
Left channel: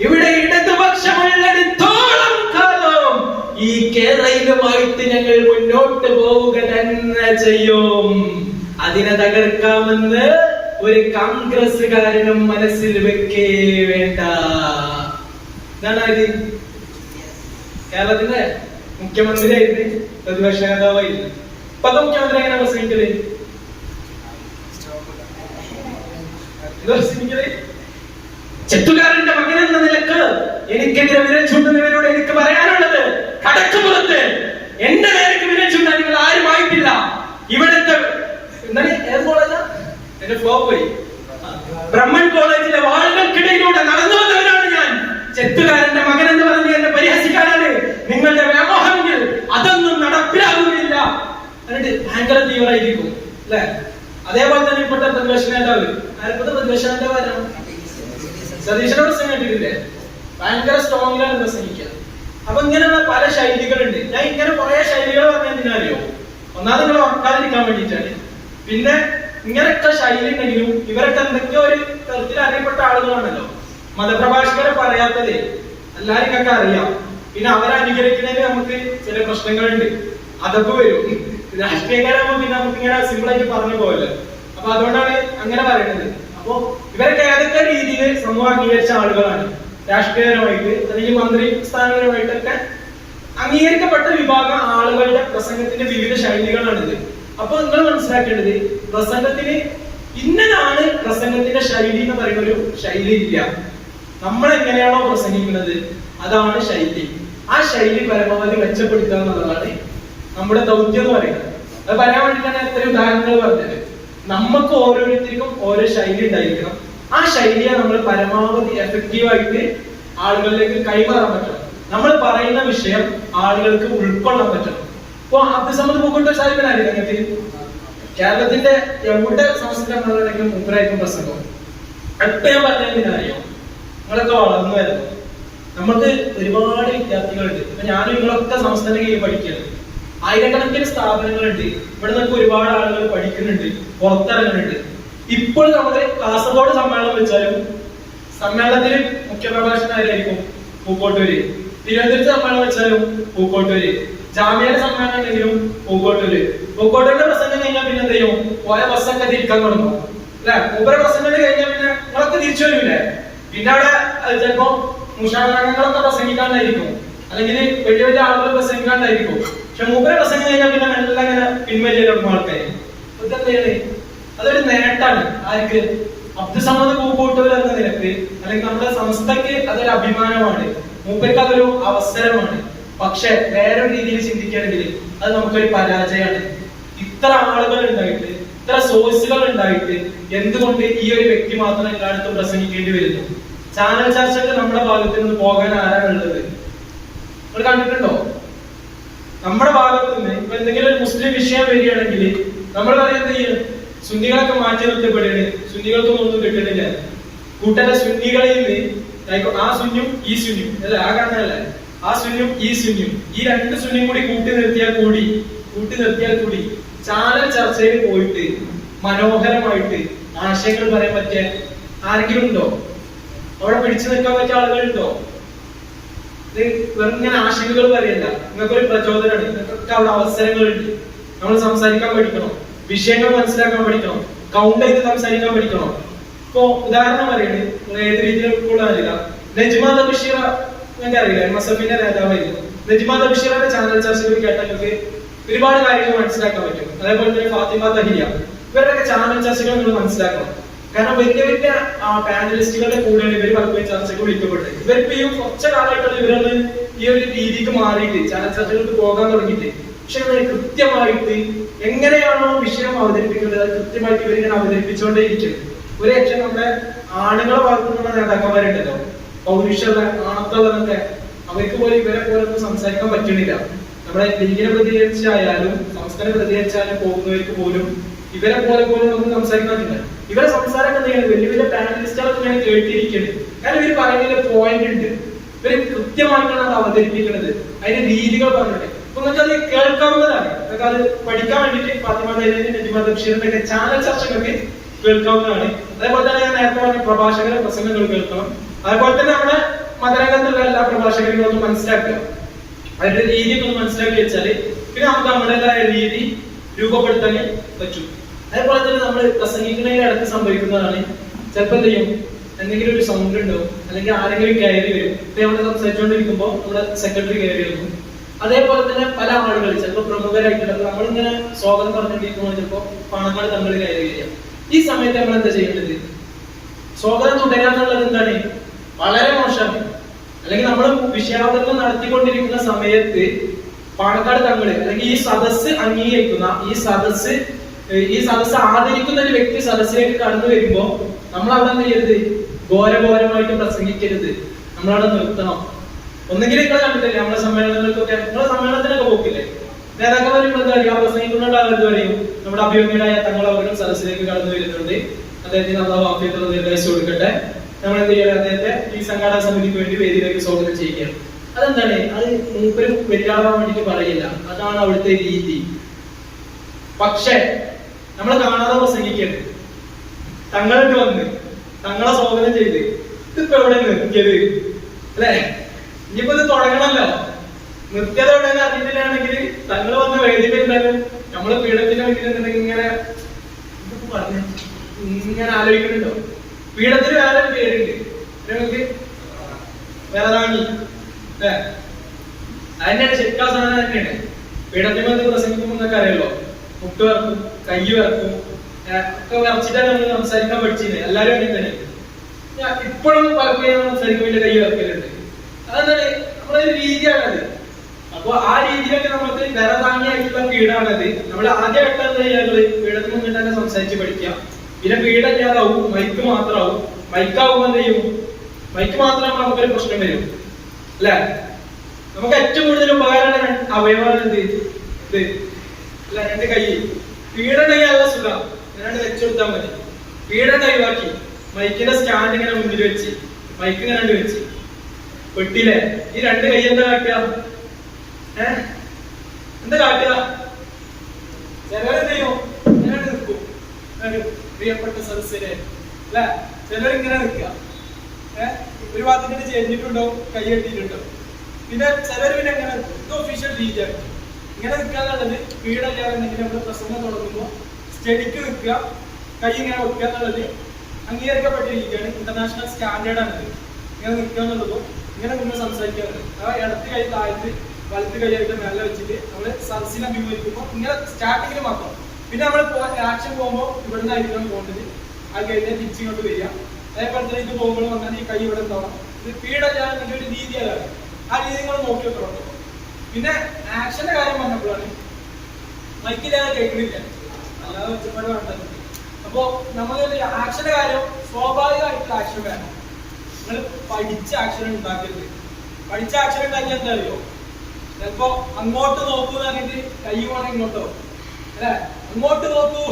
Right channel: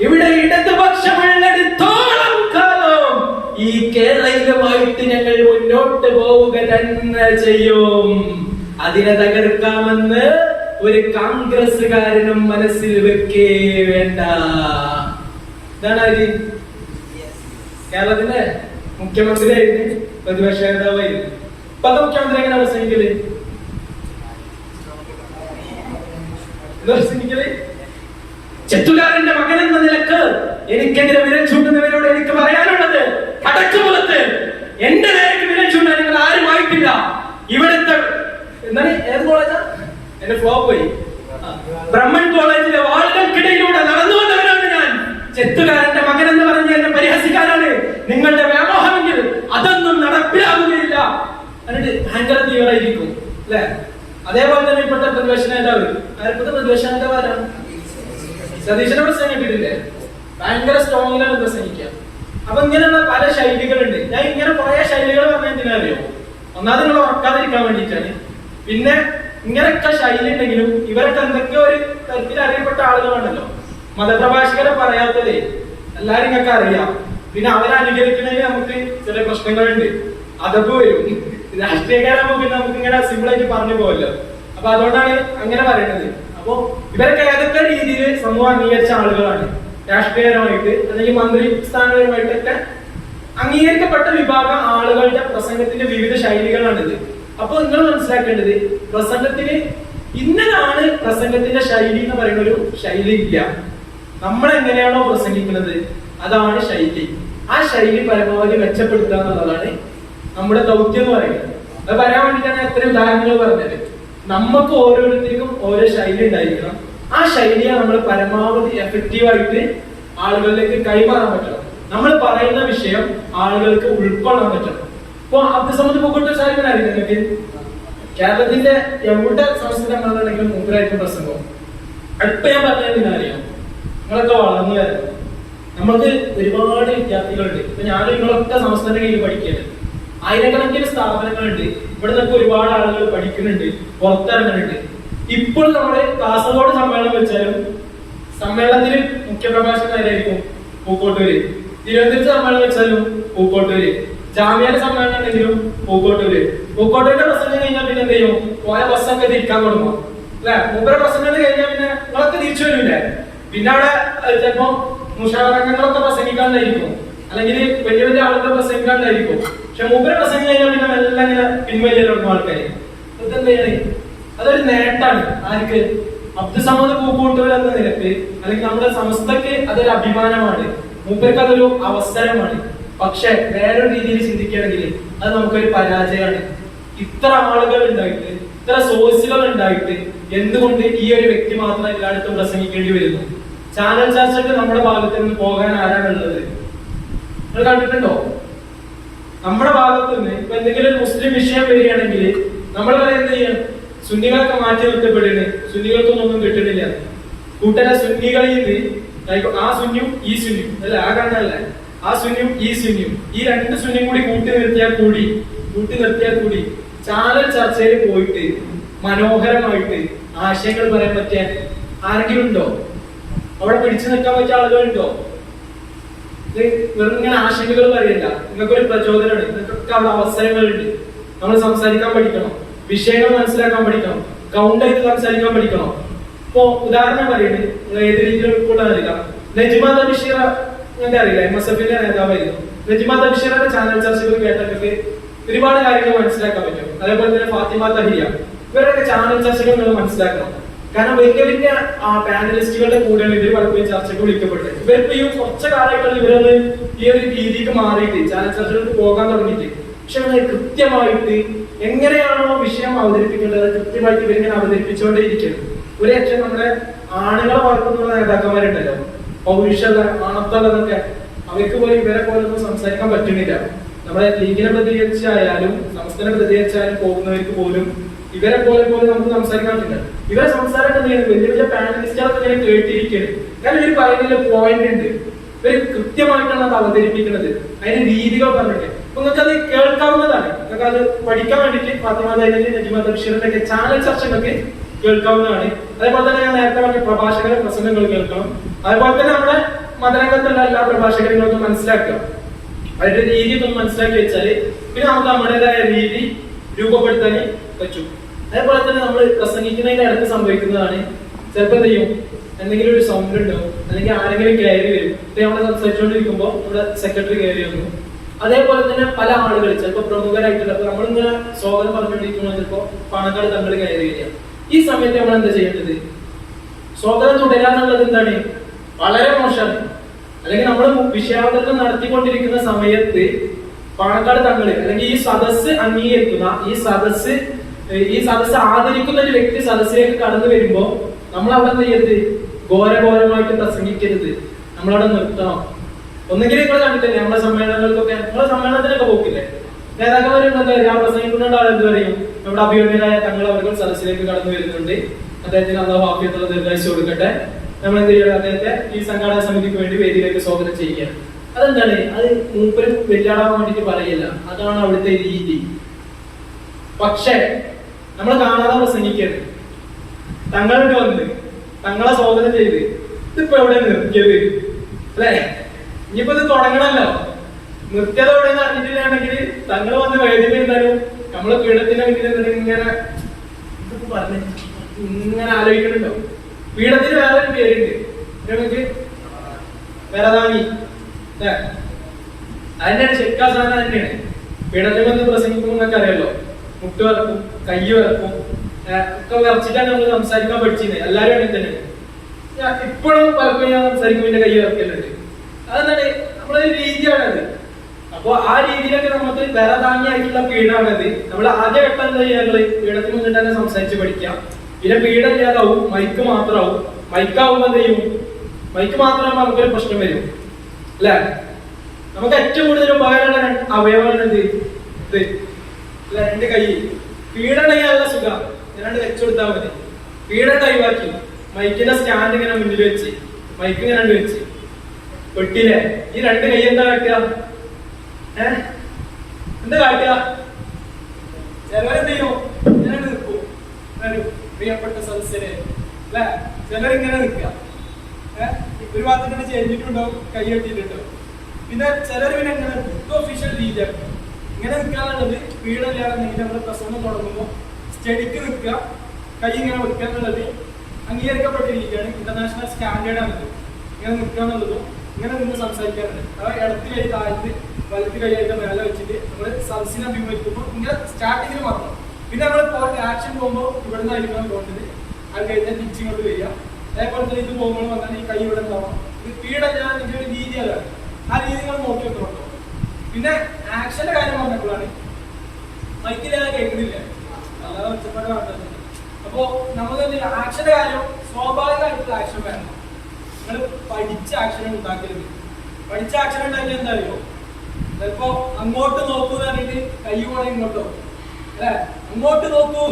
ഇവിടെ ഇടതുപക്ഷമുള്ളിടത്തോളം കാലം ഈ കേരളവുമായിട്ട് ഞങ്ങൾ മുന്നോട്ട് പോവുക തന്നെ ചെയ്യും. അതിനെ തകർക്കാമെന്ന് ഒരു കോൺഗ്രസ്സുകാരനും മനസ്സിൽ വെക്കേ വേണ്ട. ഇതാണ് ഇത്. കേരളത്തിന്റെ മുഖ്യമന്ത്രിയായിരുന്നു, പ്രതിപക്ഷ നേതാവായിരുന്നു. ഇപ്പത്തെ മുഖ്യമന്ത്രി എങ്ങനെ പ്രസംഗിക്കല്? ചെത്തുകാരന്റെ മകൻ എന്ന നിലക്ക് എനിക്കെതിരെ വിരൽ ചൂണ്ടുന്നവരോട് എനിക്ക് പറയാനുള്ളത്, കടക്കുമുഖത്ത് എന്റെ നേരക്ക് വിരൽ ചൂണ്ടാൻ നിങ്ങൾ ആരുമായിട്ടില്ല. ഇവിടുത്തെ എന്താണ്, ഏത് കോളേജാ? എന്റെ ഫ്ലോ പോയി. ബ്രഹ്മൻ കോളേജിലെ വാളുകൾക്കിടയിലൂടെ നടന്നു വന്നവരാണ് ഞാൻ. ചെത്തുകാരന്റെ മകൻ എന്ന് പറഞ്ഞ് എന്നെ പരിഹസിക്കാനാണ് നിങ്ങളുടെ വ്യാമോഹമെങ്കിൽ അതൊന്നും നടപ്പിലാവുകയില്ല. എന്നിട്ട് ഭയങ്കര തീവ്രമായിരിക്കും അല്ലെ? അതേപോലെ തന്നെ ഇപ്പോഴത്തെ പ്രതിപക്ഷ നേതാവ്, ഇപ്പോഴത്തെ പ്രതിപക്ഷ നേതാവ് ആരാണ്? സതീശനെ പ്രസംഗം കേട്ടിട്ടില്ലേ? ഭയങ്കര സ്ട്രോങ്ങിലാണ് പ്രസംഗിക്കുക. അപ്പൊ ഇങ്ങനെയുള്ള പല ശൈലികളുണ്ട്. ഞാൻ ഇങ്ങനെ കുറെ ശൈലികൾ പറഞ്ഞാൽ എന്തിനറിയോ? ഒന്നാമത് നിങ്ങൾ ഉറക്കാതിരിക്കാൻ വേണ്ടിയിട്ടാണ്. പിന്നെ ഇങ്ങനെയൊക്കെ ശൈലി ഉണ്ടെങ്കിലും ഇവരൊക്കെ എന്തൊക്കെയോ ഒരു തരത്തിൽ അറിയപ്പെട്ട ആളുകളാണല്ലോ. മതപ്രഭാഷകരെ പറയാത്തത് എല്ലാരും നിങ്ങൾക്ക് അറിയാം. പിന്നെ അവരെ അനുകരിക്കുന്നതിൽ നമുക്ക് ചില പ്രശ്നങ്ങളുണ്ട്, അതപ്പ് വരും. രാഷ്ട്രീയക്കാരാകുമ്പോ പിന്നെ നമുക്ക് ഇങ്ങനെ സിമ്പിൾ ആയിട്ട് പറഞ്ഞു പോകല്ലോ. അപ്പൊ അതുകൊണ്ടാണ് അങ്ങനെ പറയുന്നത്. അപ്പോ ഇവരൊക്കെ ഏതൊക്കെ രീതിയിൽ സമൂഹം അംഗീകരിച്ച ആളുകളാണ്. രാഷ്ട്രീയപരമായിട്ട് അല്ലെങ്കിൽ മന്ത്രി സ്ഥാനപരമായിട്ടൊക്കെ അംഗീകരിക്കപ്പെട്ട വിഭാഗം ആളുകളുടെ പ്രസംഗത്തിന്റെ വിവിധ ശൈലികളാണിത്. അപ്പൊ നിങ്ങൾ മനസ്സിലാക്കേണ്ടത്, പ്രസംഗത്തിന് ഇന്നതാണ് പ്രസംഗത്തിന്റെ ശൈലി എന്ന് പറയുന്ന ഒരു ശൈലി ഇല്ല. നമ്മൾ എങ്ങനെയാണോ പ്രസംഗിക്കുന്നത് അതാണ് ശൈലി. ആ ശൈലി പരമാവധി മെച്ചപ്പെടുത്തുക എന്നുള്ളതാണ് നമ്മുടെ ദൗത്യം എന്ന് പറയുന്നത്. അത് പറയാൻ വേണ്ടിയിട്ടാണ് എത്ര ഉദാഹരണങ്ങൾ പറഞ്ഞത്. നമുക്ക് ഓരോരുത്തർക്കും ഓരോ ശൈലി ഉണ്ടായിരിക്കണം. ആ ശൈലിയെ നമ്മൾ പരമാവധി എഫക്റ്റീവായിട്ട് ആളുകളിലേക്ക് കൈമാറാൻ പറ്റണം. നമ്മൾ പറയുന്ന വിഷയം ആളുകൾക്ക് ഉൾക്കൊള്ളാൻ പറ്റണം. ഇപ്പൊ അബ്ദുസമദ് പൂക്കോട്ടൂർ സാഹിബിനായിരിക്കും നിങ്ങൾക്ക് കേരളത്തിന്റെ എവിടെ സംസ്ഥാനമാണെങ്കിലും മൂപ്പരായിരിക്കും പ്രസംഗം. അടുത്ത ഞാൻ പറഞ്ഞറിയാം, നിങ്ങളൊക്കെ വളർന്നു വരുന്നത് നമുക്ക് ഒരുപാട് വിദ്യാർത്ഥികളുണ്ട്. ഇപ്പൊ ഞാനും നിങ്ങളൊക്കെ സംസ്ഥാന കീഴിൽ പഠിക്കുന്നത്, ആയിരക്കണക്കിന് സ്ഥാപനങ്ങളുണ്ട്. ഇവിടെ നിന്നൊക്കെ ഒരുപാട് ആളുകൾ പഠിക്കുന്നുണ്ട്, പുറത്തിറങ്ങുന്നുണ്ട്. ഇപ്പോൾ നമ്മള് കാസർഗോഡ് സമ്മേളനം വെച്ചാലും സമ്മേളനത്തിൽ മുഖ്യപ്രഭാഷകനായിരിക്കും പൂക്കോട്ടൂര്. തിരുവനന്തപുരത്ത് സമ്മേളനം വെച്ചാലും പൂക്കോട്ടൂര്. ജാമ്യയുടെ സമ്മേളനം ഉണ്ടെങ്കിലും പൂക്കോട്ടൂര്. പൂക്കോട്ടൂരിന്റെ പ്രസംഗം കഴിഞ്ഞാൽ പിന്നെ എന്ത് ചെയ്യും? പോയ ബസ്സൊക്കെ തിരിക്കാൻ തുടങ്ങും അല്ലെ? മൂപ്പര പ്രസംഗം കഴിഞ്ഞാൽ പിന്നെ നിങ്ങളൊക്കെ തിരിച്ചു വരൂലേ? പിന്നെ അവിടെ ചിലപ്പോ മുഷാവറങ്ങളൊക്കെ പ്രസംഗിക്കാണ്ടായിരിക്കും, അല്ലെങ്കിൽ വലിയ വലിയ ആളുകൾ പ്രസംഗിക്കാണ്ടായിരിക്കും. പക്ഷെ മൂപ്പര പ്രസംഗം കഴിഞ്ഞാൽ പിന്നെ എല്ലാം ഇങ്ങനെ പിൻവലിയ ആൾക്കാര്. ഇതെന്താണ്? അതൊരു നേട്ടാണ്. ആർക്ക്? അബ്ദുസമദ് പൂക്കോട്ടൂർ എന്ന നിലക്ക് അല്ലെങ്കിൽ നമ്മുടെ സംസ്ഥയ്ക്ക് അതൊരു അഭിമാനമാണ്. മൂപ്പർക്ക് അതൊരു അവസരമാണ്. പക്ഷെ വേറൊരു രീതിയിൽ ചിന്തിക്കുകയാണെങ്കിൽ അത് നമുക്കൊരു പരാജയമാണ്. ഇത്ര ആളുകൾ ഉണ്ടായിട്ട്, ഇത്ര സോഴ്സുകൾ ഉണ്ടായിട്ട് എന്തുകൊണ്ട് ഈ ഒരു വ്യക്തി മാത്രം എല്ലായിടത്തും പ്രസംഗിക്കേണ്ടി വരുന്നു? ചാനൽ ചർച്ചയ്ക്ക് നമ്മുടെ ഭാഗത്ത് നിന്ന് പോകാൻ ആരാണുള്ളത്? നിങ്ങൾ കണ്ടിട്ടുണ്ടോ? നമ്മുടെ ഭാഗത്ത് നിന്ന് ഇപ്പൊ എന്തെങ്കിലും ഒരു മുസ്ലിം വിഷയം വരികയാണെങ്കിൽ നമ്മൾ വരെ എന്ത് ചെയ്യണം? സുന്നികളൊക്കെ മാറ്റി നിർത്തപ്പെടുന്നു. സുന്നികൾക്കൊന്നും ഒന്നും കിട്ടുന്നില്ല. കൂട്ടരെ സുന്നികളിൽ നിന്ന് ആ സുന്യും ഈ സുന്യും അല്ലെ, ആ കാണാനല്ലേ, ആ സുന്യും ഈ സുന്യും, ഈ രണ്ട് സുന്യും കൂടി കൂട്ടി നിർത്തിയാൽ കൂടി ചാനൽ ചർച്ചയിൽ പോയിട്ട് മനോഹരമായിട്ട് ആശയങ്ങൾ പറയാൻ പറ്റിയ ആരെങ്കിലും ഉണ്ടോ? അവിടെ പിടിച്ചു നിൽക്കാൻ പറ്റിയ ആളുകളുണ്ടോ? ഇത് വെറും ഇങ്ങനെ ആശയങ്ങൾ പറയല്ല. നിങ്ങൾക്കൊരു പ്രചോദനമാണ്. നിങ്ങൾക്കൊക്കെ അവിടെ അവസരങ്ങളുണ്ട്. നമ്മൾ സംസാരിക്കാൻ പഠിക്കണം, വിഷയങ്ങൾ മനസ്സിലാക്കാൻ പഠിക്കണം, കൗണ്ട് ചെയ്ത് സംസാരിക്കാൻ പഠിക്കണം. ഇപ്പൊ ഉദാഹരണം പറയുന്നത് നിങ്ങൾ ഏത് രീതിയിൽ ഉൾക്കൊള്ളാനില്ല. നജ്മ തബിഷീറ ഞങ്ങൾക്ക് അറിയില്ല, MSF-ന്റെ നേതാവായിരുന്നു. നജ്മ തബിഷീറയുടെ ചാനൽ ചർച്ചകൾ കേട്ടവർക്ക് ഒരുപാട് കാര്യങ്ങൾ മനസ്സിലാക്കാൻ പറ്റും. അതേപോലെ തന്നെ ഫാത്തിമ തഹിയ, ഇവരുടെയൊക്കെ ചാനൽ ചർച്ചകൾ നിങ്ങൾ മനസ്സിലാക്കണം. കാരണം വലിയ വലിയ പാനലിസ്റ്റുകളുടെ കൂടെയാണ് ഇവർ പലപ്പോഴും ചർച്ചകൾ വിളിക്കപ്പെട്ടത്. ഇവരിപ്പോ ഈ കുറച്ച് കാലമായിട്ടുള്ള ഇവരൊന്ന് ഈ ഒരു രീതിക്ക് മാറിയിട്ട് ചാനൽ ചർച്ചകൾക്ക് പോകാൻ തുടങ്ങിയിട്ട്. പക്ഷെ കൃത്യമായിട്ട് എങ്ങനെയാണോ വിഷയം അവതരിപ്പിക്കേണ്ടത് കൃത്യമായിട്ട് ഇവരിങ്ങനെ അവതരിപ്പിച്ചുകൊണ്ടേയിരിക്കുന്നത്. ഒരു രക്ഷ നമ്മുടെ ആണുങ്ങളെ ഭാഗത്തുനിന്നുള്ള നേതാക്കന്മാരുണ്ടല്ലോ, പൗരുഷമുള്ള ആണത്തുള്ളതൊക്കെ, അവർക്ക് പോലും ഇവരെ പോലെ ഒന്നും സംസാരിക്കാൻ പറ്റുന്നില്ല. നമ്മുടെ ലീഗിനെ പ്രതികരിച്ചായാലും സംസ്ഥാന പ്രതികരിച്ചാലും പോകുന്നവർക്ക് പോലും ഇവരെ പോലെ നമുക്ക് സംസാരിക്കാൻ പറ്റില്ല. ഇവരെ സംസാരം എന്താണ്? വലിയ വലിയ പാനലിസ്റ്റുകളൊക്കെ ഇങ്ങനെ കേട്ടിരിക്കുകയാണ്. കാരണം ഇവർ പറയുന്നതിൽ പോയിന്റ് ഉണ്ട്. ഇവർ കൃത്യമായിട്ടാണ് അത് അവതരിപ്പിക്കുന്നത്. അതിന്റെ രീതികൾ പറഞ്ഞിട്ട് അപ്പൊ നിങ്ങൾക്ക് അത് കേൾക്കാവുന്നതാണ്. നിങ്ങൾക്ക് അത് പഠിക്കാൻ വേണ്ടിയിട്ട് ഫാത്തിമ തഹീലിന്റെ, നജ്മ തബിഷീറിന്റെ ഒക്കെ ചാനൽ ചർച്ചകളൊക്കെ കേൾക്കാവുന്നതാണ്. അതേപോലെ തന്നെ ഞാൻ നേരത്തെ പറഞ്ഞ പ്രഭാഷകരുടെ പ്രസംഗങ്ങൾ കേൾക്കണം. അതേപോലെ തന്നെ നമ്മുടെ മതരംഗത്തുള്ള എല്ലാ പ്രഭാഷകരെയും ഒന്ന് മനസ്സിലാക്കുക. അതിന്റെ രീതി ഒന്ന് മനസ്സിലാക്കി വെച്ചാല് പിന്നെ നമുക്ക് നമ്മുടേതായ രീതി രൂപപ്പെടുത്താൻ പറ്റും. അതേപോലെ തന്നെ നമ്മൾ പ്രസംഗിക്കുന്നതിന്റെ അടുത്ത് സംഭവിക്കുന്നതാണ് ചിലപ്പോൾ എന്ത് ചെയ്യും, എന്തെങ്കിലും ഒരു സൗണ്ട് ഉണ്ടോ അല്ലെങ്കിൽ ആരെങ്കിലും കയറി വരും. ഇപ്പൊ നമ്മൾ സംസാരിച്ചുകൊണ്ടിരിക്കുമ്പോൾ നമ്മുടെ സെക്രട്ടറി കയറി വന്നു. അതേപോലെ തന്നെ പല ആളുകൾ ചിലപ്പോൾ പ്രമുഖരായിട്ടുള്ള നമ്മളിങ്ങനെ സ്വാഗതം പറഞ്ഞുകൊണ്ടിരിക്കുമ്പോൾ ചിലപ്പോൾ പാണക്കാട് തങ്ങൾ കയറി വരിക. ഈ സമയത്ത് നമ്മൾ എന്താ ചെയ്യേണ്ടത്? സ്വാഗതം തുടരാന്നുള്ളത് എന്താണ്? വളരെ മോശമാണ്. അല്ലെങ്കിൽ നമ്മൾ വിഷയാവതരണം നടത്തിക്കൊണ്ടിരിക്കുന്ന സമയത്ത് പാണക്കാട് തങ്ങള് അല്ലെങ്കിൽ ഈ സദസ്സ് അംഗീകരിക്കുന്ന ഈ സദസ്സ് ആദരിക്കുന്ന ഒരു വ്യക്തി സദസ്സിലേക്ക് കടന്നു വരുമ്പോ നമ്മൾ അവിടെ എന്ത് ചെയ്യരുത്? ഘോരഘോരമായിട്ട് പ്രസംഗിക്കരുത്. നമ്മളവിടെ നിർത്തണം. ഒന്നെങ്കിൽ നിങ്ങൾ കണ്ടിട്ടില്ലേ നമ്മളെ സമ്മേളനങ്ങൾക്കൊക്കെ, നിങ്ങളെ സമ്മേളനത്തിനൊക്കെ പോക്കില്ലേ, നേതാക്കന്മാർ എന്താ പറയുക, പ്രസംഗിക്കുന്നുണ്ട് ആരെന്ത് പറയും, നമ്മുടെ അഭിമന്യരായ തങ്ങൾ അവർ സദസ്സിലേക്ക് കടന്നു വരുന്നുണ്ട്, അദ്ദേഹത്തിന് അള്ളാഹു ആഫിയത്തുള്ള നിർദ്ദേശിച്ചു കൊടുക്കട്ടെ, നമ്മൾ എന്ത് ചെയ്യണം, അദ്ദേഹത്തെ ഈ സംഘാടക സമിതിക്ക് വേണ്ടി വേദിയിലേക്ക് സ്വാഗതം ചെയ്യുകയാണ്. അതെന്താണ്? അത് മൂപ്പര് വെല്ലാടാൻ വേണ്ടിട്ട് പറയില്ല, അതാണ് അവിടുത്തെ രീതി. പക്ഷേ നമ്മൾ കാണാതെ പ്രസംഗിക്കരുത്. തങ്ങൾക്ക് വന്ന് തങ്ങളെ സ്വാഗതം ചെയ്ത് ഇതിപ്പോ എവിടെ നിർത്തിയത് അല്ലെ? ഇനിയിപ്പോ ഇത് തുടങ്ങണല്ലോ, നിർത്തിയത് എവിടെയെന്ന് അറിഞ്ഞിട്ടില്ലാണെങ്കിൽ തങ്ങൾ വന്ന് വേദിയിൽ എന്തായാലും നമ്മളെ പീഠത്തിന്റെ വീട്ടിൽ ഇങ്ങനെ പറഞ്ഞ് ഇങ്ങനെ ആലോചിക്കുന്നുണ്ടോ? പീഠത്തിന് വേറൊരു പേരുണ്ട്, നമുക്ക് വിറതാങ്ങി അല്ലെ? അതിന്റെയാണ് ശരിക്കാ സാധനം തന്നെയാണ്. പീഠത്തിൽ വന്ന് പ്രസംഗിക്കുമ്പോൾ നിങ്ങൾക്ക് അറിയാലോ, മുട്ട് വറക്കും, കൈ വറക്കും, ഒക്കെ വരച്ചിട്ടാണ് നമ്മൾ സംസാരിക്കാൻ പഠിച്ചിരുന്നത്. എല്ലാരും അങ്ങനെ തന്നെ. ഇപ്പോഴും പലപ്പോഴും ഞാൻ സംസാരിക്കുമ്പോൾ കൈ വറക്കലുണ്ട്. അതെന്താണ്? നമ്മളൊരു രീതിയാണത്. അപ്പൊ ആ രീതിയിലൊക്കെ നമുക്ക് വിറതാങ്ങിയായിട്ടുള്ള പീഠാണത്. നമ്മൾ ആദ്യ ഘട്ടം എന്താ ചെയ്യാറുള്ളത്? പീഠത്തിന് മുന്നിൽ തന്നെ സംസാരിച്ച് പഠിക്കാം. പിന്നെ പീഠം ഇല്ലാതാവും, മൈക്ക് മാത്രമാവും. മൈക്കാവുമ്പോ എന്ത് ചെയ്യും? മൈക്ക് മാത്രമാകുമ്പോൾ നമുക്കൊരു പ്രശ്നം വരും അല്ലെ? നമുക്ക് ഏറ്റവും കൂടുതൽ ഉപകാരമുള്ള അവയവമാണ് എന്ത്? ഇത് അല്ല, രണ്ട് കൈ. പീഡണെങ്കിൽ നല്ല സുഖം, ഇങ്ങനെ വെച്ചു കൊടുത്താൽ മതി. പീഡന ഒഴിവാക്കി മൈക്കിന്റെ സ്റ്റാൻഡ് ഇങ്ങനെ മുന്നിൽ വെച്ച് മൈക്ക് ഇങ്ങനെ വെച്ച് വെട്ടില്ലേ, ഈ രണ്ട് കൈ എന്താ കാട്ടുക? എന്താ കാട്ടുക? ചിലരെന്ത് ചെയ്യും? ഇങ്ങനെ നിൽക്കും. പ്രിയപ്പെട്ട സദസ്യരെ അല്ലെ, ചിലരിങ്ങനെ നിൽക്കുക. ഒരു ഭാഗത്തിട്ട് ചെരിഞ്ഞിട്ടുണ്ടാവും, കൈ കെട്ടിയിട്ടുണ്ടാവും. പിന്നെ ചിലർ പിന്നെ എങ്ങനെ ഇത് ഒഫീഷ്യൽ രീതിയാണ്. ഇങ്ങനെ നിൽക്കാന്നുള്ളത് വീടല്ലാതെങ്കിൽ നമ്മൾ പ്രസംഗം തുടങ്ങുമ്പോൾ സ്റ്റഡിക്ക് നിൽക്കുക, കൈ ഇങ്ങനെ വെക്കുക എന്നുള്ളത് അംഗീകരിക്കപ്പെട്ട രീതിയാണ്. ഇന്റർനാഷണൽ സ്റ്റാൻഡേർഡ് ആണിത്. ഇങ്ങനെ നിൽക്കുക എന്നുള്ളതും ഇങ്ങനെ നിന്ന് സംസാരിക്കാറുണ്ട്. അതായത് ഇടത്ത് കൈ താഴ്ത്ത് വലത്ത് കൈയായിട്ട് മേലെ വെച്ചിട്ട് നമ്മൾ സദസ്സിനെ അഭിമുഖീകരിക്കുമ്പോൾ ഇങ്ങനെ സ്റ്റാർട്ടിങ്ങിൽ മാത്രം. പിന്നെ നമ്മൾ ആക്ഷൻ പോകുമ്പോൾ ഇവിടെ നിന്നായിരിക്കണം പോകേണ്ടത്. അത് കഴിഞ്ഞാൽ തിരിച്ചിങ്ങോട്ട് വരിക. അതേപോലെ തന്നെ ഇത് പോകുമ്പോൾ വന്നാൽ ഈ കൈ ഇവിടെ ഉണ്ടാവണം. ഇത് പീഡല്ലാതെ ഇതിന്റെ ഒരു രീതിയാണ്. ആ രീതി നിങ്ങൾ നോക്കി വെക്കണോ. പിന്നെ ആക്ഷന്റെ കാര്യം പറഞ്ഞപ്പോഴാണ് മൈക്കില്ലാതെ കേൾക്കുന്നില്ല, അല്ലാതെ ഒച്ചപ്പാട് കണ്ടത്. അപ്പോ നമുക്ക് ആക്ഷന്റെ കാര്യം സ്വാഭാവികമായിട്ടുള്ള ആക്ഷൻ വേണം. നിങ്ങൾ പഠിച്ച ആക്ഷൻ ഉണ്ടാക്കരുത്. പഠിച്ച ആക്ഷൻ ഉണ്ടാക്കിയാൽ എന്താ അറിയോ? ചിലപ്പോ അങ്ങോട്ട് നോക്കൂ എന്ന് പറഞ്ഞിട്ട് കൈ പോകണം ഇങ്ങോട്ടോ അല്ലെ, അങ്ങോട്ട് നോക്കൂ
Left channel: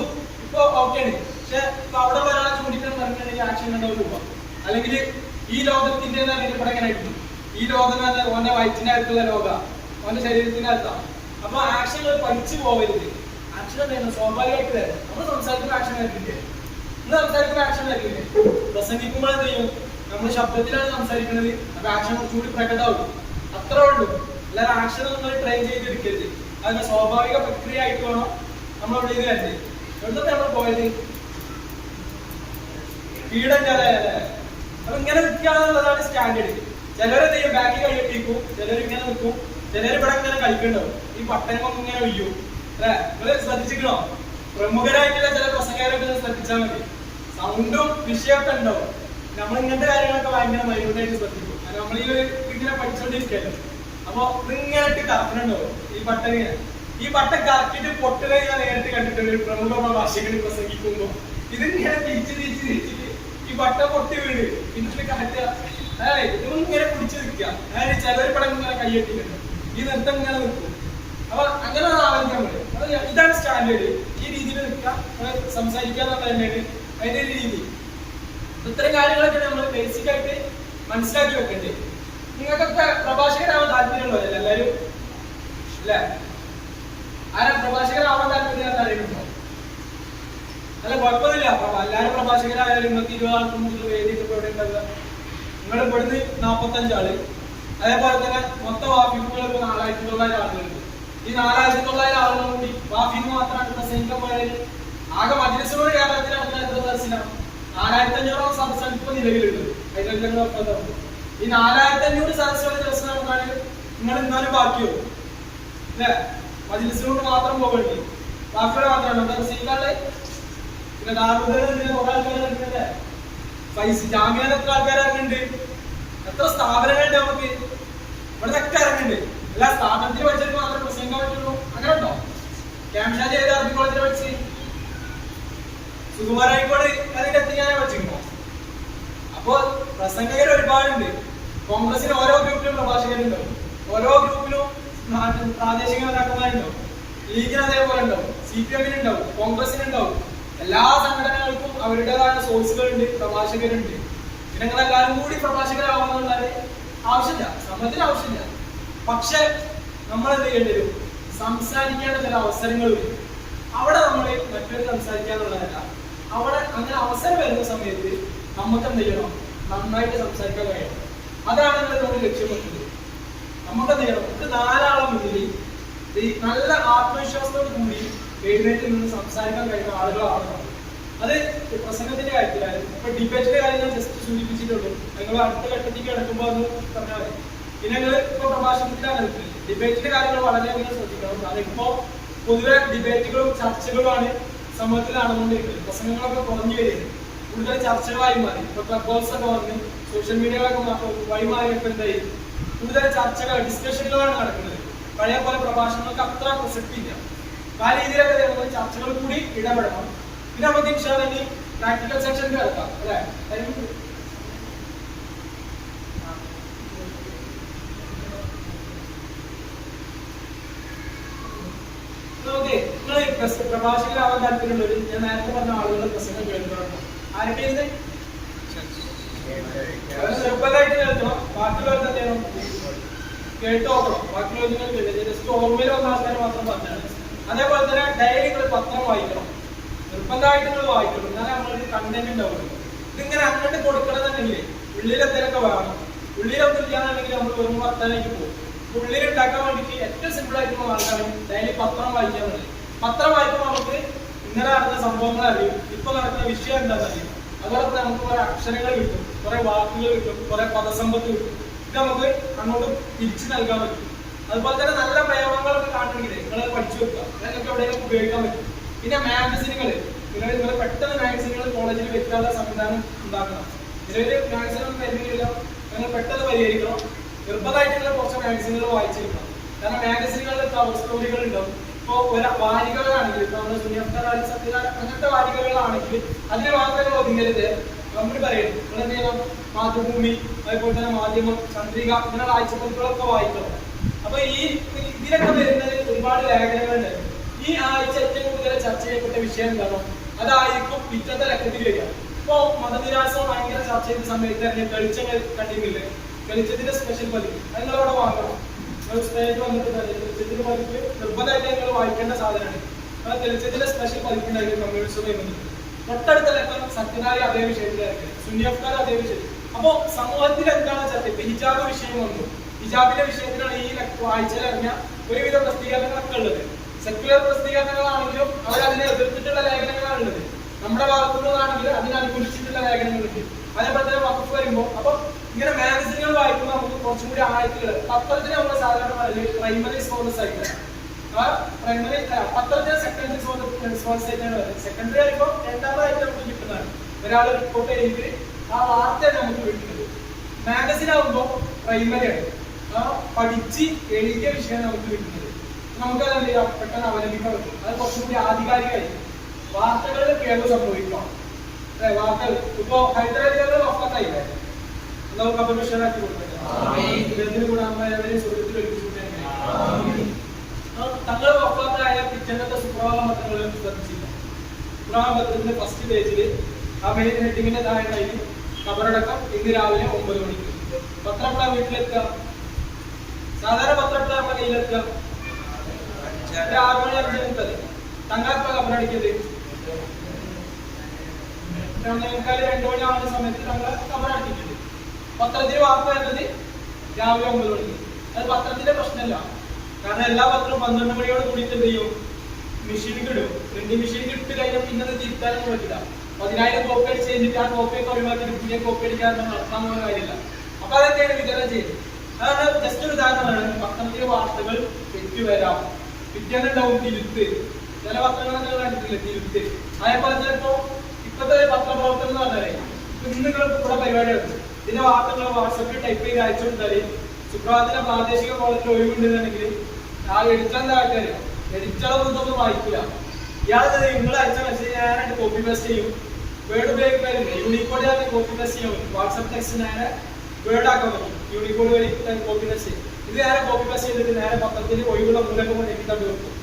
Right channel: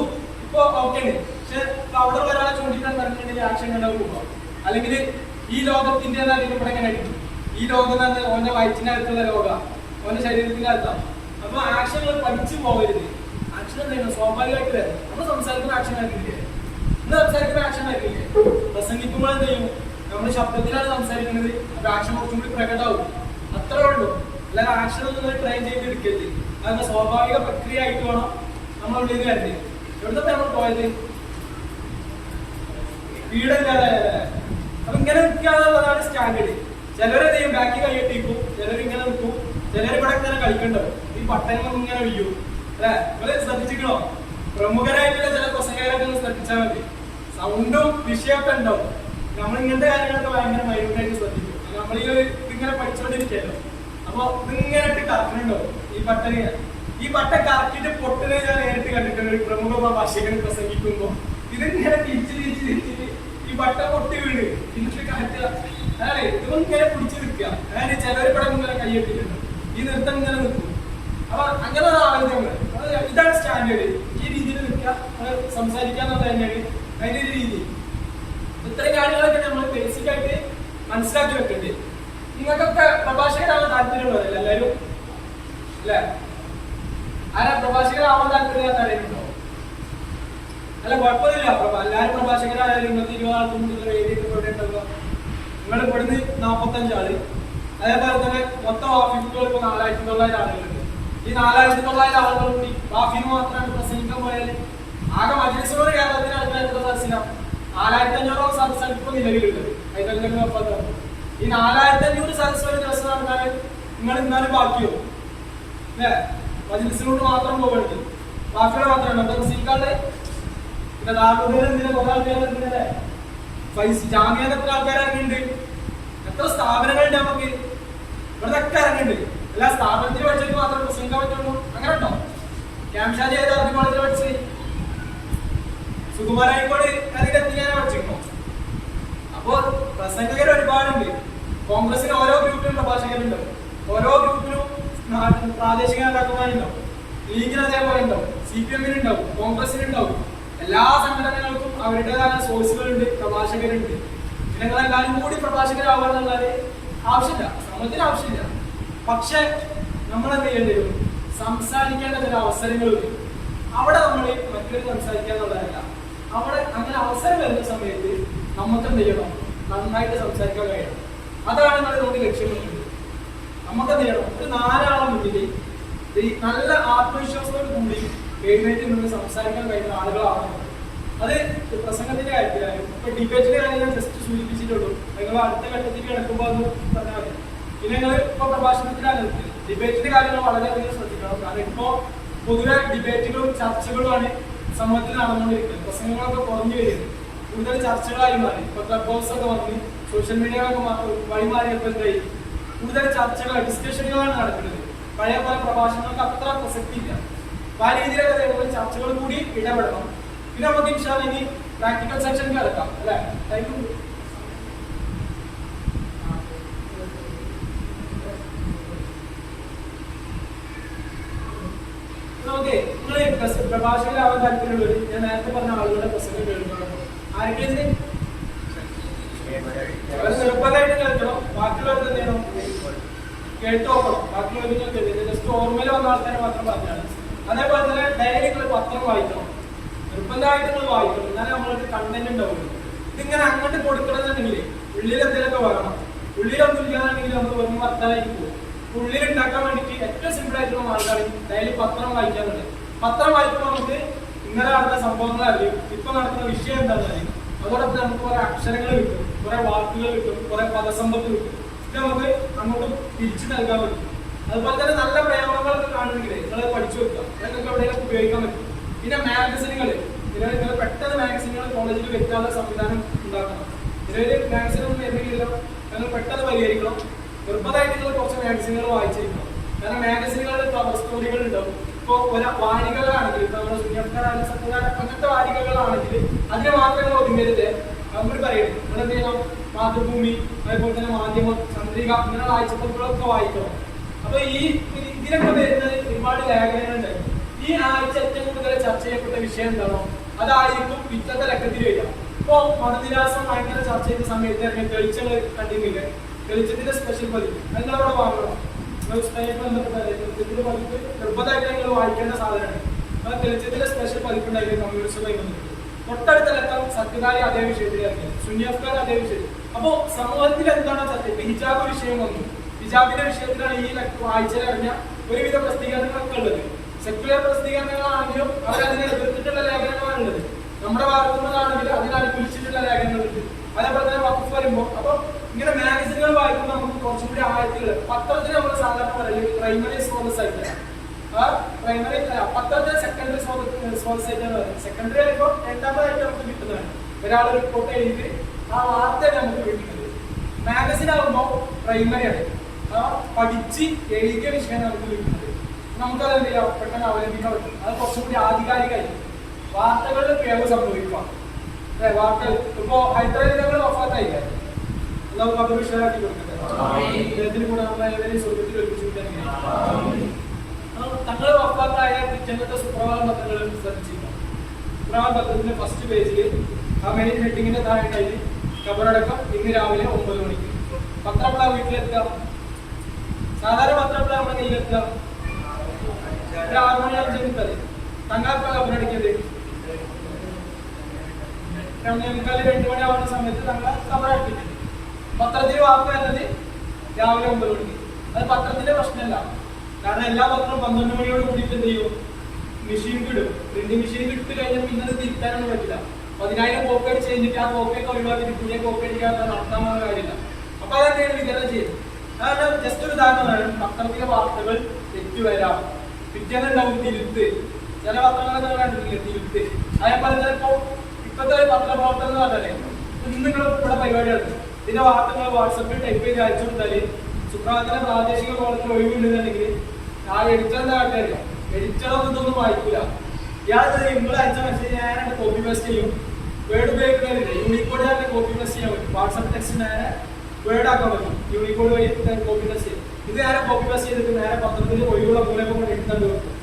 ഇപ്പൊ ഓക്കെയാണ്. പക്ഷെ ഇപ്പൊ അവിടെ ഒരാളെ ചൂണ്ടിട്ടാണ് പറഞ്ഞിട്ടുണ്ടെങ്കിൽ ആക്ഷൻ കണ്ടാൽ പോവാ. അല്ലെങ്കിൽ ഈ ലോകത്തിന്റെ ഇവിടെ എങ്ങനെ കിട്ടും? ഈ ലോകം എന്ന് പറഞ്ഞാൽ ഓന്റെ വയറ്റിനകത്തുള്ള ലോക, ഓന്റെ ശരീരത്തിന്റെ അർത്ഥം. അപ്പൊ ആക്ഷനുകൾ പഠിച്ചു പോകരുത്. ആക്ഷൻ എന്തായിരുന്നു? സ്വാഭാവികമായിട്ട് വരണം. നമ്മൾ സംസാരിക്കുന്ന ആക്ഷൻ ആക്കില്ലേ? ഇന്ന് സംസാരിക്കുന്ന ആക്ഷൻ ആക്കില്ലേ? പ്രസംഗിക്കുമ്പോൾ എന്ത് ചെയ്യും? നമ്മൾ ശബ്ദത്തിലാണ് സംസാരിക്കുന്നത്. അപ്പൊ ആക്ഷൻ കുറച്ചും കൂടി പ്രകടമാവും. അത്രേ ഉള്ളൂ. അല്ലാതെ ആക്ഷൻ ഒന്നും ട്രെയിൻ ചെയ്ത് എടുക്കരുത്. അതിന്റെ സ്വാഭാവിക പ്രക്രിയ ആയിട്ട് വേണം നമ്മൾ ഇവിടെ ഇത് വരണ്ടേ. എവിടുത്തെ നമ്മൾ പോയത്? വീടല്ലാതെ. അപ്പൊ ഇങ്ങനെ നിൽക്കുകയാണെന്നുള്ളതാണ് സ്റ്റാൻഡേർഡ്. ചിലരെന്ത് ചെയ്യും? ബാക്കി കൈയ്യട്ടിക്കും, ചിലർ ഇങ്ങനെ നിൽക്കും, ചിലർ ഇവിടെ ഇങ്ങനെ കളിക്കണ്ടാവും. ഈ പട്ടണം ഇങ്ങനെ വീഴും അല്ലെ? നിങ്ങൾ ശ്രദ്ധിച്ചിക്കണോ? പ്രമുഖരായിട്ടുള്ള ചില പ്രസംഗകരൊക്കെ ശ്രദ്ധിച്ചാൽ മതി. സൗണ്ടും വിഷയമൊക്കെ ഉണ്ടാവും. നമ്മൾ ഇങ്ങനത്തെ കാര്യങ്ങളൊക്കെ ഭയങ്കര മൈന്യൂട്ടായിട്ട് ശ്രദ്ധിക്കും. നമ്മൾ ഈ ഒരു ഇതിങ്ങനെ പഠിച്ചോണ്ടിരിക്കല്ലോ. അപ്പൊ ഇതിങ്ങനെ ഇട്ട് കറക്കുന്നുണ്ടാവും ഈ പട്ടം കറക്കിട്ട് പൊട്ടുക ഞാൻ നേരിട്ട് കണ്ടിട്ടുണ്ട്. ഒരു പ്രമുഖ പ്രഭാഷകന് പ്രസംഗിക്കുമ്പോ ഇതിങ്ങനെ തിരിച്ചിട്ട് ഈ പട്ട പൊട്ടി വീട് പിന്നെ കാറ്റുക. അതെ, ഇതൊന്നും ഇങ്ങനെ പിടിച്ചു നിൽക്കുക. അതായത് ചിലവർ പടം ഇങ്ങനെ കൈയ്യട്ടിട്ടുണ്ട്. ഈ നൃത്തം ഇങ്ങനെ നിൽക്കും. അപ്പൊ അങ്ങനെ ആലോചിക്കാൻ പറ്റും. ഇതാണ് സ്റ്റാൻഡേർഡ്. ഈ രീതിയിൽ നിൽക്കുക, സംസാരിക്കുക എന്നുള്ളത് തന്നെയാണ് അതിന്റെ ഒരു രീതി. ഇത്രയും കാര്യങ്ങളൊക്കെ നമ്മൾ ബേസിക് ആയിട്ട് മനസ്സിലാക്കി വെക്കണ്ടേ. നിങ്ങൾക്കൊക്കെ പ്രഭാഷകരാവാൻ താല്പര്യമുള്ളതല്ല എല്ലാവരും അല്ലെ? ആരാ പ്രഭാഷകരാവാൻ താല്പര്യം അറിയുന്നുണ്ടോ? അല്ല, കുഴപ്പമില്ല. എല്ലാവരും പ്രഭാഷകരായാലും നിങ്ങൾക്ക് 20 ആൾക്ക് മുന്നിൽ വേദിയൊക്കെ ഇവിടെ ഉണ്ടാവുക. നിങ്ങൾ ഇവിടുന്ന് 45 ആള്. അതേപോലെ തന്നെ മൊത്തം വാഫിക്കുകൾ ഇപ്പൊ 4900 ആളുകളുണ്ട്. ഈ 4900 ആളുകൾ കൂടി വാഫിന് മാത്രമായിട്ട് പ്രസംഗിക്കാൻ പോയാൽ ആകെ മജ്‌ലിസുകൾ കേരളത്തിൽ നടക്കുന്ന എത്ര സദസ്സിനാണ്? 4500 സദസ്സാണ് ഇപ്പൊ നിലവിലുള്ളത്. ഹൈദരാബാദിൽ വഫാത്താകുമ്പോൾ ഈ 4500 സദസ്സ് ഒരു ദിവസം നടന്നാൽ നിങ്ങൾ എന്നാലും ബാക്കിയോ അല്ലേ? മജ്‌ലിസിനോട് മാത്രം പോകണമെങ്കിൽ ബാക്കിയുള്ള മാത്രമാണ് നമ്മുടെ സീക്കാള്. പിന്നെ ദാറുൽ ഇതിന് കുറെ ആൾക്കാർ ഇറങ്ങുന്നല്ലേ? പൈസ ജാമ്യാൻ എത്ര ആൾക്കാർ ഇറങ്ങുന്നുണ്ട്? എത്ര സ്ഥാപനങ്ങളുണ്ട് നമുക്ക് ഇവിടെ ഒക്കെ ഇറങ്ങുന്നുണ്ട്. എല്ലാ സ്ഥാപനത്തിൽ പഠിച്ചവർക്ക് മാത്രം പ്രസംഗിക്കാൻ പറ്റുള്ളൂ അങ്ങനെ ഉണ്ടോ? ക്യാംഷാജി ഏത് അറബി കോളേജിൽ പഠിച്ച്? സുകുമാരായിക്കോട് അതിന്റെ എത്തിക്കാനെ പഠിച്ചിരുന്നോ? അപ്പോ പ്രസംഗകർ ഒരുപാടുണ്ട്. കോൺഗ്രസിന് ഓരോ ഗ്രൂപ്പിലും പ്രഭാഷകരുണ്ടാവും, ഓരോ ഗ്രൂപ്പിലും പ്രാദേശിക നേതാക്കന്മാരുണ്ടാവും, ലീഗിന് അതേപോലെ ഉണ്ടാവും, CPM ഉണ്ടാവും, കോൺഗ്രസിനുണ്ടാവും. എല്ലാ സംഘടനകൾക്കും അവരുടേതായ സോഴ്സുകളുണ്ട്, പ്രഭാഷകരുണ്ട്. പിന്നെ നിങ്ങൾ എല്ലാവരും കൂടി പ്രഭാഷകരാവാന്നുള്ളത് ആവശ്യമില്ല, സമയത്തിന് ആവശ്യമില്ല. പക്ഷെ നമ്മൾ എന്ത് ചെയ്യേണ്ടി വരും? സംസാരിക്കേണ്ട ചില അവസരങ്ങൾ വരും. അവിടെ നമ്മൾ മറ്റൊരു സംസാരിക്കാന്നുള്ളതല്ല, അവിടെ അങ്ങനെ അവസരം വരുന്ന സമയത്ത് നമുക്ക് എന്ത് ചെയ്യണം? നന്നായിട്ട് സംസാരിക്കാൻ കഴിയണം. അതാണ് നിങ്ങൾ ഇതുകൊണ്ട് ലക്ഷ്യം വെക്കുന്നത്. നമുക്ക് എന്ത് ചെയ്യണം? ഒരു 4 ആളെ മുന്നിൽ നല്ല ആത്മവിശ്വാസത്തോട് കൂടി എഴുന്നേറ്റ് നിന്ന് സംസാരിക്കാൻ കഴിയുന്ന ആളുകളാണ്. അത് പ്രസംഗത്തിന്റെ കാര്യത്തിലായാലും ഇപ്പൊ ഡിബേറ്റിന്റെ കാര്യം ഞാൻ ജസ്റ്റ് സൂചിപ്പിച്ചിട്ടുള്ളൂ. നിങ്ങൾ അടുത്ത ഘട്ടത്തേക്ക് കിടക്കുമ്പോൾ അത് പറഞ്ഞാൽ മതി. പിന്നെ നിങ്ങൾ ഇപ്പൊ പ്രഭാഷണത്തിലാണ് നിൽക്കുന്നത്. ഡിബേറ്റിന്റെ കാര്യങ്ങൾ വളരെയധികം ശ്രദ്ധിക്കണം. കാരണം ഇപ്പോ പൊതുവെ ഡിബേറ്റുകളും ചർച്ചകളുമാണ് സമൂഹത്തിൽ നടന്നുകൊണ്ടിരിക്കുന്നത്. പ്രസംഗങ്ങളൊക്കെ കുറഞ്ഞു വരുന്നത്, കൂടുതൽ ചർച്ചകളായി മാറി. ഇപ്പൊ ക്ലബ് ഹൗസ് ഒക്കെ വന്ന് സോഷ്യൽ മീഡിയകളൊക്കെ വഴിമാറിയപ്പോൾ എന്തായി? കൂടുതൽ ചർച്ചകൾ, ഡിസ്കഷനുകളാണ് നടക്കുന്നത്. പഴയ പല പ്രഭാഷണങ്ങൾക്ക് അത്ര പ്രസക്തി ഇല്ല. അപ്പൊ ആ രീതിയിലൊക്കെ ചർച്ചകൾ കൂടി ഇടപെടണം. പിന്നെ നമുക്ക് ഇൻഷാല്ലാ ഇനി പ്രാക്ടിക്കൽ സെക്ഷൻ കിടക്കാം അല്ലെ? ഓക്കെ, നിങ്ങൾ പ്രഭാഷകരാവാൻ താല്പര്യമുള്ളവർ ഞാൻ നേരത്തെ പറഞ്ഞ ആളുകളുടെ പ്രസംഗം കേൾക്കണം. ആരൊക്കെ അവർ നിർബന്ധമായിട്ട് കേൾക്കണം. ബാക്കിയുള്ളവർക്ക് എന്ത് ചെയ്യണം? കേട്ട് നോക്കണം. ബാക്കിയുള്ളവർക്ക് ജസ്റ്റ് ഓർമ്മയിൽ വന്ന ആൾക്കാരെ മാത്രം പറഞ്ഞാണ്. അതേപോലെ തന്നെ ഡയറി നിങ്ങൾ പത്രം വായിക്കണം, നിർബന്ധമായിട്ട് നിങ്ങൾ വായിക്കണം. എന്നാലേ നമ്മൾക്ക് കണ്ടന്റ് ഉണ്ടാവുള്ളൂ. ഇതിങ്ങനെ അങ്ങോട്ട് കൊടുക്കണമെന്നുണ്ടെങ്കിൽ ഉള്ളിൽ എന്തെങ്കിലുമൊക്കെ വേണം. ഉള്ളിലൊന്നും ഇല്ലാന്നുണ്ടെങ്കിൽ നമ്മൾ വെറും വർത്താനായിട്ട് പോകും. ഉള്ളിൽ ഉണ്ടാക്കാൻ വേണ്ടിയിട്ട് ഏറ്റവും സിമ്പിൾ ആയിട്ടുള്ള മാർഗ്ഗമാണ് ഡെയിലി പത്രം വായിക്കാൻ എന്നുള്ളത്. പത്രം വായിക്കുമ്പോൾ നമുക്ക് ഇന്നലെ നടന്ന സംഭവങ്ങൾ അറിയും, ഇപ്പൊ നടക്കുന്ന വിഷയം എന്താണെന്ന് അറിയും. അതോടൊപ്പം നമുക്ക് കുറെ അക്ഷരങ്ങൾ കിട്ടും, കുറെ വാക്കുകൾ കിട്ടും, കുറെ പദസമ്പത്ത് കിട്ടും. ഇത് നമുക്ക് അങ്ങോട്ട് തിരിച്ചു നൽകാൻ പറ്റും. അതുപോലെ തന്നെ നല്ല പ്രയോഗങ്ങളൊക്കെ കാണുമെങ്കിൽ നിങ്ങൾ പഠിച്ചു വെക്കുക, നിങ്ങൾക്ക് എവിടെയെങ്കിലും ഉപയോഗിക്കാൻ പറ്റും. പിന്നെ മാഗസിനുകൾ, നിങ്ങൾ പെട്ടെന്ന് മാഗസിനുകൾ കോളേജിൽ വെക്കാനുള്ള സംവിധാനം ഉണ്ടാക്കണം. നിലവിൽ മാഗസിനൊന്നും വരുന്നില്ല, നിങ്ങൾ പെട്ടെന്ന് പരിഹരിക്കണം. നിർബന്ധമായിട്ട് നിങ്ങൾ കുറച്ച് മാഗസിനുകൾ വായിച്ചിരിക്കണം. കാരണം മാഗസിനുകളിൽ കവർ സ്റ്റോറികൾ ഉണ്ടാവും. ഇപ്പൊ വാരികകളാണെങ്കിൽ നമ്മുടെ സുനിയഫ്താർ സത്യനാരായണ അങ്ങനത്തെ വാരികകളാണെങ്കിൽ അതിന് മാത്രമേ ഒതുങ്ങരുത്. നമ്മൾ പറയണം നിങ്ങൾ എന്ത് ചെയ്യണം? മാതൃഭൂമി, അതേപോലെ തന്നെ മാധ്യമം, ചന്ദ്രിക ഇങ്ങനെയുള്ള ആഴ്ചപ്പതിപ്പുകളൊക്കെ വായിക്കണം. അപ്പൊ ഇതിലൊക്കെ വരുന്നത് ഒരുപാട് ലേഖനങ്ങളുണ്ട്. ഈ ആഴ്ച ഏറ്റവും കൂടുതൽ ചർച്ച ചെയ്യപ്പെട്ട വിഷയം എന്താണോ അതായിരിക്കും പിറ്റത്തെ ലക്കത്തിൽ വരിക. ഇപ്പൊ മതനിരാസം ഭയങ്കര ചർച്ച ചെയ്ത സമയത്ത് ഇറങ്ങിയ തെളിച്ചങ്ങൾ കണ്ടിരുന്നില്ലേ? തെളിച്ചത്തിന്റെ സ്പെഷ്യൽ പതിപ്പ് നിങ്ങളവിടെ വാങ്ങണം. ബന്ധപ്പെട്ട തെളിച്ചത്തിന്റെ പതിപ്പ് നിർബന്ധമായിട്ട് നിങ്ങൾ വായിക്കേണ്ട സാധനമാണ്. ആ തെളിച്ചത്തിന്റെ സ്പെഷ്യൽ പതിപ്പ് ഉണ്ടായിരുന്നു കമ്മ്യൂണിസ്റ്റുമായി ബന്ധപ്പെട്ട്. തൊട്ടടുത്ത ലക്കം സത്യനാരി അതേ വിഷയത്തിൽ ഇറങ്ങിയത്, സുനിയഫ്താർ അതേ വിഷയം. അപ്പോ സമൂഹത്തിൽ എന്താണ് ചർച്ച? ഇപ്പൊ ഹിജാബ് വിഷയം വന്നു. ഹിജാബിന്റെ വിഷയത്തിലാണ് ഈ ആഴ്ചയിൽ ഇറങ്ങിയ ഒരുവിധ പ്രസിദ്ധീകരണങ്ങളൊക്കെ ഉള്ളത്. സെക്യുലർ പ്രസിദ്ധീകരണങ്ങളാണെങ്കിലും അവരതിനെ എതിർത്തിട്ടുള്ള ലേഖനങ്ങളാണ് ഉള്ളത്. നമ്മുടെ ഭാഗത്തുനിന്നാണെങ്കിലും അതിനനുകൂലിച്ചിട്ടുള്ള ലേഖനങ്ങളുണ്ട്. അതേപോലെ തന്നെ വഖഫ് വരുമ്പോൾ അപ്പൊ ഇങ്ങനെ മാഗസിനുകൾ വായിക്കുമ്പോൾ നമുക്ക് കുറച്ചും കൂടി ആഴത്തില് പത്രത്തിന് നമ്മൾ സാധാരണ പറയല് പ്രൈമറി സോഴ്സ് ആയിട്ട്, ആ പ്രൈമറി പത്രത്തിന് സെക്കൻഡറി സോഴ്സ് ആയിട്ടാണ് പറയുന്നത്. സെക്കൻഡറി ആയിരിക്കും രണ്ടാമതായിട്ട് നമുക്ക് കിട്ടുന്നതാണ്. ഒരാൾ റിപ്പോർട്ട് ചെയ്ത് ആ വാർത്തയാണ് നമുക്ക് കിട്ടുന്നത്. മാഗസിൻ ആകുമ്പോൾ പ്രൈമറിയാണ്, ആ പഠിച്ച് എഴുതിയ വിഷയം നമുക്ക് കിട്ടുന്നത്. നമുക്കത് എന്ത് ചെയ്യാം? പെട്ടെന്ന് അവലംബിക്കാൻ പറ്റും. അത് കുറച്ചും കൂടി ആധികാരികമായി വാർത്തകളുടെ പ്രയോഗം സംഭവിക്കാം. വാർത്തകൾ ഇപ്പോ ഹൈദരാബാദ് വഫാത്തായില്ലേ, നമുക്ക് കബർ വിഷയമാക്കി കൊടുക്കട്ടെ. ഇതിന് കൂടെ നമ്മളെവരെയും സ്വർഗത്തിൽ ഒരുമിച്ച് തങ്ങൾ വഫാത്തായ പിറ്റേന്നത്തെ സുപ്രഭാത പത്രങ്ങൾ ശ്രദ്ധിച്ചില്ല. സുപ്രഭാത പത്രത്തിന്റെ ഫസ്റ്റ് പേജിൽ ആ മെയിൻ ഹെഡിങ്ങിന്റെ താഴെ ഖബറടക്കം ഇന്ന് രാവിലെ 9 മണിക്ക്. പത്രപ്പള വീട്ടിലെത്തുക, സാധാരണ പത്രപ്പള നമ്മുടെ കയ്യിലെത്തുക 6 മണി 5 മുപ്പത്. തങ്ങളെപ്പ ഖബറടിക്കത് 2 മണി ആവുന്ന സമയത്ത് തങ്ങളെ ഖബറടക്കിയിട്ടുണ്ട്. പത്രത്തിൽ വാർത്ത വരുന്നത് രാവിലെ 9 മണിക്ക്. അത് പത്രത്തിന്റെ പ്രശ്നമല്ല, കാരണം എല്ലാ പത്രവും 12 മണിയോട് കൂടിയിട്ട് എന്ത് ചെയ്യും? മെഷീനിക്ക് ഇടും. പ്രിന്റിംഗ് മെഷീനിക്ക് ഇട്ട് കഴിഞ്ഞാൽ പിന്നെ അത് തിരുത്താനൊന്നും പറ്റില്ല. 10,000 കോപ്പി അടിച്ച് കഴിഞ്ഞിട്ട് ആ കോപ്പിയൊക്കെ ഒഴിവാക്കിയിട്ട് പുതിയ കോപ്പി അടിക്കാൻ നടത്താൻ പോകുന്ന കാര്യമില്ല. അപ്പൊ അതെന്തെയാണ് വിതരണം ചെയ്യും. അതാണ് ജസ്റ്റ് ഒരു ഉദാഹരണമാണ്. പത്രത്തിലെ വാർത്തകൾ തെറ്റു വരാം, പിറ്റേന്നുണ്ടാവും തിരുത്ത്. ചില പത്രങ്ങളൊക്കെ കണ്ടിട്ടില്ല തിരുത്ത്. അതേപോലെ ചിലപ്പോ ഇപ്പത്തെ പത്രപ്രവർത്തനം എന്ന് പറഞ്ഞാലേ നിങ്ങൾ ഇവിടെ പരിപാടി നടത്തും. ഇതിന്റെ വാർത്തകൾ വാട്സപ്പിൽ ടൈപ്പ് ചെയ്ത് അയച്ചു കൊടുത്താല് സുപ്രഭാതത്തിലെ പ്രാദേശിക കോളത്തിൽ ഒഴിവുണ്ടെന്നുണ്ടെങ്കിൽ ആ എഡിറ്റർ എന്താ കാട്ടുകാരോ എഡിറ്ററൊന്നും ഇതൊന്നും വായിക്കൂല. ഇയാൾ നിങ്ങൾ അയച്ച മെസ്സേജ് ഞാനായിട്ട് കോപ്പി പേസ്റ്റ് ചെയ്യും. വേർഡ് ഉപയോഗിക്കുന്നവരില്ല, യൂണിക്കോഡ് തന്നെ കോപ്പി പേസ്റ്റ് ചെയ്യാൻ പറ്റും. വാട്സപ്പ് ടെക്സ്റ്റ് നേരെ വേർഡ് ആക്കാൻ പറ്റും, യൂണിക്കോഡ് വഴി കോപ്പി പേസ്റ്റ് ചെയ്യും. ഇത് നേരെ കോപ്പി പേസ്റ്റ് ചെയ്തിട്ട് നേരെ പത്രത്തിൽ ഒഴിവുള്ള മൂലൊക്കെ കൊണ്ട് എഴുതാണ്ട് വെക്കും.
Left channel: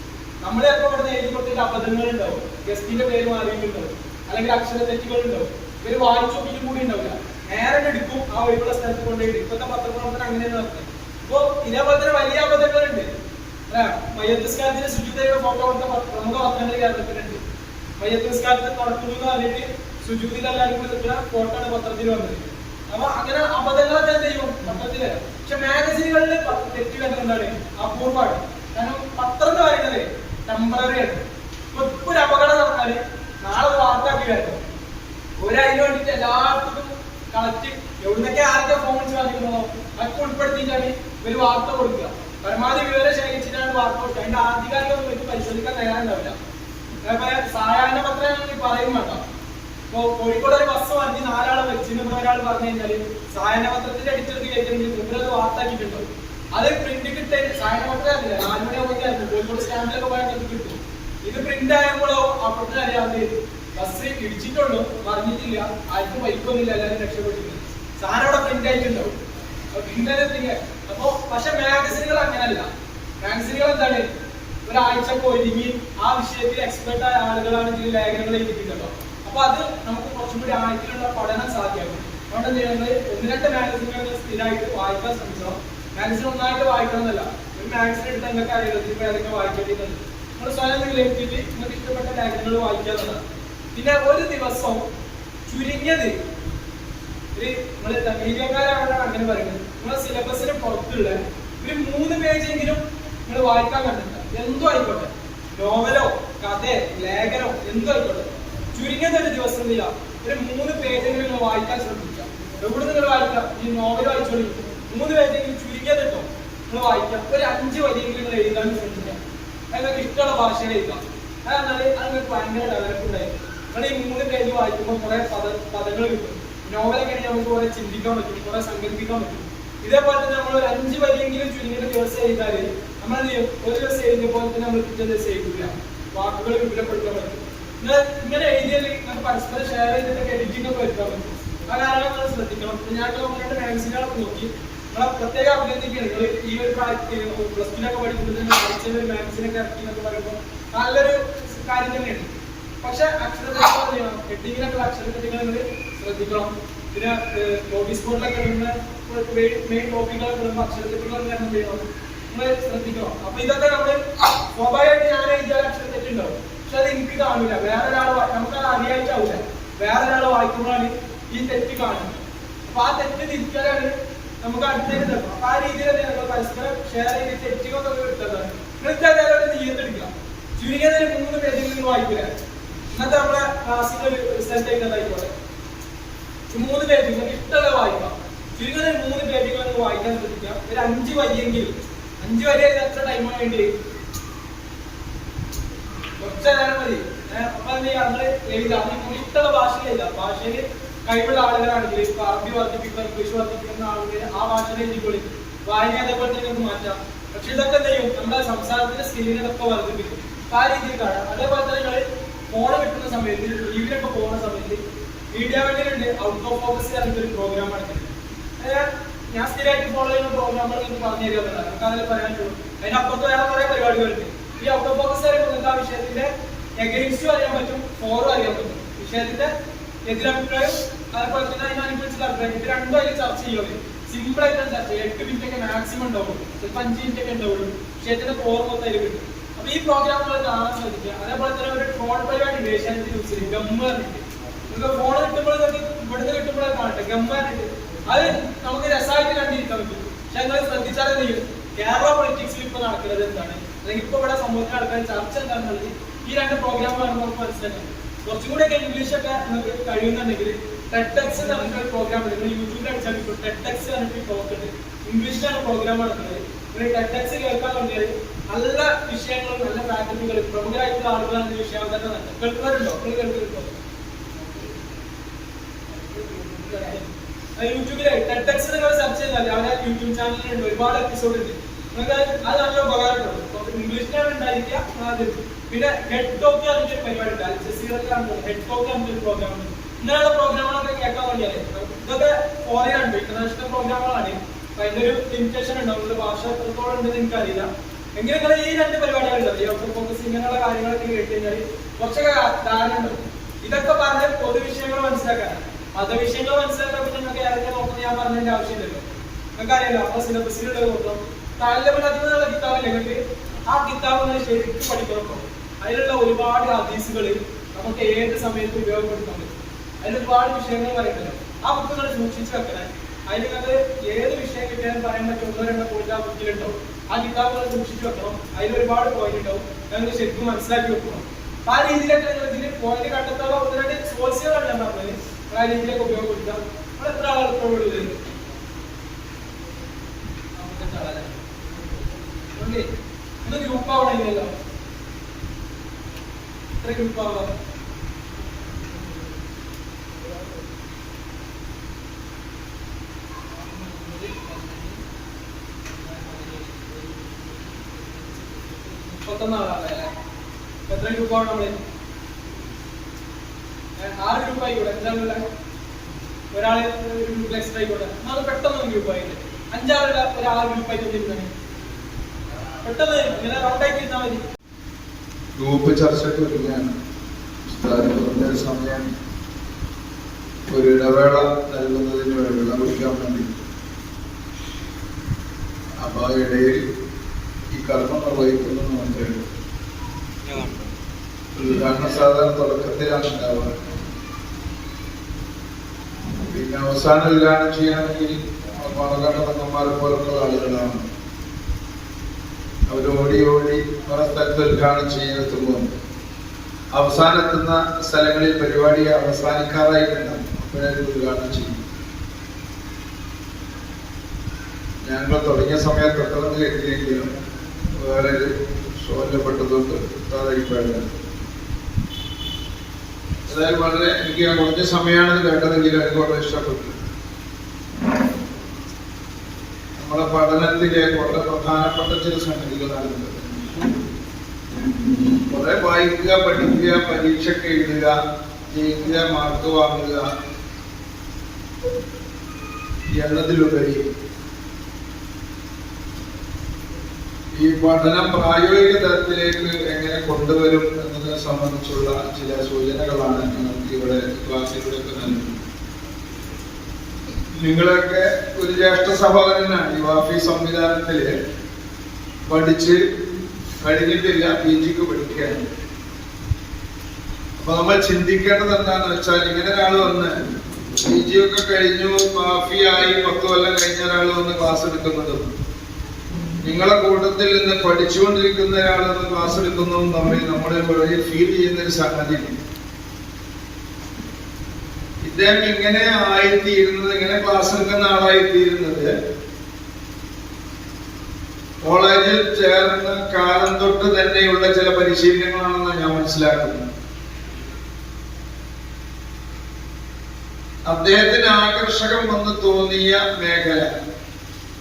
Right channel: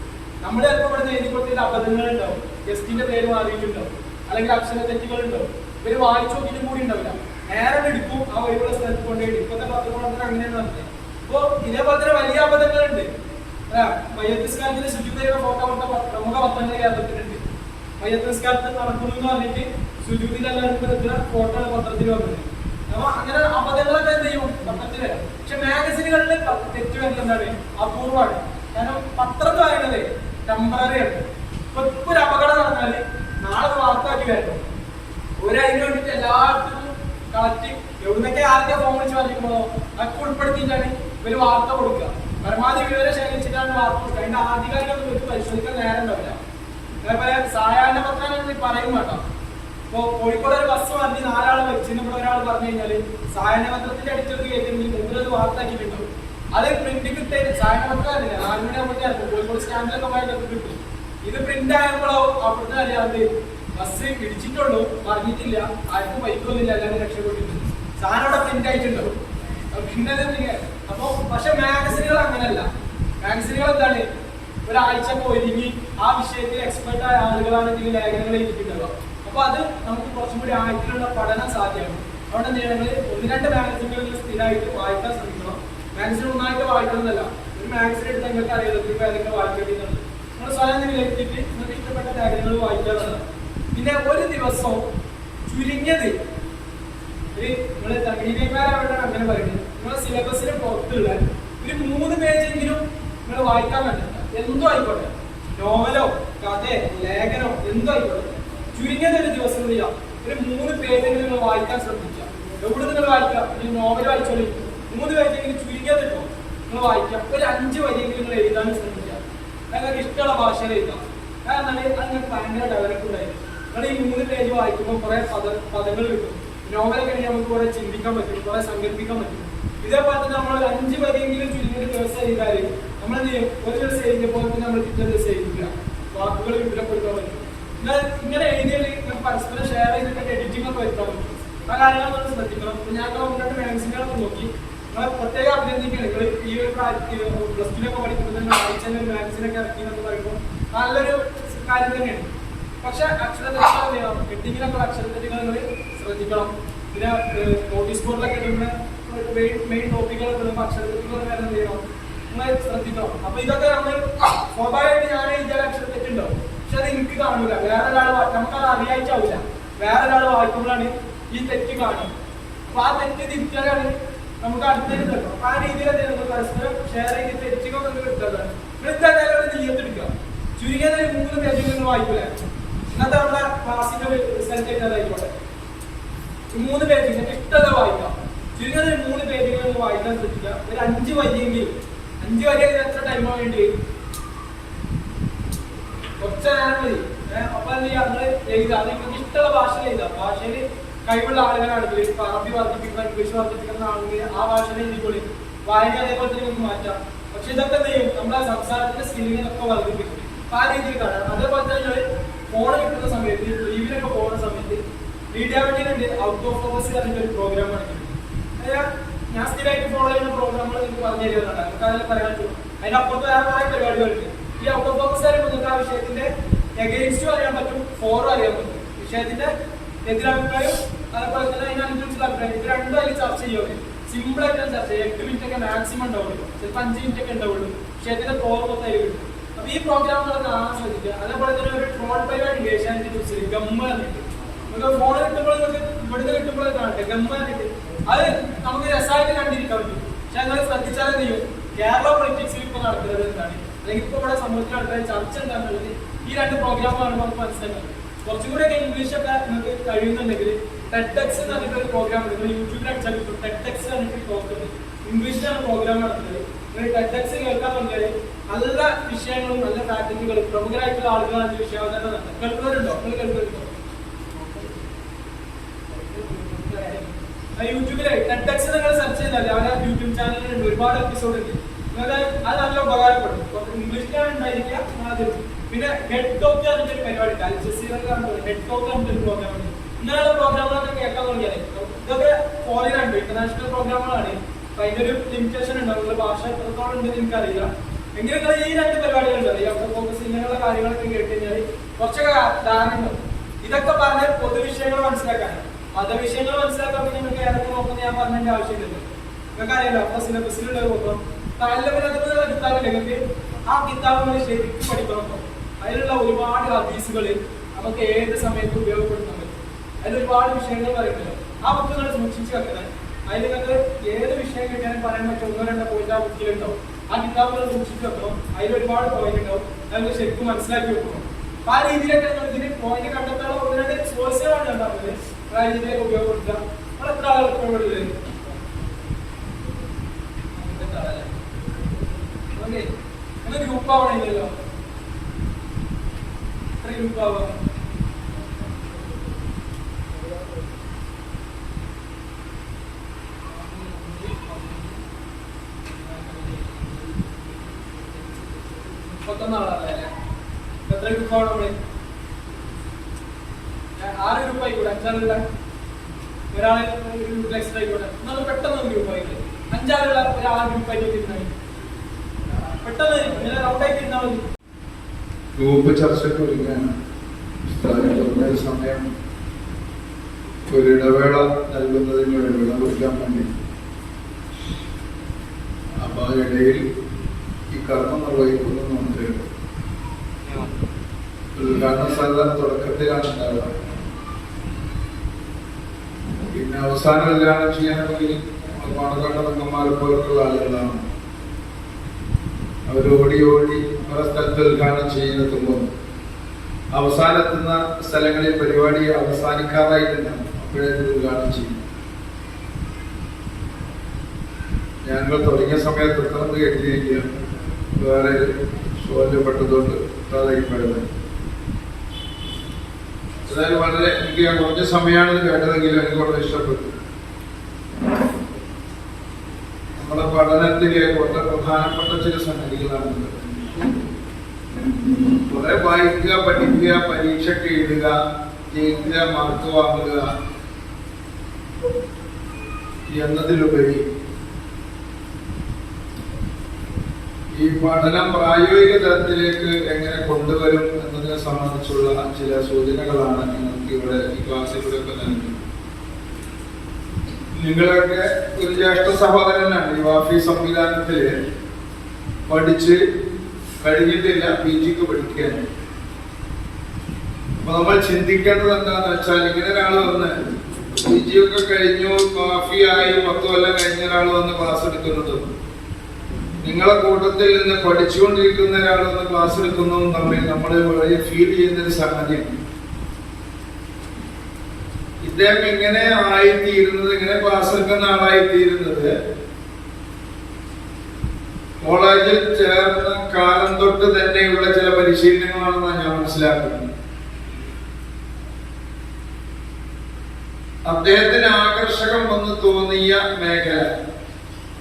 നമ്മൾ ചിലപ്പോൾ ഇവിടുന്ന് എഴുതി കൊടുത്തിട്ട് അബദ്ധങ്ങൾ ഉണ്ടാവും, ഗസ്റ്റിന്റെ പേര് മാറിയിട്ടുണ്ടാവും, അല്ലെങ്കിൽ അക്ഷര തെറ്റുകൾ ഉണ്ടാവും. ഇവര് വായിച്ചു നോക്കിയിട്ടും കൂടി ഉണ്ടാവില്ല, നേരെ എടുക്കും ആ ഒഴിവുള്ള സ്ഥലത്ത് കൊണ്ടുപോയിട്ട്. ഇപ്പോഴത്തെ പത്രപ്രവർത്തനം അങ്ങനെയാണ് നടത്തുന്നത്. അപ്പൊ ഇതേപോലെ തന്നെ വലിയ അബദ്ധങ്ങളുണ്ട്. മയ്യത്തുസ്കാരത്തിന്റെ ശുചിതയുടെ ഫോട്ടോ കൊടുത്ത പ്രമുഖ പത്രങ്ങൾ കേരളത്തിലുണ്ട്. മയ്യത്തുസ്കാരത്തിൽ നടക്കുന്നു എന്ന് പറഞ്ഞിട്ട് ശുചിതിലെല്ലാവരും നിൽക്കുന്ന ഫോട്ടോ ആണ് പത്രത്തിൽ വന്നത്. അപ്പൊ അങ്ങനെ അബദ്ധങ്ങളൊക്കെ എന്ത് ചെയ്യും പത്രത്തിൽ വരാം. പക്ഷെ മാഗസിനുകളിൽ തെറ്റ് വരുന്നത് എന്താണ് അപൂർവമാണ്. കാരണം പത്രം എന്ന് പറയുന്നത് ടെമ്പററി ആണ്. ഇപ്പൊ ഒരു അപകടം നടന്നാല് നാളെ വാർത്താക്കി വരണം. അതിന് വേണ്ടിട്ട് എല്ലാവർക്കും കളക്ട് എവിടുന്നൊക്കെ ആർക്കെ ഫോൺ വിളിച്ച് പറഞ്ഞിരിക്കണോ അതൊക്കെ ഉൾപ്പെടുത്തിയിട്ടാണ് ഇവര് വാർത്ത കൊടുക്കുക. പരമാവധി വിവരം ശേഖരിച്ചിട്ടാണ് വാർത്ത കൊടുക്കുക. അതിന്റെ ആധികാരികമൊന്നും വെച്ച് പരിശോധിക്കാൻ നേരം ഉണ്ടാവില്ല. അതേപോലെ സായാഹ്ന പത്രം പറയും വേണ്ട. ഇപ്പൊ കോഴിക്കോട് ഒരു ബസ് വന്ന് 4 ആളെ വെച്ചിട്ട് ഇവിടെ ഒരാൾ പറഞ്ഞു കഴിഞ്ഞാല് സായാഹ്ന പത്രത്തിന്റെ അടിച്ചെടുത്ത് കയറ്റെങ്കിൽ ഇവരത് വാർത്താക്കിയിട്ടുണ്ടാവും. അത് പ്രിന്റ് കിട്ടേ സായാഹ്ന പത്രം അറിയില്ല, 4 മണിയാകുമ്പോൾ കോഴിക്കോട് സ്റ്റാൻഡിലൊക്കെ പോയാൽ അത് കിട്ടും. ഇത് പ്രിന്റ് ആയപ്പോഴോ അവിടുന്ന് അറിയാതെ ബസ് ഇടിച്ചിട്ടുള്ളൂ, പറഞ്ഞിട്ടില്ല, ആർക്കും പരിക്കൊന്നുമില്ല, എല്ലാവരും രക്ഷപ്പെട്ടിട്ടുണ്ട്. സാധനം ഇവിടെ പ്രിന്റ് ആയിട്ടുണ്ടാവും. പിന്നെ അപ്പൊ പക്ഷെ മാഗസിനുകൾ അങ്ങനെയല്ല. മാഗസിനുകൾ എന്താണ് ഒരാഴ്ചക്ക് ഒരുങ്ങി ആ വിഷയത്തിൽ എക്സ്പെർട്ട് ആയ ആളുകളാണ് ഇതിൽ ലേഖനങ്ങൾ എഴുതിയിട്ടുണ്ടാവുക. അപ്പൊ അത് നമുക്ക് കുറച്ചും കൂടി ആഴത്തിലുള്ള പഠനം സാധ്യമാകും. അതുകൊണ്ട് എന്ത് ചെയ്യണം, 1-2 മാഗസിനുകൾ സ്ഥിരമായിട്ട് വായിക്കാൻ ശ്രമിക്കണം. മാഗസിൻ ഒന്നായിട്ട് വായിക്കണം എന്നല്ല, ഒരു മാഗസിൻ എടുത്താൽ നിങ്ങൾക്ക് അറിയാലോ ഇപ്പൊ ഏതൊക്കെ വായിക്കേണ്ടതുണ്ട്. നിങ്ങൾ സ്വയം വിലയിരുത്തിയിട്ട് നിങ്ങൾക്ക് ഇഷ്ടപ്പെട്ട ലേഖനങ്ങൾ വായിക്കാവുന്നതാണ്. പിന്നെ ഒരു ദിവസം ചുരുങ്ങിയത് നിങ്ങള് തകീര്യക്കാരാണ് അങ്ങനെ പറയുന്നത്, നിങ്ങളെ സിലബസിന് പുറത്തുള്ള ഒരു 3 പേജെങ്കിലും നിങ്ങൾ വായിക്കാൻ കണ്ടില്ല. എന്തോ ആയിക്കോട്ടെ, നോവലോ കഥയോ ലേഖനോ എന്തോ ആയിക്കോട്ടെ, ചുരുങ്ങിയത് ഒരു ദിവസം ചെയ്യാം ഒരു 3 പേജെങ്കിലും നിങ്ങൾ വായിക്കാൻ ശ്രമിക്കുക. എവിടെ നിങ്ങൾ വായിക്കാം, ഈ നോവൽ വായിച്ചോളി, 3 പേജെങ്കിലും ചുരുങ്ങിയത് കേട്ടോ നിങ്ങൾ വായിക്കാം. ഒരു 5 വരിയെങ്കിലും നിങ്ങൾ എഴുതാൻ ശ്രമിക്കാം. നിങ്ങൾക്ക് ഇഷ്ടമുള്ള ഭാഷയിൽ എഴുതാം. കാരണം അത് നിങ്ങൾക്ക് ഭയങ്കര ഡെവലപ്പ് ഉണ്ടായിരിക്കും. നിങ്ങൾ ഈ 3 പേജ് വായിക്കുമ്പോൾ കുറെ പദങ്ങൾ കിട്ടും. നോവലൊക്കെ ആണെങ്കിൽ നമുക്ക് കുറെ ചിന്തിക്കാൻ പറ്റും, കുറെ സങ്കല്പിക്കാൻ പറ്റും. ഇതേപോലെ തന്നെ നമ്മൾ ഒരു 5 വരിയെങ്കിലും ചുരുങ്ങിയ ദിവസം എഴുതാല് നമ്മൾ എന്ത് ചെയ്യും, ഒരു ദിവസം എഴുതിയ പോലെ തന്നെ നമ്മൾ പിറ്റേ ദിവസം എഴുതില്ല, വാക്കുകൾ വിപുലപ്പെടുത്താൻ പറ്റും. ഇങ്ങനെ എഴുതിയാൽ നിങ്ങൾക്ക് പരസ്പരം ഷെയർ ചെയ്തിട്ട് എഡിറ്റിംഗ് ഒക്കെ വരുത്താൻ പറ്റും. ആ കാര്യങ്ങൾ നിങ്ങൾ ശ്രദ്ധിക്കണം. ഞാൻ 2 മാഗസിനുകളൊക്കെ നോക്കി നിങ്ങളെ പ്രത്യേകം അഭിനന്ദിക്കുകയാണ്. നിങ്ങൾ ഈ ഒരു +2 പഠിക്കുമ്പോൾ തന്നെ ആഴ്ചയിൽ ഒരു മാഗസിനൊക്കെ ഇറക്കി എന്നൊക്കെ പറയുമ്പോൾ നല്ലൊരു കാര്യം തന്നെയാണ്. പക്ഷെ അക്ഷരതെറ്റുകൾ ചെയ്യണം, ഹെഡിങ്ങിനൊക്കെ അക്ഷരതെറ്റുകൾ നിങ്ങൾ ശ്രദ്ധിക്കണം. പിന്നെ നോട്ടീസ് ബോർഡിലൊക്കെ ഇടുന്ന മെയിൻ ടോപ്പിക്കുകളൊക്കെ ഇടുമ്പോൾ അക്ഷരതെറ്റുകൾ എന്ത് ചെയ്യണം, നിങ്ങൾ ശ്രദ്ധിക്കണം. അപ്പൊ ഇതൊക്കെ നമ്മൾ സ്വാഭാവികമായിട്ട് ഞാൻ എഴുതിയാൽ അക്ഷരതെറ്റുണ്ടാവും, പക്ഷെ അത് എനിക്ക് കാണൂല, വേറൊരാൾ നമുക്കത് അറിയായിട്ടാവില്ല. വേറൊരാൾ വായിക്കുമ്പോഴാണ് ഈ തെറ്റ് കാണുന്നത്. അപ്പൊ ആ തെറ്റ് തിരിച്ചാലാണ് നമുക്ക് അടുത്തേക്ക് തരണം. അപ്പൊ ആ രീതിയിൽ തന്നെ നമ്മൾ പരസ്പരം ഷെയർ ചെയ്ത് തെറ്റുകളൊക്കെ ഒന്ന് കിട്ടുന്നത്. നിങ്ങൾ നീയത്തെടുക്കുക, ചുരുങ്ങിയത് 3 പേജുകൾ നിങ്ങൾ വായിക്കൂല. ഇന്നത്തെ നമ്മുടെ ക്ലാസ്സിന്റെ ഒരു റിസൾട്ട് എഴുതാതായിക്കോട്ടെ, 3 പേജ് നിങ്ങൾക്ക് ഇഷ്ടമുള്ള വായിക്കാം. ചുരുങ്ങിയത് 3 പേജുകൾ നിങ്ങൾ വായിക്കാൻ ശ്രദ്ധിക്കുക. ഒരു 5 വരിയെങ്കിലും, 5 വരി എത്ര ടൈമാണ് വേണ്ടി, കുറച്ച് നേരം മതി. അപ്പൊ എന്ത് ചെയ്യുക, നിങ്ങൾ എഴുതാം, നിങ്ങൾക്ക് ഇഷ്ടമുള്ള ഭാഷയിൽ എഴുതാം. ഭാഷയിൽ കഴിവുള്ള ആളുകളാണെങ്കിൽ ഇപ്പൊ അറബി വർദ്ധിപ്പിക്കുന്ന, ഇംഗ്ലീഷ് വർദ്ധിപ്പിക്കുന്ന ആളുകൾ ആ ഭാഷയിൽ എഴുതിക്കൊള്ളി, വായന അതേപോലെ തന്നെ നിങ്ങൾക്ക് മാറ്റാം. പക്ഷെ ഇതൊക്കെ എന്ത് ചെയ്യും, നമ്മുടെ സംസാരത്തിന്റെ സ്കില്ലിനൊക്കെ വർദ്ധിപ്പിക്കും. ആ രീതിയിൽ കാണാം. അതേപോലെ തന്നെ നിങ്ങൾ ഫോൺ കിട്ടുന്ന സമയത്ത്, ലീവിനൊക്കെ പോകുന്ന സമയത്ത് മീഡിയ വേണ്ടിയിലുണ്ട് ഔട്ട് ഓഫ് ഫോക്കസ് പറഞ്ഞിട്ട് ഒരു പ്രോഗ്രാം കാണിക്കുന്നത്. ഞാൻ സ്ഥിരമായിട്ട് ഫോളോ ചെയ്യുന്ന പ്രോഗ്രാമുകൾ നിങ്ങൾക്ക് പറഞ്ഞു തരുന്നുണ്ട്, നമുക്ക് അതിൽ പറയാൻ പറ്റും. അതിനപ്പുറത്ത് വേറെ കുറെ പരിപാടികളുണ്ട്. ഈ ഔട്ട് ഓഫ് ഫോക്കസ് പറയുമ്പോൾ നിങ്ങൾക്ക് ആ വിഷയത്തിന്റെ എഗെയിൻസ്റ്റും അറിയാൻ പറ്റും, ഫോറും അറിയാൻ പറ്റും. വിഷയത്തിന്റെ എതിരഭിപ്രായം അതേപോലെ തന്നെ അതിനനുസരിച്ചുള്ള അഭിപ്രായം, ഇത് രണ്ടും അതിൽ ചർച്ച ചെയ്യുന്നത്. സിമ്പിൾ ആയിട്ട് ചർച്ച ചെയ്യും. 8 മിനിറ്റ് ഒക്കെ മാക്സിമം ഉണ്ടാവുള്ളൂ, ചിലപ്പോൾ 5 മിനിറ്റ് ഒക്കെ ഉണ്ടാവുള്ളൂ. വിഷയത്തിന്റെ ഫോർ മൊത്തം അതിൽ കിട്ടും. അപ്പൊ ഈ പ്രോഗ്രാമുകൾ കാണാൻ ശ്രദ്ധിക്കുക. അതേപോലെ തന്നെ ഒരു ട്രോൾ പരിപാടി ഉണ്ട് ഏഷ്യാനെറ്റ് ന്യൂസിൽ, ഗമ്മ പറഞ്ഞിട്ട്. നിങ്ങൾക്ക് ഫോൺ കിട്ടുമ്പോൾ ഇവിടുന്ന് കിട്ടുമ്പോഴേ കാണട്ടെ, ഗമ്മ പറഞ്ഞിട്ട്. അത് നമുക്ക് രസമായിട്ട് കണ്ടിരിക്കാൻ പറ്റും. പക്ഷെ നിങ്ങൾ ശ്രദ്ധിച്ചാൽ എന്ത് ചെയ്യും, കേരള പൊളിറ്റിക്സിൽ ഇപ്പൊ നടക്കുന്നത് എന്താണ്, അല്ലെങ്കിൽ ഇപ്പൊ ഇവിടെ സമൂഹത്തിലെ ആൾക്കാർ ചർച്ച എന്താണെന്നുള്ളത് ഈ രണ്ട് പ്രോഗ്രാമാണ് നമുക്ക് മനസ്സിലാക്കുന്നത്. കുറച്ചും കൂടെയൊക്കെ ഇംഗ്ലീഷൊക്കെ നിങ്ങൾക്ക് കഴിയുന്നുണ്ടെങ്കിൽ ടെഡ്എക്സ് എന്ന് പറഞ്ഞിട്ട് ഒരു പ്രോഗ്രാം ഉണ്ട്. നിങ്ങൾ യൂട്യൂബിൽ അടിച്ചാൽ കിട്ടും. ടെഡ്എക്സ് പറഞ്ഞിട്ട് ടോക്ക് ഉണ്ട്, ഇംഗ്ലീഷിലാണ് പ്രോഗ്രാം നടക്കുന്നത്. നിങ്ങൾ ടെഡ്എക്സ് കേൾക്കാൻ തുടങ്ങിയാൽ നല്ല വിഷയങ്ങളും നല്ല ഫാക്കൽറ്റികൾ പ്രമുഖരായിട്ടുള്ള ആളുകളാണ് ഈ വിഷയം തന്നെ നടത്തുന്നത്. കേൾക്കുന്നവരുണ്ടോ? നിങ്ങൾ കേൾക്കുന്നുണ്ടോ? യൂട്യൂബിലെ ടെഡ്എക്സ് നിങ്ങൾ സെർച്ച് ചെയ്താൽ അവരുടെ യൂട്യൂബ് ചാനലിലുണ്ട്, ഒരുപാട് എപ്പിസോഡ് ഉണ്ട്. നിങ്ങൾക്ക് അത് നല്ല ഉപകാരപ്പെടും. ഇംഗ്ലീഷിലാണ് ഉണ്ടായിരിക്കുക ആദ്യം. പിന്നെ ഹെഡ് ടോക്ക് പറഞ്ഞിട്ടൊരു പരിപാടി ഉണ്ട്, അൽ ജസീറയിലാണ് ഹെഡ് ടോക്ക് പറഞ്ഞിട്ടൊരു പ്രോഗ്രാം ഉണ്ട്. ഇങ്ങനെയുള്ള പ്രോഗ്രാമുകളൊക്കെ കേൾക്കാൻ വേണ്ടിയാണ്. ഇതൊക്കെ ഫോറിൻ ഉണ്ട്, ഇന്റർനാഷണൽ പ്രോഗ്രാമുകളാണ്. അപ്പൊ അതിന്റെ ഒരു ലിമിറ്റേഷൻ ഉണ്ട്, അവരുടെ ഭാഷ എത്രത്തോളം ഉണ്ടെന്ന് എനിക്കറിയില്ല. എങ്കിലും നിങ്ങൾ ഈ രണ്ട് പരിപാടികളുണ്ട്, ഈ ഔട്ടർ ഫോക്കസ് ഇങ്ങനെയുള്ള കാര്യങ്ങളൊക്കെ കേട്ട് കഴിഞ്ഞാൽ കുറച്ചൊക്കെ ധാരണ ഉണ്ടാവും. ഇതൊക്കെ പറഞ്ഞ് പൊതുവിഷയങ്ങൾ മനസ്സിലാക്കാൻ, മതവിഷയങ്ങൾ മനസ്സിലാക്കാൻ നിങ്ങൾക്ക് ഏതൊക്കെ നോക്കുന്നത് ഞാൻ പറഞ്ഞതിന്റെ ആവശ്യമില്ലല്ലോ. നിങ്ങൾക്ക് അറിയാലോ, അപ്പൊ സിലബസിലുള്ളത് നോക്കണം. താല്പര്യമില്ലാത്ത കിതാബില്ല നിങ്ങൾക്ക്, ആ കിതാബ് നിങ്ങൾ ശരിക്കും പഠിക്കണം. അതിലുള്ള ഒരുപാട് ഹദീസുകൾ നമുക്ക് ഏത് സമയത്തും ഉപയോഗപ്പെടുത്താൻ പറ്റും. അതിൽ ഒരുപാട് വിഷയങ്ങൾ പറയുന്നുണ്ട്. ആ ബുക്ക് നിങ്ങൾ സൂക്ഷിച്ച് വെക്കണം. അതിൽ നിങ്ങൾക്ക് ഏത് വിഷയം കിട്ടിയാലും പറയാൻ പറ്റും, 1-2 പോയിന്റ് ആ ബുക്കിലുണ്ടാവും. ആ കിതാബുകൾ സൂക്ഷിച്ച് വെക്കണം. അതിൽ ഒരുപാട് പോയിന്റ് ഉണ്ടാവും, നിങ്ങൾ ശരിക്കും മനസ്സിലാക്കി വെക്കണം. ആ രീതിയിലൊക്കെ നിങ്ങൾ ഇതിന് പോയിന്റ് കണ്ടെത്താനുള്ള 1-2 സോഴ്സുകളാണ് ഞാൻ പറഞ്ഞത്. ആ രീതിയിലൊക്കെ ഉപയോഗപ്പെടുത്തുക. നമ്മൾ എത്ര ആളുകൾ ഉപയോഗപ്പെടുത്തത്? ഒന്ന് ഗ്രൂപ്പ് ആവണില്ലല്ലോ. എത്ര ഗ്രൂപ്പ് ആവാം? ആളല്ലേ? എത്ര ഗ്രൂപ്പ് ആവണം നമ്മള്? 6 ഗ്രൂപ്പ് ആയിക്കോട്ടെ. 5 ആളുള്ള ഒരാള് ഗ്രൂപ്പിൽ എക്സ്ട്രാ ആയിക്കോട്ടെ. നമ്മൾ പെട്ടെന്ന് ഗ്രൂപ്പ് ആയിക്കോട്ടെ. 5 ആളുള്ള ഒരാളെ ഗ്രൂപ്പ് ആയിട്ട് ഇരുന്നാൽ പെട്ടെന്ന് ഇങ്ങനെ റൗണ്ടായിട്ട് ഇരുന്നാൽ മതി. ഗ്രൂപ്പ് ചർച്ചയ്ക്ക് ഒരുങ്ങാണ്. സമയം ഒരു ഇടവേള നൽകുന്നതിന് വേണ്ടി വിളവിക്കാൻ വേണ്ടി. അപ്പൊ ആ ഇടയിൽ ഈ കർമ്മം നിർവഹിക്കുന്നു മാത്രമേ ഉള്ളൂ. ഉദ്ഘാടന സാധാരണ തുടക്കത്തിലാണ് ഉണ്ടാവുക. പിന്നെ അവസാനം ഉദ്ഘാടനം ചെയ്യാനെങ്കിൽ പാലക്കാട് അംഗന്മാരെ പോലുള്ള ആളുകളാണ്. അവരോടി പല സ്ഥലത്ത് ഉദ്ഘാടനം ചെയ്യാനെത്തുമ്പോൾ അവസാനെത്തുന്ന സ്ഥലങ്ങളിൽ പരിപാടി അവസാനിക്കാറായിട്ടില്ല, അപ്പോഴേ ഉദ്ഘാടനം ചെയ്യും. ഞങ്ങൾ തുടങ്ങിയ സമയത്ത് പെട്ടെന്ന് കരുതിയില്ല, വേറെ ശോഭപ്പെട്ടതുകൊണ്ട് അതായിപ്പോഴത്. അതായത് വളരെ എനിക്ക് കുറഞ്ഞ സമയമാണെന്ന് കേട്ടതെങ്കിലും എനിക്ക് വളരെ ഇഷ്ടപ്പെട്ടു. നമ്മുടെ പഠനത്തിലെ വളരെ പ്രധാനപ്പെട്ട ചില സംഗതികളാണ്. കുറെ വായിക്കുക, പഠിക്കുക, പരീക്ഷയ്ക്ക് എഴുതുക, ജയിക്കുക, മാർക്ക് വാങ്ങുക എന്നതിലുപരി ഈ പഠനം പ്രായോഗിക തലത്തിലേക്ക് എങ്ങനെ കൊണ്ടുവരും എന്നതിനെ സംബന്ധിച്ചുള്ള ചില സൂചനകളാണ് നമുക്ക് ഇവിടെ ഈ ക്ലാസ്സിലൂടെ നൽകുന്നത്. നിങ്ങളൊക്കെ ഒരു ജ്യേഷ്ഠ സഹോദരനാണ് ഈ വാഫി സംവിധാനത്തില് പഠിച്ച് കഴിഞ്ഞിട്ടില്ല, PG പഠിക്കുകയാണ്. അപ്പൊ നമ്മൾ ചിന്തിക്കേണ്ടത് എന്താണെന്ന് വെച്ചാൽ, ഇങ്ങനെ ഒരാൾ വന്ന് PG ഒക്കെ കഴിഞ്ഞു, വാഫിയായി 10 കൊല്ലം കഴിഞ്ഞ ഒരാൾ വന്ന് ക്ലാസ് എടുക്കുന്നത്, നിങ്ങളെ കൂട്ടത്തിൽ നിന്ന് പഠിച്ചുകൊണ്ടിരിക്കുന്ന ഒരാൾ വന്ന് ക്ലാസ് എടുക്കുന്നതും തമ്മിൽ നമ്മൾ വളരെ ഫീൽ ചെയ്യുന്ന ഒരു സംഗതിയാണ്. ഇദ്ദേഹം ഇങ്ങനെ ആയിത്തീരുന്നത്, ഇങ്ങനെ ക്ലാസ് എടുക്കുന്ന ആളായിത്തീരുന്നത് കോളേജിൽ ചേർന്ന കാലം തൊട്ട് തന്നെയുള്ള ചില പരിശീലനങ്ങളാണെന്നാണ് ഞാൻ മനസ്സിലാക്കുന്നത്. അദ്ദേഹത്തിന് ആകർഷകം എന്ന് തോന്നിയ മേഖല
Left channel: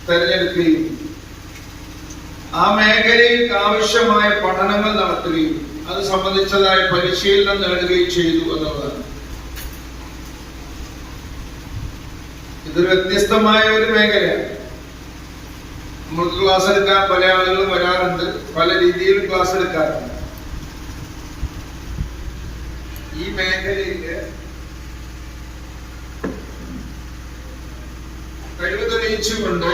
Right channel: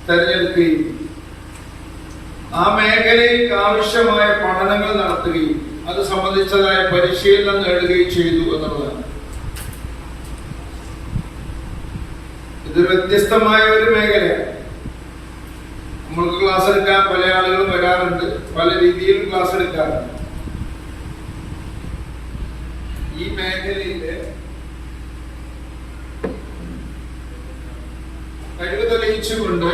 തെരഞ്ഞെടുക്കുകയും ആ മേഖലയിൽ ആവശ്യമായ പഠനങ്ങൾ നടത്തുകയും അത് സംബന്ധിച്ചതായ പരിശീലനം നേടുകയും ചെയ്തു എന്നുള്ളതാണ്. ഇതൊരു വ്യത്യസ്തമായ ഒരു മേഖലയാണ്. നമ്മൾക്ക് ക്ലാസ് എടുക്കാൻ പല ആളുകളും വരാറുണ്ട്, പല രീതിയിലും ക്ലാസ് എടുക്കാറുണ്ട്. ഈ മേഖലയില് കഴിവ് തെളിയിച്ചുകൊണ്ട്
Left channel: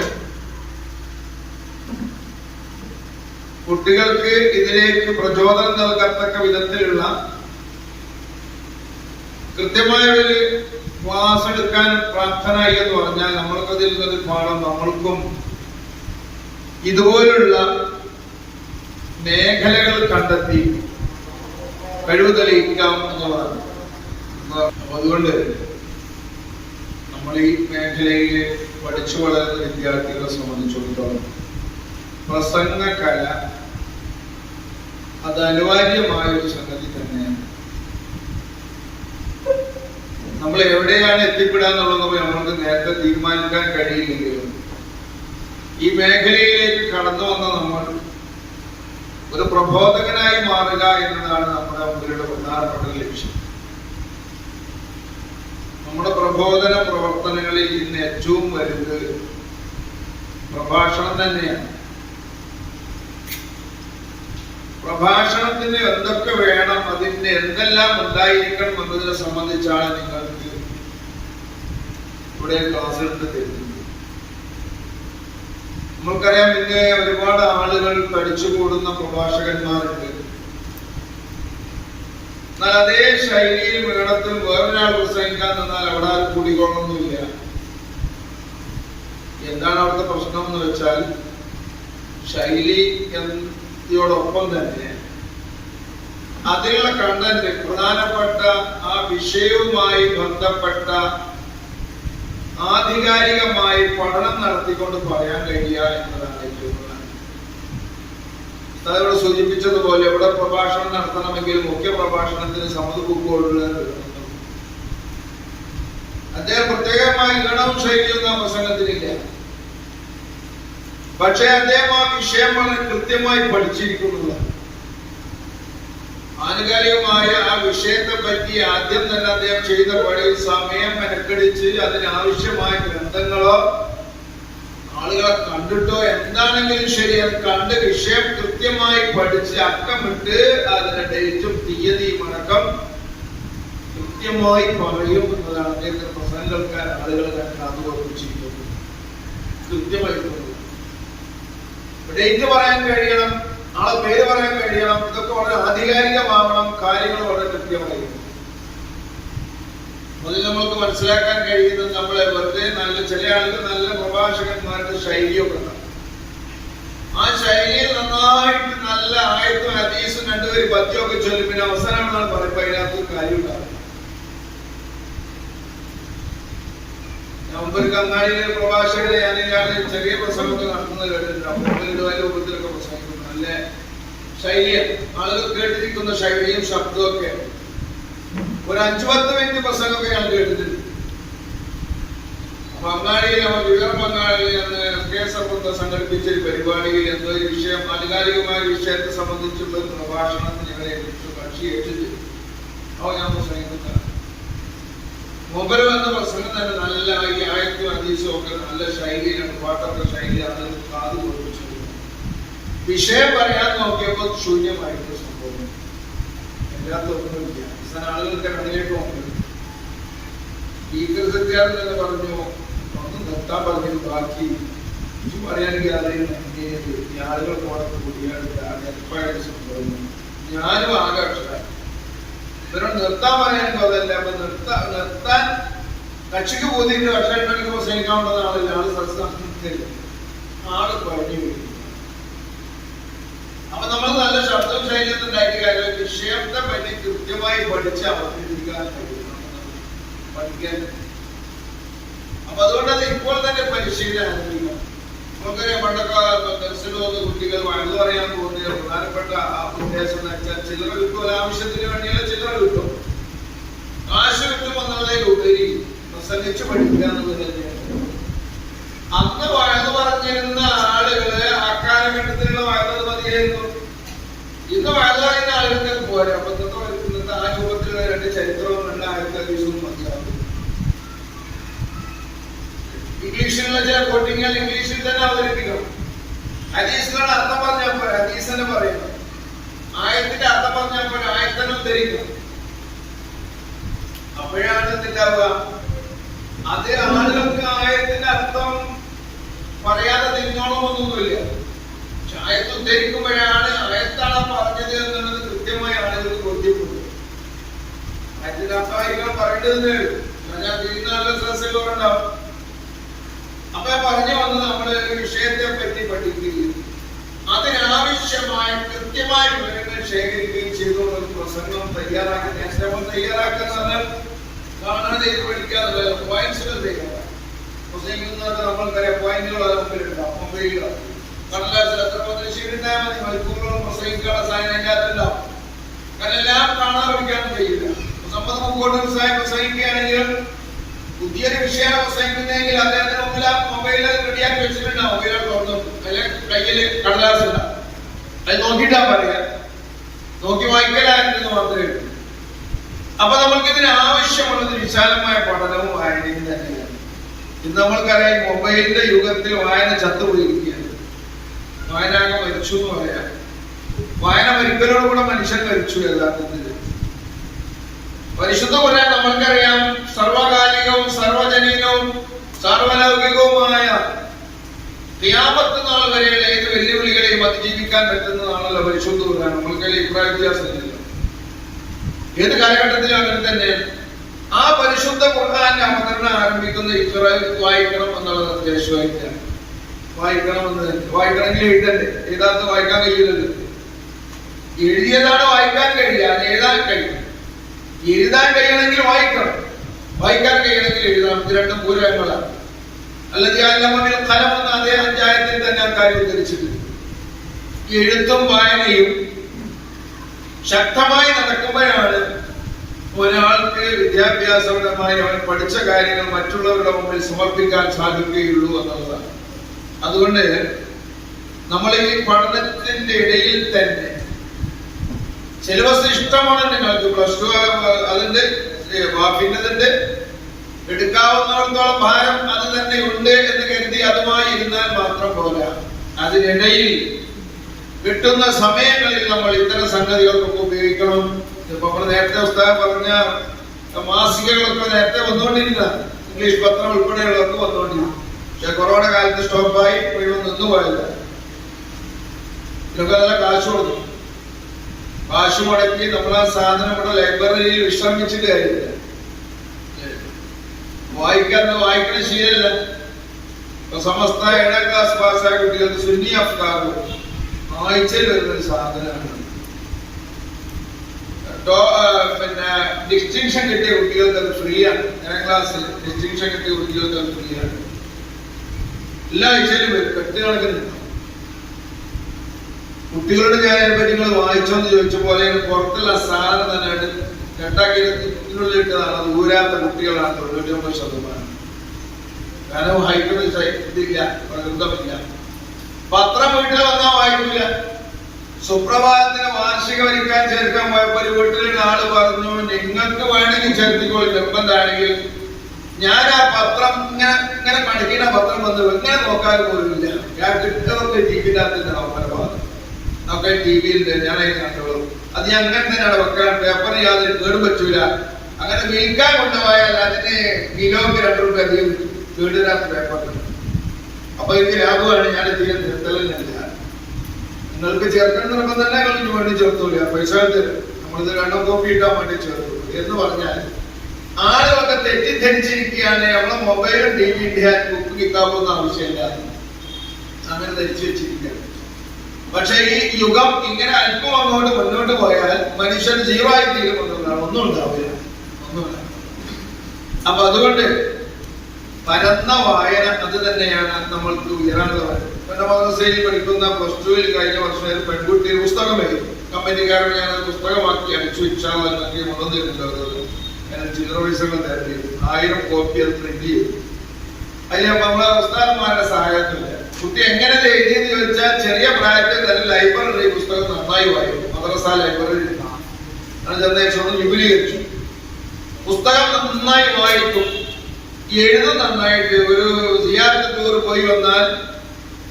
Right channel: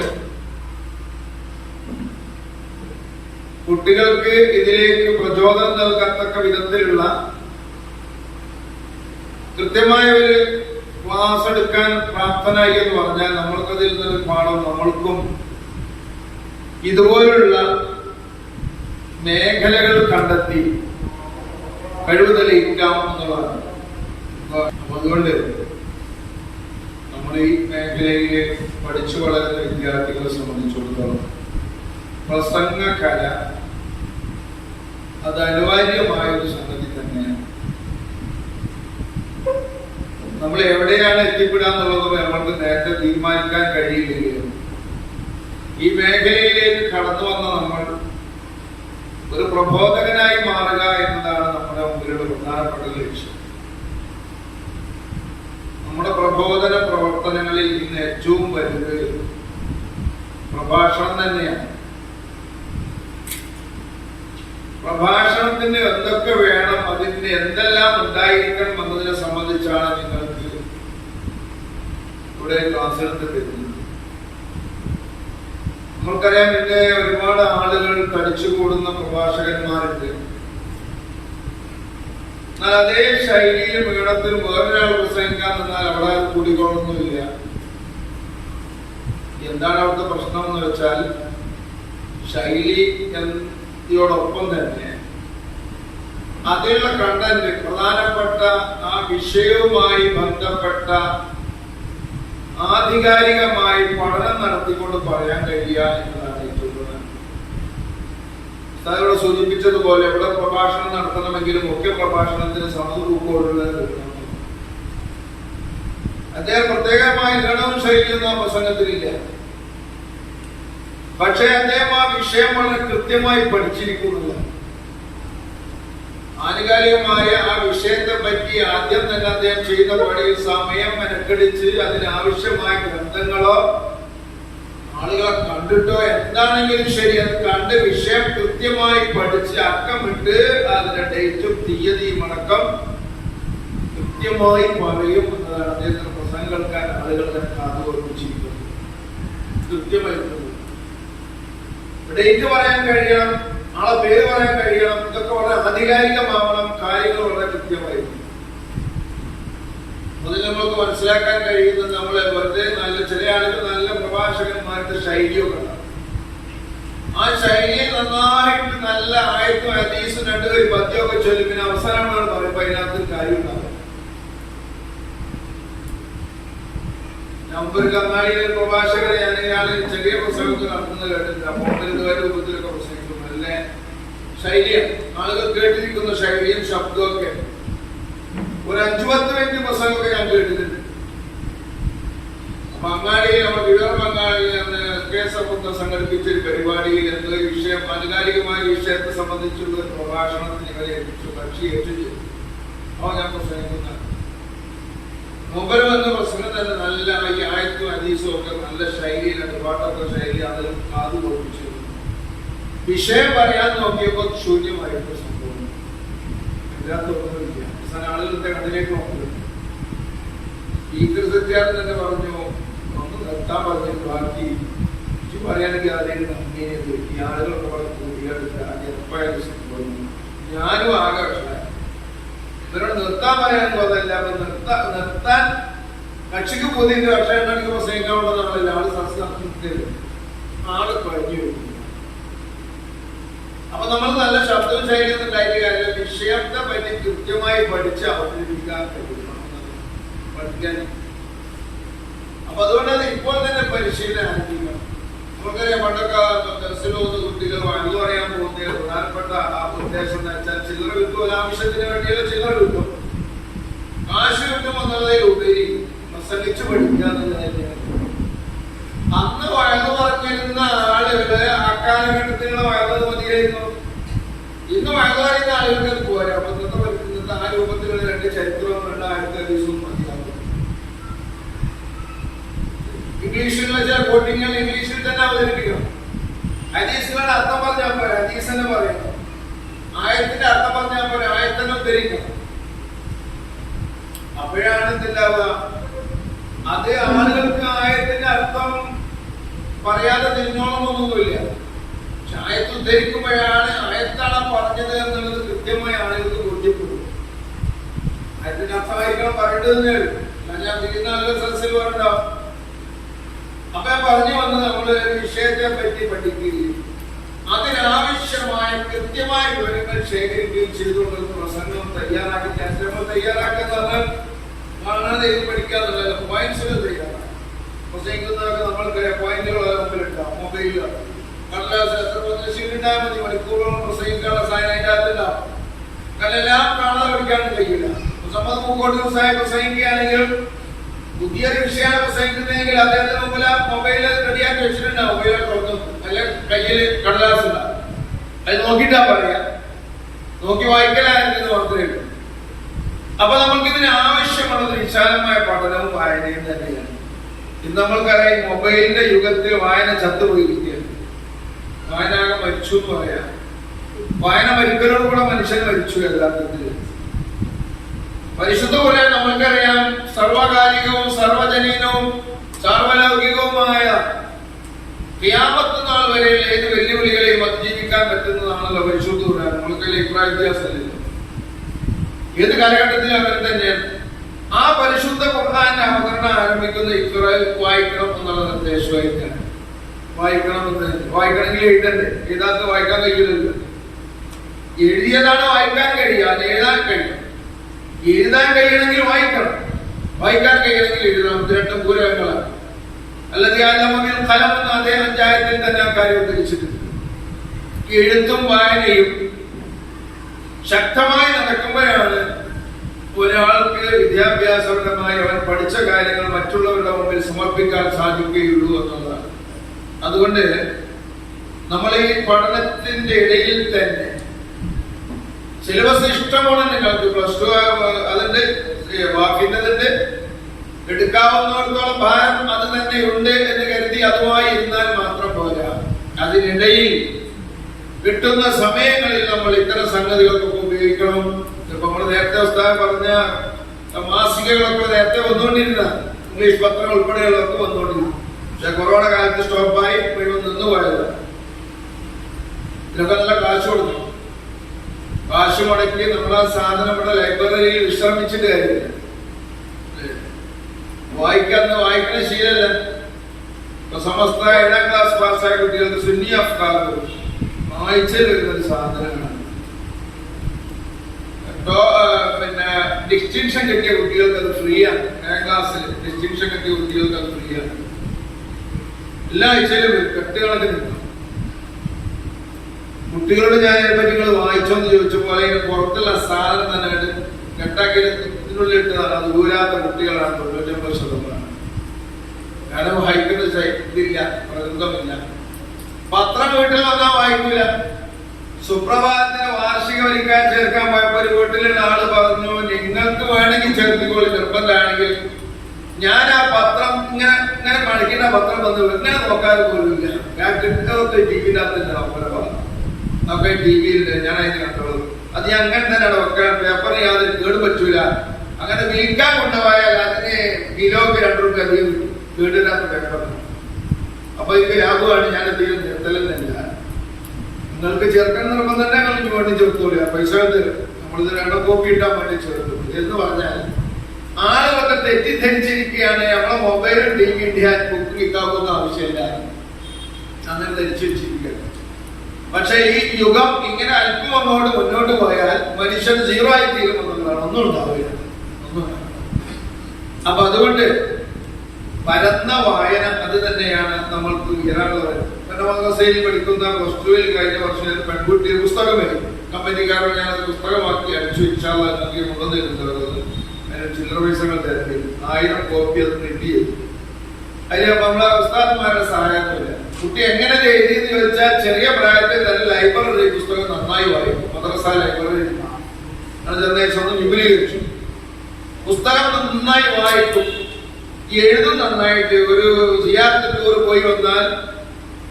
കുട്ടികൾക്ക് ഇതിലേക്ക് പ്രചോദനം നൽകത്തക്ക വിധത്തിലുള്ള കൃത്യമായ ഒരു ക്ലാസ് എടുക്കാൻ പ്രാപ്തനായി എന്ന് പറഞ്ഞാൽ നമ്മൾക്കതിൽ നിന്നൊരു പാഠം നമ്മൾക്കും ഇതുപോലുള്ള മേഖലകൾ കണ്ടെത്തി കഴിവ് തെളിയിക്കാം എന്നുള്ളതാണ്. അതുകൊണ്ട് നമ്മൾ ഈ മേഖലയിൽ പഠിച്ചു വളരുന്ന വിദ്യാർത്ഥികളെ സംബന്ധിച്ചിടത്തോളം പ്രസംഗകല അത് അനിവാര്യമായ ഒരു സംഗതി തന്നെയാണ്. നമ്മൾ എവിടെയാണ് എത്തിപ്പെടാന്നുള്ളത് നമ്മൾക്ക് നേരത്തെ തീരുമാനിക്കാൻ കഴിയില്ലെങ്കിലും ഈ മേഖലയിലേക്ക് കടന്നു വന്ന നമ്മൾ ഒരു പ്രബോധകനായി മാറുക എന്നതാണ് നമ്മുടെ മുമ്പിലുള്ള പ്രധാനപ്പെട്ട ലക്ഷ്യം. നമ്മുടെ പ്രബോധന പ്രവർത്തനങ്ങളിൽ ഇന്ന് ഏറ്റവും വലുത് പ്രഭാഷണം തന്നെയാണ്. പ്രഭാഷണത്തിന് എന്തൊക്കെ വേണം, അതിന് എന്തെല്ലാം ഉണ്ടായിരിക്കണം എന്നതിനെ സംബന്ധിച്ചാണ് നിങ്ങൾക്ക് ഇവിടെ ക്ലാസ് എടുത്ത് തരുന്നത്. നമ്മൾക്കറിയാം, ഇന്ന് ഒരുപാട് ആളുകൾ തടിച്ചുകൂടുന്ന പ്രഭാഷകന്മാരുണ്ട്. എന്നാൽ അതേ ശൈലിയിലും ഈണത്തിൽ വേറൊരാൾ പ്രസംഗിക്കാൻ നിന്നാൽ അവിടെ അത് കൂടിക്കൊള്ളൊന്നുമില്ല. എന്താണ് അവിടുത്തെ പ്രശ്നം എന്ന് വെച്ചാൽ, ശൈലിയോടൊപ്പം തന്നെ അതിലുള്ള കണ്ടന്റ്, പ്രധാനപ്പെട്ട ആ വിഷയവുമായി ബന്ധപ്പെട്ട ആധികാരികമായി പഠനം നടത്തിക്കൊണ്ട് പറയാൻ കഴിയുക എന്നതാണ് ഏറ്റവും പ്രധാനം. ഇവിടെ സൂചിപ്പിച്ചതുപോലെ ഇവിടെ പ്രഭാഷണം നടത്തണമെങ്കിൽ മുഖ്യ പ്രഭാഷണത്തിന് സമതുപോലുള്ള അദ്ദേഹം പ്രത്യേകമായ ഗണവും ശൈലിയൊന്നും ആ പ്രസംഗത്തിലില്ല. പക്ഷെ അദ്ദേഹം ആ വിഷയം വളരെ കൃത്യമായി പഠിച്ചിരിക്കുന്നില്ല. ആനുകാലികമായ ആ വിഷയത്തെ പറ്റി ആദ്യം തന്നെ അദ്ദേഹം ചെയ്യുന്ന പണിയിൽ സമയം മെനക്കെടിച്ച് അതിനാവശ്യമായ ഗ്രന്ഥങ്ങളോ ആളുകളെ കണ്ടിട്ടോ എന്താണെങ്കിലും ശരി, അത് കണ്ട് വിഷയം കൃത്യമായി പഠിച്ച് അക്കമിട്ട് അതിന്റെ ഡേറ്റും തീയതിയും അടക്കം കൃത്യമായി പറയും എന്നതാണ് അദ്ദേഹത്തിന്റെ പ്രസംഗങ്ങൾക്കാർ ആളുകളെ കാതുകൊടുപ്പിച്ചിരിക്കുന്നത്. കൃത്യമായി ഡേറ്റ് പറയാൻ കഴിയണം, ആളെ പേര് പറയാൻ കഴിയണം. ഇതൊക്കെ വളരെ ആധികാരികമാവണം, കാര്യങ്ങൾ വളരെ കൃത്യമായിരിക്കും. അതിൽ നമ്മൾക്ക് മനസ്സിലാക്കാൻ കഴിയുന്നത് നമ്മളെ വെറുതെ നല്ല ചില ആളുകൾ നല്ല പ്രഭാഷകന്മാരുടെ ശൈലിയൊക്കെ ഉണ്ടാവും. ആ ശൈലിയിൽ നന്നായിട്ട് നല്ല ആയത്തും ഹദീസും രണ്ടുപേരും പദ്യമൊക്കെ ചൊല്ലി പിന്നെ അവസാനമാണ് പറയുമ്പോൾ അതിനകത്ത് കാര്യം ഉണ്ടാവും. നവംബർ കങ്ങാടിയിലെ പ്രഭാഷകരെ ഞാൻ ചെറിയ പ്രസംഗത്തിൽ നടത്തുന്നത് കേട്ടിട്ടുണ്ട്. അപ്പോൾ രൂപത്തിലൊക്കെ പ്രസംഗിക്കുന്നു. നല്ല ശൈലിയാണ്, ആളുകൾ കേട്ടിരിക്കുന്ന ശൈലിയും ശബ്ദവും ഒക്കെ. ഒരു 5-10 മിനിറ്റ് പ്രസംഗമൊക്കെ ഞാൻ കേട്ടിട്ടുണ്ട്. പങ്കാളിയിൽ പങ്കാളിയിൽ സംഘടിപ്പിച്ച ഒരു പരിപാടിയിൽ എന്തൊരു വിഷയം, ആനുകാലികമായ വിഷയത്തെ സംബന്ധിച്ചുള്ള ഒരു പ്രഭാഷണത്തിന് ഇവരെ കക്ഷി ഏറ്റിട്ട് അവ ഞാൻ പ്രസംഗിക്കുന്ന മുമ്പിൽ വന്ന പ്രസംഗം തന്നെ നല്ല ഈ ആയത്തും ഹദീസും ഒക്കെ നല്ല ശൈലിയിലാണ്, പാട്ടൊക്കെ ശൈലി അത് കാത് ഓർപ്പിച്ചു. വിഷയം പറയാൻ നോക്കിയപ്പോൾ ശൂന്യമായിട്ട് സംഭവം എല്ലാത്തൊന്നുമില്ല. അവസാന ആളുകളുടെ കണ്ണിലേക്ക് നോക്കുന്നത് സത്യാർത്ഥി തന്നെ പറഞ്ഞു, ഒന്ന് നിർത്താൻ പറഞ്ഞത് ബാക്കി ഇത് പറയാനെങ്കിൽ അതിന് നന്ദിയത് ഈ ആളുകൾ പോലെ കൂടിയെടുത്ത് എപ്പായാലും സംഭവം. ഞാനും ആകെ ഇവരോട് നിർത്താൻ പറയാനും അതല്ല, അപ്പൊ നിർത്താൻ കക്ഷിക്ക് പോതിന്റെ കക്ഷി പ്രസംഗിക്കാനുള്ള ആളില്ല. ആള് സംസ്ഥാനത്തിൽ ആള് കഴിഞ്ഞു വരും. അപ്പൊ നമ്മൾ നല്ല ശബ്ദവും ശൈലിയൊന്നും ഉണ്ടായിട്ട് കാര്യം വിഷയത്തെ പറ്റി കൃത്യമായി പഠിച്ച് അവതരിപ്പിക്കാൻ പഠിക്കാൻ. അപ്പൊ അതുകൊണ്ട് അത് ഇപ്പോൾ തന്നെ പരിശീലനം ആരംഭിക്കണം. നമുക്കറിയാം, പണ്ടൊക്കെ ദർശനമൊന്ന് കുട്ടികൾ വഴുതു പറയാൻ പോകുന്ന പ്രധാനപ്പെട്ട ആ ഉദ്ദേശം എന്ന് വെച്ചാൽ ചില്ലറ കിട്ടും, ഒരാവശ്യത്തിന് വേണ്ടിയുള്ള ചില്ലറ കിട്ടും, കാശ് കിട്ടും എന്നുള്ളതിൽ ഉപരി പ്രസംഗിച്ച് പഠിക്കുക എന്നുള്ളത് തന്നെയാണ്. അന്ന് വഴുതു പറഞ്ഞിരുന്ന ആളുകള് അക്കാലഘട്ടത്തിലുള്ള വഴുത് മതിയായിരുന്നു. ഇന്ന് വഴുതു പറയുന്ന ആളുകൾക്ക് പോരാ. അപ്പൊ ഇന്നത്തെ ആ രൂപത്തിലുള്ള രണ്ട് ചരിത്രവും 2000 ദിവസവും മതിയാകും. ഇംഗ്ലീഷിലുള്ള ചില കോട്ടിങ്ങൾ ഇംഗ്ലീഷിൽ തന്നെ അവതരിപ്പിക്കണം. ഹദീസിലാണ് അർത്ഥം പറഞ്ഞാൽ പോലെ ഹദീസ് തന്നെ പറയുന്നത്, ആയത്തിന്റെ അർത്ഥം പറഞ്ഞാൽ പോലെ ആയത്തന്നെ ഉദ്ധരിക്കണം. അപ്പോഴാണ് എന്തുണ്ടാവുക, അത് ആളുകൾക്ക് ആയത്തിന്റെ അർത്ഥം പറയാതെ തിരിഞ്ഞോളമൊന്നുമില്ല. പക്ഷെ ആയത്ത് ഉദ്ധരിക്കുമ്പോഴാണ് ആയത്താണ് പറഞ്ഞത് എന്നുള്ളത് കൃത്യമായി ആളുകൾക്ക് ബോധ്യപ്പെടുന്നത്. ആയത്തിന്റെ അർത്ഥമായിരിക്കണം പറയേണ്ടതെന്നേ ഉള്ളൂ. ഞാൻ തിരിയുന്ന ആളുകൾ സദസ്സുകളുണ്ടാവും. അപ്പൊ പറഞ്ഞു വന്ന് നമ്മള് വിഷയത്തെ പറ്റി പഠിക്കുകയും അതിനാവശ്യം ആവശ്യമായ കൃത്യമായ വിവരങ്ങൾ ശേഖരിക്കുകയും ചെയ്തുകൊണ്ട് ഒരു പ്രസംഗം തയ്യാറാക്കി നമ്മൾ തയ്യാറാക്കുന്നത് കാണാതെ ഇത് പഠിക്കാന്നുള്ളത് പോയിന്റ്സുകൾ തയ്യാറാക്കാം. പ്രസംഗിക്കുന്നതൊക്കെ നമ്മൾക്കറിയാം, പോയിന്റുകൾ മുമ്പിലുണ്ടാവും, മൊബൈലിലോ കടലാസിൽ എത്ര ശീലിണ്ടായാൽ മതി, മണിക്കൂറുകളും പ്രസംഗിക്കാനുള്ള സാധനം അതിൻ്റെ അകത്തുണ്ടാവും. കാരണം എല്ലാം കാണാതെ പഠിക്കാനും കഴിയില്ല. മുഹമ്മദ് പൂക്കോട്ടൂർ സാഹിബ് പ്രസംഗിക്കുകയാണെങ്കിൽ പുതിയൊരു വിഷയമാണ് പ്രസംഗിക്കുന്നതെങ്കിൽ അദ്ദേഹത്തിന് മുമ്പിൽ ആ മൊബൈലിൽ റെഡിയാക്കി വെച്ചിട്ടുണ്ടാവും, മൊബൈലിൽ തുറന്നു അല്ല കയ്യിൽ കടലാസ് ഉണ്ടാവും, അത് നോക്കിയിട്ടാ പറയാ, നോക്കി വായിക്കലായിരുന്നു മാത്രമേ ഉള്ളൂ. അപ്പൊ നമ്മൾക്ക് ഇതിന് ആവശ്യമുള്ളത് വിശാലമായ പഠനവും വായനയും തന്നെയാണ്. ഇന്ന് നമ്മൾക്കറിയാം മൊബൈലിന്റെ യുഗത്തിൽ വായന ചത്തുപോയിരിക്കുകയാണ്. വായനാകെ മരിച്ചു എന്ന് പറയാം. വായന മരിക്കലോടുകൂടെ മനുഷ്യൻ മരിച്ചു യഥാർത്ഥത്തിൽ. പരിശുദ്ധ ഖുർആൻ നമ്മൾക്കറിയാം സർവകാലികവും സർവജനീനവും സാർവലൗകികവുമായ ഖിയാമത്ത് നാൾ വരെ ഏത് വെല്ലുവിളികളെയും അതിജീവിക്കാൻ പറ്റുന്നതാണല്ലോ പരിശുദ്ധ ഖുർആൻ. നമ്മൾക്കല്ലേ അഭിപ്രായ വ്യത്യാസമില്ല, ഏത് കാലഘട്ടത്തിലും അങ്ങനെ തന്നെയാണ്. ആ പരിശുദ്ധ ഖുർആന്റെ അവതരണം ആരംഭിക്കുന്ന ഇഖ്റ വായിക്കണം എന്നുള്ള നിർദ്ദേശമായിട്ടാണ്. വായിക്കണമെന്ന് വായിക്കണമെങ്കിൽ എഴുതണ്ടേ, എഴുതാത്ത വായിക്കാൻ കഴിയില്ലല്ലോ. എഴുതിയതാണ് വായിക്കാൻ കഴിയുക, അത് എഴുതാൻ കഴിയും. എഴുതാൻ കഴിയണമെങ്കിൽ വായിക്കണം, വായിക്കാൻ കഴിയണമെങ്കിൽ എഴുതണം. ഇത് രണ്ടും പൂരകങ്ങളാണ്. അല്ലാതെ ഫലം എന്ന അതേ അധ്യായത്തിൽ തന്നെ ആ കാര്യം ഉദ്ധരിച്ചിട്ടുണ്ട്. എഴുത്തും വായനയും ശക്തമായി നടക്കുമ്പോഴാണ് ഒരാൾക്ക് വിദ്യാഭ്യാസപരമായി അവൻ പഠിച്ച കാര്യങ്ങൾ മറ്റുള്ളവരുടെ മുമ്പിൽ സമർപ്പിക്കാൻ സാധിക്കുകയുള്ളൂ എന്നുള്ളതാണ്. അതുകൊണ്ട് നമ്മൾ ഈ പഠനത്തിന്റെ ഇടയിൽ തന്നെ സിലബസ് ഇഷ്ടമാണ് നിങ്ങൾക്ക്, പ്ലസ് ടു അതിന്റെ വാക്കിൻ്റെതുണ്ട്, എടുക്കാവുന്നിടത്തോളം ഭാരം അത് തന്നെ ഉണ്ട് എന്ന് കരുതി അതുമായി ഇരുന്നാൽ മാത്രം പോരാ. അതിനിടയിൽ കിട്ടുന്ന സമയങ്ങളിൽ നമ്മൾ ഇത്തരം സംഗതികൾക്കൊക്കെ ഉപയോഗിക്കണം. ഇപ്പൊ നമ്മൾ നേരത്തെ ഉസ്താദ് പറഞ്ഞ മാസികകളൊക്കെ നേരത്തെ വന്നുകൊണ്ടിരുന്ന ഇംഗ്ലീഷ് പത്രം ഉൾപ്പെടെയുള്ളതൊക്കെ വന്നുകൊണ്ടിരുന്നു. പക്ഷെ കൊറോണ കാലത്ത് സ്റ്റോപ്പായി മുഴുവൻ നിന്നുപോയതാണ്. ഇതൊക്കെ നല്ല കാശ് കൊടുത്തു, കാശ് മുടക്കി നമ്മൾ ആ സാധനം ഇവിടെ ലൈബ്രറിയിൽ വിശ്രമിച്ചിട്ട് കാര്യമില്ല. വായിക്കണ ശീലല്ല. ഇപ്പൊ സമസ്ത 7ാം ക്ലാസ് പാസ്സായ കുട്ടികൾക്ക് സുന്നി അഫ്കാർ ആഴ്ചയിൽ വരുന്നൊരു സാധനമാണ്. പിന്നെ ഡിസ്റ്റിങ്ഷൻ കിട്ടിയ കുട്ടികൾക്ക് അത് ഫ്രീ ആണ്. 7ാം ക്ലാസ്സിൽ ഡിസ്റ്റിങ്ഷൻ കിട്ടിയ കുട്ടികൾക്ക് അത് ഫ്രീ ആണ്. എല്ലാ ആഴ്ചയിലും വരും, കെട്ടുകണക്കിന്. കുട്ടികളോട് ഞാൻ നിങ്ങൾ വായിച്ചോന്ന് ചോദിച്ചപ്പോൾ പുറത്തുള്ള സാധനം തന്നെ കെട്ടാക്കിനുള്ളിൽ ഇട്ടതാണ്. അത് ഊരാത്ത കുട്ടികളാണ് 99%. കാരണം വായിക്കുന്ന ഇതില്ല, പ്രകൃതമില്ല. പത്രം വീട്ടിൽ വന്നാൽ വായിക്കൂല. സുപ്രഭാതത്തിന് വാർഷിക വരിക്കാൻ ചേർക്കാൻ പോയപ്പോ ഒരു വീട്ടിലുള്ള ആള് പറഞ്ഞു, നിങ്ങൾക്ക് വേണമെങ്കിൽ ചേർത്തിക്കോളി, നിർബന്ധമാണെങ്കിൽ. ഞാൻ ആ പത്രം ഇങ്ങനെ കാണിക്കുന്ന പത്രം വന്ന് ഇങ്ങനെ നോക്കാൻ പോലുമില്ല. ഞാൻ കിട്ടുന്നതൊക്കെ ടിവിനകത്തിന്റെ ഒക്കെ ടിവിയിലുണ്ട്, ഞാൻ അതിന് കണ്ടോളൂ. അത് ഞാൻ അങ്ങനെ തന്നെ വെക്കാൻ, പേപ്പറിന് യാതൊരു കേടും പറ്റൂല. അങ്ങനെ വിൽക്കാൻ കൊണ്ടുപോയാൽ അതിന് കിലോക്ക് 2 രൂപ അധികം കേടിനകത്ത് പേപ്പറിന്. അപ്പൊ എനിക്ക് ലാഭമാണ്. ഞാൻ തീരെ നിർത്തലെന്നില്ല. നിങ്ങൾക്ക് ചേർക്കാൻ നിർബന്ധം തന്നെ നിങ്ങൾക്ക് വേണ്ടി ചേർത്തൂല, പൈസ തരും. നമ്മളിത് 2 കോപ്പി ഇട്ടാൻ വേണ്ടി ചേർത്തു എന്ന് പറഞ്ഞാൽ ആളുകളൊക്കെ തെറ്റിദ്ധരിച്ചിരിക്കുകയാണ്. നമ്മളെ മൊബൈലും ടിവിന്റെ ബുക്ക് കിട്ടാവുന്ന ആവശ്യമില്ല, അങ്ങനെ ധരിച്ചു വെച്ചിരിക്കുകയാണ്. പക്ഷെ ഈ യുഗം ഇങ്ങനെ അല്പം അങ്ങോട്ട് മുന്നോട്ട് പോയാൽ മനുഷ്യൻ 0 ആയി തീരുമെന്നുള്ളതാണ്. ഒന്നും ഉണ്ടാവില്ല, ഒന്നും. അപ്പൊ അതുകൊണ്ട് പരന്ന വായന അത് തന്നെയാണ് നമ്മൾക്ക് ഉയരാനുള്ളത്. എന്റെ മദ്രസയിൽ പഠിക്കുന്ന പ്ലസ് 2 കഴിഞ്ഞ വർഷം ഒരു പെൺകുട്ടി പുസ്തകം എഴുതി. കമ്പനിക്കാരോട് ഞാൻ പുസ്തകമാക്കി അടിച്ചു ഇൻഷാല്ലാഹ് മുതൽ തരുന്നത്. ചില്ലറ പൈസകൾ തരേണ്ടി 1000 കോപ്പി അത് പ്രിന്റ് ചെയ്തു. അതിൽ നമ്മളെ ഉസ്താദന്മാരുടെ സഹായത്തില്ല. കുട്ടി എങ്ങനെ എഴുതിയെന്ന് ചോദിച്ചാൽ ചെറിയ പ്രായത്തിൽ തന്നെ ലൈബ്രറി പുസ്തകം നന്നായി വായിക്കും. മദ്രസ ലൈബ്രറി ഒന്ന് വിപുലീകരിച്ചു. പുസ്തകം നന്നായി വായിക്കും, എഴുതും നന്നായിട്ട്. ഒരു സിയാറത്ത് ടൂർ പോയി വന്നാൽ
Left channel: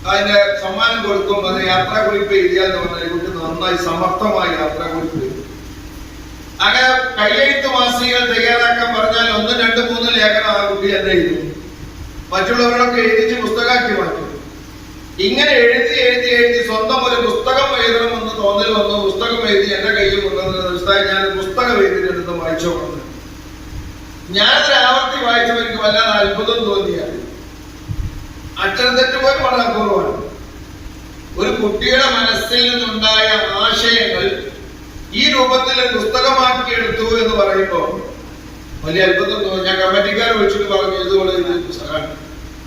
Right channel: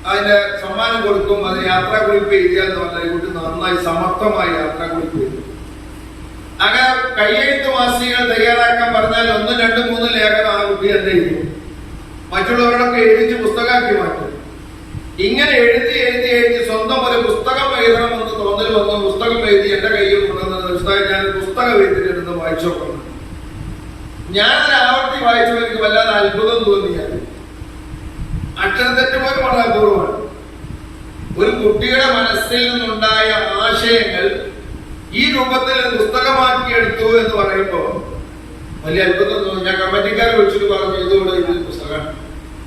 അതിന്റെ സമ്മാനം കൊടുക്കും. അതിന് യാത്രാക്കുറിപ്പ് എഴുതിയാന്ന് പറഞ്ഞാൽ കുട്ടി നന്നായി സമർത്ഥമായി യാത്രാക്കുറിപ്പ് എഴുതും. അങ്ങനെ കയ്യെഴുത്ത് മാസികകൾ തയ്യാറാക്കാൻ പറഞ്ഞാൽ 1, 2, 3 ലേഖനം ആ കുട്ടി തന്നെ എഴുതും. മറ്റുള്ളവരൊക്കെ എഴുതിച്ച് പുസ്തകമാക്കി മാറ്റും. ഇങ്ങനെ എഴുതി എഴുതി എഴുതി സ്വന്തം ഒരു പുസ്തകം എഴുതണമെന്ന് തോന്നൽ വന്നു. പുസ്തകം എഴുതി എന്റെ കയ്യിൽ കൊണ്ടുവന്ന ഞാൻ പുസ്തകം എഴുതിയിട്ടെടുത്ത് വായിച്ചു നോക്കുന്നു. ഞാനൊരു ആവർത്തി വായിച്ചപ്പോൾ എനിക്ക് വല്ലാതെ അത്ഭുതം തോന്നിയാണ്. അക്ഷരത്തെറ്റ് പോലും വളരെ അപൂർവമാണ്. ഒരു കുട്ടിയുടെ മനസ്സിൽ നിന്നുണ്ടായ ആശയങ്ങൾ ഈ രൂപത്തിൽ പുസ്തകമാക്കിയെടുത്തു എന്ന് പറയുമ്പോൾ വലിയ അത്ഭുതം തോന്നി. ഞാൻ കമ്മിറ്റിക്കാരെ വിളിച്ചിട്ട് പറഞ്ഞു, ഇതുപോലെ ഇത് പുസ്തകമാണ്,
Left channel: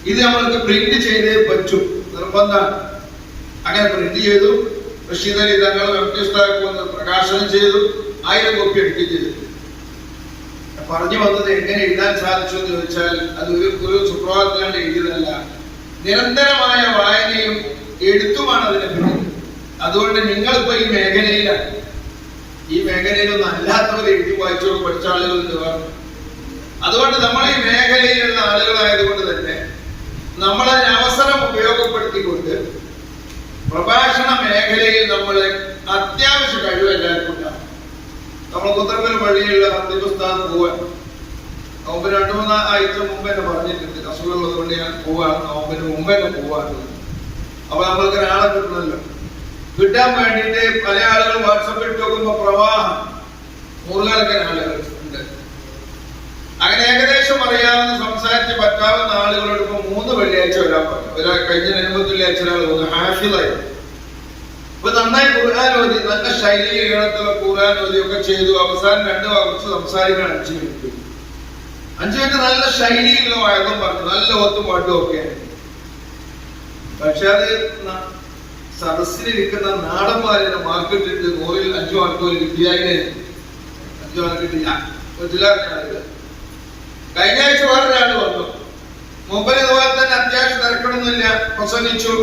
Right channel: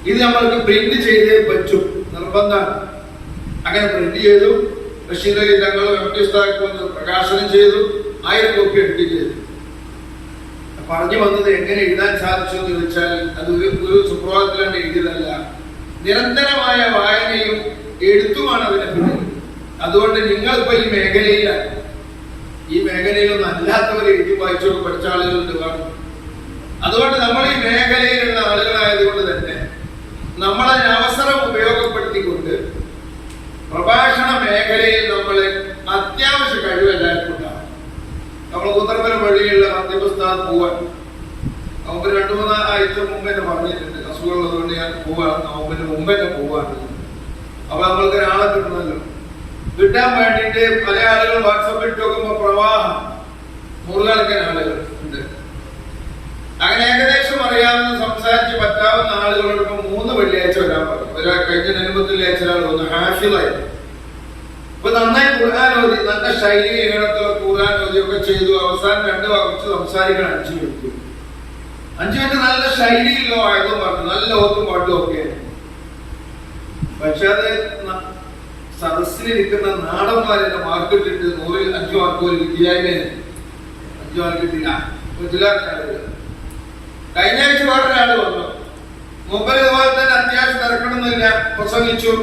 ഇത് നമ്മൾക്ക് പ്രിന്റ് ചെയ്തേ പറ്റും, നിർബന്ധമാണ്. അങ്ങനെ പ്രിന്റ് ചെയ്തു. റഷീദ് അലി തങ്ങൾ പ്രകാശനം ചെയ്തു. 1000 കോപ്പി എടുക്കുകയും ചെയ്തു. പറഞ്ഞു വന്നത് എങ്ങനെ എഴുതാൻ സാധിച്ചു എന്ന് ചോദിച്ചാൽ അത് ഒരു സുപ്രഭാതത്തിലാണ് എഴുതിയതല്ല, നിരന്തരമായ വായനയും എഴുത്തുമാണ് അതിനെ പിന്നിൽ. അതുകൊണ്ട് നിങ്ങളിപ്പോ ഈ മേഖലയിലാണ്. ഈ മേഖലയിലൊന്നും അല്ലാത്തവരെ എഴുതി വായിച്ചോട് പഠിച്ച ആളുകളുണ്ട്. അതുകൊണ്ട് നമ്മൾ ഈ മേഖലയിലുള്ള ആളുകളായതുകൊണ്ട് തന്നെ നമ്മളതിന് അവസരം ഉപയോഗപ്പെടുത്തിക്കൊണ്ട് പ്രഭാഷണ മേഖലയിൽ നമ്മൾ അത്യാവശ്യ കഴിവ് എല്ലാവർക്കും ഉണ്ടാകും. നമ്മൾ കുത്തർപ്പുര പള്ളിയിലുള്ള അന്തിമസ്ഥാനം പോവാൻ നോമ്പ് 2-3 ആഴ്ച മുമ്പ് തന്നെ പറഞ്ഞിട്ടുണ്ട്. അസുഖമുള്ളതുകൊണ്ട് ഞാൻ പോവാണ്, നോമ്പിന് മുമ്പ് തന്നെ പോവാണ്. അപ്പൊ നമ്മൾക്ക് ഒരാളെ കിട്ടണമല്ലോ. കിട്ടാൻ വേണ്ടിയിട്ട് പല ആളുകൾ വാട്സപ്പിൽ ഇട്ട് നോക്കുമ്പോ പ്രവാഹം 100 കണക്കിന് ആളുകൾ ഉണ്ട്. അങ്ങനെ ഏകദേശം അറിയാവുന്ന സംസാരിച്ച് പറ്റാവുന്ന ആളുകളോട് ഇപ്പൊ 3 വെള്ളിയാഴ്ച വരാൻ പറഞ്ഞു. കഴിഞ്ഞ 9 വെള്ളിയാഴ്ച ഒരാൾ വന്നു, ഹാഫിളായി. ഇപ്പൊ നന്നായി ഖുർആൻ ഓതി, നല്ല ശൈലിയിൽ ഈണത്തിലുള്ള ഖുർആൻ ഓതി ഒക്കെ ചെയ്തു. അവസാനം 2 വാക്ക് സംസാരിക്കണം 5 മിനിറ്റ്. 5 മിനിറ്റ് നല്ല ശൈലിയിലുള്ള ആയതും പറഞ്ഞു, നല്ല ഓത്തും പാട്ടും ഒക്കെ. പക്ഷെ അത് സദസ്സിലിരിക്കുന്ന നാടന്മാരെ മാർക്കിട്ടിട്ട് 100-ൽ 5 മാർക്ക് പോലും കിട്ടിയാലേ 5 മാർക്ക് കിട്ടില്ല. കഴിഞ്ഞ ആഴ്ച വേറൊരാള് വന്നു. മുമ്പിൽ ഇതുപോലെ തന്നെ അത്യാവശ്യം തിരക്കണമെന്നില്ല, പ്രസംഗിച്ചു,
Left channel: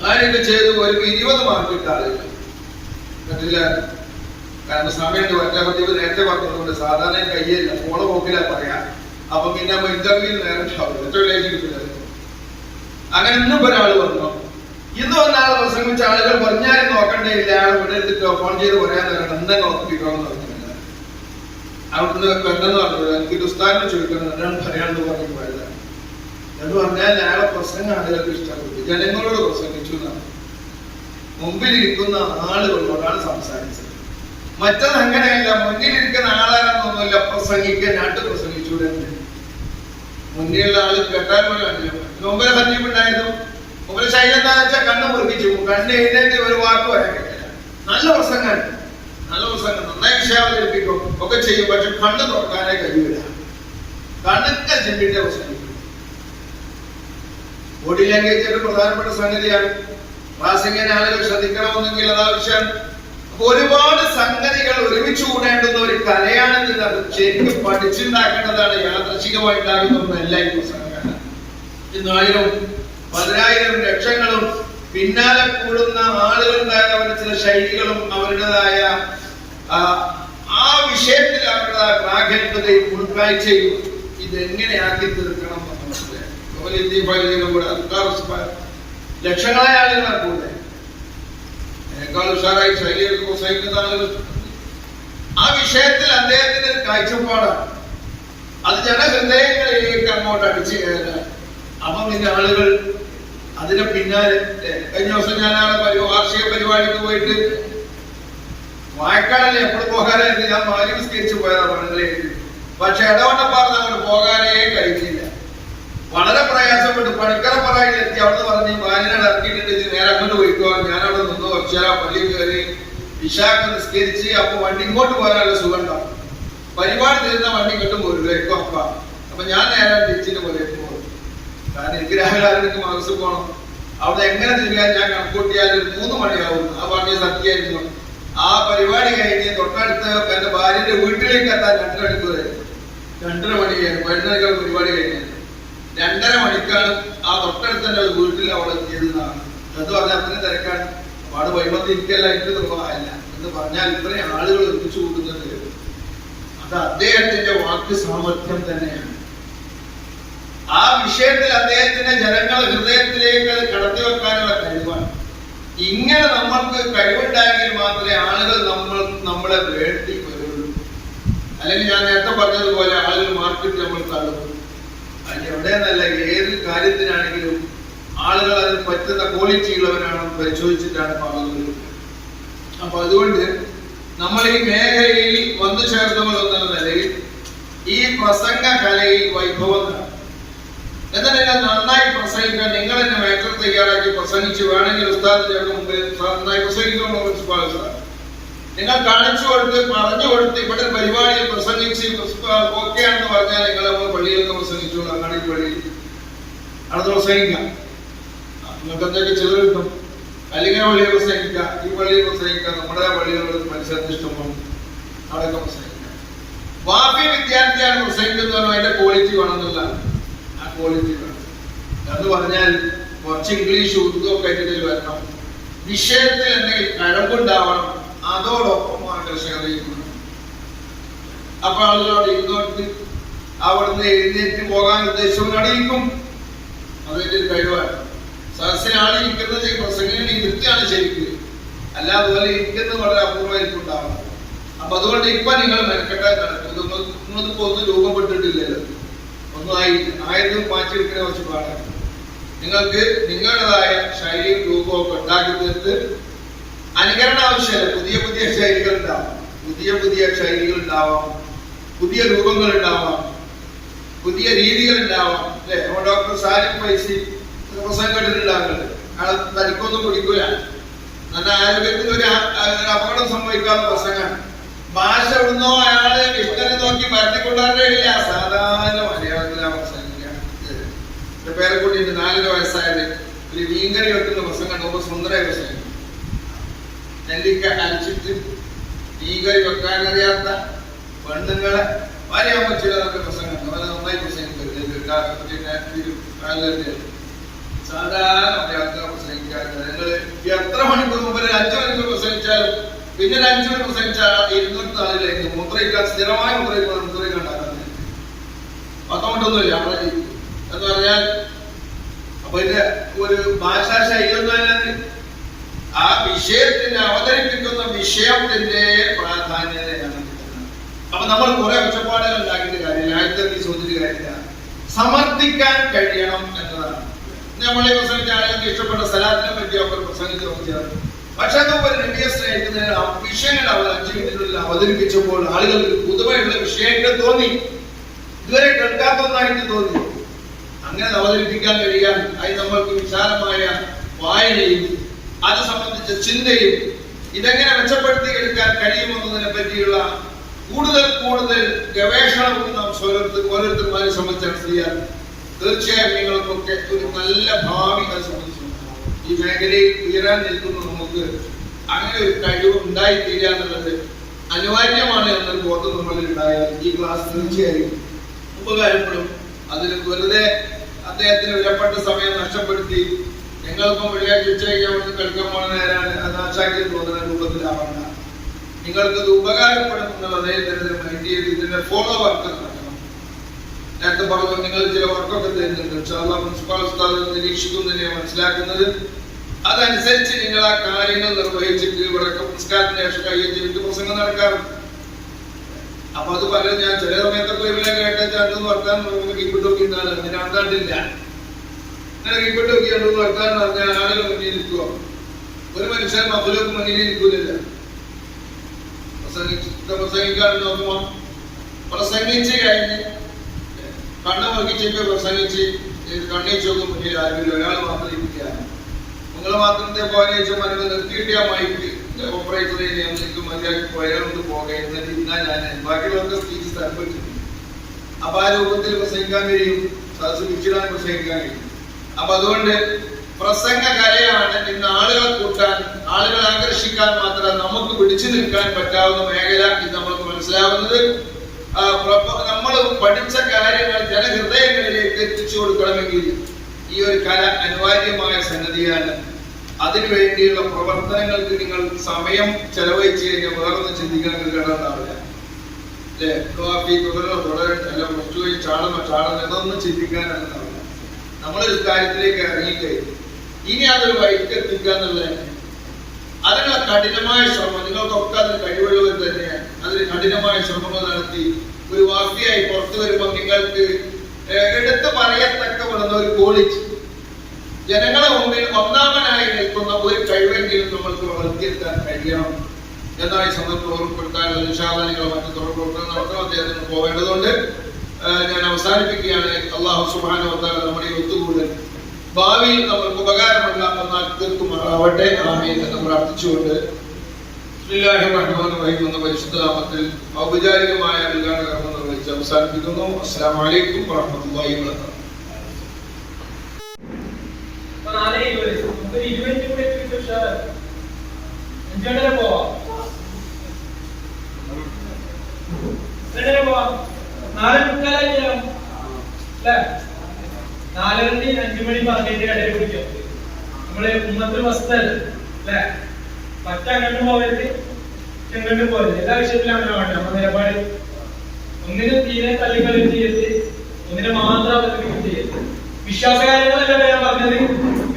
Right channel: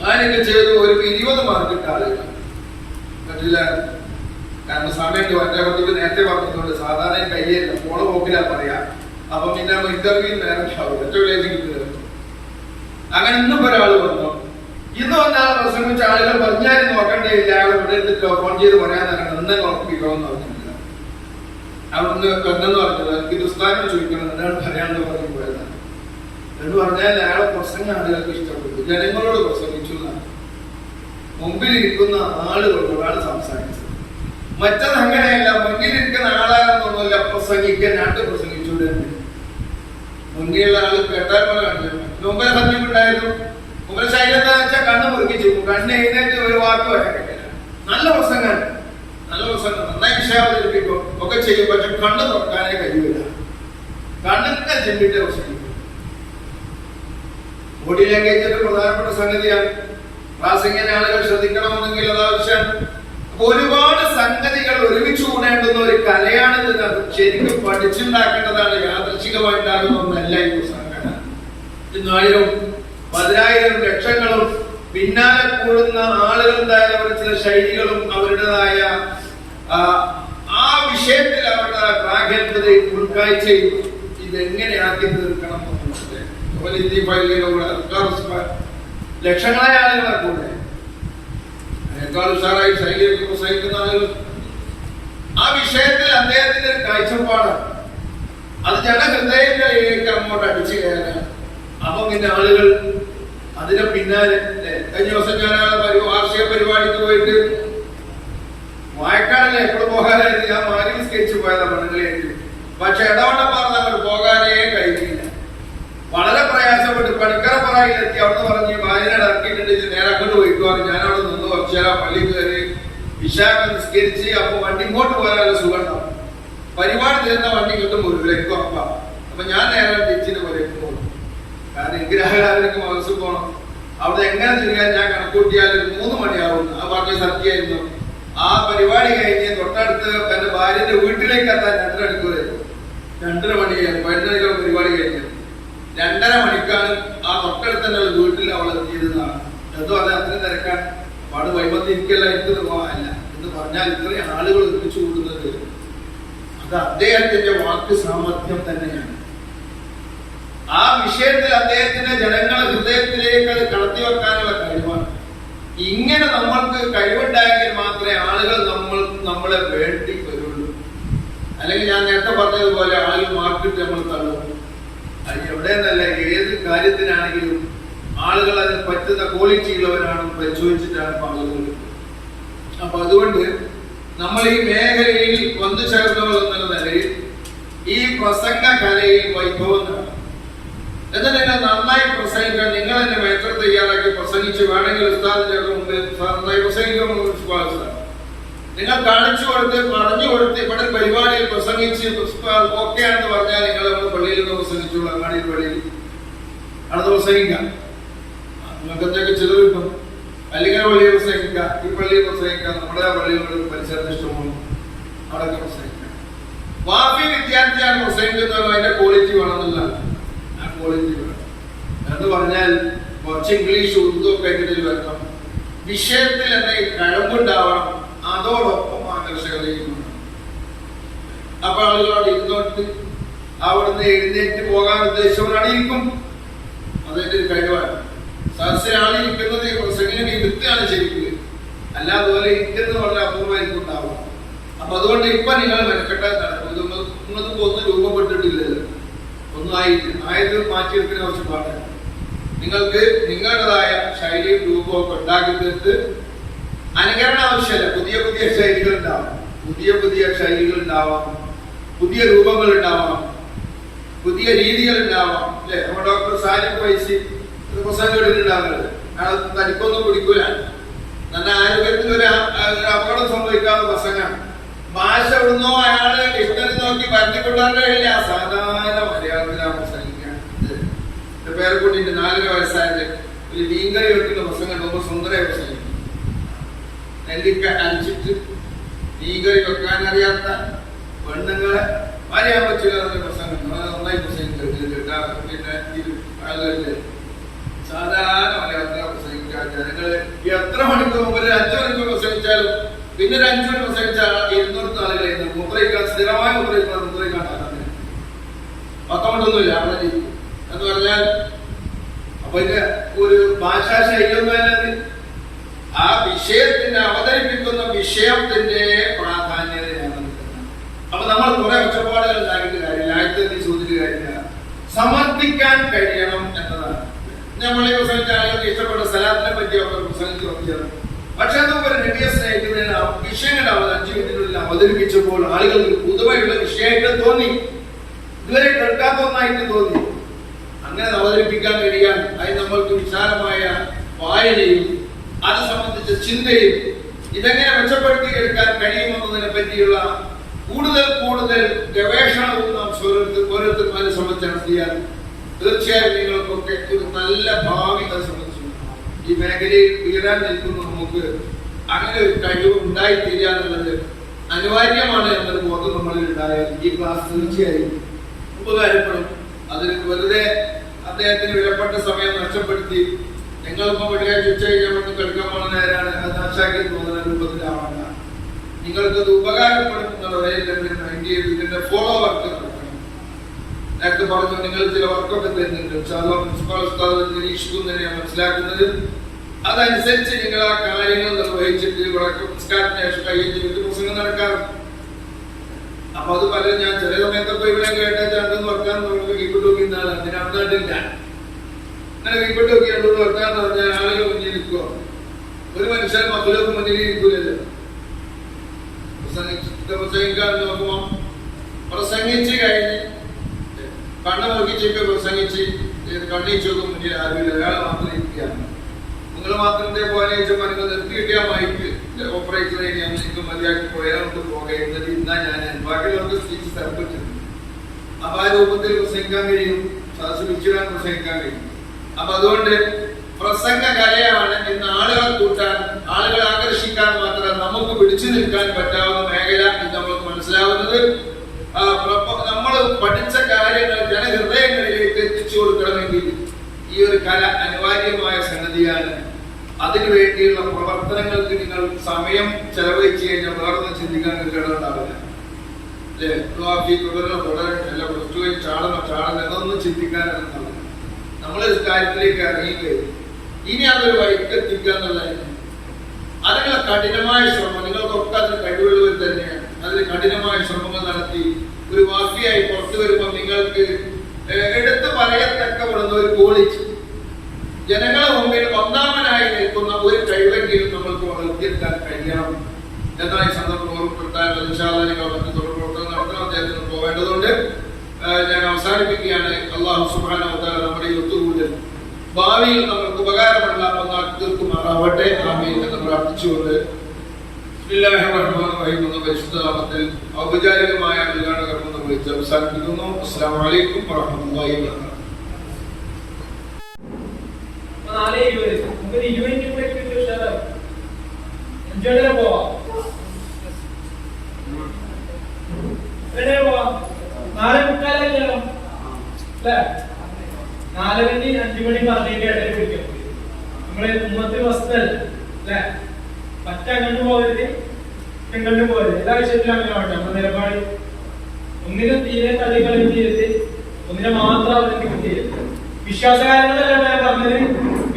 കാര്യമൊക്കെ ചെയ്തു. ഒരു 20 മാർക്ക് കിട്ട ആളുകൾ പറ്റില്ല. കാരണം സമയത്ത് നേരത്തെ പറഞ്ഞതുകൊണ്ട് സാധാരണ കയ്യല്ല, ഫോളോ പോക്കില്ല പറയാ. അപ്പൊ പിന്നെ ഇന്റർവ്യൂ നേരം കിട്ടില്ല. അങ്ങനെ ഇന്നും ഒരാൾ വന്നു. ഇന്ന് വന്ന ആൾ പ്രസംഗിച്ച ആളുകൾ പറഞ്ഞാലും നോക്കണ്ടേയില്ല, ആളെ ഇവിടെ എടുത്തിട്ടോ ഫോൺ ചെയ്ത് പറയാൻ എന്നെ നോക്കിക്കോന്ന് പറഞ്ഞിട്ടില്ല. അവിടുന്ന് കണ്ടെന്ന് പറഞ്ഞത് എനിക്ക് ഉസ്താദിനോട് ചോദിക്കണം എന്താണ് പറയാണെന്ന് പറഞ്ഞു പോയതാണ്. എന്ന് പറഞ്ഞാൽ അയാളെ പ്രസംഗം ആളുകൾക്ക് ഇഷ്ടപ്പെട്ടു. ജനങ്ങളോട് പ്രസംഗിച്ചു എന്നാണ്. മുമ്പിലിരിക്കുന്ന ആളുകളോടാണ് സംസാരിച്ചത്. മറ്റത് അങ്ങനെയല്ല. മുന്നിലിരിക്കുന്ന ആളാണെന്നൊന്നുമില്ല പ്രസംഗിക്കാൻ, നാട്ടിൽ പ്രസംഗിച്ചൂടെ. മുന്നിലുള്ള ആള് കേട്ടാൽ മുമ്പേ പറഞ്ഞിട്ടുണ്ടായിരുന്നു. മുമ്പേ ശൈലി എന്താ വെച്ചാൽ കണ്ണ് മുറുക്കിച്ചു, കണ്ണ് എഴുന്നേറ്റ് ഒരു വാക്ക് വരക്കില്ല. നല്ല പ്രസംഗം, നല്ല പ്രസംഗം, നന്നായി വിഷയാവതരിപ്പിക്കും ഒക്കെ ചെയ്യും. പക്ഷെ കണ്ണ് തുറക്കാനേ കഴിയില്ല. കണ്ണൊക്കെ ചെമ്പിട്ട് പ്രസംഗിക്കും. ബോഡി ലാംഗ്വേജ് ഒരു പ്രധാനപ്പെട്ട സംഗതിയാണ്. പ്രാസംഗിക ആളുകൾ ശ്രദ്ധിക്കണമെന്നെങ്കിൽ അത് ആവശ്യമാണ്. അപ്പൊ ഒരുപാട് സംഗതികൾ ഒരുമിച്ച് കൂടേണ്ടുന്ന ഒരു കലയാണിത്. ശരിക്കും പഠിച്ചുണ്ടാക്കേണ്ടതാണ്. യാദൃശികമായിട്ടാകുന്ന ഒന്നല്ല ഈ പ്രസംഗം. 1000, 10,000 ലക്ഷങ്ങളും പിന്നാലെ കൂടുന്ന ആളുകളുണ്ടായ അവരുടെ ചില ശൈലികളും അവരുടേതായ ആ വിഷയത്തിൽ അവരുടേതായ പ്രാഗൽഭ്യതയും ഉൾക്കാഴ്ചയും ഇതെങ്ങനെയാക്കി തീർക്കണം ലക്ഷങ്ങളായ ആളുകളെ കൂടെ അതിനേക്കാൾ ഉഷാറായി ശൈലിയൊക്കെ പ്രസംഗിക്കുന്ന ആളുകൾ. ആ വിഷയത്തിൽ അദ്ദേഹത്തിന്റെ ഒരു കാഴ്ചപ്പാടാണ്. അത് ജനഹൃദയങ്ങളിലേക്ക് അങ്ങോട്ട് അടിച്ചു കയറാൻ. അപ്പൊ പിന്നെ ആളുകൾ അതിനെ പിന്നാലെ. കഴിഞ്ഞ ദിവസം ഞാൻ വാർഷിക പരിപാടിക്ക് പോയിട്ട് വായക്കാടല്ലേ എപ്പോഴും പോകാനായിട്ട് ഞാൻ മാരി നിസ്കരിച്ചു പോയതാണ് മണ്ണിലേക്ക്. പക്ഷെ ഇടവണ്ണപ്പാറ അങ്ങോട്ട് പോകാനേ കഴിഞ്ഞില്ല. വളരെ പ്രയാസപ്പെട്ടു. പണിക്കറപ്പറയിലെത്തി. അവിടെ പറഞ്ഞ് മാലിനോട് ഇറക്കിയിട്ടുണ്ട്, നേരെ അങ്ങോട്ട് പോയിക്കോന്ന്. ഞാനവിടെ നിന്ന് കുറച്ചേരാ പള്ളി കയറി ഇശാക്ക് നിസ്കരിച്ച്. അപ്പൊ വണ്ടി ഇങ്ങോട്ട് പോകാനുള്ള സുഖം ഉണ്ടാവും. പരിപാടി തീർന്ന വണ്ടി ഇങ്ങോട്ടും പോരില്ലേക്കും അപ്പ. അപ്പൊ ഞാൻ നേരെ തിരിച്ചിട്ട് പോലേക്ക് പോകും. കാരണം എനിക്ക് രാവിലെ മനസ്സിൽ പോകണം. അവിടെ എങ്ങനെ തിരികാൻ ഞാൻ കണക്കൂട്ടിയാൽ 3 മണിയാവും. ആ പറഞ്ഞ സത്യമായിരുന്നു. ആ പരിപാടി കഴിഞ്ഞ് തൊട്ടടുത്ത് എന്റെ ഭാര്യന്റെ വീട്ടിലേക്ക് എത്താൻ 2:30 മണിക്കൂറായിരുന്നു. 2:30 മണിക്കാണ് 12 പരിപാടി കഴിഞ്ഞത്. 2:30 മണിക്കാണ് ആ തൊട്ടടുത്ത് തന്നെ വീട്ടിൽ അവൾ എത്തിയതെന്നാണ്. അത് പറഞ്ഞാൽ അത്രയും തിരക്കാൻ പാട് വൈബത്ത് ഇരിക്കല്ല, എനിക്ക് നിർവാഹമല്ല എന്ന് പറഞ്ഞാൽ ഇത്രയും ആളുകൾ ഒരുമിച്ച് കൂട്ടുന്നത് അത് അദ്ദേഹത്തിന്റെ വാക്ക് സാമർഥ്യം തന്നെയാണ്. ആ വിഷയത്തിൽ അദ്ദേഹത്തിന്റെ ജനങ്ങളുടെ ഹൃദയത്തിലേക്ക് അത് കടത്തി വെക്കാനുള്ള കഴിവാണ്. ഇങ്ങനെ നമ്മൾക്ക് കഴിവുണ്ടായെങ്കിൽ മാത്രമേ ആളുകൾ നമ്മളെ വേണ്ടി വരുള്ളൂ. അല്ലെങ്കിൽ ഞാൻ നേരത്തെ പറഞ്ഞതുപോലെ ആളുകൾ മാർക്കറ്റ് നമ്മൾ തള്ളും. അത് എവിടെയെന്നല്ല, ഏത് കാര്യത്തിനാണെങ്കിലും ആളുകൾ അതിന് പറ്റുന്ന ക്വാളിറ്റി ഉള്ളവരാണ് പരിശോധിച്ചിട്ടാണ് ആളുകൾ. അപ്പൊ അതുകൊണ്ട് നമ്മൾ ഈ മേഖലയിൽ വന്നു ചേർന്നവർ എന്നുള്ള നിലയിൽ ഈ പ്രസംഗ കലയിൽ വൈഭവം എന്നാൽ നിങ്ങൾ നന്നായി പ്രസംഗിക്കാൻ നിങ്ങൾ തന്നെ മേറ്റർ തയ്യാറാക്കി പ്രസംഗിച്ച് വേണമെങ്കിൽ ഉസ്താദിന്റെ മുമ്പിൽ നന്നായി പ്രസംഗിക്കണം. നിങ്ങൾ കാണിച്ചു കൊടുത്ത് പറഞ്ഞു കൊടുത്ത് ഇവിടെ പരിപാടിയിൽ പ്രസംഗിച്ച് ഓക്കെ ആണെന്ന് പറഞ്ഞാൽ നിങ്ങൾ നമ്മൾ പള്ളിയിൽ നിന്ന് പ്രസംഗിച്ചു, അങ്ങാടി പള്ളിയിൽ അടുത്ത് പ്രസംഗിക്കാം. നിങ്ങൾക്ക് എന്തൊക്കെ ചെയ്തു കിട്ടും. അല്ലെങ്കിൽ പള്ളിയിൽ പ്രസംഗിക്കാം, ഈ പള്ളിയിൽ പ്രസംഗിക്കാം, നമ്മുടെ പള്ളികളിൽ പരിസരത്ത് ഇഷ്ടമാണ് അവിടെയൊക്കെ പ്രസംഗിക്കാം. വാഫി വിദ്യാർത്ഥിയാണ് പ്രസംഗിക്കുന്നവരോ അതിന്റെ ക്വാളിറ്റി വേണമെന്നില്ല. ആ ക്വാളിറ്റി വേണം എന്ന് പറഞ്ഞാൽ കുറച്ച് ഇംഗ്ലീഷ് ഉറുദു ഒക്കെ ഇതിൽ വരണം. വിഷയത്തിൽ എന്തെങ്കിലും കഴിവുണ്ടാവണം. അതോടൊപ്പം ആകർഷകതയും. അപ്പൊ ആളുകളോട് ഇരുന്നോട്ട് അവിടുന്ന് എഴുന്നേറ്റ് പോകാൻ ഉദ്ദേശിച്ചവരാണ് ഇരിക്കും. അതിന്റെ ഒരു കഴിവാണ്. സദസ്സിൽ ആളിരിക്കുന്നത് പ്രസംഗം ഇരുത്താണ് ശരിക്കും. അല്ല അതുപോലെ ഇരിക്കുന്നത് വളരെ അപൂർവമായിരിക്കും ഉണ്ടാവും. അപ്പൊ അതുകൊണ്ട് ഇപ്പൊ നിങ്ങൾ മെനക്കെട്ടാൽ നിങ്ങൾക്ക് ഒന്നും രൂപപ്പെട്ടിട്ടില്ലല്ലോ, ഒന്നും ആയത് മാറ്റിയെടുക്കുന്ന കുറച്ച് പാടാണ്. നിങ്ങൾക്ക് നിങ്ങളുടേതായ ശൈലിയും രൂപവും ഒക്കെ ഉണ്ടാക്കി തീർത്ത് അനുകരണം ആവശ്യമല്ല. പുതിയ പുതിയ ശൈലികൾ ഉണ്ടാവാം, പുതിയ പുതിയ ശൈലികൾ ഉണ്ടാവാം, പുതിയ രൂപങ്ങൾ ഉണ്ടാവാം, പുതിയ രീതികൾ ഉണ്ടാവാം. അല്ലെ, ഡോക്ടർ സാലിം വൈസി പ്രസംഗം എടുത്തിട്ടുണ്ടാകുന്നത് അയാൾ തനിക്കൊന്നും കുടിക്കൂല. നല്ല ആരോഗ്യത്തിന് ഒരു അപകടം സംഭവിക്കാവുന്ന പ്രസംഗമാണ്. ഭാഷ ഇടുന്നോ അയാള് ഡിക്ഷണറി നോക്കി പരത്തിക്കൊള്ളാറില്ല. സാധാരണ മലയാളത്തിലാണ് പ്രസംഗിക്കാൻ. പേരെക്കൂട്ടിട്ട് 4 വയസ്സായത് ഒരു മീൻകറി വെക്കുന്ന പ്രസംഗം ரொம்ப സുന്ദരമായ പ്രസംഗം. നെല്ലിക്ക അരിച്ചിട്ട് മീൻകറി വെക്കാൻ അറിയാത്ത പെണ്ണുങ്ങളെ പറയാൻ പറ്റില്ല പ്രസംഗം. നന്നായി പ്രസംഗിക്കുന്നത് പിന്നെ സാധാരണ മലയാളത്തിൽ പ്രസംഗിക്കാൻ ജനങ്ങള് എത്ര മണിക്കൂർ മുമ്പ് 5 മണിക്കൂർ പ്രസംഗിച്ചാലും പിന്നെ ഒരു 5 മണി പ്രസംഗിച്ചാൽ 200 ആളുകളായിരുന്നു മുദ്രയിക്കാൻ സ്ഥിരമായ മുദ്രയിക്കാണ്ടാകുന്നത്. പത്തോണ്ടൊന്നുമില്ല അവിടെ എന്ന് പറഞ്ഞാൽ. അപ്പൊ ഇത് ഒരു ഭാഷാ ശൈലിയൊന്നും ആ വിഷയത്തിന്റെ അവതരിപ്പിക്കുന്ന വിഷയത്തിന്റെ പ്രാധാന്യതയാണ്. അപ്പൊ നമ്മൾ കുറെ ഒച്ചപ്പാടുകൾ ഉണ്ടാക്കിയിട്ട് കാര്യമില്ല, ആദ്യത്തെ ചോദ്യത്തിൽ കാര്യമില്ല. സമർത്ഥിക്കാൻ കഴിയണം എന്നതാണ്. നമ്മളെ പ്രസംഗിച്ച ആളുകൾക്ക് ഇഷ്ടപ്പെട്ട സ്ഥലത്തിനെ പറ്റിയൊക്കെ പ്രസംഗിച്ച് നോക്കിയാണ്. പക്ഷെ അതൊക്കെ ഒരു നബിയെ സ്നേഹിക്കുന്നതിന് വിഷയങ്ങൾ അവർ 5 മിനിറ്റിനുള്ളിൽ അവതരിപ്പിച്ചപ്പോൾ ആളുകൾക്ക് പുതുമയുള്ള വിഷയമായിട്ട് തോന്നി, ഇതുവരെ കേൾക്കാത്ത ഒന്നായിട്ട് തോന്നി. അങ്ങനെ അവതരിപ്പിക്കാൻ കഴിയാൻ അതിന് നമ്മൾക്ക് വിശാലമായ വായനയും അത് സംബന്ധിച്ച ചിന്തയും ഇതെങ്ങനെ മെച്ചപ്പെടുത്തി എടുക്കാൻ കഴിയുമെന്നതിനെ പറ്റിയുള്ള കൂടുതൽ ഗവേഷണവും നാം ഓരോരുത്തർമാരെ സംബന്ധിച്ചാണ് ചെയ്യാൻ. തീർച്ചയായും നിങ്ങൾക്കൊക്കെ ഒരു നല്ല ഭാവി അത് സംബന്ധിച്ചു ഈ മേഖലയിൽ ഉയരാൻ നിൽക്കുന്ന നമുക്ക് അങ്ങനെ ഒരു കഴിവ് ഉണ്ടായിത്തീരുക എന്നുള്ളത് അനിവാര്യമാണ് എന്നൊരു ബോധം നമ്മളിൽ ഉണ്ടായാൽ ഈ ക്ലാസ് തീർച്ചയായും ഉപകാരപ്പെടും. അതിന് വെറുതെ അദ്ദേഹത്തിന് വിലപ്പെട്ട സമയം നഷ്ടപ്പെടുത്തി ഞങ്ങളിപ്പം വെള്ളിയാഴ്ച ഉച്ച കഴിഞ്ഞ് കളിക്കാൻ പോകുന്ന നേരാണ് അത് നാശാക്കി തോന്നുന്ന രൂപത്തിലാവണ്ട. നിങ്ങൾക്കത് ഉപകാരപ്പെടും എന്നുള്ളത് മൈൻഡ് ചെയ്ത് ഇതിന്റെ ഫോളോ വർക്ക് നടക്കണം. നേരത്തെ പറഞ്ഞു നിങ്ങൾ ചില വർക്കൊക്കെ തരുന്നുണ്ട്. പ്രിൻസിപ്പാൾ ഉസ്താദ് നിരീക്ഷിക്കുന്നതിനെ മനസ്സിലാക്കുന്നത് അതനുസരിച്ച് നിങ്ങൾ ആ കാര്യങ്ങൾ നിർവഹിച്ചിട്ട് ഇവിടെ സംസ്കാരത്തിന് ശേഷം കഴിച്ച് വിട്ട് പ്രസംഗം നടക്കാറുണ്ട്. അപ്പൊ അത് പറയാൻ ഞാൻ ചില സമയത്തൊക്കെ ഇവരെ കേട്ടെന്ന് വർത്താൻ കിപ്പിട്ട് നോക്കിയാണ് അങ്ങനെ അവതാണ്ടില്ല. അങ്ങനെ കിപ്പിട്ട് നോക്കിയാണ്ട് വർത്താൻ പറഞ്ഞാൽ ആളുകൾ മുന്നിൽ നിൽക്കുക. ഒരു മനുഷ്യൻ മക്കളൊക്കെ മുന്നിൽ ഇരിക്കൂലല്ലോ. പ്രസംഗിക്കാൻ നോക്കുമ്പോ പ്രസംഗിച്ച് കഴിഞ്ഞ് കണ്ണ് മുറുക്കിച്ചപ്പോ പ്രസംഗിച്ച് കണ്ണീച്ച് നോക്കും മുന്നിൽ ആരുമില്ല, ഒരാൾ മാത്രം ഇരിക്കുകയാണ്. നിങ്ങൾ മാത്രം പോലെ ചോദിച്ചാൽ നിങ്ങൾ നിർത്തിയിട്ടാ മൈക്ക് ഓപ്പറേറ്റർ നിങ്ങൾക്ക് മതിയാക്കി പോയാൽ പോകേണ്ടത് ഇന്നാ ഞാൻ ബാക്കിയുള്ളവർക്ക് സ്പീച്ച് തരപ്പെട്ടിട്ടുണ്ട്. അപ്പൊ ആ രൂപത്തിൽ പ്രസംഗിക്കാൻ കഴിയും, സദസ് വിളിച്ചിടാൻ പ്രസംഗിക്കാൻ കഴിയും. അപ്പൊ അതുകൊണ്ട് പ്രസംഗ കലയാണ് ഇന്ന് ആളുകളെ കൂട്ടാൻ, ആളുകളെ ആകർഷിക്കാൻ മാത്രം നമുക്ക് പിടിച്ചു നിൽക്കാൻ പറ്റാവുന്ന മേഖല ഇത് നമ്മൾക്ക് മനസ്സിലാവുന്നത്. നമ്മൾ പഠിച്ച കാര്യങ്ങൾ ജനഹൃദയങ്ങളിലേക്ക് എത്തിച്ചു കൊടുക്കണമെങ്കിൽ ഈ ഒരു കല അനിവാര്യമായ സംഗതിയാണ്. അതിനു വേണ്ടിയുള്ള പ്രവർത്തനങ്ങൾക്ക് നിങ്ങൾ സമയം ചെലവഴിച്ചു കഴിഞ്ഞാൽ വേറൊന്നും ചിന്തിക്കാൻ കേടുണ്ടാവില്ല. അല്ലെ, ചാടണം എന്നൊന്നും ചിന്തിക്കാനുണ്ടാവില്ല. നമ്മളൊരു കാര്യത്തിലേക്ക് ഇറങ്ങിക്കഴിഞ്ഞു ഇനി അതൊരു വഴിക്കെത്തിക്കുക എന്നുള്ളതാണ്. അതിനുള്ള കഠിനമായ ശ്രമം നിങ്ങൾക്കൊക്കെ അതിന് കഴിവുള്ളവർ തന്നെയാണ്. അതിന് കഠിനമായ ശ്രമങ്ങൾ നടത്തി ഒരു വാഫിയായി പുറത്തു വരുമ്പോൾ നിങ്ങൾക്ക് എടുത്തു പറയത്തക്കപ്പെടുന്ന ഒരു ക്വാളിറ്റി, ജനങ്ങളെ മുമ്പിൽ ഒന്നാമനായി നിൽക്കുന്ന ഒരു കഴിവെങ്കിലും നമ്മൾക്ക് വളർത്തിയെടുക്കാൻ കഴിയണം എന്നാണ് ഈ സന്ദർഭം ഓർമ്മപ്പെടുത്താനുള്ളത്. ഇൻഷാ അല്ലാഹ് നിങ്ങൾ മറ്റു തുടർ പ്രവർത്തനം നടത്തണം. അദ്ദേഹത്തിന് പോവേണ്ടതുണ്ട്. ഞാൻ അവസാനിപ്പിക്കുകയാണ്. അല്ലാഹു സുബ്ഹാനഹു വ തആല നമ്മുടെ ഈ ഒത്തുകൂടൽ ഭാവിയിൽ നമുക്ക് ഉപകാരമുള്ള ഒന്നാക്കി തീർക്കുമാറാവട്ടെ. ആമീൻ എന്ന് പ്രാർത്ഥിച്ചുകൊണ്ട് ബിസ്മില്ലാഹിർ റഹ്മാനിർ റഹീം എന്ന പരിശുദ്ധ നാമത്തിൽ ഔപചാരികമായ ഉദ്ഘാടന കർമ്മം നിർവഹിച്ച് അവസാനിപ്പിക്കുന്നു. അസ്സലാമു അലൈക്കും വറഹ്മത്തുള്ളാഹി വബറകാതുഹു. നാളെ മുക്കാലായില്ലോ അല്ലേ? 4:30 5 മണി പറഞ്ഞതിന്റെ ഇടയിൽ കുടിക്കും. നമ്മള് ഉമ്മത്തിൽ വസ്തല്ല അല്ലേ? മറ്റങ്ങോട്ട് പോകരുത്, ഇങ്ങോട്ട് പോകരുത്. എല്ലാ വിഷയത്തിലും അങ്ങനെ വേണ്ട. നമ്മുടെ നിലപാട് ഒന്നിനും തീരെ തള്ളിക്കളി ചെയ്യരുത്, ഒന്നിനെ മാത്രം അവലംബിക്കും ചെയ്യരുത്. വിശ്വാസകാര്യങ്ങളല്ല ഞാൻ പറഞ്ഞത്.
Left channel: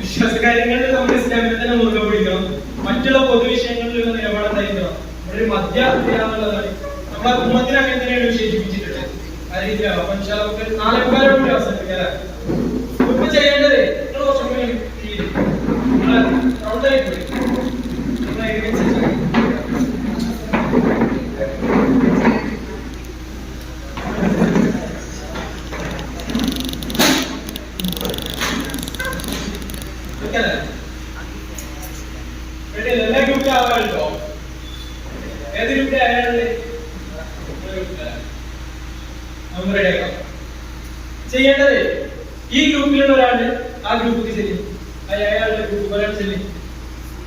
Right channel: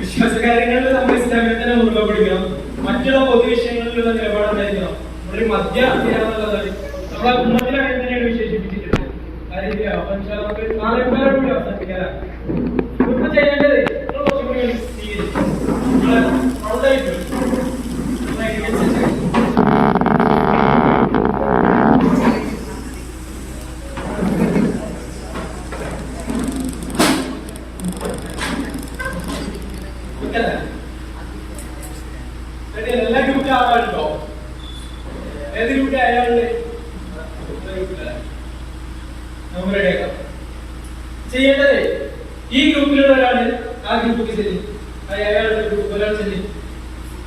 വിശ്വാസകാര്യങ്ങളിൽ നമ്മൾ ഇസ്ലാമിൽ തന്നെ മുറുകെ പിടിക്കണം. മറ്റുള്ള പൊതുവിഷയങ്ങളിലുള്ള നിലപാട് എന്തായിരിക്കണം? നമ്മുടെ മധ്യ എന്നുള്ളതാണ് നമ്മളെ ഉമ്മത്തിനെ അങ്ങനെ തന്നെയാണ് വിശേഷിപ്പിച്ചിട്ടുള്ളത്. ആ രീതിയിലാണ്. അപ്പൊ നമുക്ക് 4:15 കൂടി അവസാനിപ്പിക്കാനാണ് ഇപ്പൊ ചെയ്യേണ്ടത്. കുറച്ചും കൂടി എല്ലാ ഗ്രൂപ്പിലും ആവാറുണ്ടോ? ഏത് ഗ്രൂപ്പിലെ അയാളുടെ ചെയ്യേണ്ടത് ഈ ഗ്രൂപ്പിലുള്ള ഒരാള് ആ ഗ്രൂപ്പിലേക്ക് ചെല്ലും, അയാളുടെ ഗ്രൂപ്പ് ഒരാൾ ചെല്ലും.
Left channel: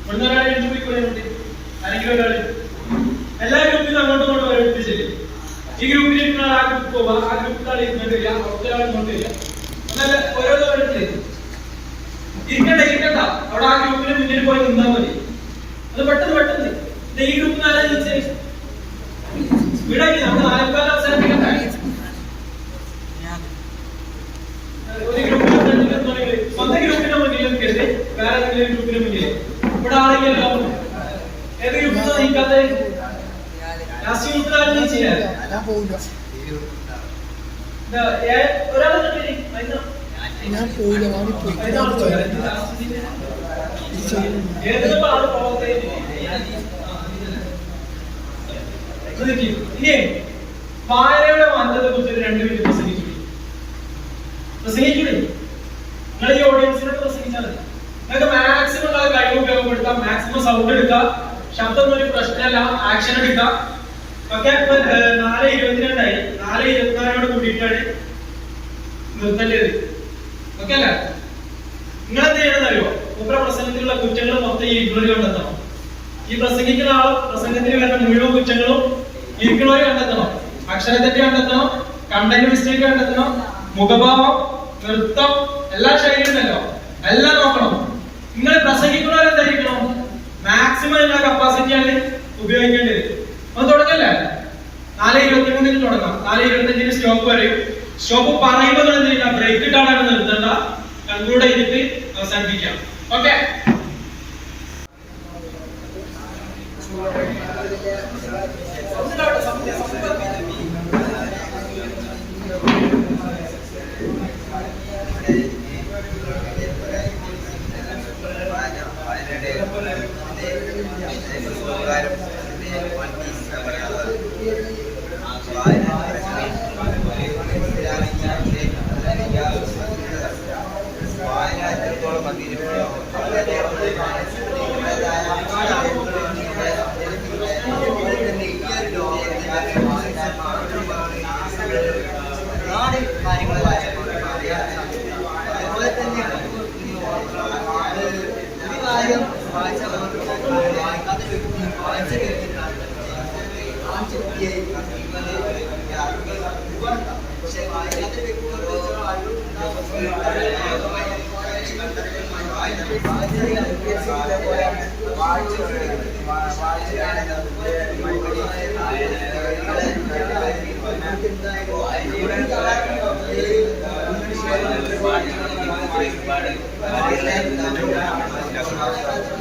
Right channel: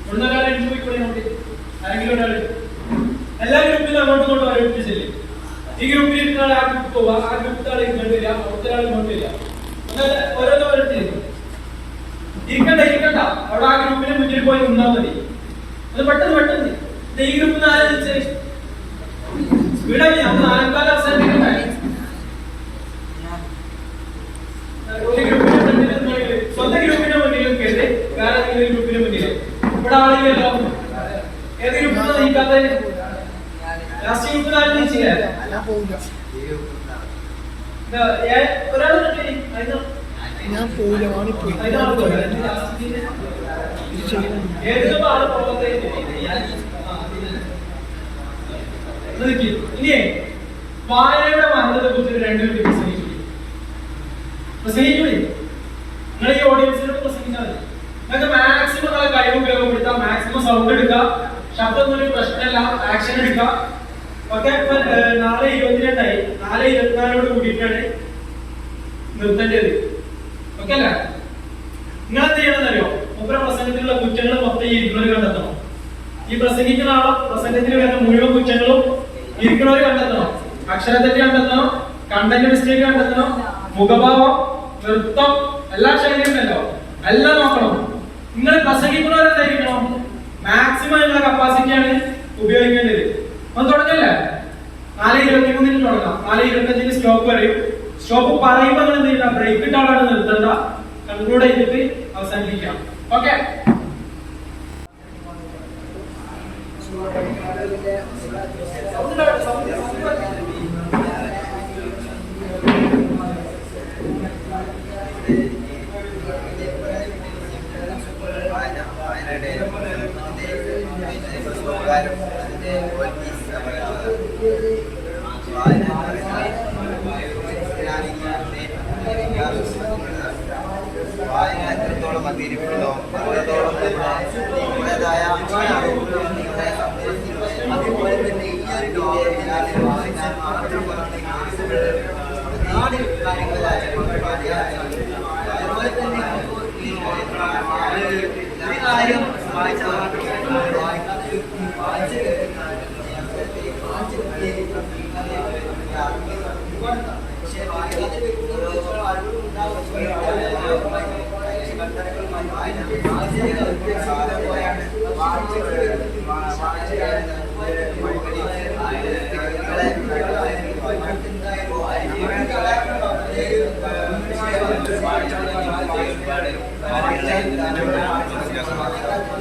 ഇവിടുന്ന് ഒരാളെ പോയിക്കൊണ്ട് ആരെങ്കിലും ഒരാൾ എല്ലാ ഗ്രൂപ്പിലും അങ്ങോട്ടും ഇങ്ങോട്ടും ഓരോരുത്തർ ചെല്ലും. ഈ ഗ്രൂപ്പിൽ ഇരിക്കുന്ന ആൾ ആ ഗ്രൂപ്പ് പോവാ, ആ ഗ്രൂപ്പിൽ ആൾ ഇങ്ങോട്ട് വരിക, അവിടുത്തെ ആൾ ഇങ്ങോട്ട് വരിക. എന്നല്ല ഓരോരുത്തർ ഇരിക്കണ്ട അവിടെ ആ ഗ്രൂപ്പിന് മുന്നിൽ പോയി നിന്നാ മതി. അത് പെട്ടെന്ന് ഈ ഗ്രൂപ്പിൽ ആരെ തിരിച്ച് സ്പീഡാക്കി നമുക്ക് 4 അവസാനിപ്പിക്കണ്ടേ? ഒരു ഗ്രൂപ്പിന്റെ മുന്നിൽ സ്വന്തം ഗ്രൂപ്പിന്റെ മുന്നിൽ നിൽക്കരുത്, വേറെ ഏതെങ്കിലും ഗ്രൂപ്പിന്റെ മുന്നിൽ. ഇവിടെ ആളില്ലല്ലോ. ഏത് ഗ്രൂപ്പിൽ നീക്കാത്ത ലാസ്റ്റ് ഗ്രൂപ്പിൽ ആരും നീച്ചില്ല. ഒരാൾ ഞാൻ പോയില്ല, വാണിപ്പോയി. ഏതൊക്കെ ആള് പോകത്തെ. ഇനി വായനയുടെ മഹത്വത്തെ കുറിച്ച് 2 മിനിറ്റ് പ്രസംഗിക്കൂടി. നിങ്ങൾ ഈ ഓഡിയൻസിനോട് പ്രസംഗിച്ചാൽ മതി. നിങ്ങൾക്ക് മാക്സിമം കഴിവ് ഉപയോഗപ്പെടുത്താം, മാക്സിമം സൗണ്ട് എടുക്കാം, ശബ്ദം ഒരു പ്രശ്നമല്ല, ആക്ഷൻ എടുക്കാം. ഓക്കെ. 4:22 4:24 കൂടിയിട്ടാണ് നിർത്തേണ്ടത്. ഓക്കെ അല്ലേ? നിങ്ങൾ എന്ത് ചെയ്യണമെന്നറിയോ? മൂപ്പര പ്രസംഗത്തിലുള്ള കുറ്റങ്ങൾ മൊത്തം ഈ ഇരിക്കുന്നവർ കണ്ടെത്തണം. ഈ പ്രസംഗിക്കുന്ന ആളെ പ്രസംഗത്തിൽ വരുന്ന മുഴുവൻ കുറ്റങ്ങളും ഇരിക്കുന്നവർ കണ്ടെത്തണം. അക്ഷരത്തെറ്റ് കണ്ടെത്തണം, കണ്ടന്റ് മിസ്റ്റേക്ക് കണ്ടെത്തണം, മുഖഭാവം, നൃത്തം, എല്ലാ ശൈലിയുണ്ടല്ലോ, എല്ലാം നോക്കണം. നിങ്ങൾ പ്രസംഗിക്കുന്നവരെന്തായിരിക്കണം? മാക്സിമം നിങ്ങളുടെ കപ്പാസിറ്റിയാണ് ഉപയോഗിക്കേണ്ടത്. അപ്പൊ തുടങ്ങല്ലേ? 4:23 തുടങ്ങാം. 4:25 സ്റ്റോപ്പ് പറയും. സ്റ്റോപ്പ് പറയുമ്പോൾ എന്ത് ചെയ്യണം? ബ്രേക്ക് ഇട്ടാണ് നിർത്തേണ്ട, കൺക്ലൂഡ് ചെയ്തിട്ട് അവസാനിപ്പിക്കാം. ഓക്കെ.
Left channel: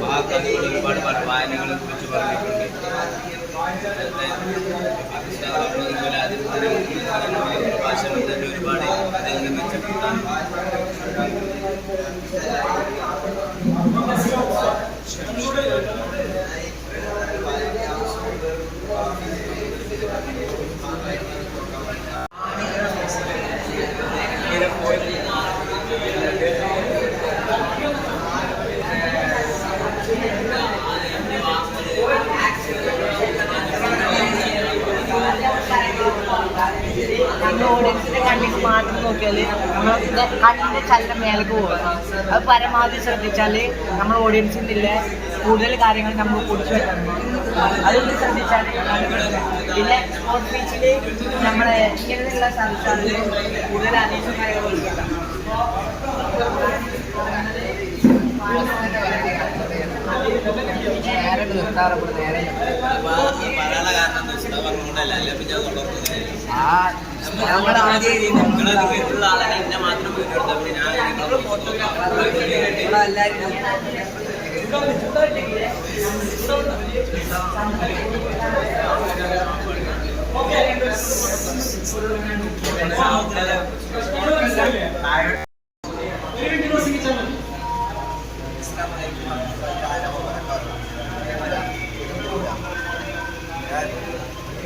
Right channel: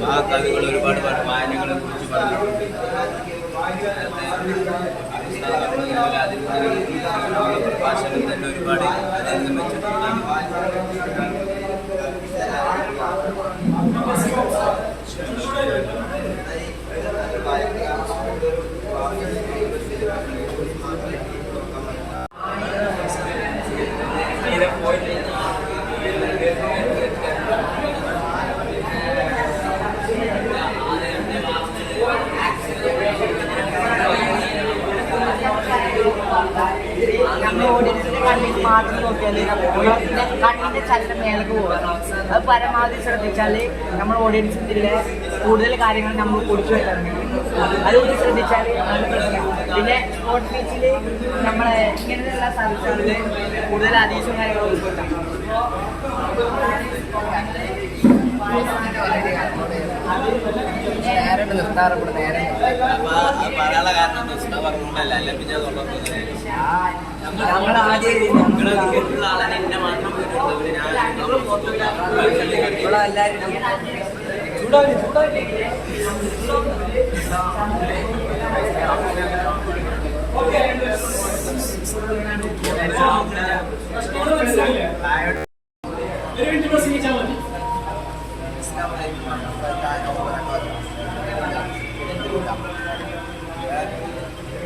മഹാകവികൾ ഒരുപാട് വായനകളെ കുറിച്ച് പറഞ്ഞിട്ടുണ്ട്. ഭാഷകൾ തന്നെ ഒരുപാട് അതിനെ മെച്ചപ്പെടുത്താൻ നമ്മൾ ഓഡിയൻസിന്റെ കണ്ണിൽ മാത്രം നോക്കിയാൽ നമ്മളെ കണ്ണിന്റെ ചലനം മേലേക്ക് പോകണം. അത് പരമാവധി ശ്രദ്ധിച്ചാൽ നമ്മൾ ഓഡിയൻസിൻ്റെ കൂടുതൽ കാര്യങ്ങൾ നമ്മൾ കുറിച്ച് വരുന്നുണ്ട്. അതുകൊണ്ട് ശ്രദ്ധിച്ചാൽ പിന്നെ സ്പോർട്സ് ബീച്ചിൽ നമ്മളെ ഇങ്ങനെയുള്ള സ്ഥലങ്ങളിൽ കൂടുതൽ അനേകം കാര്യങ്ങൾ ഉൾപ്പെടുത്തും. നേരെ നിർത്താറപ്പെടും. നേരെ പറയാനുള്ള കാരണം പറഞ്ഞുകൊണ്ടല്ല, അല്ല പിന്നെ നമ്മൾ ആദ്യം നിങ്ങളെ ആളെ എന്നെ മാത്രം വീട്ടിലെടുത്തത്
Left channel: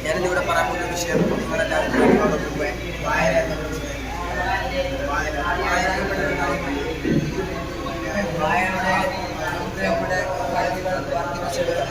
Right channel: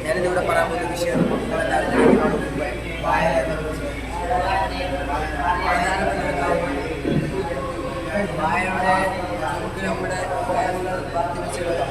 ഞാനിന്നിവിടെ പറയാൻ പോകുന്ന വിഷയം നിങ്ങളെല്ലാവരും വായന എന്ന വായനയുടെ നമുക്ക് നമ്മുടെ കഴിവുകൾ വർദ്ധിപ്പിച്ചെടുക്കാം.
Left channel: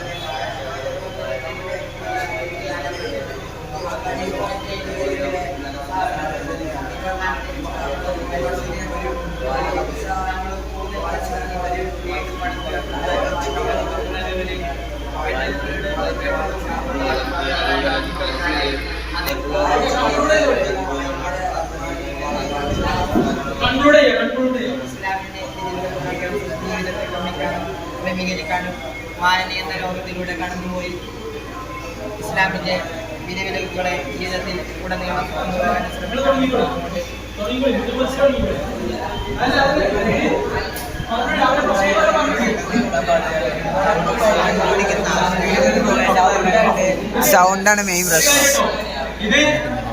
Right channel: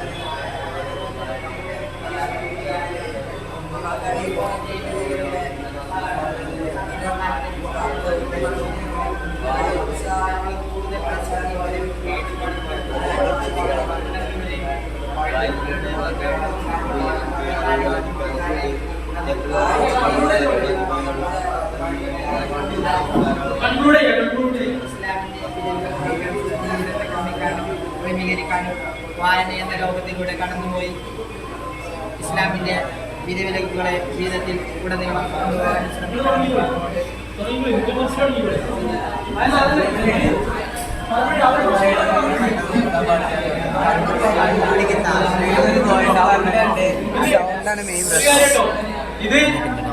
ക്രമീകരിക്കാനും വായന എന്ന ലോകത്തിലൂടെ കടന്നുപോയി ഇസ്ലാമിന്റെ വിലവിലക്കുകളെ ജീവിതത്തിൽ ഉടനീളം കൊണ്ടുപോകാൻ ശ്രമിക്കണം. സൗണ്ടാണ് മെയിൻ പ്രശ്നം. ഇത്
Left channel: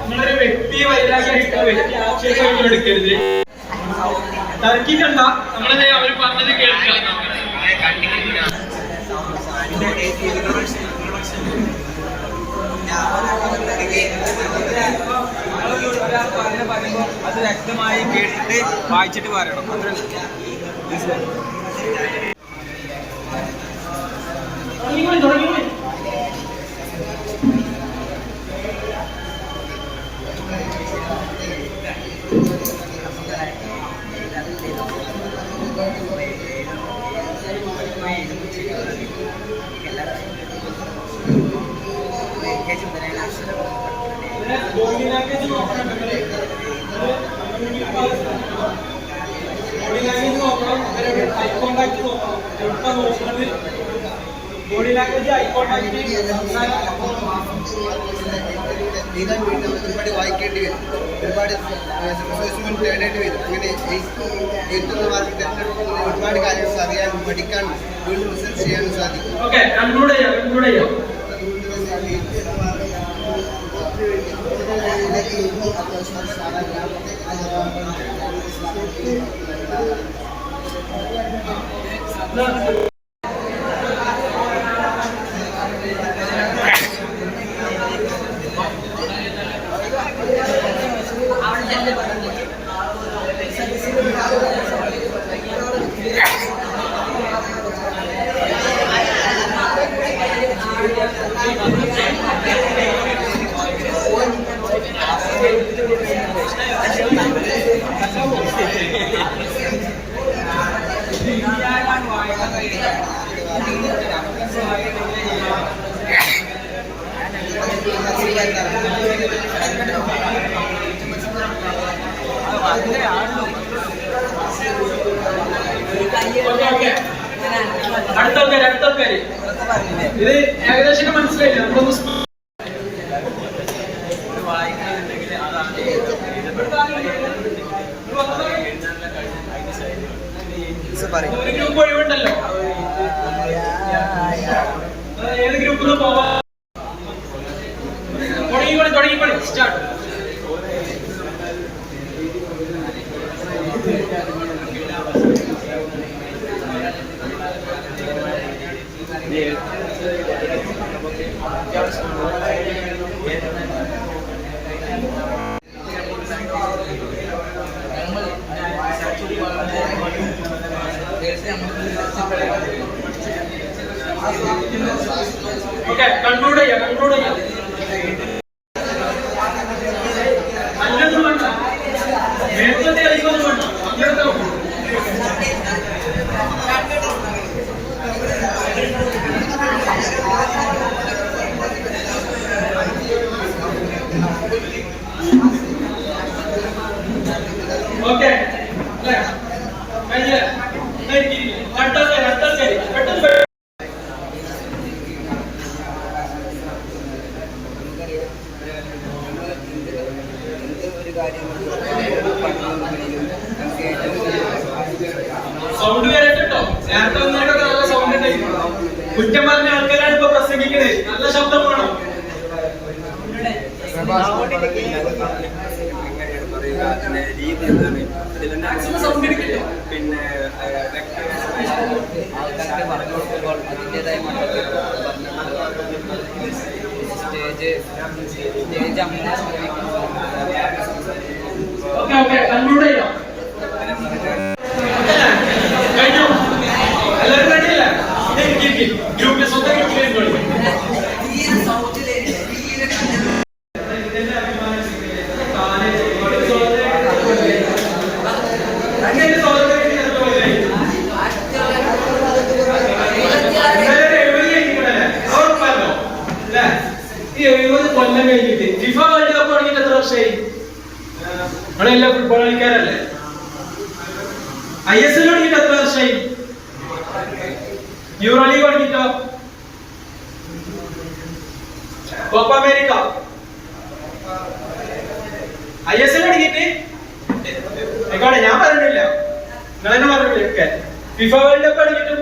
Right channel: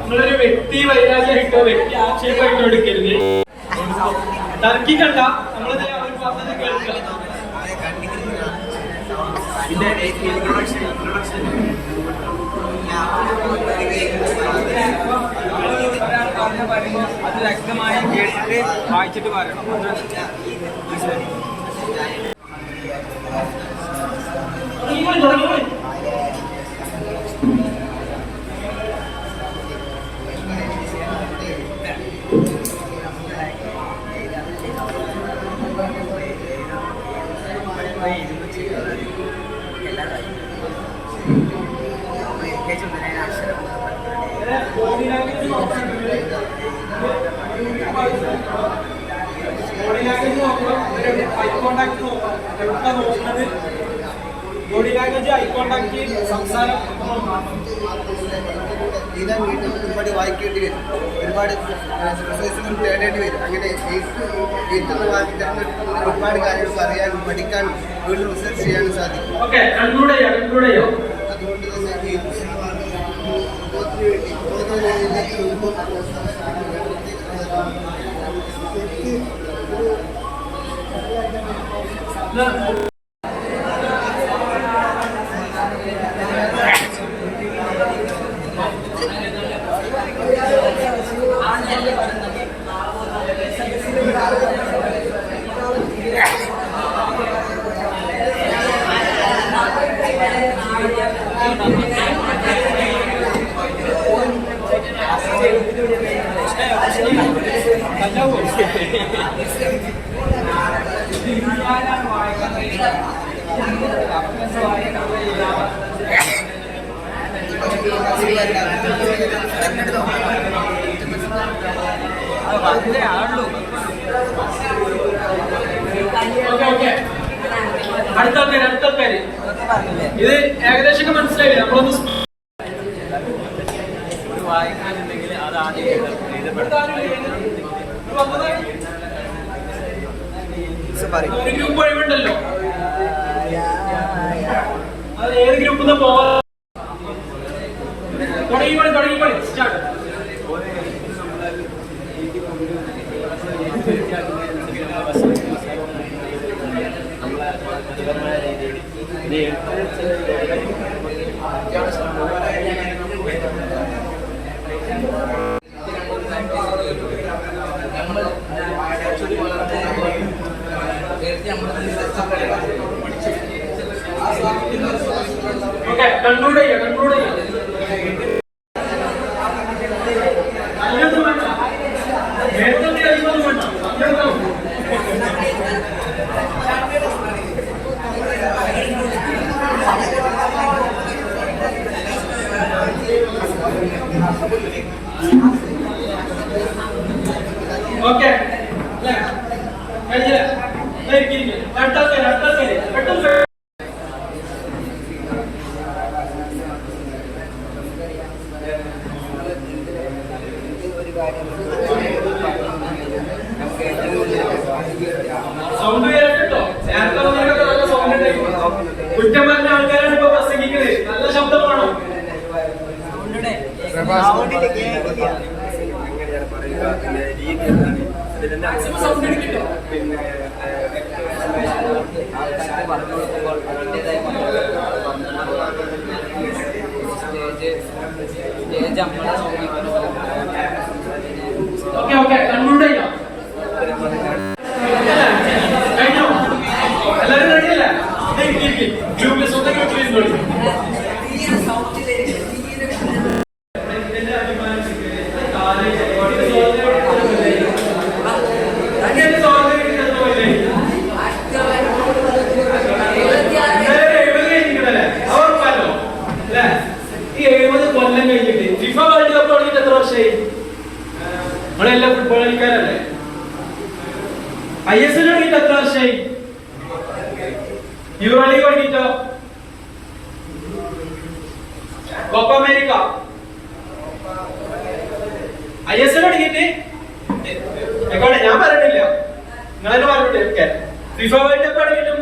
നിങ്ങളൊരു വ്യക്തി വൈരാഗ്യമായിട്ടോ വ്യക്തി ആക്ഷേപമായിട്ടോ എടുക്കരുത്. തർക്കിക്കണ്ട, നമ്മളെ അവർ പറഞ്ഞത് കേൾക്കാം. അത് വ്യക്തമായി കേട്ടിട്ട് വായിച്ചിട്ട് പറയണം. ഒരുപാട് വായിക്കേണ്ടി വരും, ഒരുപാട് റിസോഴ്സുകൾ തേടേണ്ടി വരും. അങ്ങനെ എഴുത്തുന്ന വാക്ക് തിരഞ്ഞെടുക്കുന്നത് ഒരുപാട് കാര്യങ്ങൾ അറിയാനും പഠിക്കാനും വീണ്ടും റിസർച്ച് ചെയ്യാനും സാധിക്കും. അടുത്തൊക്കെ ഇത് ഏകദേശം മനസ്സിലായില്ലേ? നമ്മളൊന്ന് ഗ്രൂപ്പ് ഒഴിവുണ്ടല്ലോ, ഏത് ഗ്രൂപ്പിൽ നിന്ന് പോവാ? തുടങ്ങി സ്റ്റാർട്ട്. കൺക്ലൂഡ് ചെയ്യാം. ഓക്കെ കഴിഞ്ഞ പെട്ടെന്ന് സൗണ്ട് കേട്ടോ. നേരത്തെ വന്നതിനൊക്കെ നല്ല സൗണ്ട് ഉണ്ടായിരുന്നു. കുറ്റം പറഞ്ഞ ആൾക്കാരാണ് ഇപ്പൊ പ്രസംഗിക്കുന്നത്. നല്ല ശബ്ദം വേണം. സൗണ്ട് എടുക്കില്ല. പിന്നെ ആൾക്കാർക്ക് പറഞ്ഞു കൊടുക്കുമ്പോൾ അതിൻ്റെതായ സ്റ്റേജ് നമ്മളെ ഓക്കെ ഓക്കെ കൺക്ലൂഡ് ചെയ്യാം. കഴിഞ്ഞോ? എല്ലാവരും റെഡിയല്ലേ? ഗ്രൂപ്പിൽ സ്വന്തം ഗ്രൂപ്പിൽ കൊല്ലം കഴിഞ്ഞിട്ട് ഫിഫ വേൾഡ് കപ്പ് തുടങ്ങിയിട്ട് എത്ര വർഷമായി? നമ്മളെല്ലാം ഫുട്ബോൾ കളിക്കാരല്ലേ? ISL തുടങ്ങിയിട്ട് എത്ര വർഷമായി? യൂറോ ലീഗ് തുടങ്ങിയിട്ടോ? കോപ്പ അമേരിക്ക ISL തുടങ്ങിയിട്ട് ആയിക്കോട്ടെ, ഞാൻ പറഞ്ഞിട്ടില്ല, നിങ്ങൾ തന്നെ പറഞ്ഞിട്ട്. ഫിഫ വേൾഡ് കപ്പ് തുടങ്ങിയിട്ടും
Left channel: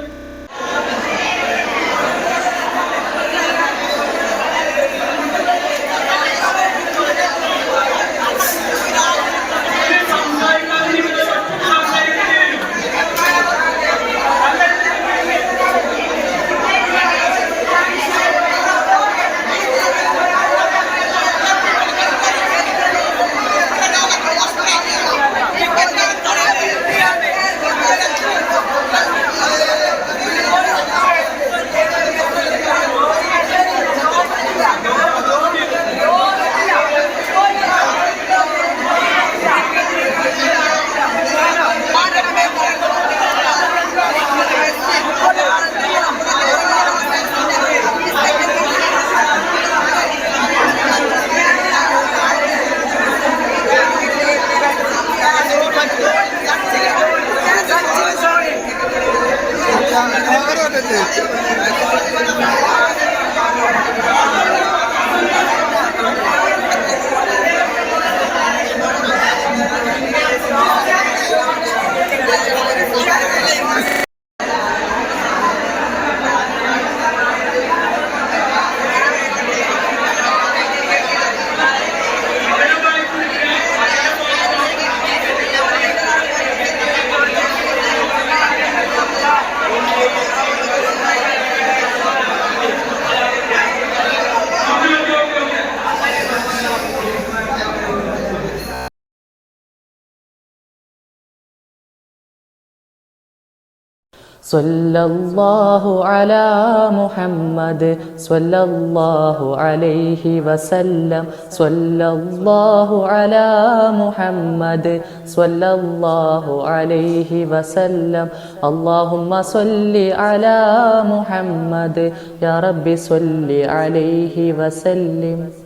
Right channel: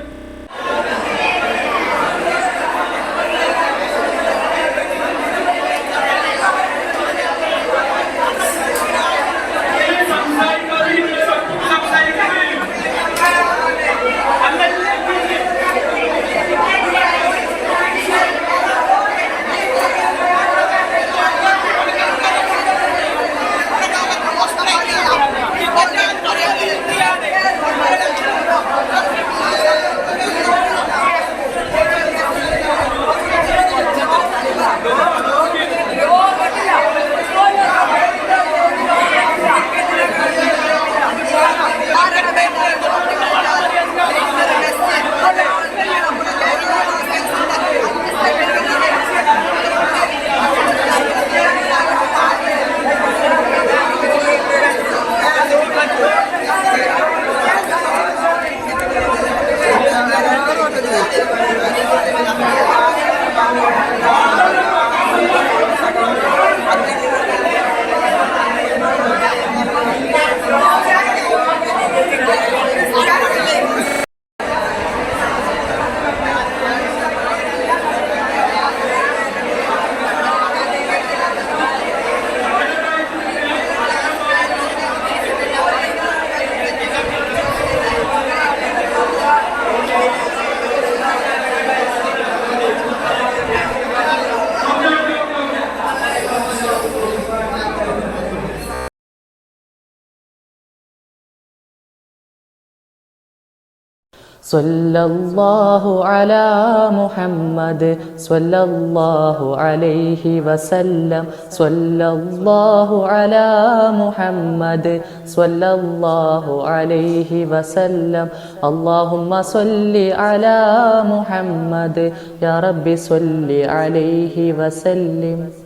സ്വല്ലല്ലാഹു അലാ മുഹമ്മദ് സ്വല്ലല്ലാഹു അലൈഹി വസല്ലം സ്വല്ലല്ലാഹു അലാ മുഹമ്മദ് സ്വല്ലല്ലാഹു അലൈഹി വസല്ലം അല്ലാഹുമ്മ സ്വല്ലി അലാ മുഹമ്മദ് യാ റബ്ബി സ്വല്ലി അലൈഹി വസല്ലം.